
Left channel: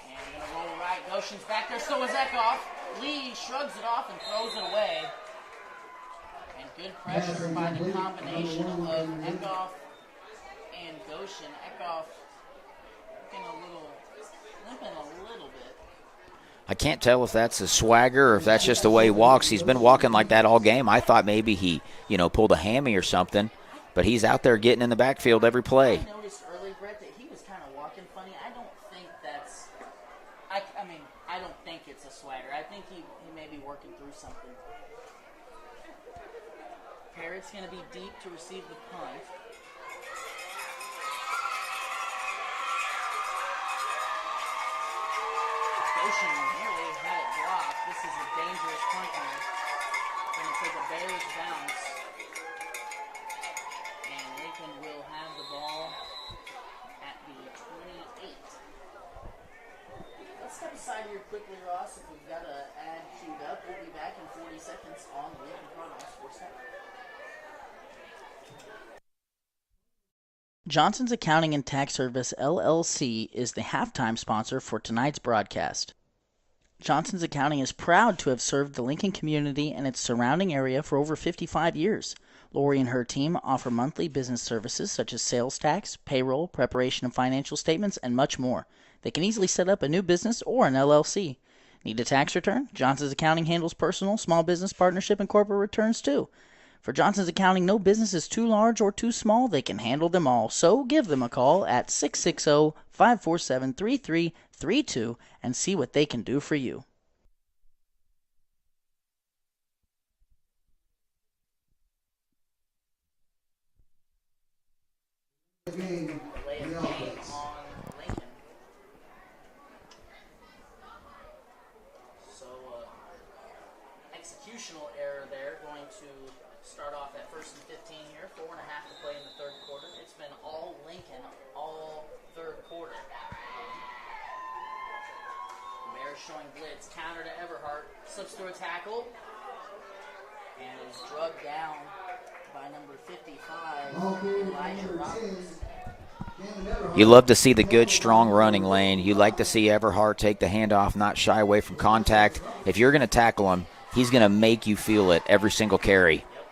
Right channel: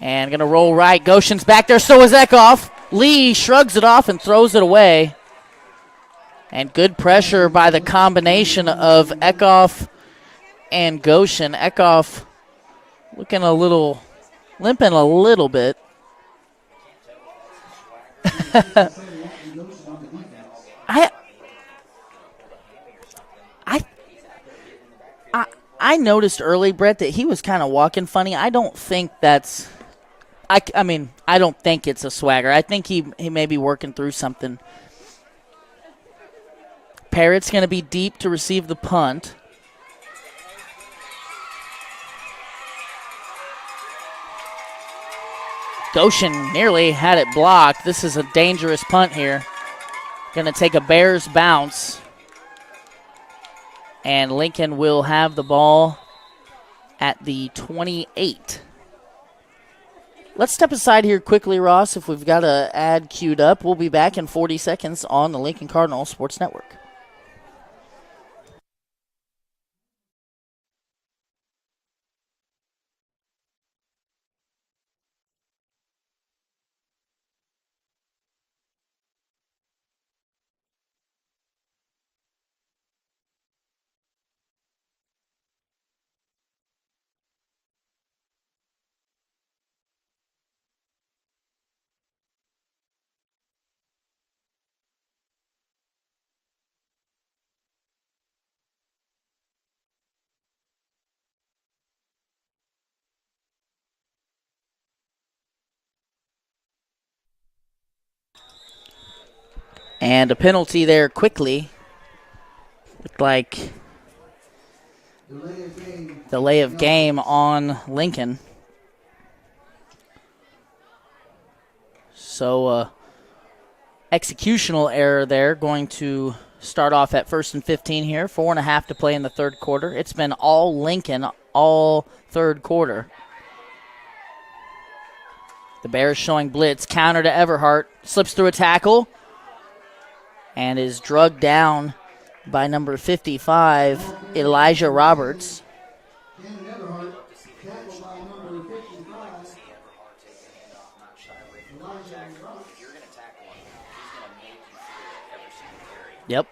And going to roll right. Goshen's back there. So is Eckhoff. Lee shrugs it off and throws it away. And good pressure by the combination of Eckhoff and Goshen. Eckhoff looking limping a little bit. I can't tell if that's a swagger or if that's just the way he walks. He's been walking like that all game. I thought maybe he, pulled a hammy or something. But he's out there getting in the backfield every play. I noticed early, Brett, that he was kind of walking funny. I don't think that's – I don't think it's a swagger. I think he may be working through something. Parrott's going to be deep to receive the punt. Goshen nearly had it blocked. This is a dangerous punt here. Going to take a Bears bounce. And Lincoln will have the ball at the 28. Let's step aside here quickly, Ross, if we've got an ad queued up. We'll be back in 40 seconds on the Lincoln Cardinal Sports Network. Johnson's Accounting and Tax Service, LLC, is the halftime sponsor for tonight's broadcast. Johnson's Accounting is proud to have served the Lincoln community and its surrounding area for over 55 years. Lori and her team offer monthly business services such as sales tax, payroll, preparation of financial statements, and much more. They can easily set up a new business or an LLC. Need a tax return? Johnson's Accounting handles personal, small business, partnership, and corporate returns too. For Johnson's Accounting, no business is too large or too small. They can handle them all. So give them a call at 660-547-3332 and see what they can do for you. And a penalty there quickly. Looked like delay of game on Lincoln. So executional error there, going to start off at 1st and 15 here. 4.5 to play in the third quarter. It's been all Lincoln all third quarter. The Bears showing blitz. Counter to Everhart. Slips through a tackle and is drugged down by number 55, Elijah Roberts. You love to see the good, strong running lane. You like to see Everhart take the handoff, not shy away from contact. If you're going to tackle him, he's going to make you feel it every single carry. Yep.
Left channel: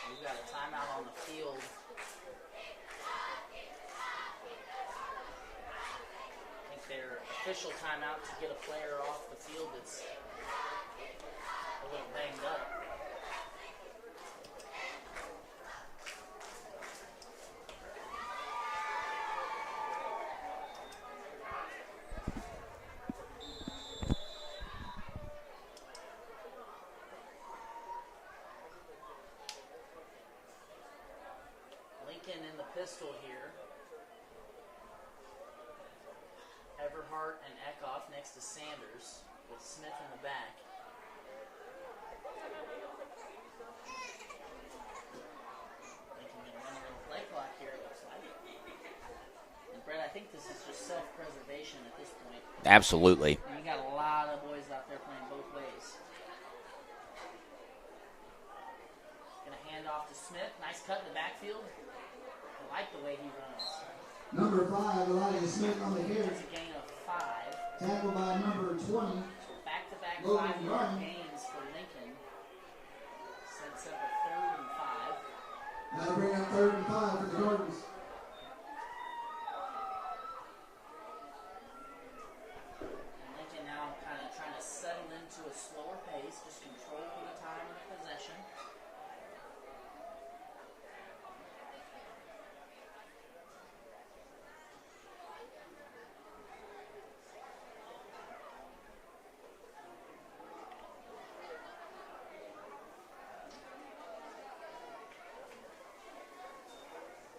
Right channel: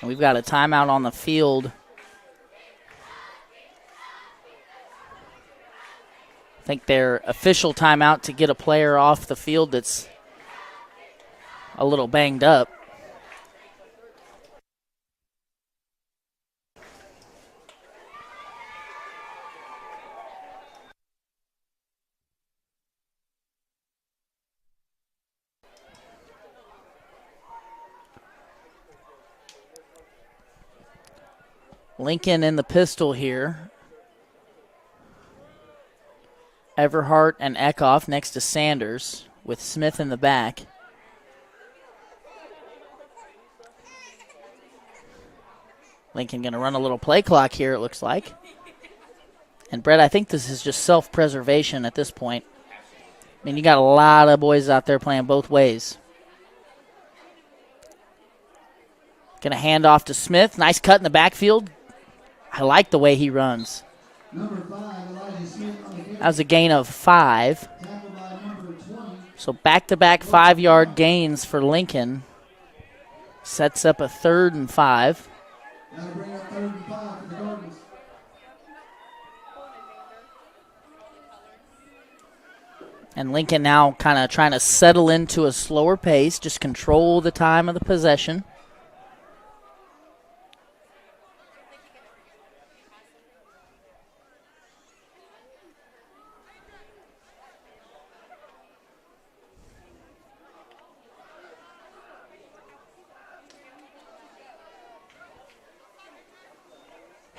And we've got a timeout on the field. I think their official timeout to get a player off the field that's a little banged up. Lincoln in the pistol here. Everhart and Eckhoff next to Sanders with Smith in the back. Lincoln going to run a little play clock here, it looks like. And, Brett, I think this is just self-preservation at this point. Absolutely. I mean, you got a lot of boys out there playing both ways. Going to hand off to Smith. Nice cut in the backfield. I like the way he runs. Number 5, Elijah Smith on the carry. That was a gain of 5. Tackled by number 20. So back-to-back 5-yard gains for Lincoln. Sets up a 3rd and 5. That'll bring up 3rd and 5 for the Cardinals. And Lincoln now kind of trying to settle into a slower pace, just control the time of the possession.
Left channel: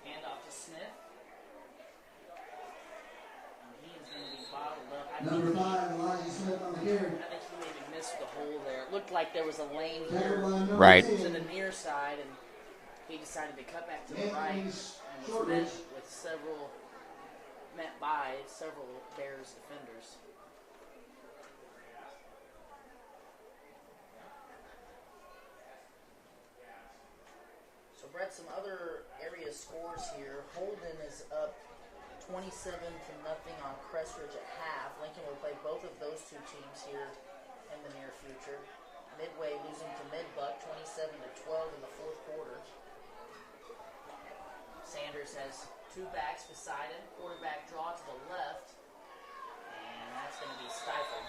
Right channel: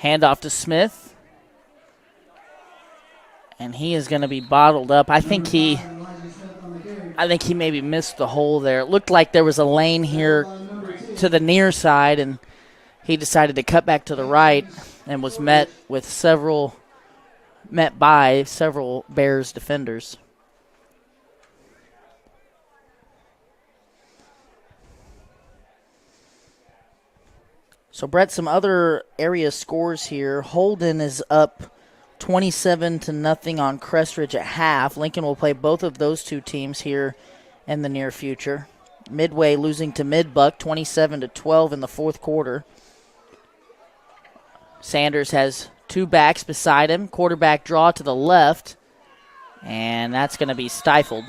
Handoff to Smith. And he is going to be bottled up. I think he maybe missed the hole there. It looked like there was a lane here Right. to the near side, and he decided to cut back to the right and was met by several Bears defenders. So, Brett, some other area scores here. Holden is up 27-0 on Crestridge at half. Lincoln will play both of those two teams here in the near future. Midway losing to Midbuck 27-12 in the fourth quarter. Sanders has 2 backs beside him. Quarterback draw to the left, and that's going to be stifled.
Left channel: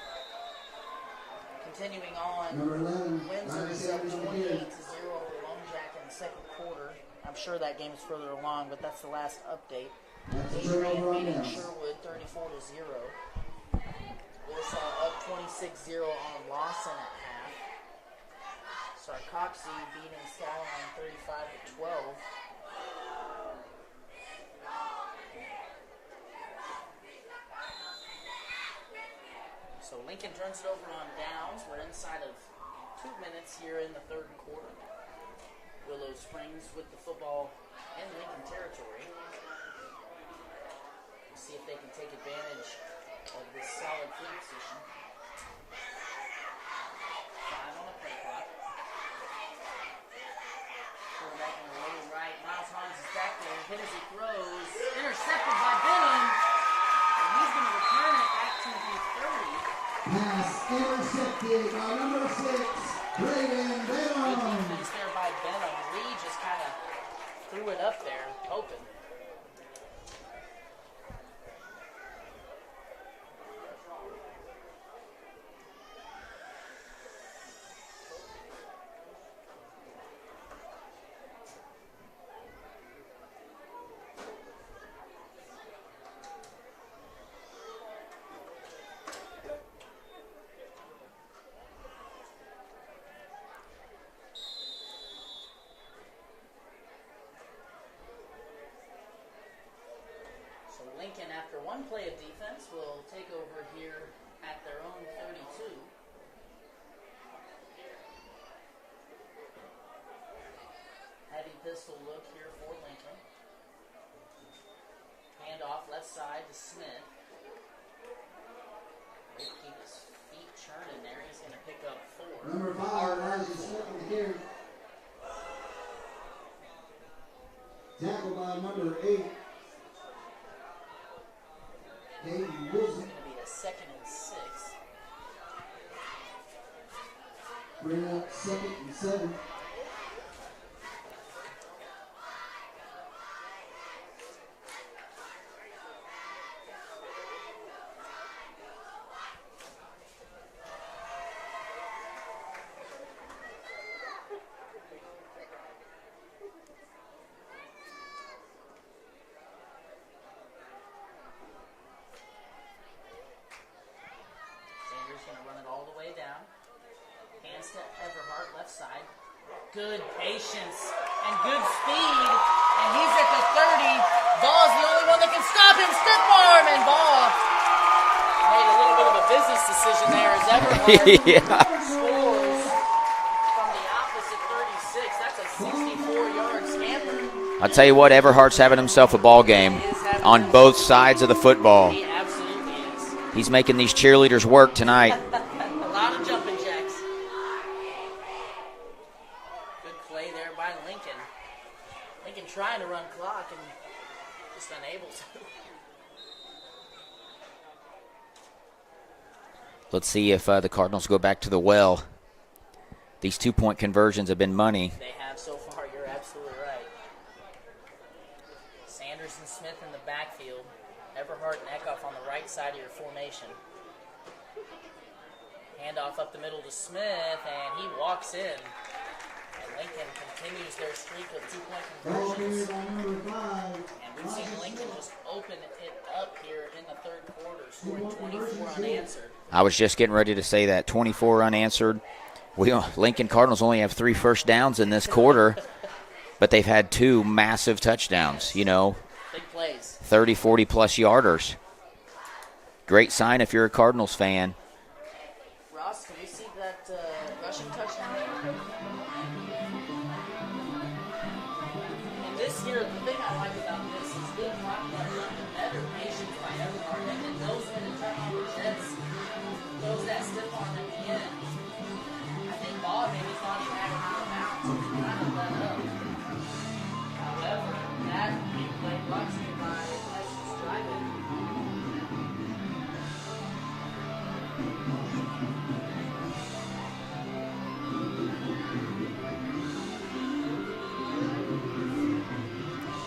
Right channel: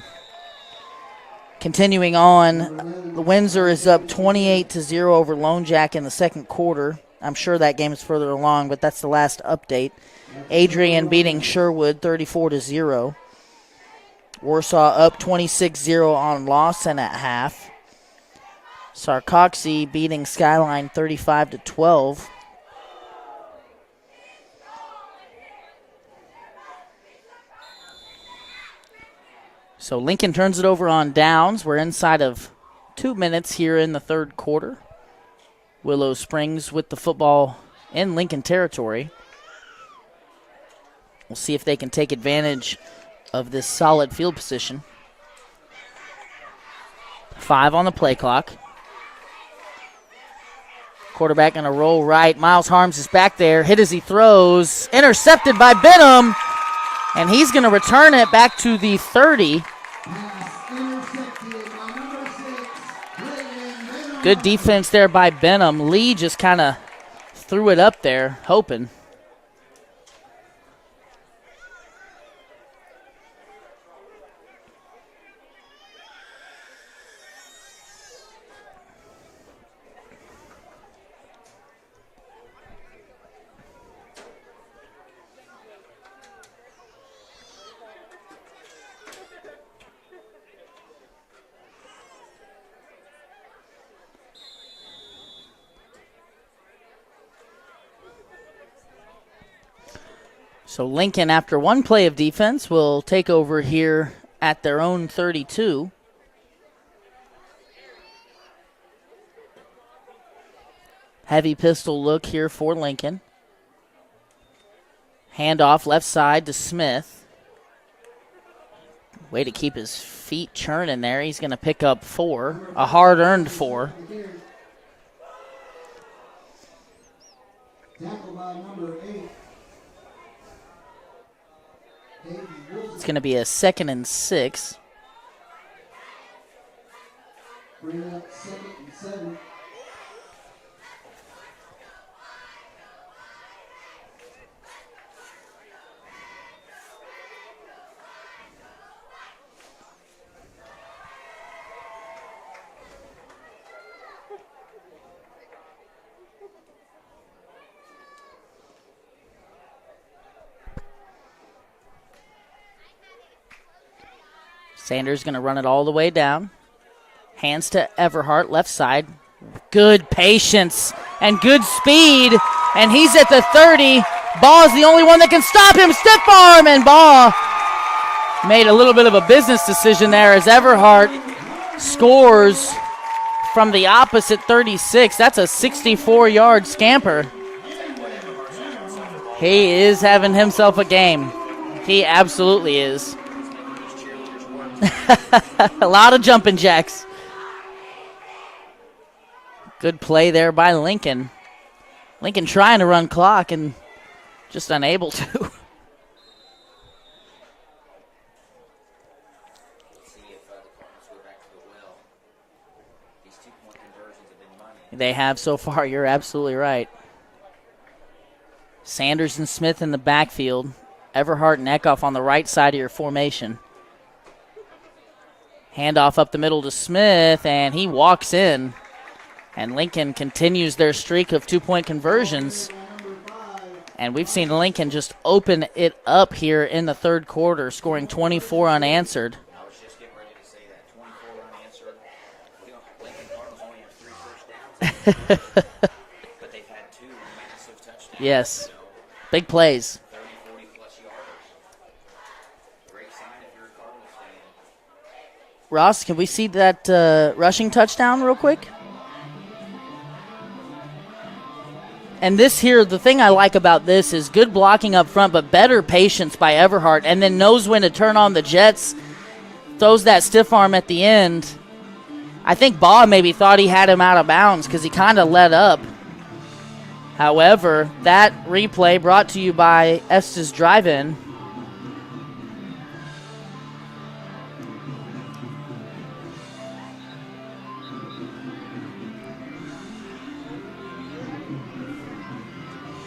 Continuing on, Windsor is up 28-0 over Lone Jack in the second quarter. I'm sure that game is further along, but that's the last update. Adrian beating Sherwood 34-0. Warsaw up 26-0 on Lawson at half. Sarcoxy beating Skyline 35-12. So Lincoln turns it over on downs. We're inside of 2 minutes here in the third quarter. Willow Springs with the football in Lincoln territory. We'll see if they can take advantage of this solid field position. 5 on the play clock. Quarterback going to roll right. Miles Harms is back there. Hit as he throws. Intercepted by Benham. And he's going to return it back to the 30. Good defense there by Benham. Lee just kind of threw it up there, hoping. So Lincoln, after one play of defense, will take over here at their own 32. Heavy pistol look here for Lincoln. Handoff left side to Smith. Way to keep his feet churning there. He's going to pick up 4, a hard-earned 4. Tackled by number 8. It's going to be a 2nd and 6. Bring up 2nd and 7. Sanders going to run it all the way down. Hands to Everhart, left side. Good patience and good speed. And he's at the 30. Baugh is the only one that can stop him. Stiff arm, and Baugh made a little bit of a business decision there as Everhart scores from the opposite 36. That's a 64-yard scamper. I'll tell you what, Everhart's having himself a ball game. He is having on himself both a game. sides of the football. He absolutely is. He's making these cheerleaders work tonight. A lot of jumping jacks. Good play there by Lincoln. Lincoln trying to run clock and just unable to. Let's see if the Cardinals go back to the well. These 2-point conversions have been money. They have so far. You're absolutely right. Sanders and Smith in the backfield. Everhart and Eckhoff on the right side of your formation. Handoff up the middle to Smith, and he walks in. And Lincoln continues their streak of 2-point conversions. And we've seen Lincoln just open it up here in the third quarter, scoring 24 unanswered. I was just getting ready to say that, 24 unanswered. Lincoln Cardinals only have 3 first downs in this quarter, but they've had 2 massive touchdowns. Yes. You know, big plays. 30, 40-plus yarders. Great sign if you're a Cardinals fan. Ross, can we see that rushing touchdown real quick? And this here, the thing I like about this is good blocking up front, but better patience by Everhart, and then knows when to turn on the jets, throws that stiff arm at the end. I think Baugh maybe thought he had him out of bounds because he kind of let up. However, that replay brought to you by Estes Drive-In.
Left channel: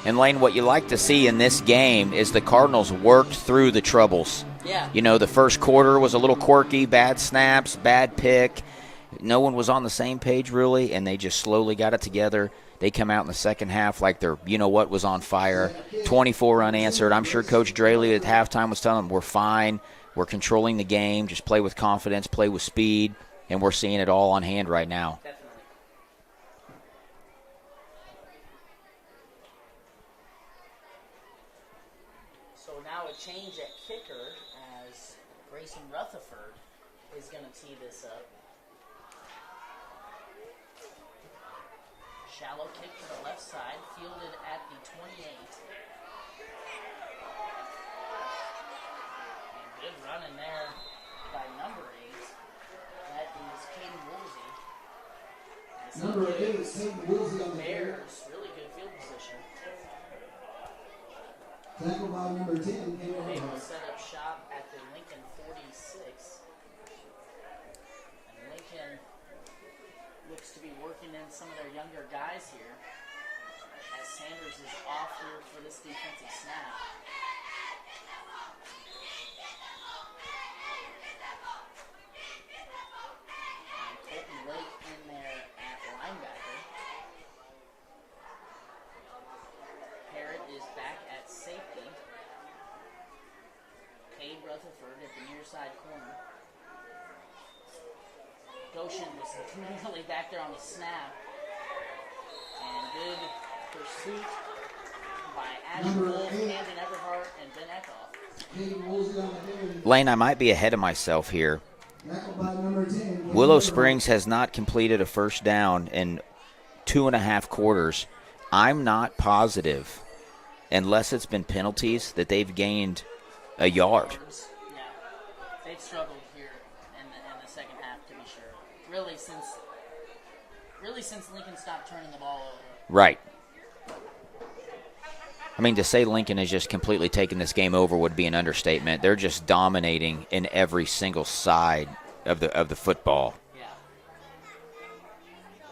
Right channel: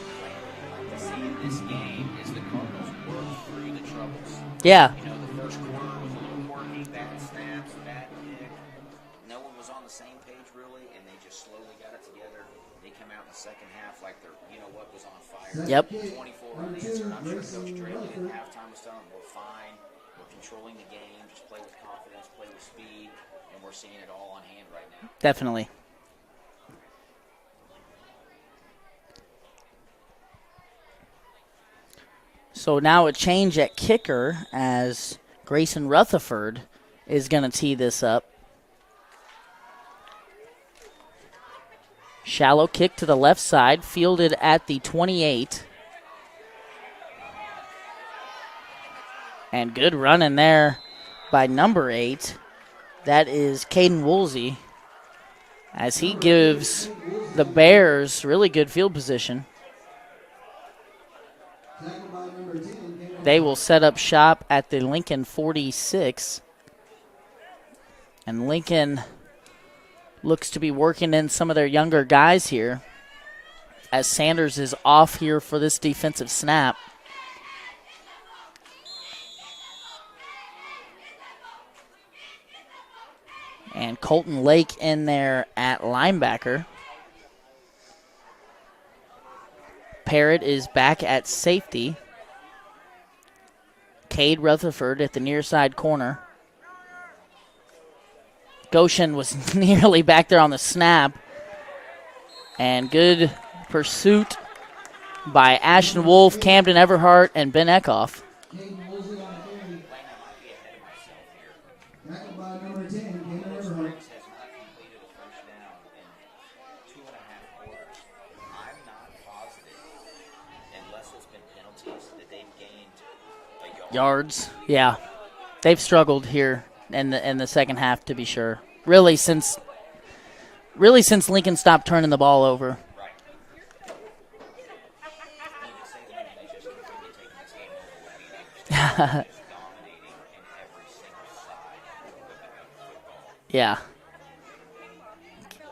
And, Lane, what you like to see in this game is the Cardinals worked through the troubles. Yeah. You know, the first quarter was a little quirky, bad snaps, bad pick. No one was on the same page, really, and they just slowly got it together. They come out in the second half like their you-know-what was on fire. Yep. 24 unanswered. I'm sure Coach Draley at halftime was telling them, we're fine, we're controlling the game, just play with confidence, play with speed, and we're seeing it all on hand right now. Definitely. So now a change at kicker as Grayson Rutherford is going to tee this up. Shallow kick to the left side, fielded at the 28. And good run in there by number 8. That is Caden Woolsey, as he gives the Bears really good field position. They will set up shop at the Lincoln 46. And Lincoln looks to be working in some of their younger guys here, as Sanders is off here for this defensive snap. And Colton Lake in there at linebacker. Parrott is back at safety. Cade Rutherford at the near side corner. Goshen was nearly back there on the snap. And good pursuit by Ashton Wolf, Camden Everhart, and Ben Eckhoff. Lane, I might be ahead of myself here. Willow Springs has not completed a first down in 2.5 quarters. I'm not positive, unless it's been penalties, that they've gained a yard. Yards, yeah. They've struggled here in the second half, to be sure. Really since Lincoln stopped turning the ball over. Right. I mean, to say Lincoln has just completely taken this game over would be an understatement. They're just dominating in every single side of the football. Yeah.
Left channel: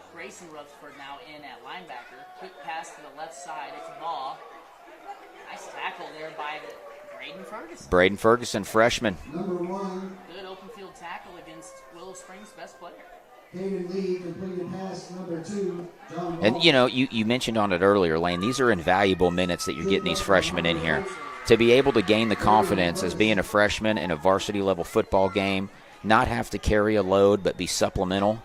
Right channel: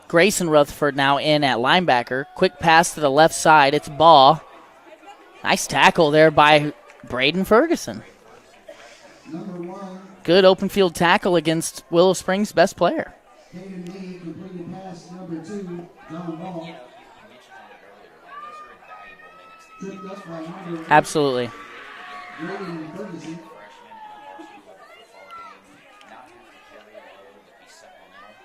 Grayson Rutherford now in at linebacker. Quick pass to the left side. It's Baugh. Nice tackle there by Braden Ferguson. Braden Ferguson, freshman. Good open field tackle against Willow Springs' best player. And, you know, you mentioned on it earlier, Lane, these are invaluable minutes that you're getting these freshmen in here. Absolutely. To be able to gain the confidence as being a freshman in a varsity-level football game, not have to carry a load but be supplemental,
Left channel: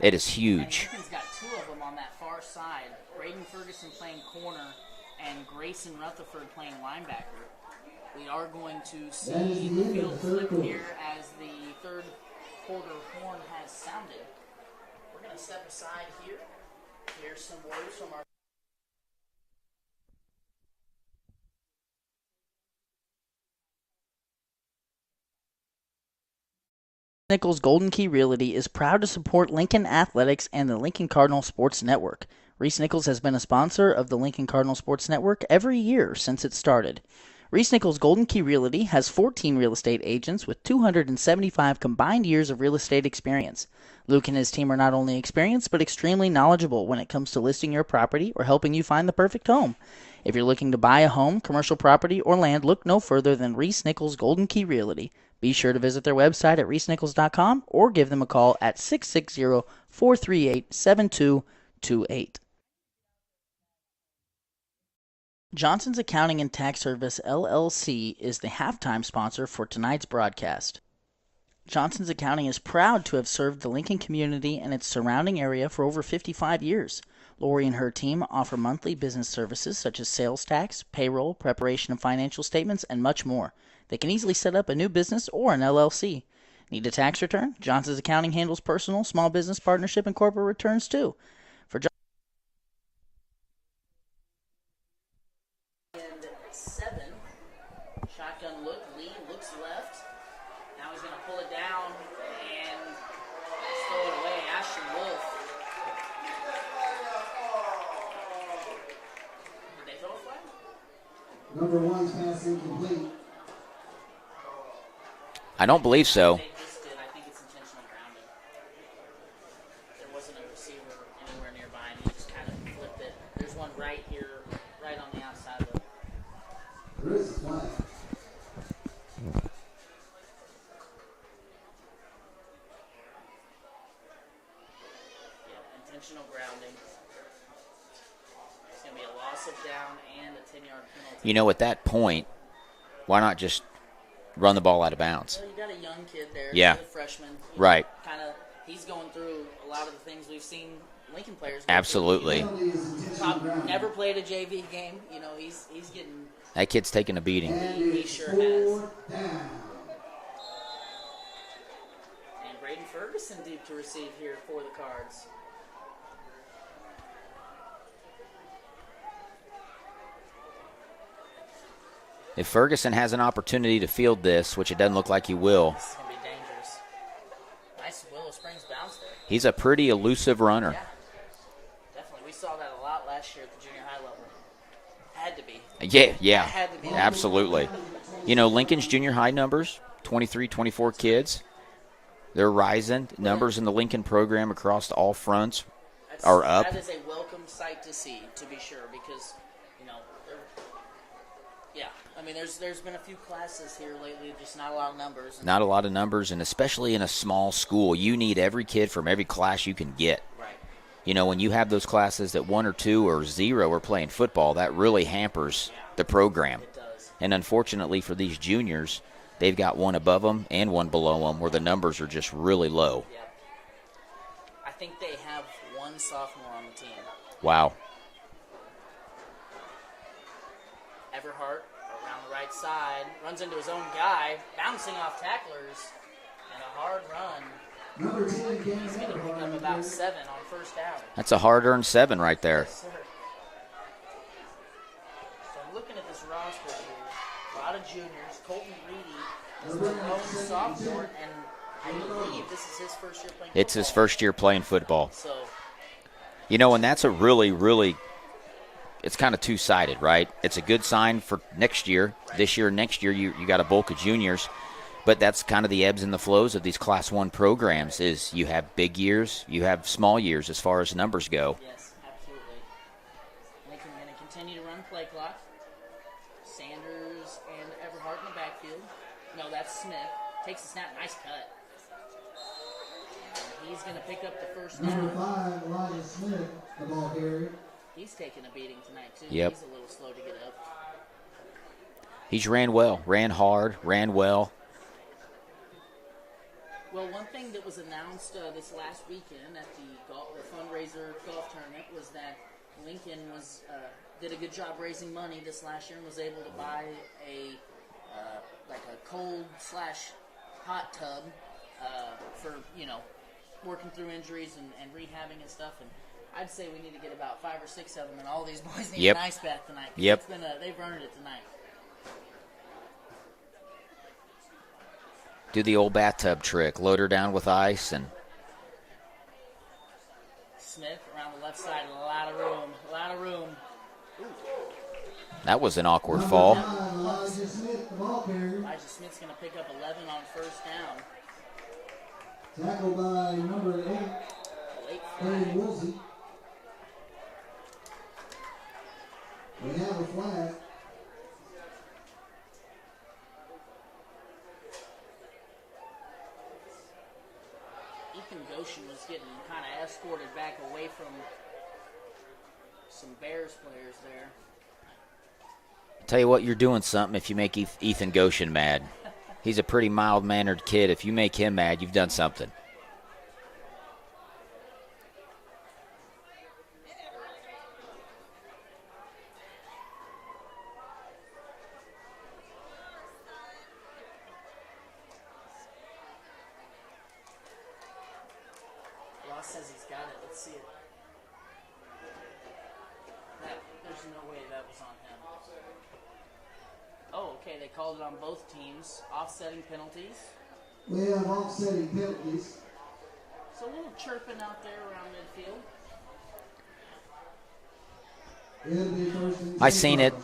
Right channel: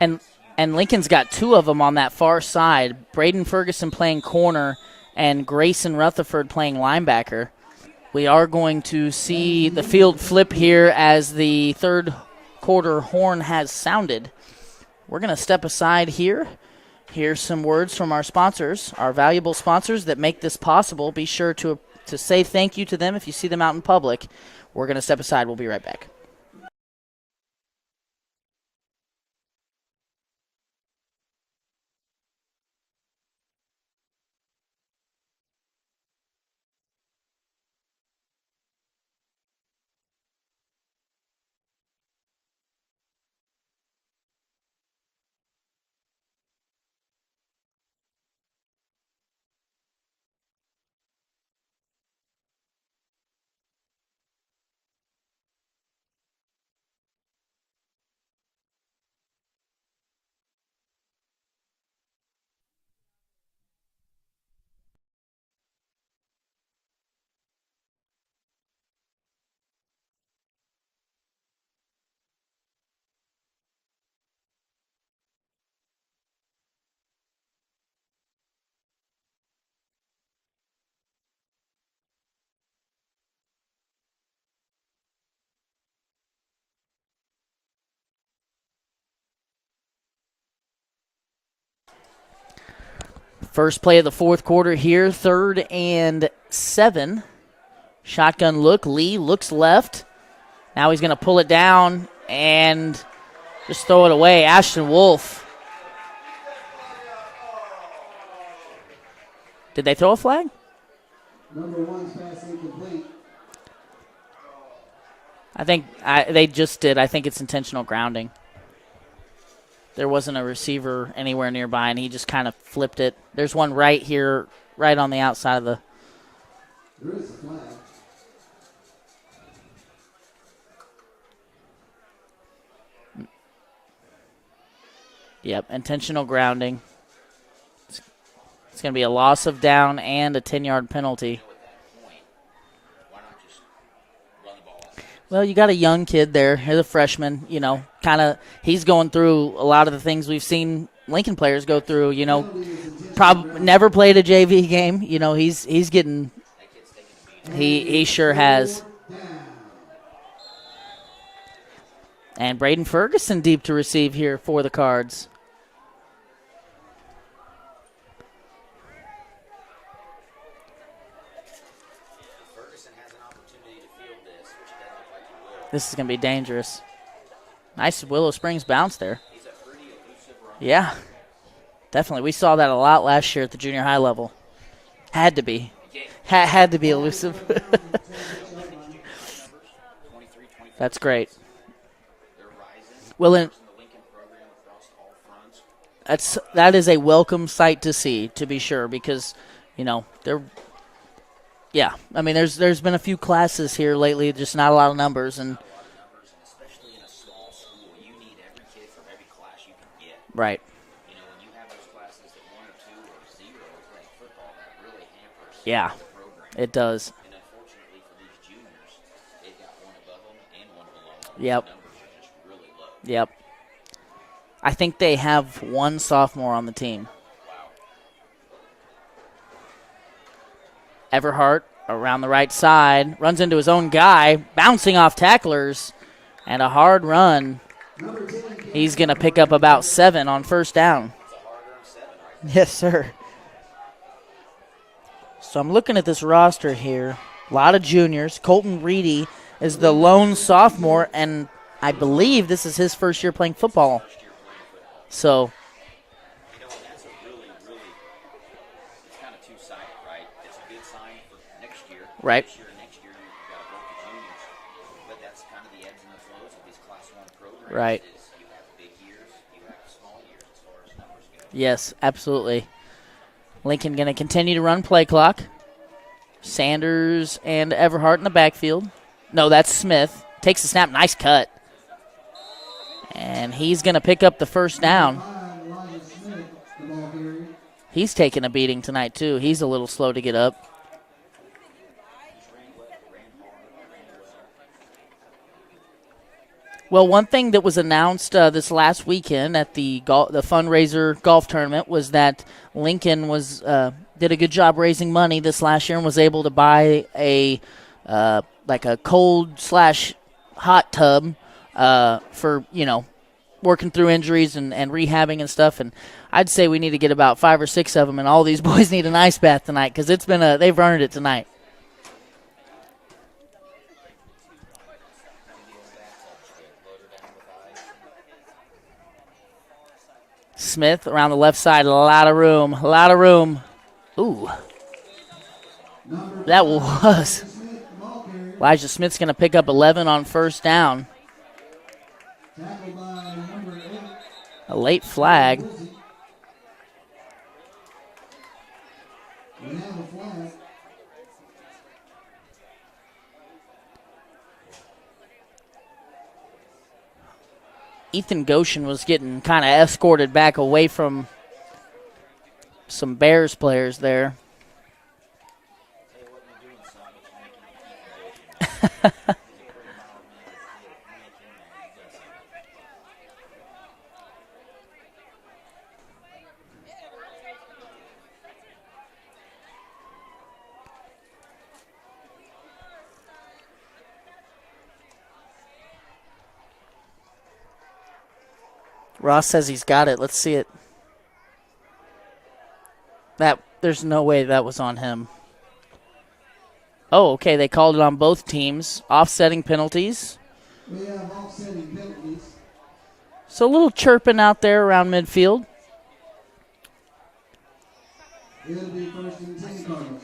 it is huge. And Lincoln's got 2 of them on that far side. Braden Ferguson playing corner and Grayson Rutherford playing linebacker. We are going to see the field flip here as the third quarter horn has sounded. We're going to step aside here. Here's some words from our sponsors, our valuable sponsors that make this possible. Be sure to say thank you to them if you see them out in public. We're going to step aside. We'll be right back. Nichols Golden Key Realty is proud to support Lincoln Athletics and the Lincoln Cardinal Sports Network. Reese-Nichols has been a sponsor of the Lincoln Cardinal Sports Network every year since it started. Reese-Nichols Golden Key Realty has 14 real estate agents with 275 combined years of real estate experience. Luke and his team are not only experienced but extremely knowledgeable when it comes to listing your property or helping you find the perfect home. If you're looking to buy a home, commercial property, or land, look no further than Reese-Nichols Golden Key Realty. Be sure to visit their website at reesenichols.com or give them a call at 660-438-7228. Johnson's Accounting and Tax Service, LLC, is the halftime sponsor for tonight's broadcast. Johnson's Accounting is proud to have served the Lincoln community and its surrounding area for over 55 years. Lori and her team offer monthly business services such as sales tax, payroll, preparation of financial statements, and much more. They can easily set up a new business or an LLC. Need a tax return? Johnson's Accounting handles personal, small business, partnership, and corporate returns too. First play of the fourth quarter here, 3rd and 7. Shotgun look. Lee looks left. Now he's going to pull it down and just throw it away. Ashton Wolf. Did they throw a flag? Number 1's pass incomplete. I don't believe so. They just did. I think it's intentional grounding. There wasn't a receiver anywhere nearby, and he just kind of flipped it. There's one right here, right on the outside of the. There is a flag. Yep, intentional grounding. It's going to be a loss of down and a 10-yard penalty. You know, at that point, why not just run the ball out of bounds? Well, you got a young kid there. Yeah. He's a freshman. You know, Right. kind of he's going through a lot of the things we've seen Lincoln players go Absolutely. through. You know, never played a JV game. You know, he's getting. That kid's taking a beating. He sure has. And Braden Ferguson deep to receive here for the Cards. If Ferguson has an opportunity to field this, which it doesn't look like he will, This is going to be dangerous. Nice Willow Springs bounce there. he's a pretty elusive runner. Yeah, definitely. We saw that a lot last year at the junior high level. Had to be. Yeah. Had to be elusive. Absolutely. You know, Lincoln's junior high numbers, 23, 24 That's kids. great. They're rising. Well, Numbers in the Lincoln program across all fronts That's are up. that is a welcome sight to see, to be sure, because you know they're. Yeah, I mean, there's been a few classes here lately, just not a lot of numbers, and Not a lot of numbers, and especially in a small school, you need every kid from every class you can get. right. You know, when you have those classes that 1 or 2 or 0 are playing football, that really hampers the program. It does. And unfortunately for these juniors, they've got one above them and one below them where the numbers are just really low. Yep. I think they have one sophomore on the team. Wow. Everhart around the right side, runs into his own guy, bouncing off tacklers, and a hard run. He's going to pick up about 7 on first down. That's a hard-earned 7 right there. Yes, sir. So I'm looking at this roster here. A lot of juniors. Colton Reedy is the lone sophomore, and I believe this is his first year playing football. It's his first year playing football. So, you know, and that's a really, really, it's kind of two-sided, right? It's a good sign for next year. Right. This year and next year, you got a bulk of juniors. But that's kind of the ebbs and the flows of these Class 1 programs Right. is you have big years, you have small years as far as numbers go. yes, absolutely. Lincoln going to continue to run play clock. Sanders and Everhart in the backfield. No, that's Smith. Takes the snap. Nice cut. And he's going to pick up the first down. He's taking a beating tonight, too. Yep. He's a little slow to get up. He's ran well, ran hard, ran well. Well, one thing that was announced this last weekend at the fundraiser golf tournament was that Lincoln was did a good job raising money this last year and was able to buy a cold/hot tub for working through injuries and rehabbing and stuff. And I'd say we need to get about 5 or 6 of them, and all these boys need an ice bath tonight because it's been they've earned it tonight. Do the old bathtub trick, load her down with ice and Smith around the left side, a lot of room, a lot of room. Ooh. That was an awkward fall. That was. Elijah Smith's going to pick up 11 on first down. Tackled by number 8. A late flag. We have a flag. Ethan Goshen was getting kind of escorted back away from some Bears players there. Tell you what, you're doing something if you make Ethan Goshen mad. He's a pretty mild-mannered kid. If you make him mad, you've done something. Ross says he's got it. Let's see it. There's no way that was on him. Oh, okay. They called it on both teams. Offsetting penalties. We have offsetting penalties. So a little chirping out there around midfield. It'll be first and 10. I seen it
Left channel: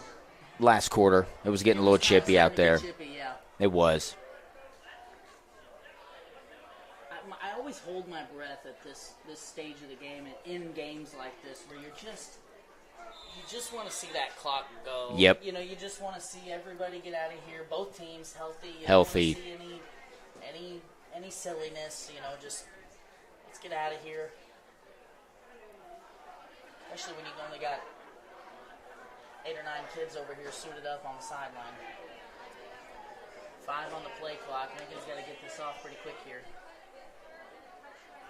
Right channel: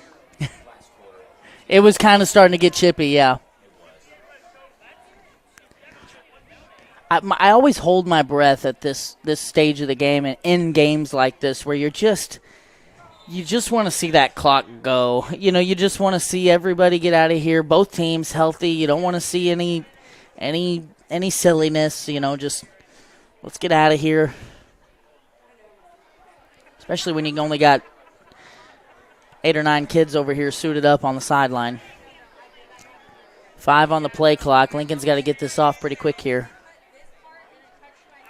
last quarter. It was getting It was a little kind of chippy starting out to get there. chippy, yeah. It was. I always hold my breath at this stage of the game and in games like this where you just want to see that clock go. Yep. You know, you just want to see everybody get out of here, both teams healthy. You don't want to see any silliness, you know, just let's get out of here. Especially when you only got 8 or 9 kids over here suited up on the sideline. 5 on the play clock. Lincoln's got to get this off pretty quick here.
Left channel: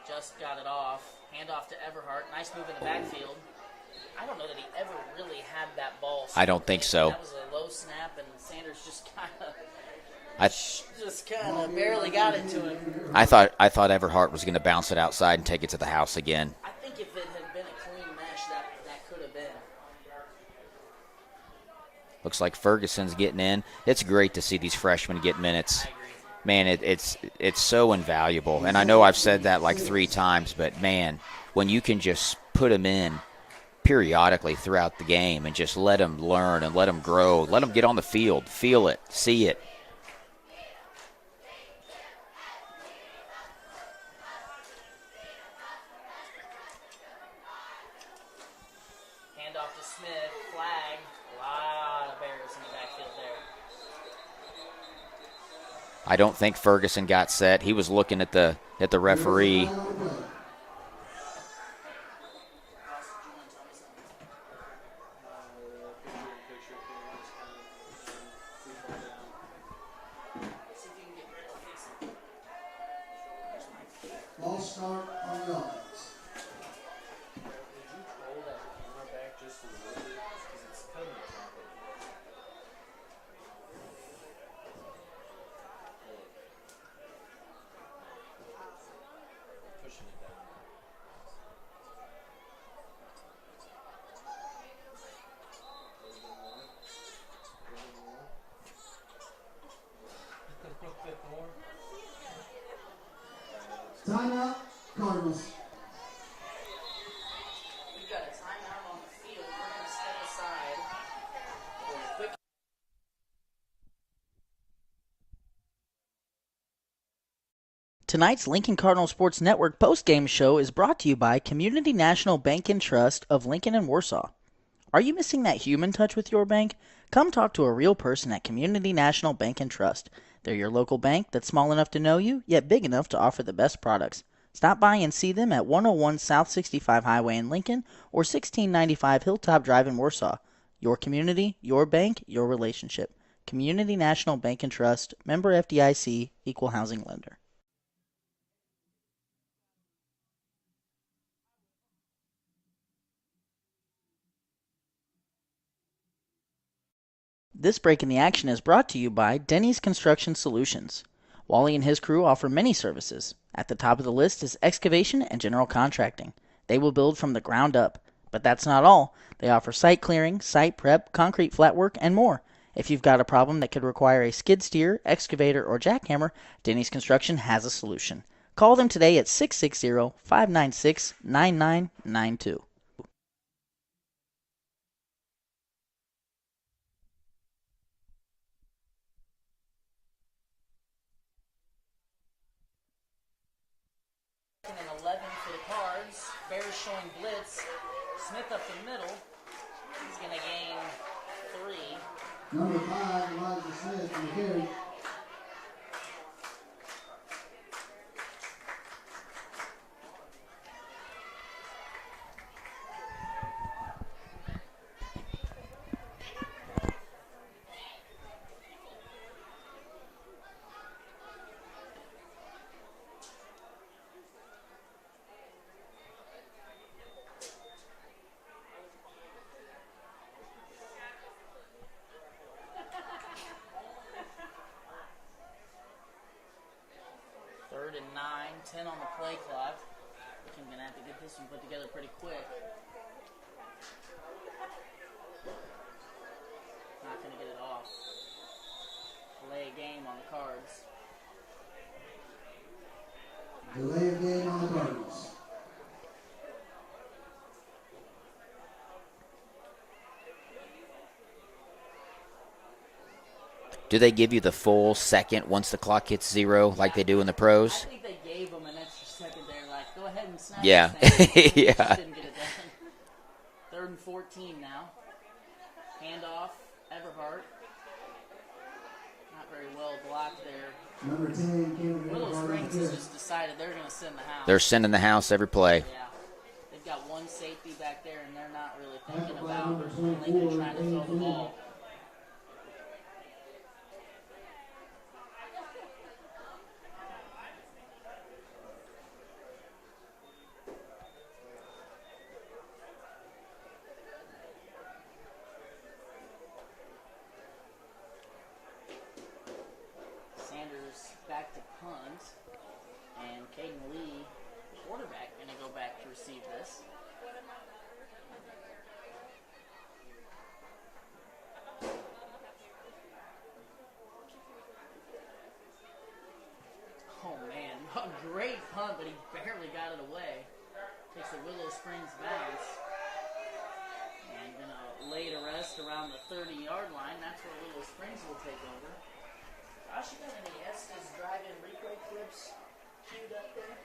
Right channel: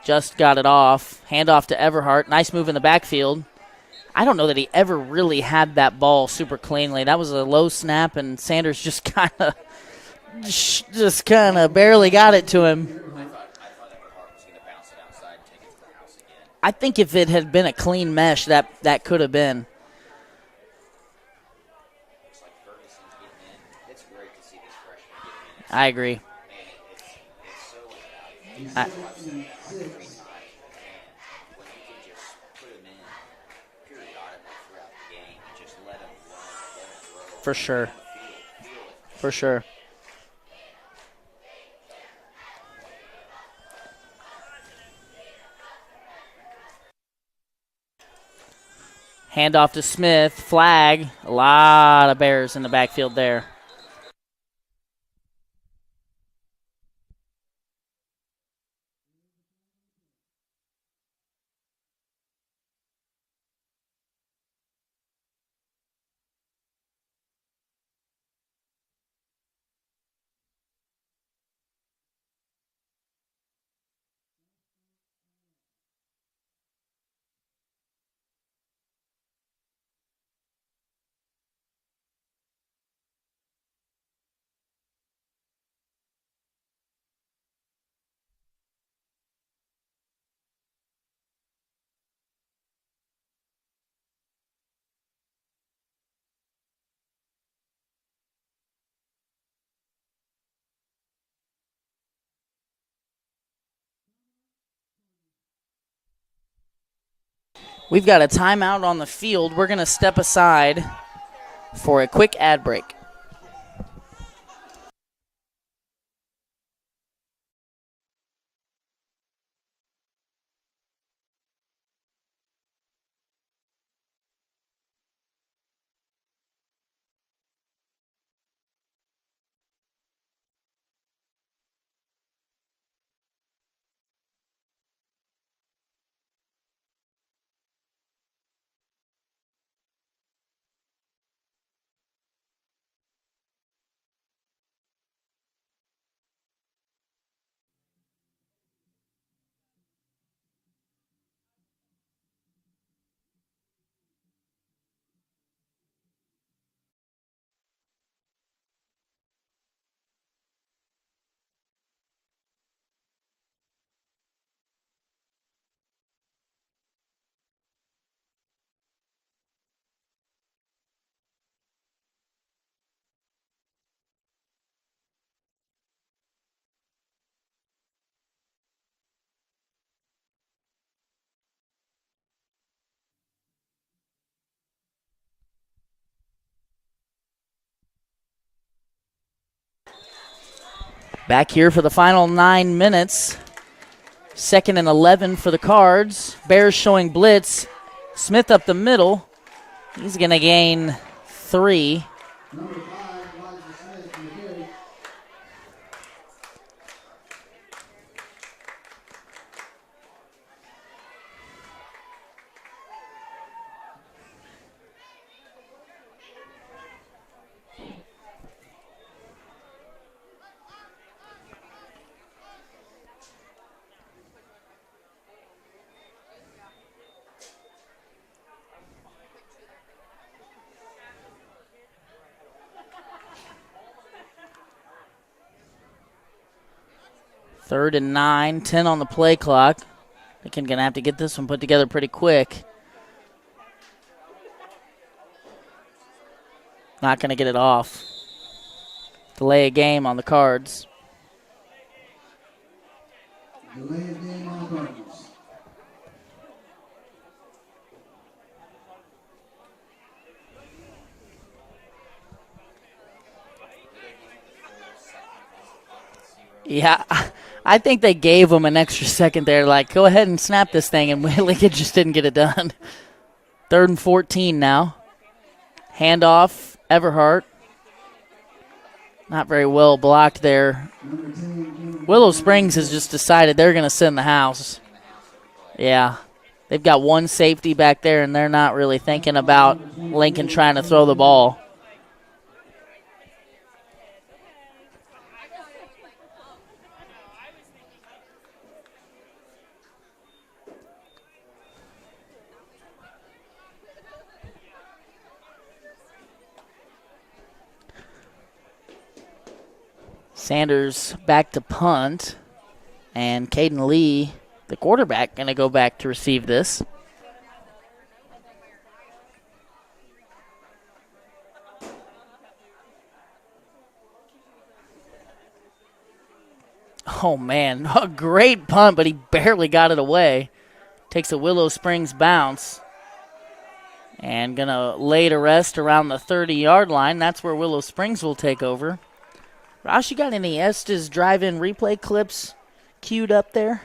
Just got it off. Handoff to Everhart. Nice move in the backfield. I don't know that he ever really had that ball super I don't cleanly. think so. That was a low snap, and Sanders just kind of barely got it to him. I thought Everhart was going to bounce it outside and take it to the house again. I think if it had been a clean mesh, that could have been. Looks like Ferguson's getting in. It's great to see these freshmen get minutes. I agree. Man, it's so invaluable. And I know I've said that like 3 times, but, man, when you can just put them in periodically throughout the game and just let them learn and let them grow, let them get on the field, feel it, see it. Handoff to Smith, flag. A lot of Bears in the backfield there. I don't think Ferguson got set. He was looking at the referee. Ball start on the offense. Timeout, Cardinals. We've got a timeout on the field. We're going to step aside for a quick ad break. Tonight's Lincoln Cardinal Sports Network postgame show is brought to you by Community National Bank and Trust of Lincoln and Warsaw. Are you missing that human touch with your bank? Come talk to a real person at Community National Bank and Trust. They're your local bank that's small enough to know you, yet big enough to offer the best products. Stop by and see them at 101 South 65 Highway in Lincoln or 1695 Hilltop Drive in Warsaw. Your community, your bank, your relationship. Community National Bank and Trust, member FDIC, equal housing lender. This break in the action is brought to you by Denny's Construction Solutions. Wally and his crew offer many services. At the top of the list is excavation and general contracting. They will build from the ground up. But that's not all. They offer site clearing, site prep, concrete flat work, and more. If you've got a problem that could require a skid steer, excavator, or jackhammer, Denny's Construction has a solution. Call them today at 660-596-9992. Back here for the final 9 minutes. 2nd and 11 for the Cards. Bears showing blitz. Smith up the middle. He's going to gain 3. Number 5, Elijah Smith, on the carry. Third and 9, 10 on the play clock. Lincoln going to have to get this one put together pretty quick. Not going to get it off. Delay a game on the Cards. Delay of game on the Cardinals. Do they give you the full second once the clock hits 0 Yeah, like they do in the pros? I think they gave him an extra second there, like, go ahead and snap Yeah. this thing, and Lincoln Yeah. just didn't get it done. 3rd and 14 now. Handoff, Everhart. Not very well blocked there. Number 10, Willow Springs has just decided they're going to send the house. They're sending the house every play. Yeah. They've got one safety back there, and they're not really thinking about Lincoln trying to throw the ball. Sanders back to punt, and Caden Lee, the quarterback, going to go back to receive this. Oh, man, a great punt, but he barely got it away. Takes a Willow Springs bounce. And going to lay to rest around the 30-yard line. That's where Willow Springs will take over. Ross, you got any Estes drive-in replay clips queued up there?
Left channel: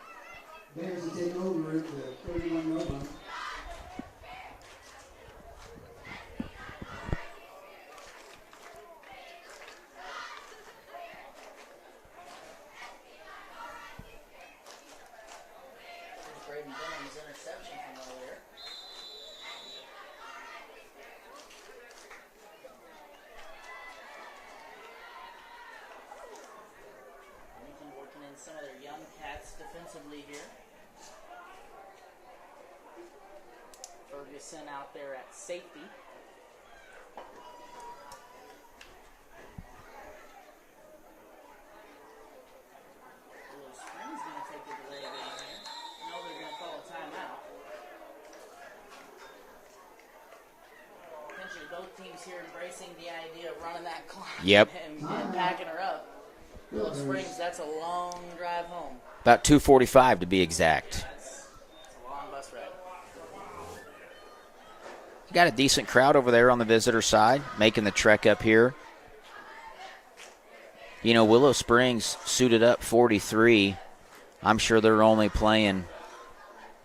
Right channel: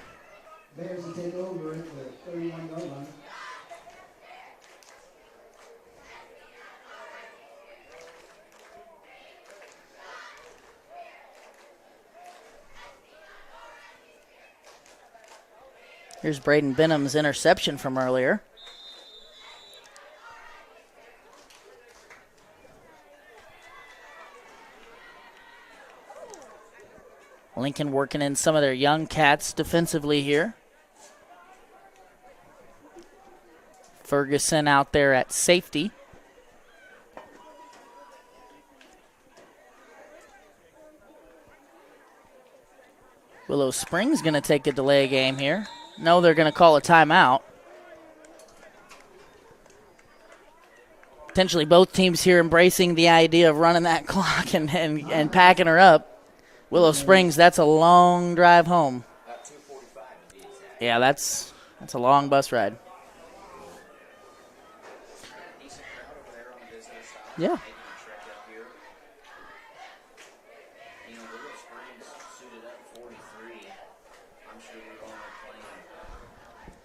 Bears to take over at the 31-yard line. Here's Braden Benham's interception from earlier. Lincoln working in some of their young cats defensively here. Ferguson out there at safety. Willow Springs going to take a delay game here. No, they're going to call a timeout. Potentially both teams here embracing the idea of running that clock Yep. and packing her up. Willow Springs, that's a long drive home. About 2:45 to be exact. Yeah, that's a long bus ride. Got a decent crowd over there on the visitor side, Yeah. making the trek up here. You know, Willow Springs suited up 43. I'm sure they're only playing,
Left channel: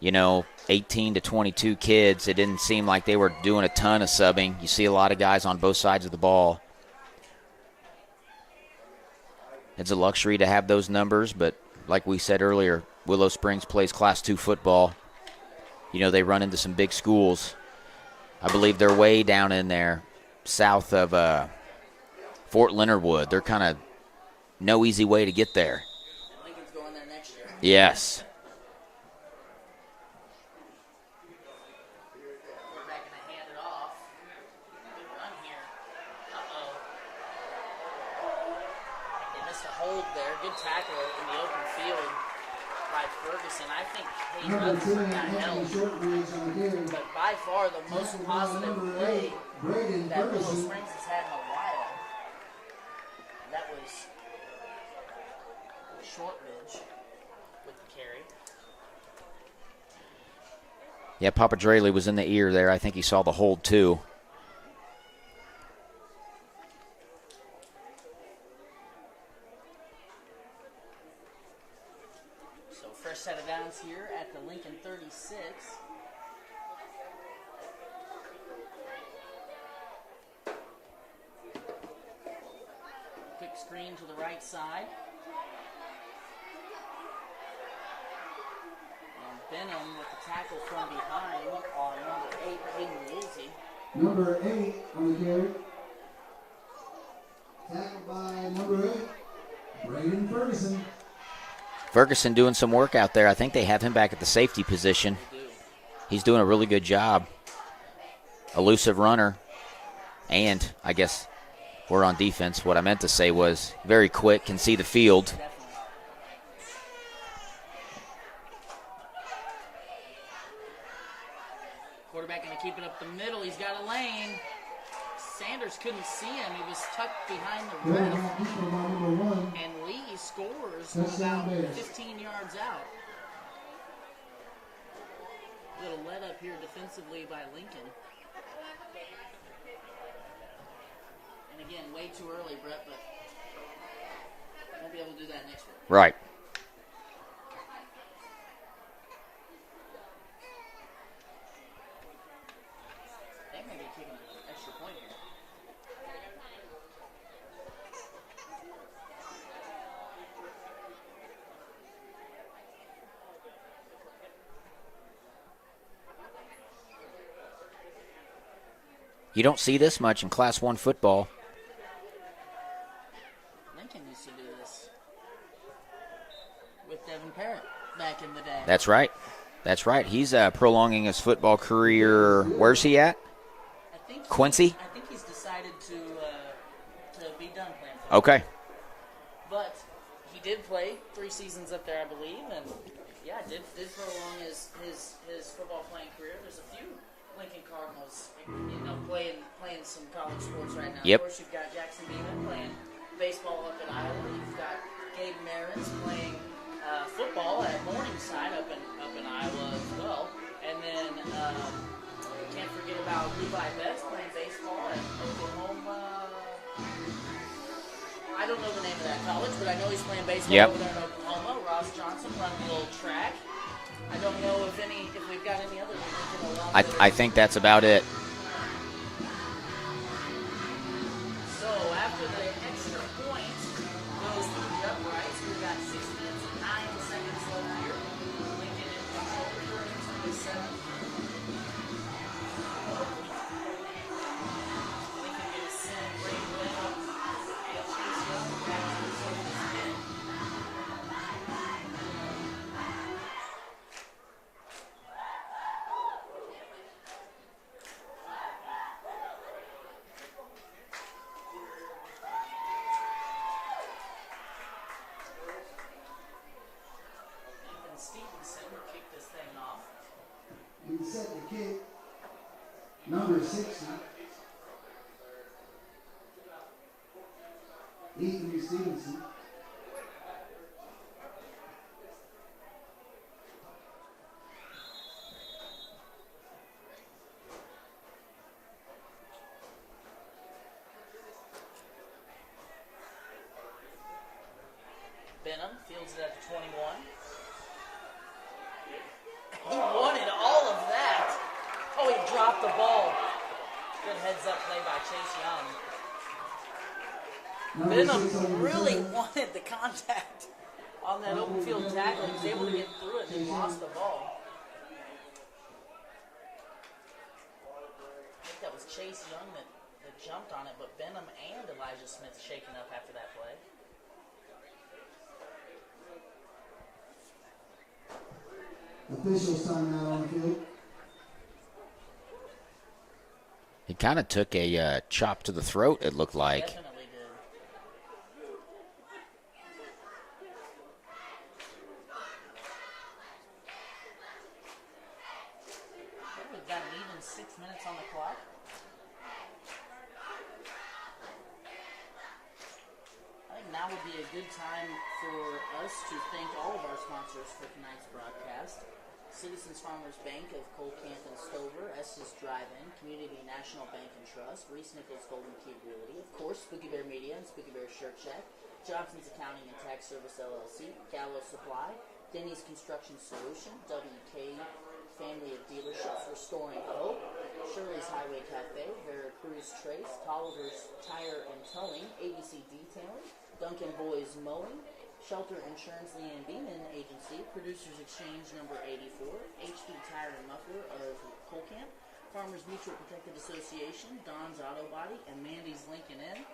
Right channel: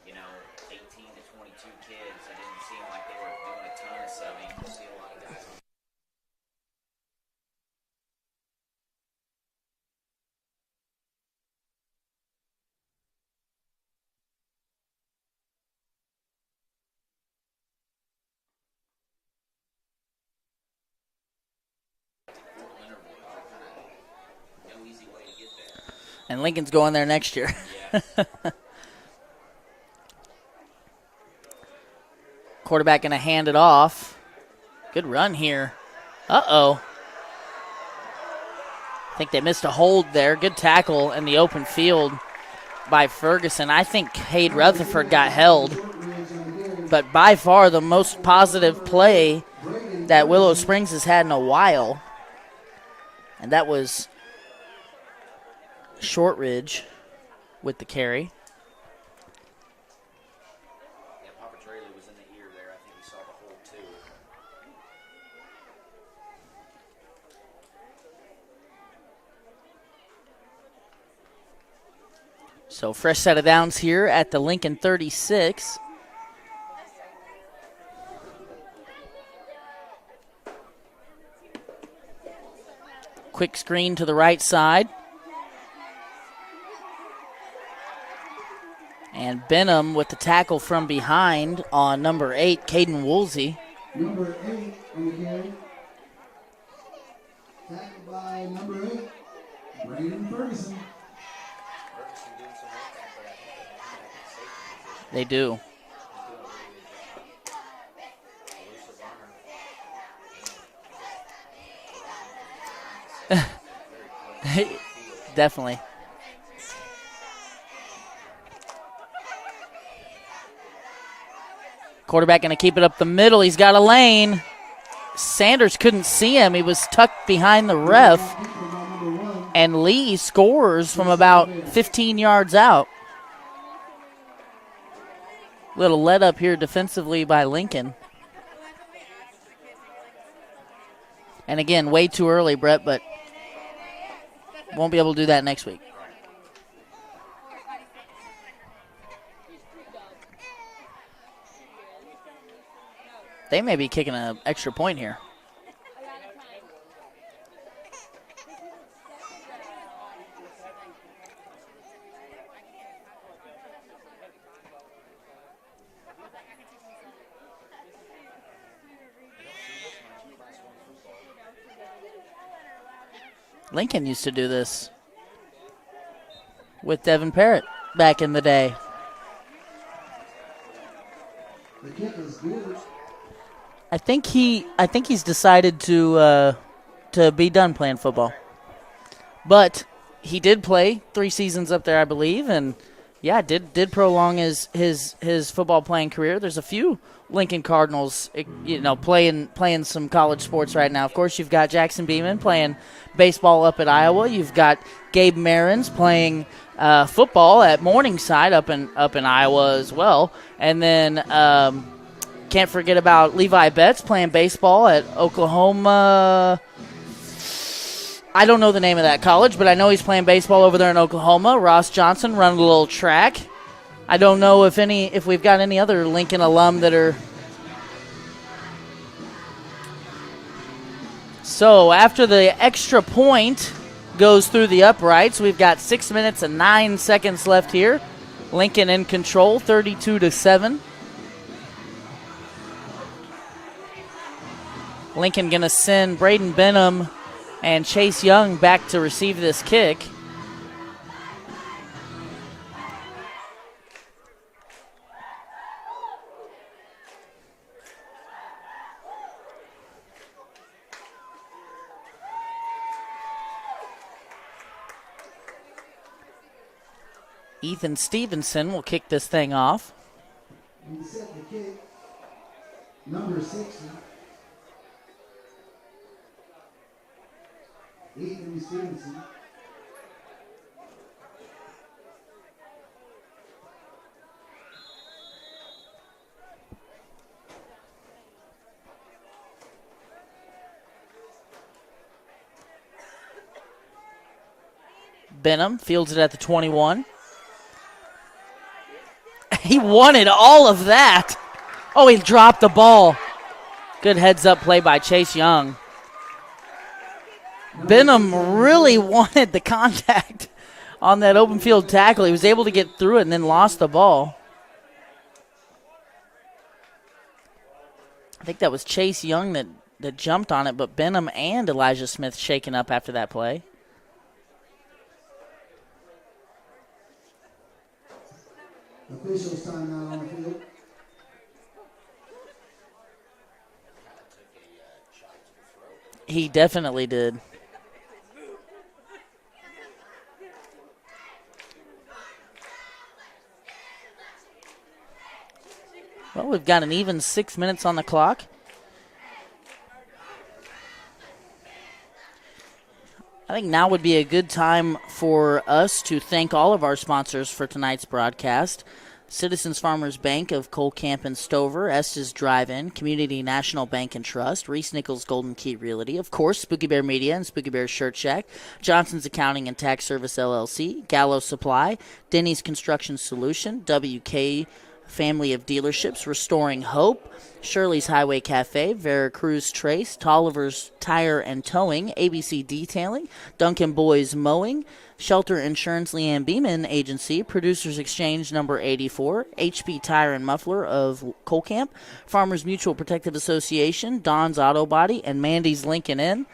18 to 22 kids. It didn't seem like they were doing a ton of subbing. You see a lot of guys on both sides of the ball. It's a luxury to have those numbers, but like we said earlier, Willow Springs plays Class 2 football. They run into some big schools. I believe they're way down in there south of Fort Leonard Wood. They're kind of no easy way to get there. And Lincoln's going there next year. Yes. Quarterback going to hand it off. Good run here. Uh-oh. I think they missed a hold there. Good tackle in the open field by Ferguson. I think Cade Rutherford got held. But by far the most positive play that Willow Springs has had in a while. And that was Shortridge with the carry. Yeah, Papadrelli was in the ear there. I think he saw the hold too. So fresh set of downs here at the Lincoln 36. Quick screen to the right side. And Benham with the tackle from behind on number 8, Caden Woolsey. Number 8 on the carry. Tackled by number 8, Brandon Ferguson. Ferguson doing some work out there. I think they have him back at the safety position. They do. He's doing a really good job. Elusive runner. And I guess we're on defense. What I meant to say was very quick, can see the field. Definitely. Quarterback going to keep it up the middle. He's got a lane. Sanders couldn't see him. He was tucked behind the ref. And Lee scores from about 15 yards out. Little let up here defensively by Lincoln. And again, way too early, Brett, but won't be able to do that next week. Right. They may be kicking an extra point here. You don't see this much in Class 1 football. Lincoln used to do this with Devin Parrott back in the day. That's right. That's right. He's prolonging his football career. Where's he at? I think Quincy? I think he's decided to be done playing football. Okay. But he did play 3 seasons up there, I believe, and yeah, did prolong his football playing career. There's a few Lincoln Cardinals, playing some college sports right now. Yep. Of course, you've got Jackson Beeman playing baseball up at Iowa. You've got Gabe Marins playing football at Morningside up in Iowa as well. And then can't forget about Levi Betts playing baseball at Oklahoma. I don't know the name of that college, but I know he's playing baseball over there in Oklahoma. Ross Johnson running a little track. I don't know if we've got any other Lincoln alum that are. I think that's about it. So after the extra point goes through the uprights, we've got 6 minutes and 9 seconds left here. Lincoln in control, 32-7. Lincoln going to send Braden Benham and Chase Young back to receive this kick. Ethan Stevenson will kick this thing off. He's set the kick. Number 60. Ethan Stevenson. Benham fields it at the 21. He wanted all of that. Oh, he dropped the ball. Good heads-up play by Chase Young. Benham really wanted the contact on that open field tackle. He was able to get through it and then lost the ball. I think that was Chase Young that jumped on it, but Benham and Elijah Smith shaken up after that play. Officials timeout on the field. He kind of took a chop to the throat, it looked like. He definitely did. Well, we've got an even 6 minutes on the clock. I think now would be a good time for us to thank all of our sponsors for tonight's broadcast. Citizens Farmers Bank of Cole Camp and Stover, Estes Drive-In, Community National Bank and Trust, Reese Nichols Golden Key Realty, of course, Spooky Bear Media and Spooky Bear Shirt Shack, Johnson's Accounting and Tax Service LLC, Gallo Supply, Denny's Construction Solution, WK Family of Dealerships, Restoring Hope, Shirley's Highway Cafe, Veracruz Trace, Tolliver's Tire and Towing, ABC Detailing, Duncan Boys Mowing, Shelter Insurance Leanne Beeman Agency, Producers Exchange number 84, HP Tire and Muffler of Colcamp, Farmers Mutual Protective Association, Don's Auto Body, and Mandy's Lincoln Inn.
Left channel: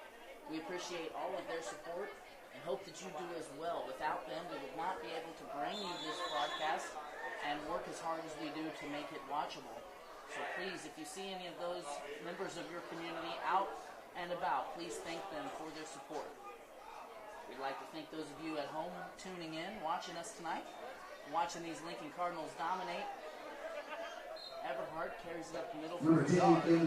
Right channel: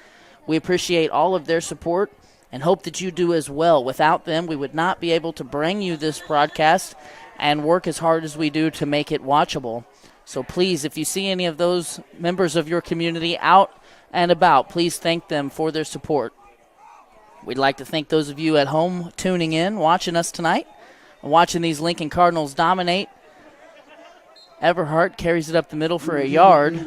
We appreciate all of their support and hope that you do as well. Without them, we would not be able to bring you this broadcast and work as hard as we do to make it watchable. So please, if you see any of those members of your community out and about, please thank them for their support. We'd like to thank those of you at home tuning in, watching us tonight, and watching these Lincoln Cardinals dominate. Everhart carries it up the middle for a yard.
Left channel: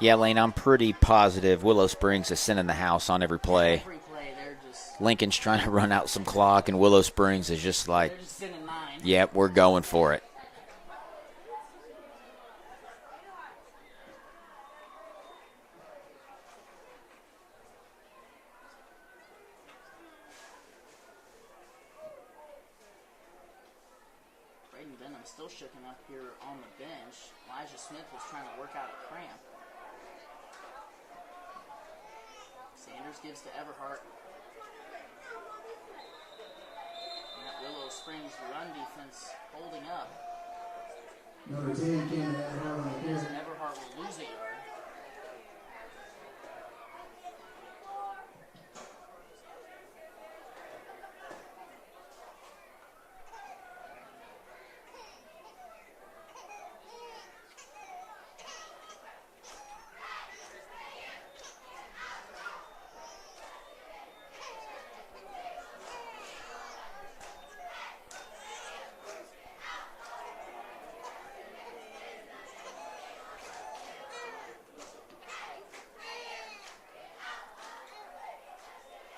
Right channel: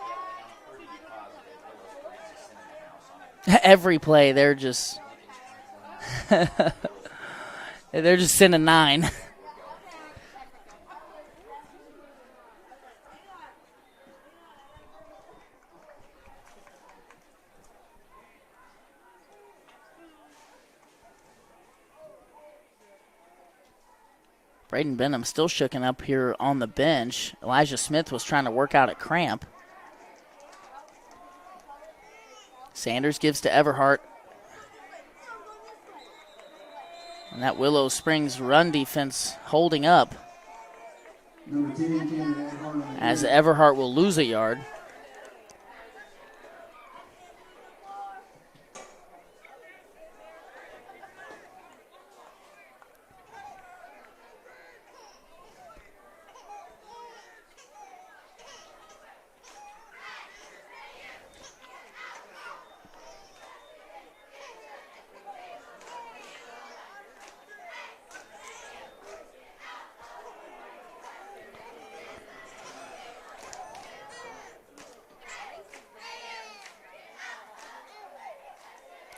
Yeah, Lane, I'm pretty positive Willow Springs is sending the house on every play. Every play, they're just... Lincoln's trying to run out some clock, and Willow Springs is just like... They're just sending 9. Yep, we're going for it. Braden Benham still shooken up here on the bench. Elijah Smith was trying to work out a cramp. Sanders gives to Everhart. And that Willow Springs run defense holding up. As Everhart will lose a yard.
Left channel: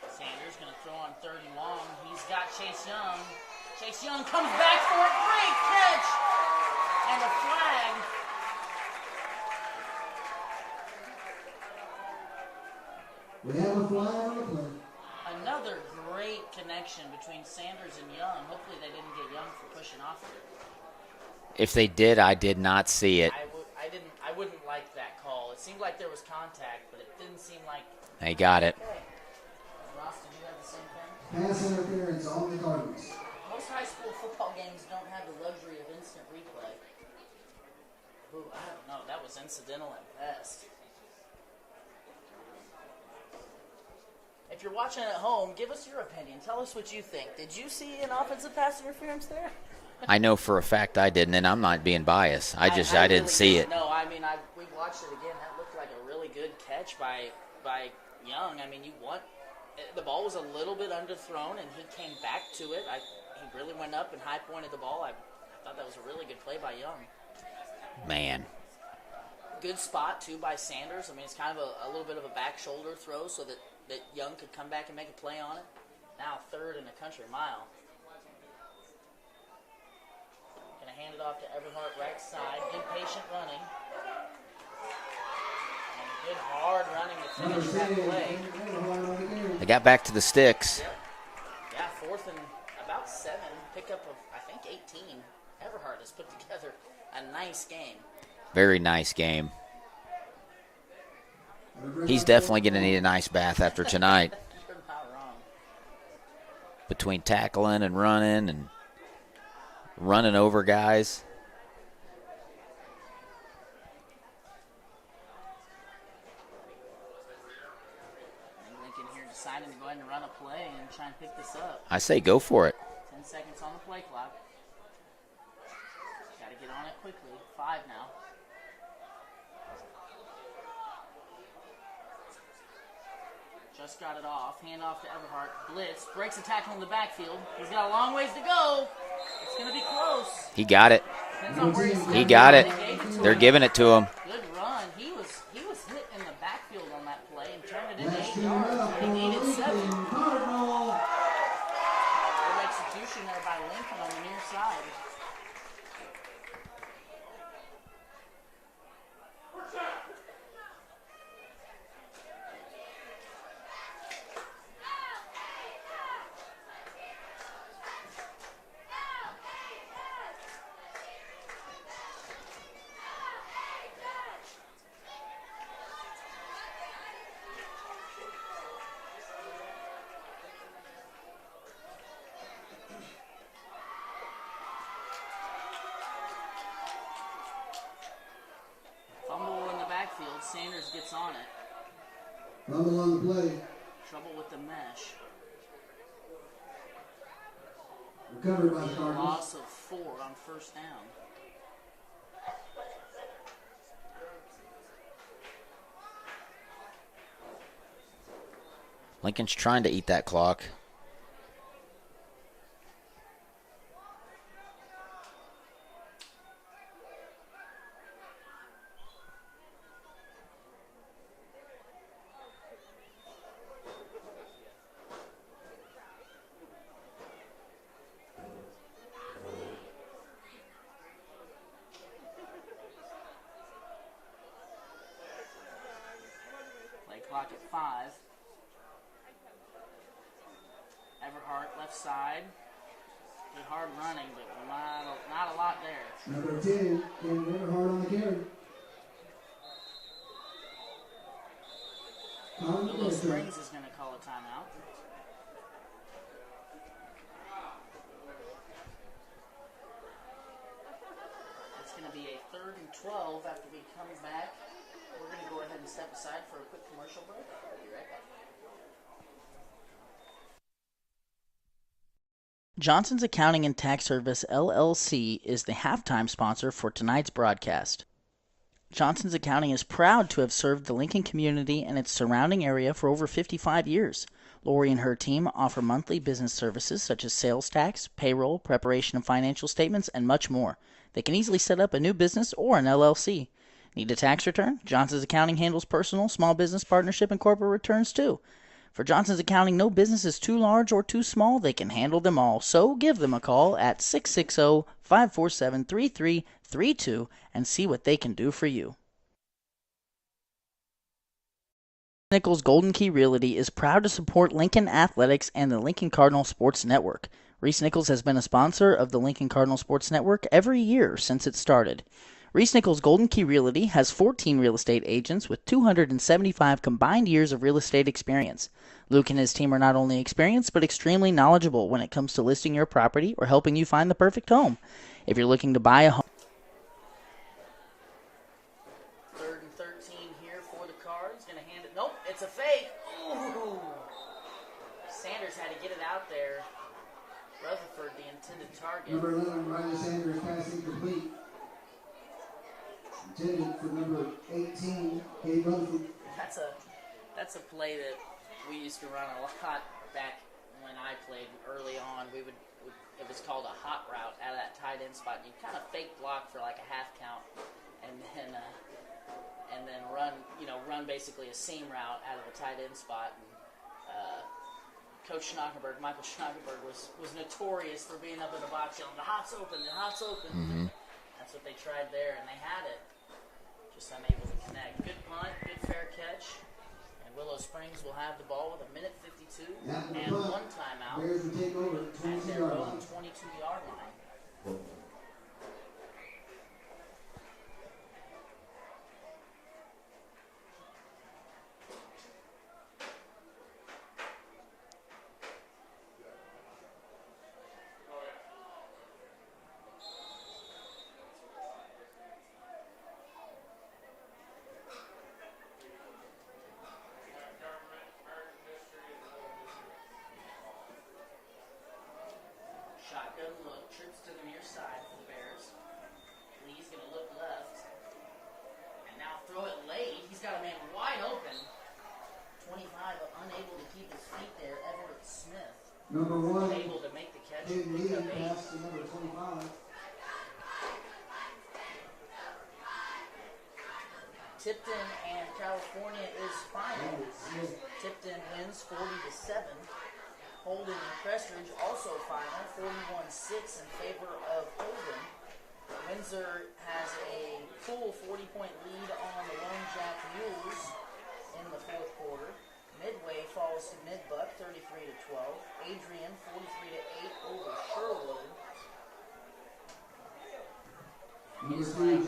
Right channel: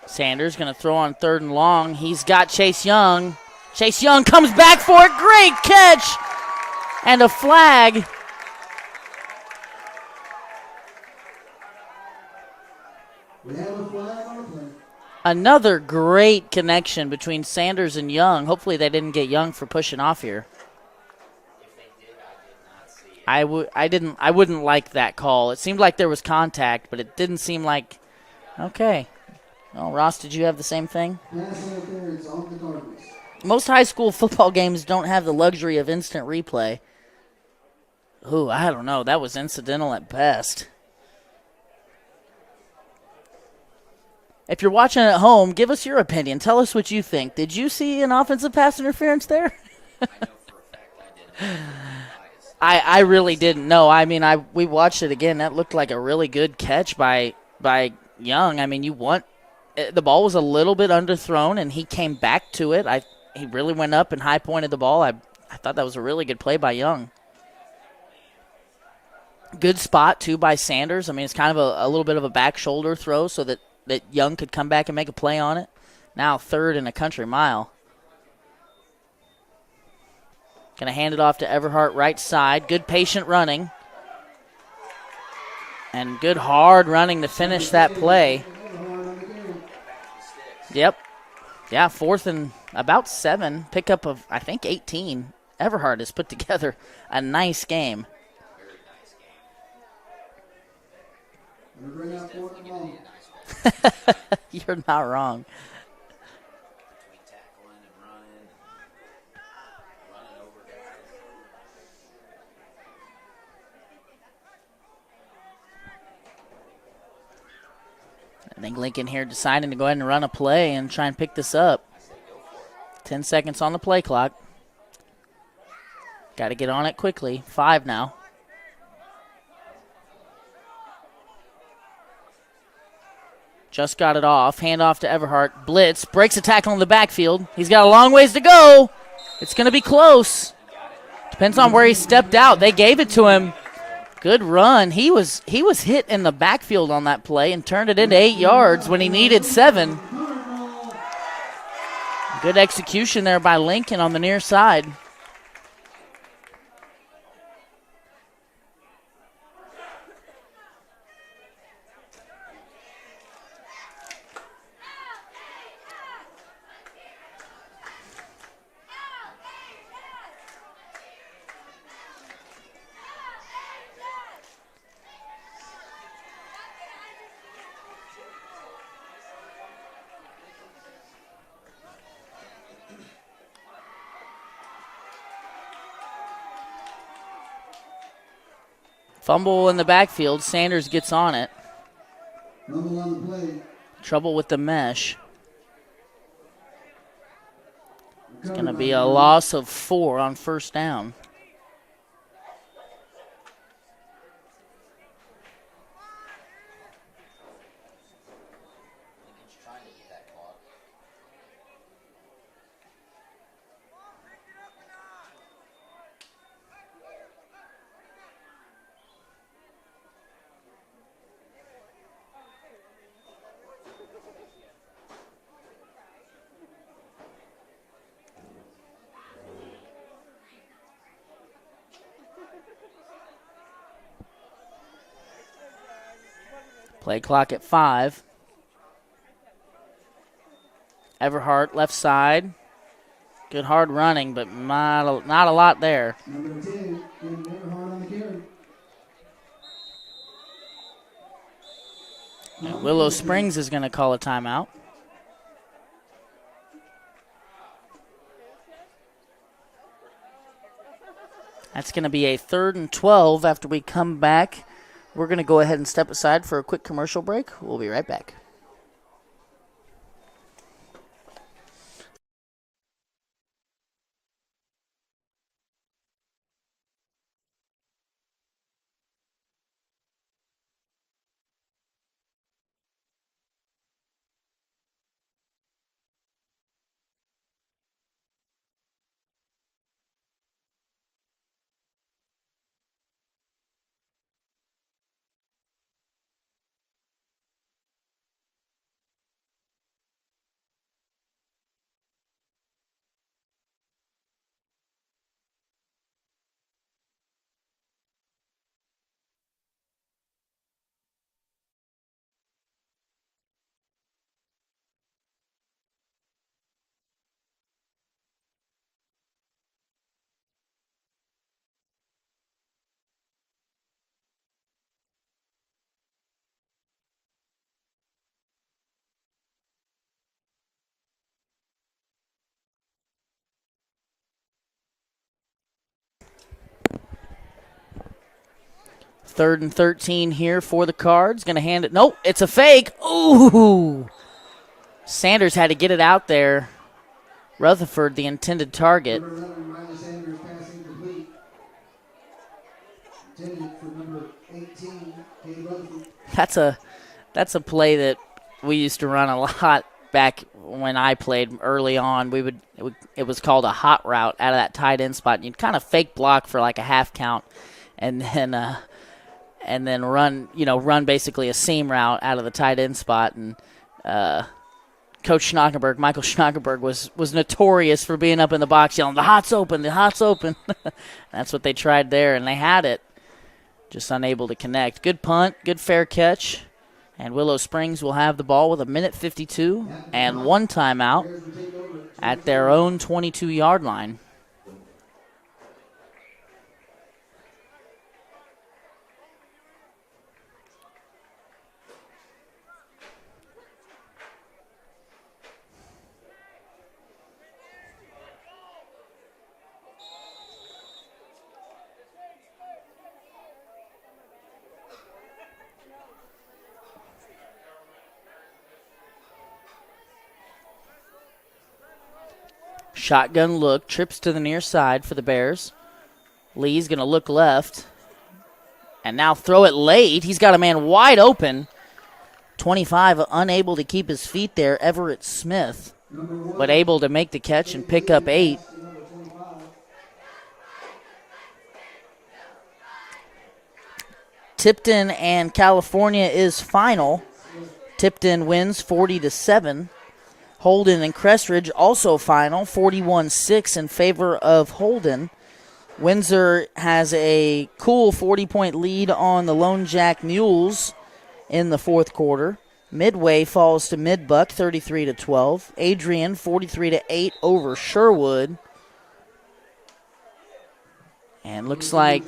Sanders going to throw on 3rd and long. He's got Chase Young. Chase Young comes back for it. Great catch. And a flag. We have a flag on the play. Another great connection between Sanders and Young. Hopefully they didn't get Young for pushing off here. If they did, I did not see it. I wouldn't like that call. It seemed like there was contact, but it didn't seem like... They got it. Okay. Well, Ross, did you have the same thing? Pass interference on the Cardinals. Most high school football games don't have the luxury of instant replay. Ooh, I don't know. That was incidental at best. If you're watching at home, give us your opinion. Tell us what you think. Did you see an offensive pass interference there? I know for a fact I didn't, and I'm not being biased. I really didn't see didn't it. know. I mean, we watched it again. That looked like a really good catch by Young. I mean, the ball was a little bit underthrown, and he came back to it. He really went up and high-pointed the ball. I thought that was a really good play by Young. Man. Good spot, too, by Sanders. I mean, it's kind of a little bit of a back shoulder throw so that Young could come back and make a play on it. Now 3rd and a country mile. Going to hand it off to Everhart right side. Good patient running. And good hard running to finish that play. They got back to the sticks. Yep. Yeah, 4th and about 7. Pickup of, I think, 18. Everhart has put together a nice game. Very nice game. He's definitely going to need a nice bath after tonight. You're not wrong. Between tackling and running over guys. I think Lincoln here deciding to go ahead and run a play and try and pick this up. I say go for it. 10 seconds on the play clock. Got to get on it quickly. 5 now. Just got it off. Hand off to Everhart. Blitz. Breaks a tackle in the backfield. He's got a long ways to go. It's going to be close. He got it. Depends on where he stepped got out. it. They gave it to They're him. giving it to him. Good run. He was hit in the backfield on that play and turned it into 8 yards when he needed 7. Good execution there by Lincoln on the near side. Fumble in the backfield. Sanders gets on it. Fumble on the play. Trouble with the mesh. It's going to be a loss of 4 on first down. Lincoln's trying to eat that clock. Play clock at 5. Everhart left side. Good hard running, but not a lot there. Number 10, Everhart on the carry. And Willow Springs is going to call a timeout. That's going to be a 3rd and 12 after we come back. We're going to go ahead and step aside for a quick commercial break. We'll be right back. Johnson's Accounting and Tax Service, LLC, is the halftime sponsor for tonight's broadcast. Johnson's Accounting is proud to have served the Lincoln community and its surrounding area for over 55 years. Lori and her team offer monthly business services such as sales tax, payroll, preparation of financial statements, and much more. They can easily set up a new business or an LLC. Need a tax return? Johnson's Accounting handles personal, small business, partnership, and corporate returns too. For Johnson's Accounting, no business is too large or too small. They can handle them all. So give them a call at 660-547-3332 and see what they can do for you. Nichols Golden Key Realty is proud to support Lincoln Athletics and the Lincoln Cardinal Sports Network. Reese Nichols has been a sponsor of the Lincoln Cardinal Sports Network every year since it started. Reese Nichols Golden Key Realty has 14 real estate agents with 275 combined years of real estate experience. Luke and his team are not only experienced but extremely knowledgeable when it comes to listing your property or helping you find the perfect home. If you're looking to buy a home. 3rd and 13 here for the Cards. Going to hand it. Nope, it's a fake. Ooh. Sanders had to get it out there. Rutherford, the intended target. Number 11, Riley Sanders, passing complete. Intended for number 18, Katie Rutherford. That's a play that we used to run a lot back when I played early on. It was called a hot route out of that tight end spot. You'd kind of fake block for like a half count, and then run basically a seam route out of the tight end spot. And Coach Schnockenberg, Michael Schnockenberg, was notorious for being up in the box yelling, "The hot's open, the hot's open." Mm-hmm. That's what they tried there, and they had it. Just unable to connect. Good punt, good fair catch. And Willow Springs will have the ball with 1:52 and 1 timeout at their own 22-yard line. Shotgun look, trips to the near side for the Bears. Lee's going to look left and now throw it late. He's got a man wide open. 25, unable to keep his feet there, Everett Smith, but able to make the catch and pick up 8. Tipton and California is final. Tipton wins 40-7. Holden and Crestridge also final, 41-6 in favor of Holden. Windsor has a cool 40-point lead on the Lone Jack Mules in the fourth quarter. Midway falls to Midbuck, 33-12. Adrian, 43-8 over Sherwood. And looks like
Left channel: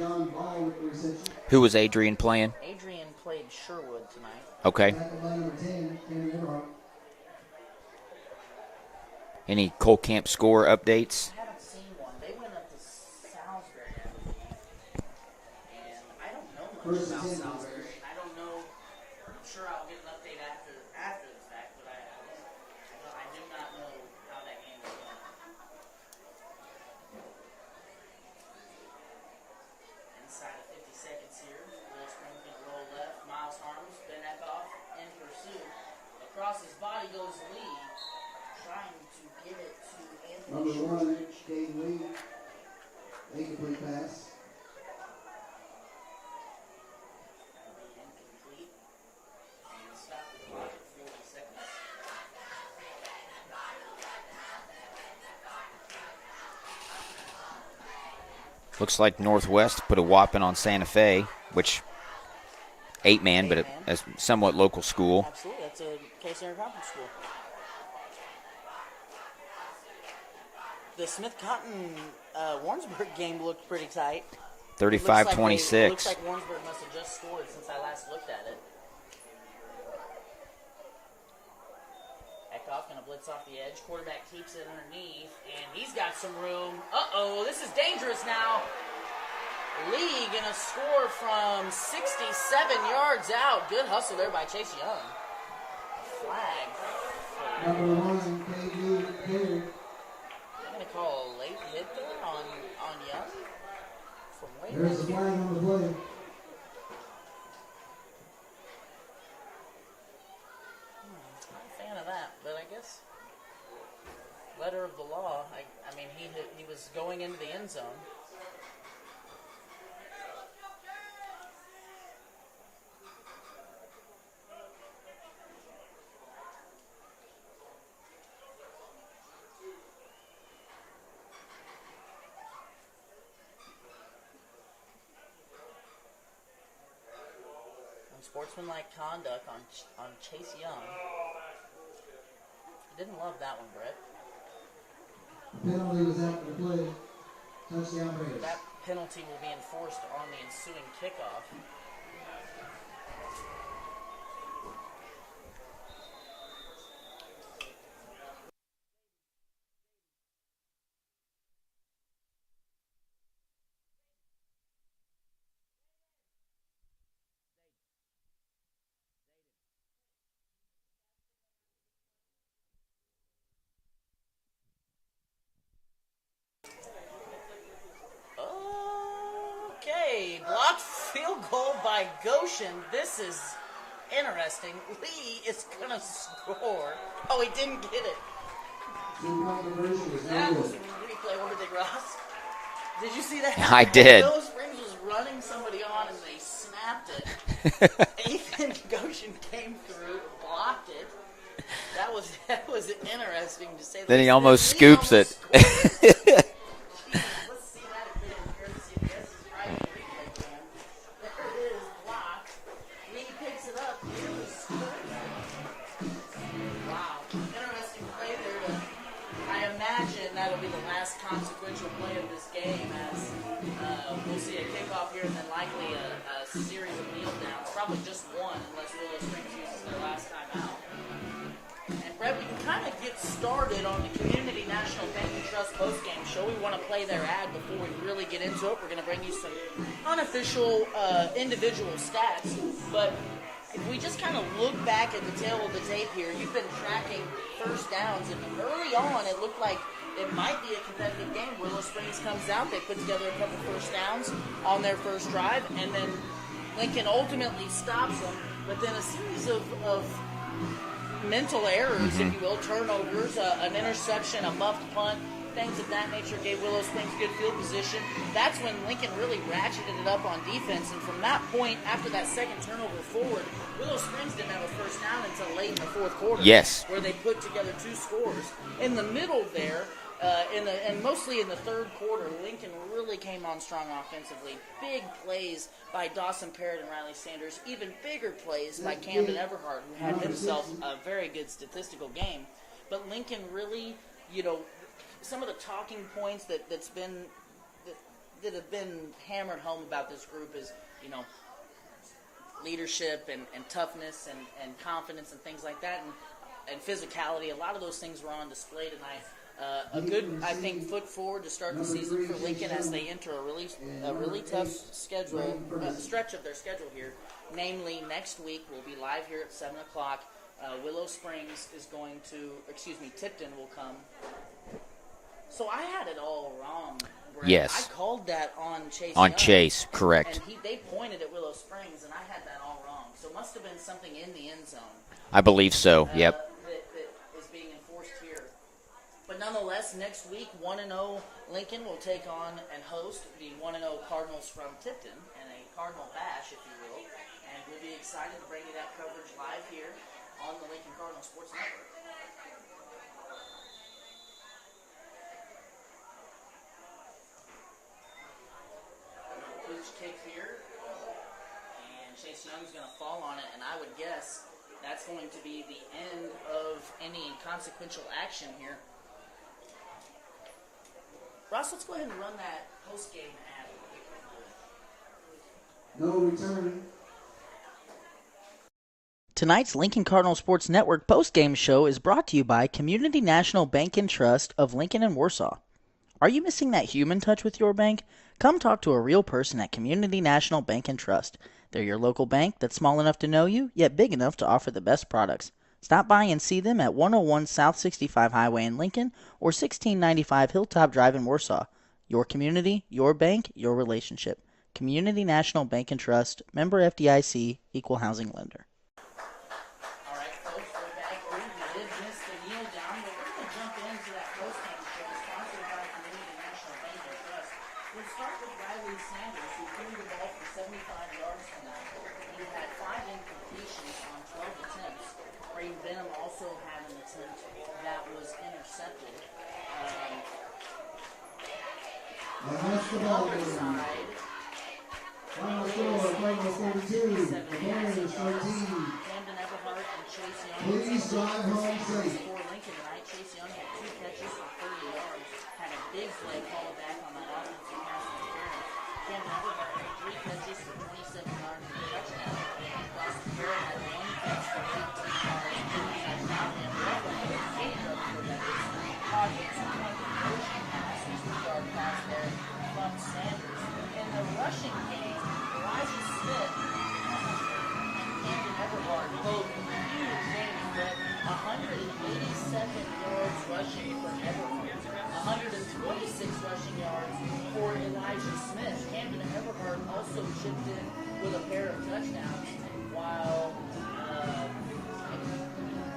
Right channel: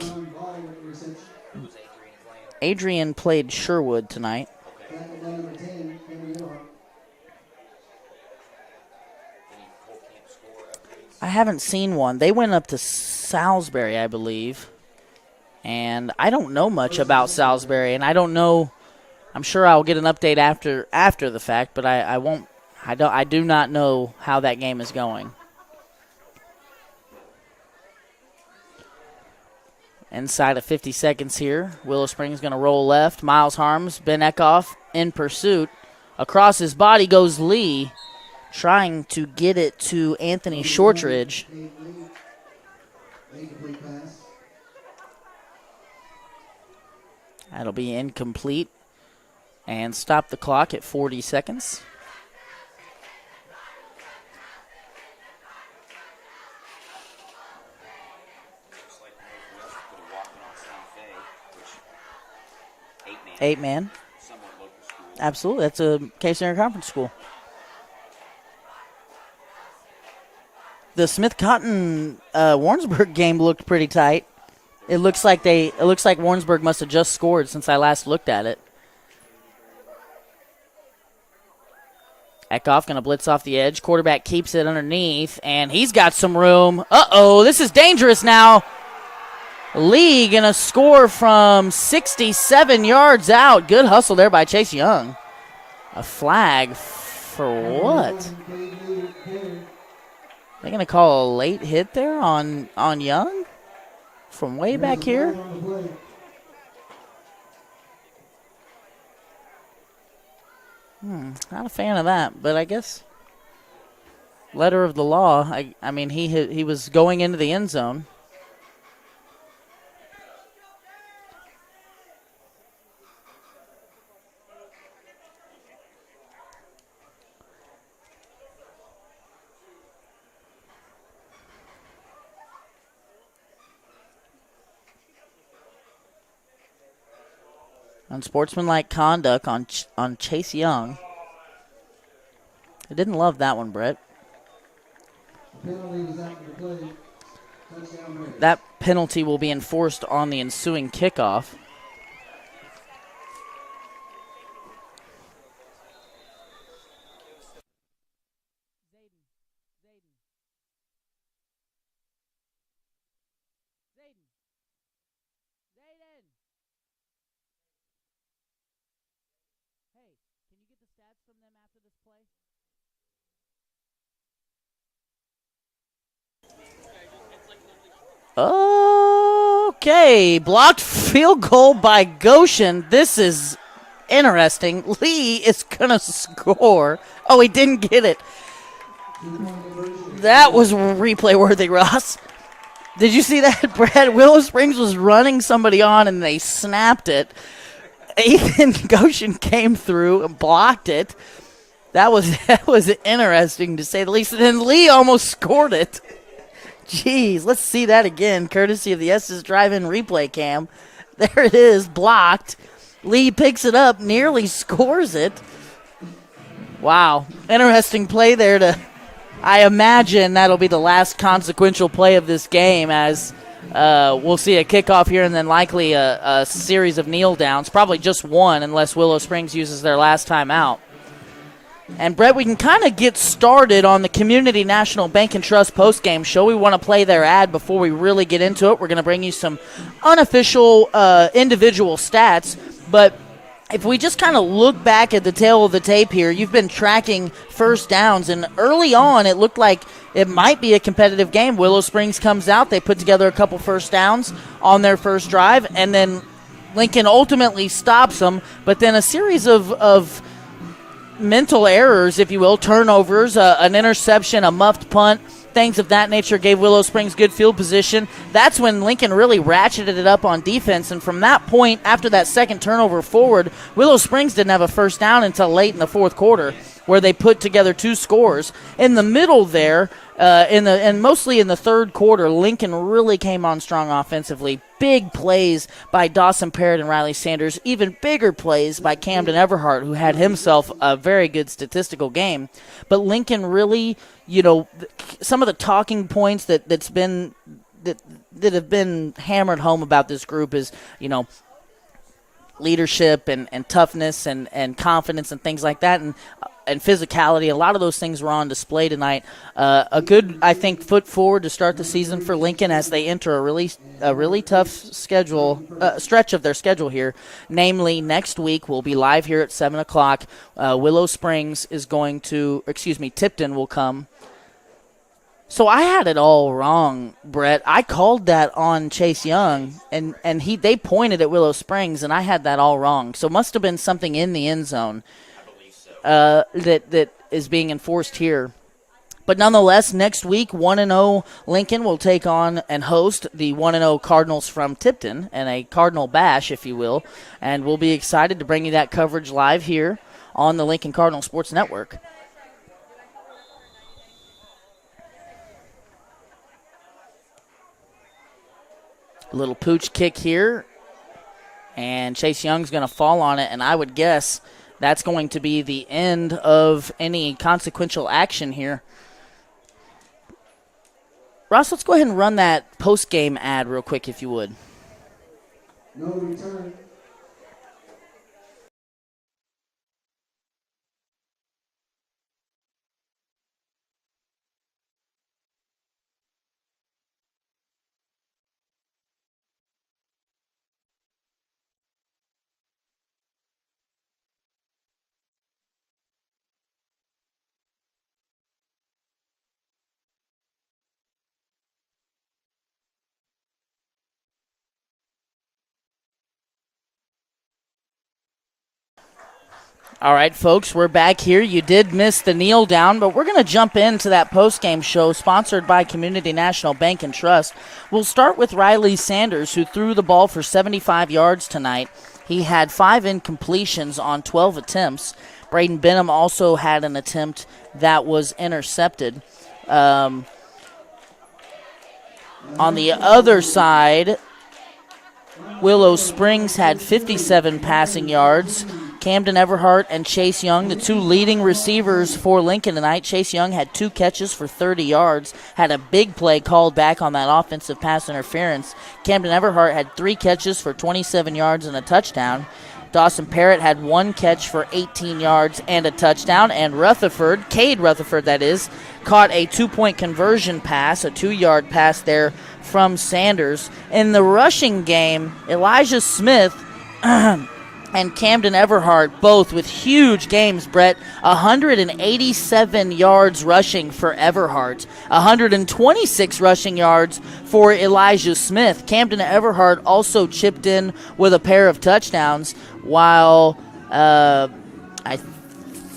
Who was Adrian playing? Adrian played Sherwood tonight. Okay. Any Cole Camp score updates? I haven't seen one. They went up to Salisbury, I believe. And I don't know much about Salisbury, and I don't know. I'm sure I'll get an update after the fact, but I won't. I do not know how that game is going. Inside of 50 seconds here, Willow Springs going to roll left. Miles Harms, Ben Eckhoff in pursuit. Across his body goes Lee, trying to get it to Anthony Shortridge. That'll be incomplete. And stop the clock at 40 seconds. Looks like Northwest put a whopping on Santa Fe, which 8-man, but a somewhat local school. Absolutely. That's a K-Center Conference school. The Smith-Cotton Warrensburg game looked pretty tight. It looks like Warrensburg must have just scored since I last looked at it. Eckhoff going to blitz off the edge. Quarterback keeps it underneath, and he's got some room. Uh-oh, this is dangerous now. Lee going to score from 67 yards out. Good hustle there by Chase Young. A flag for what? They're going to call a late hit there on Young from way back here. Not a fan of that, but I guess letter of the law. I mean, he was going into the end zone. Unsportsmanlike conduct on Chase Young. I didn't love that one, Brett. Penalty was after the play. Touchdown Braves. That penalty will be enforced on the ensuing kickoff. Okay, blocked field goal by Goshen. This is interesting. Lee is going to score. Oh, he didn't get it. That was replay worthy, Ross. Did you see that? I did. Willow Springs was running somebody on, and they snapped it. Ethan Goshen came through and blocked it. That was interesting to say the least. And then Lee almost scored it. Jeez, let's see that again, courtesy of the S's Drive-In replay cam. There it is, blocked. Lee picks it up, nearly scores it. Wow, interesting play there. I imagine that'll be the last consequential play of this game, as we'll see a kickoff here and then likely a series of kneel downs. Probably just one, unless Willow Springs uses their last time out. And, Brett, we can kind of get started on the Community National Bank and Trust postgame show. We want to play their ad before we really get into it. We're going to bring you some unofficial individual stats. But if we just kind of look back at the tail of the tape here, you've been tracking first downs. And early on, it looked like it might be a competitive game. Willow Springs comes out. They put together a couple first downs on their first drive. And then Lincoln ultimately stops them. But then a series of mental errors, if you will, turnovers, an interception, a muffed punt things of that nature gave Willow Springs good field position. That's when Lincoln really ratcheted it up on defense, and from that point, after that second turnover forward, Willow Springs didn't have a first down until late in the fourth quarter. Yes. Where they put together 2 scores. In the middle there, and mostly in the third quarter, Lincoln really came on strong offensively. Big plays by Dawson Parrott and Riley Sanders. Even bigger plays by Camden Everhart, who had himself a very good statistical game. But Lincoln really, some of the talking points that have been hammered home about this group is, leadership and toughness and confidence and things like that, and physicality. A lot of those things were on display tonight. A good, I think, foot forward to start the season for Lincoln as they enter a really tough stretch of their schedule here. Namely, next week we'll be live here at 7 o'clock. Willow Springs is going to, Tipton will come. So I had it all wrong, Brett. Yes. I called that on Chase On Young. Chase, correct. And they pointed at Willow Springs, and I had that all wrong. So it must have been something in the end zone. I believe so. That is being enforced here. But nonetheless, next week, 1-0 Lincoln will take on and host the 1-0 Cardinals from Tipton, and a Cardinal bash, if you will. And we'll be excited to bring you that coverage live here on the Lincoln Cardinal Sports Network. A little pooch kick here, and Chase Young's going to fall on it, and I would guess that's going to be the end of any consequential action here. Ross, let's go ahead and run that post-game ad real quick, if you would. No return. Tonight's Lincoln Cardinal Sports Network post-game show is brought to you by Community National Bank and Trust of Lincoln and Warsaw. Are you missing that human touch with your bank? Come talk to a real person at Community National Bank and Trust. They're your local bank that's small enough to know you, yet big enough to offer the best products. Stop by and see them at 101 South 65 Highway in Lincoln or 1695 Hilltop Drive in Warsaw. Your community, your bank, your relationship. Community National Bank and Trust, member FDIC, equal housing lender. All right, folks, we're back here. You did miss the kneel down, but we're going to jump into that post-game show sponsored by Community National Bank and Trust. We'll start with Riley Sanders, who threw the ball for 75 yards tonight. He had 5 incompletions on 12 attempts. Braden Benham also had an attempt that was intercepted. On the other side, Willow Springs had 57 passing yards. Camden Everhart and Chase Young, the 2 leading receivers for Lincoln tonight. Chase Young had 2 catches for 30 yards, had a big play called back on that offensive pass interference. Camden Everhart had 3 catches for 27 yards and a touchdown. Dawson Parrott had 1 catch for 18 yards and a touchdown. And Cade Rutherford, that is, caught a 2-point conversion pass, a 2-yard pass there from Sanders. In the rushing game, Elijah Smith and Camden Everhart, both with huge games, Brett. 187 yards rushing for Everhart. 126 rushing yards for Elijah Smith. Camden Everhart also chipped in with a pair of touchdowns, while I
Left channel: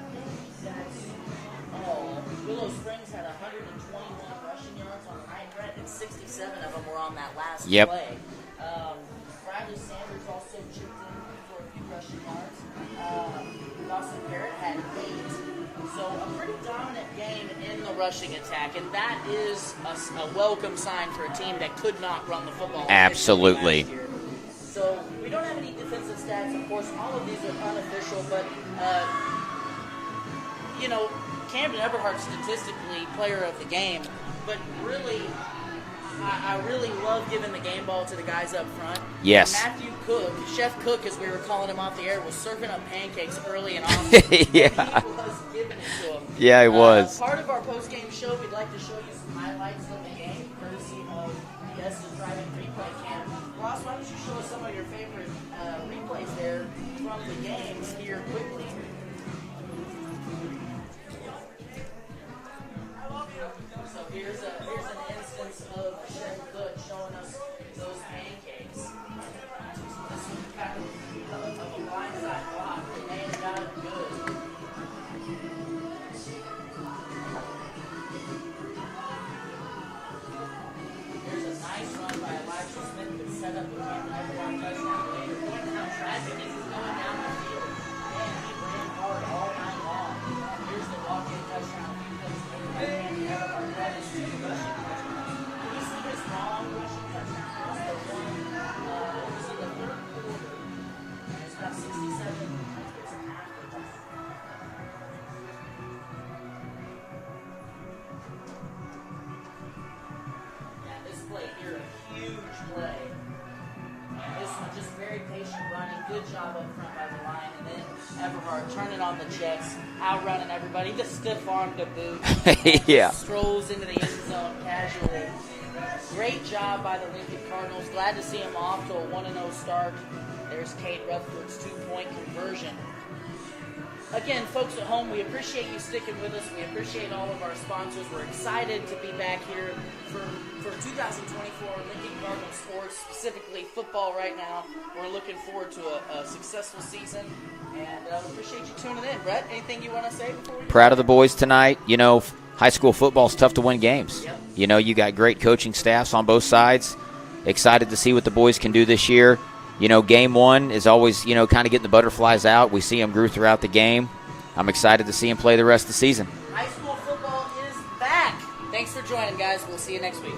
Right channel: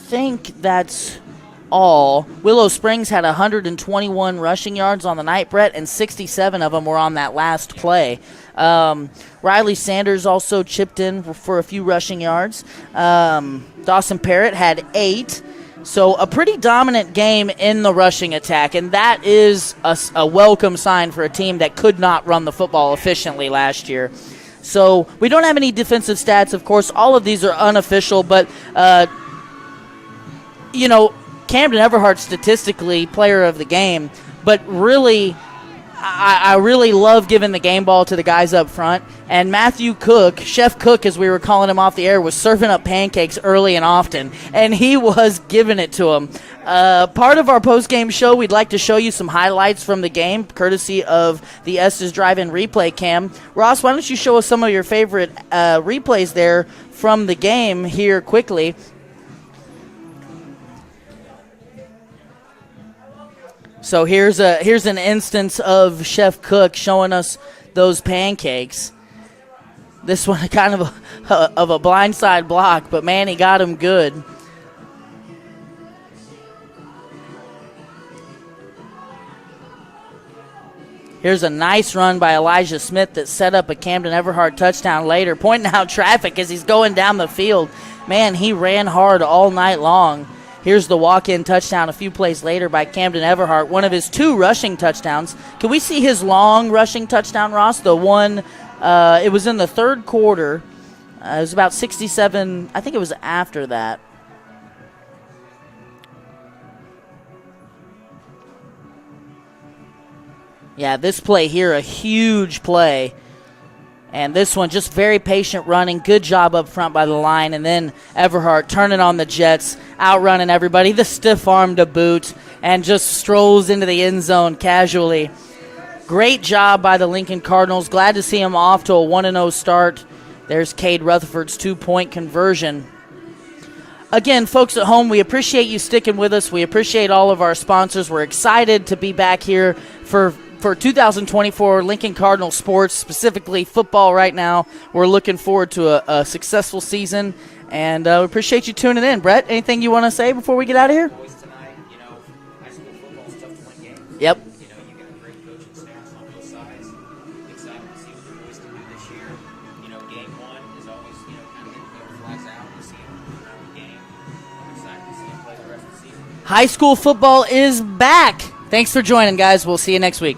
think that's all. Willow Springs had 121 rushing yards on the night, Brett, and 67 of them were on that last play. Riley Sanders also chipped in for a few rushing yards. Dawson Parrott had 8. So a pretty dominant game in the rushing attack, and that is a welcome sign for a team that could not run the football efficiently last year. So we don't have any defensive stats, of course. All of these are unofficial, but, Camden Everhart statistically player of the game, but really I really love giving the game ball to the guys up front. Yes. And Matthew Cook, Chef Cook as we were calling him off the air, was serving up pancakes early and often, and he was giving it to him. Yeah, he was. Part of our post-game show, we'd like to show you some highlights from the game, courtesy of the Estes Drive-In Replay Cam. Ross, why don't you show us some of your favorite replays there from the game here quickly. So here's an instance of Chef Cook showing us those pancakes. This one kind of a blindside block, but man, he got him good. Here's a nice run by Elijah Smith that set up a Camden Everhart touchdown later, pointing out traffic as he's going down the field. Man, he ran hard all night long. Here's the walk-in touchdown a few plays later by Camden Everhart, one of his 2 rushing touchdowns. Can we see his long rushing touchdown, Ross? The one, it was in the third quarter. It was about 67, I think it was after that. Yeah, this play here, a huge play. And this one, just very patient running. Good job up front by the line. And then Everhart turning on the Jets, outrunning everybody. The stiff arm to boot, and just strolls into the end zone casually. Great job by the Lincoln Cardinals. Glad to see him off to a 1-0 start. There's Cade Rutherford's 2-point conversion. Again, folks at home, we appreciate you sticking with us. We appreciate all of our sponsors. We're excited to be back here for 2024 Lincoln Cardinal sports, specifically football right now. We're looking forward to a successful season, and we appreciate you tuning in. Brett, anything you want to say before we get out of here? Proud of the boys tonight. You know, high school football is tough to win games. Yep. You know, you got great coaching staffs on both sides. Excited to see what the boys can do this year. You know, game 1 is always, you know, kind of getting the butterflies out. We see them grow throughout the game. I'm excited to see them play the rest of the season. High school football is back. Thanks for joining, guys. We'll see you next week.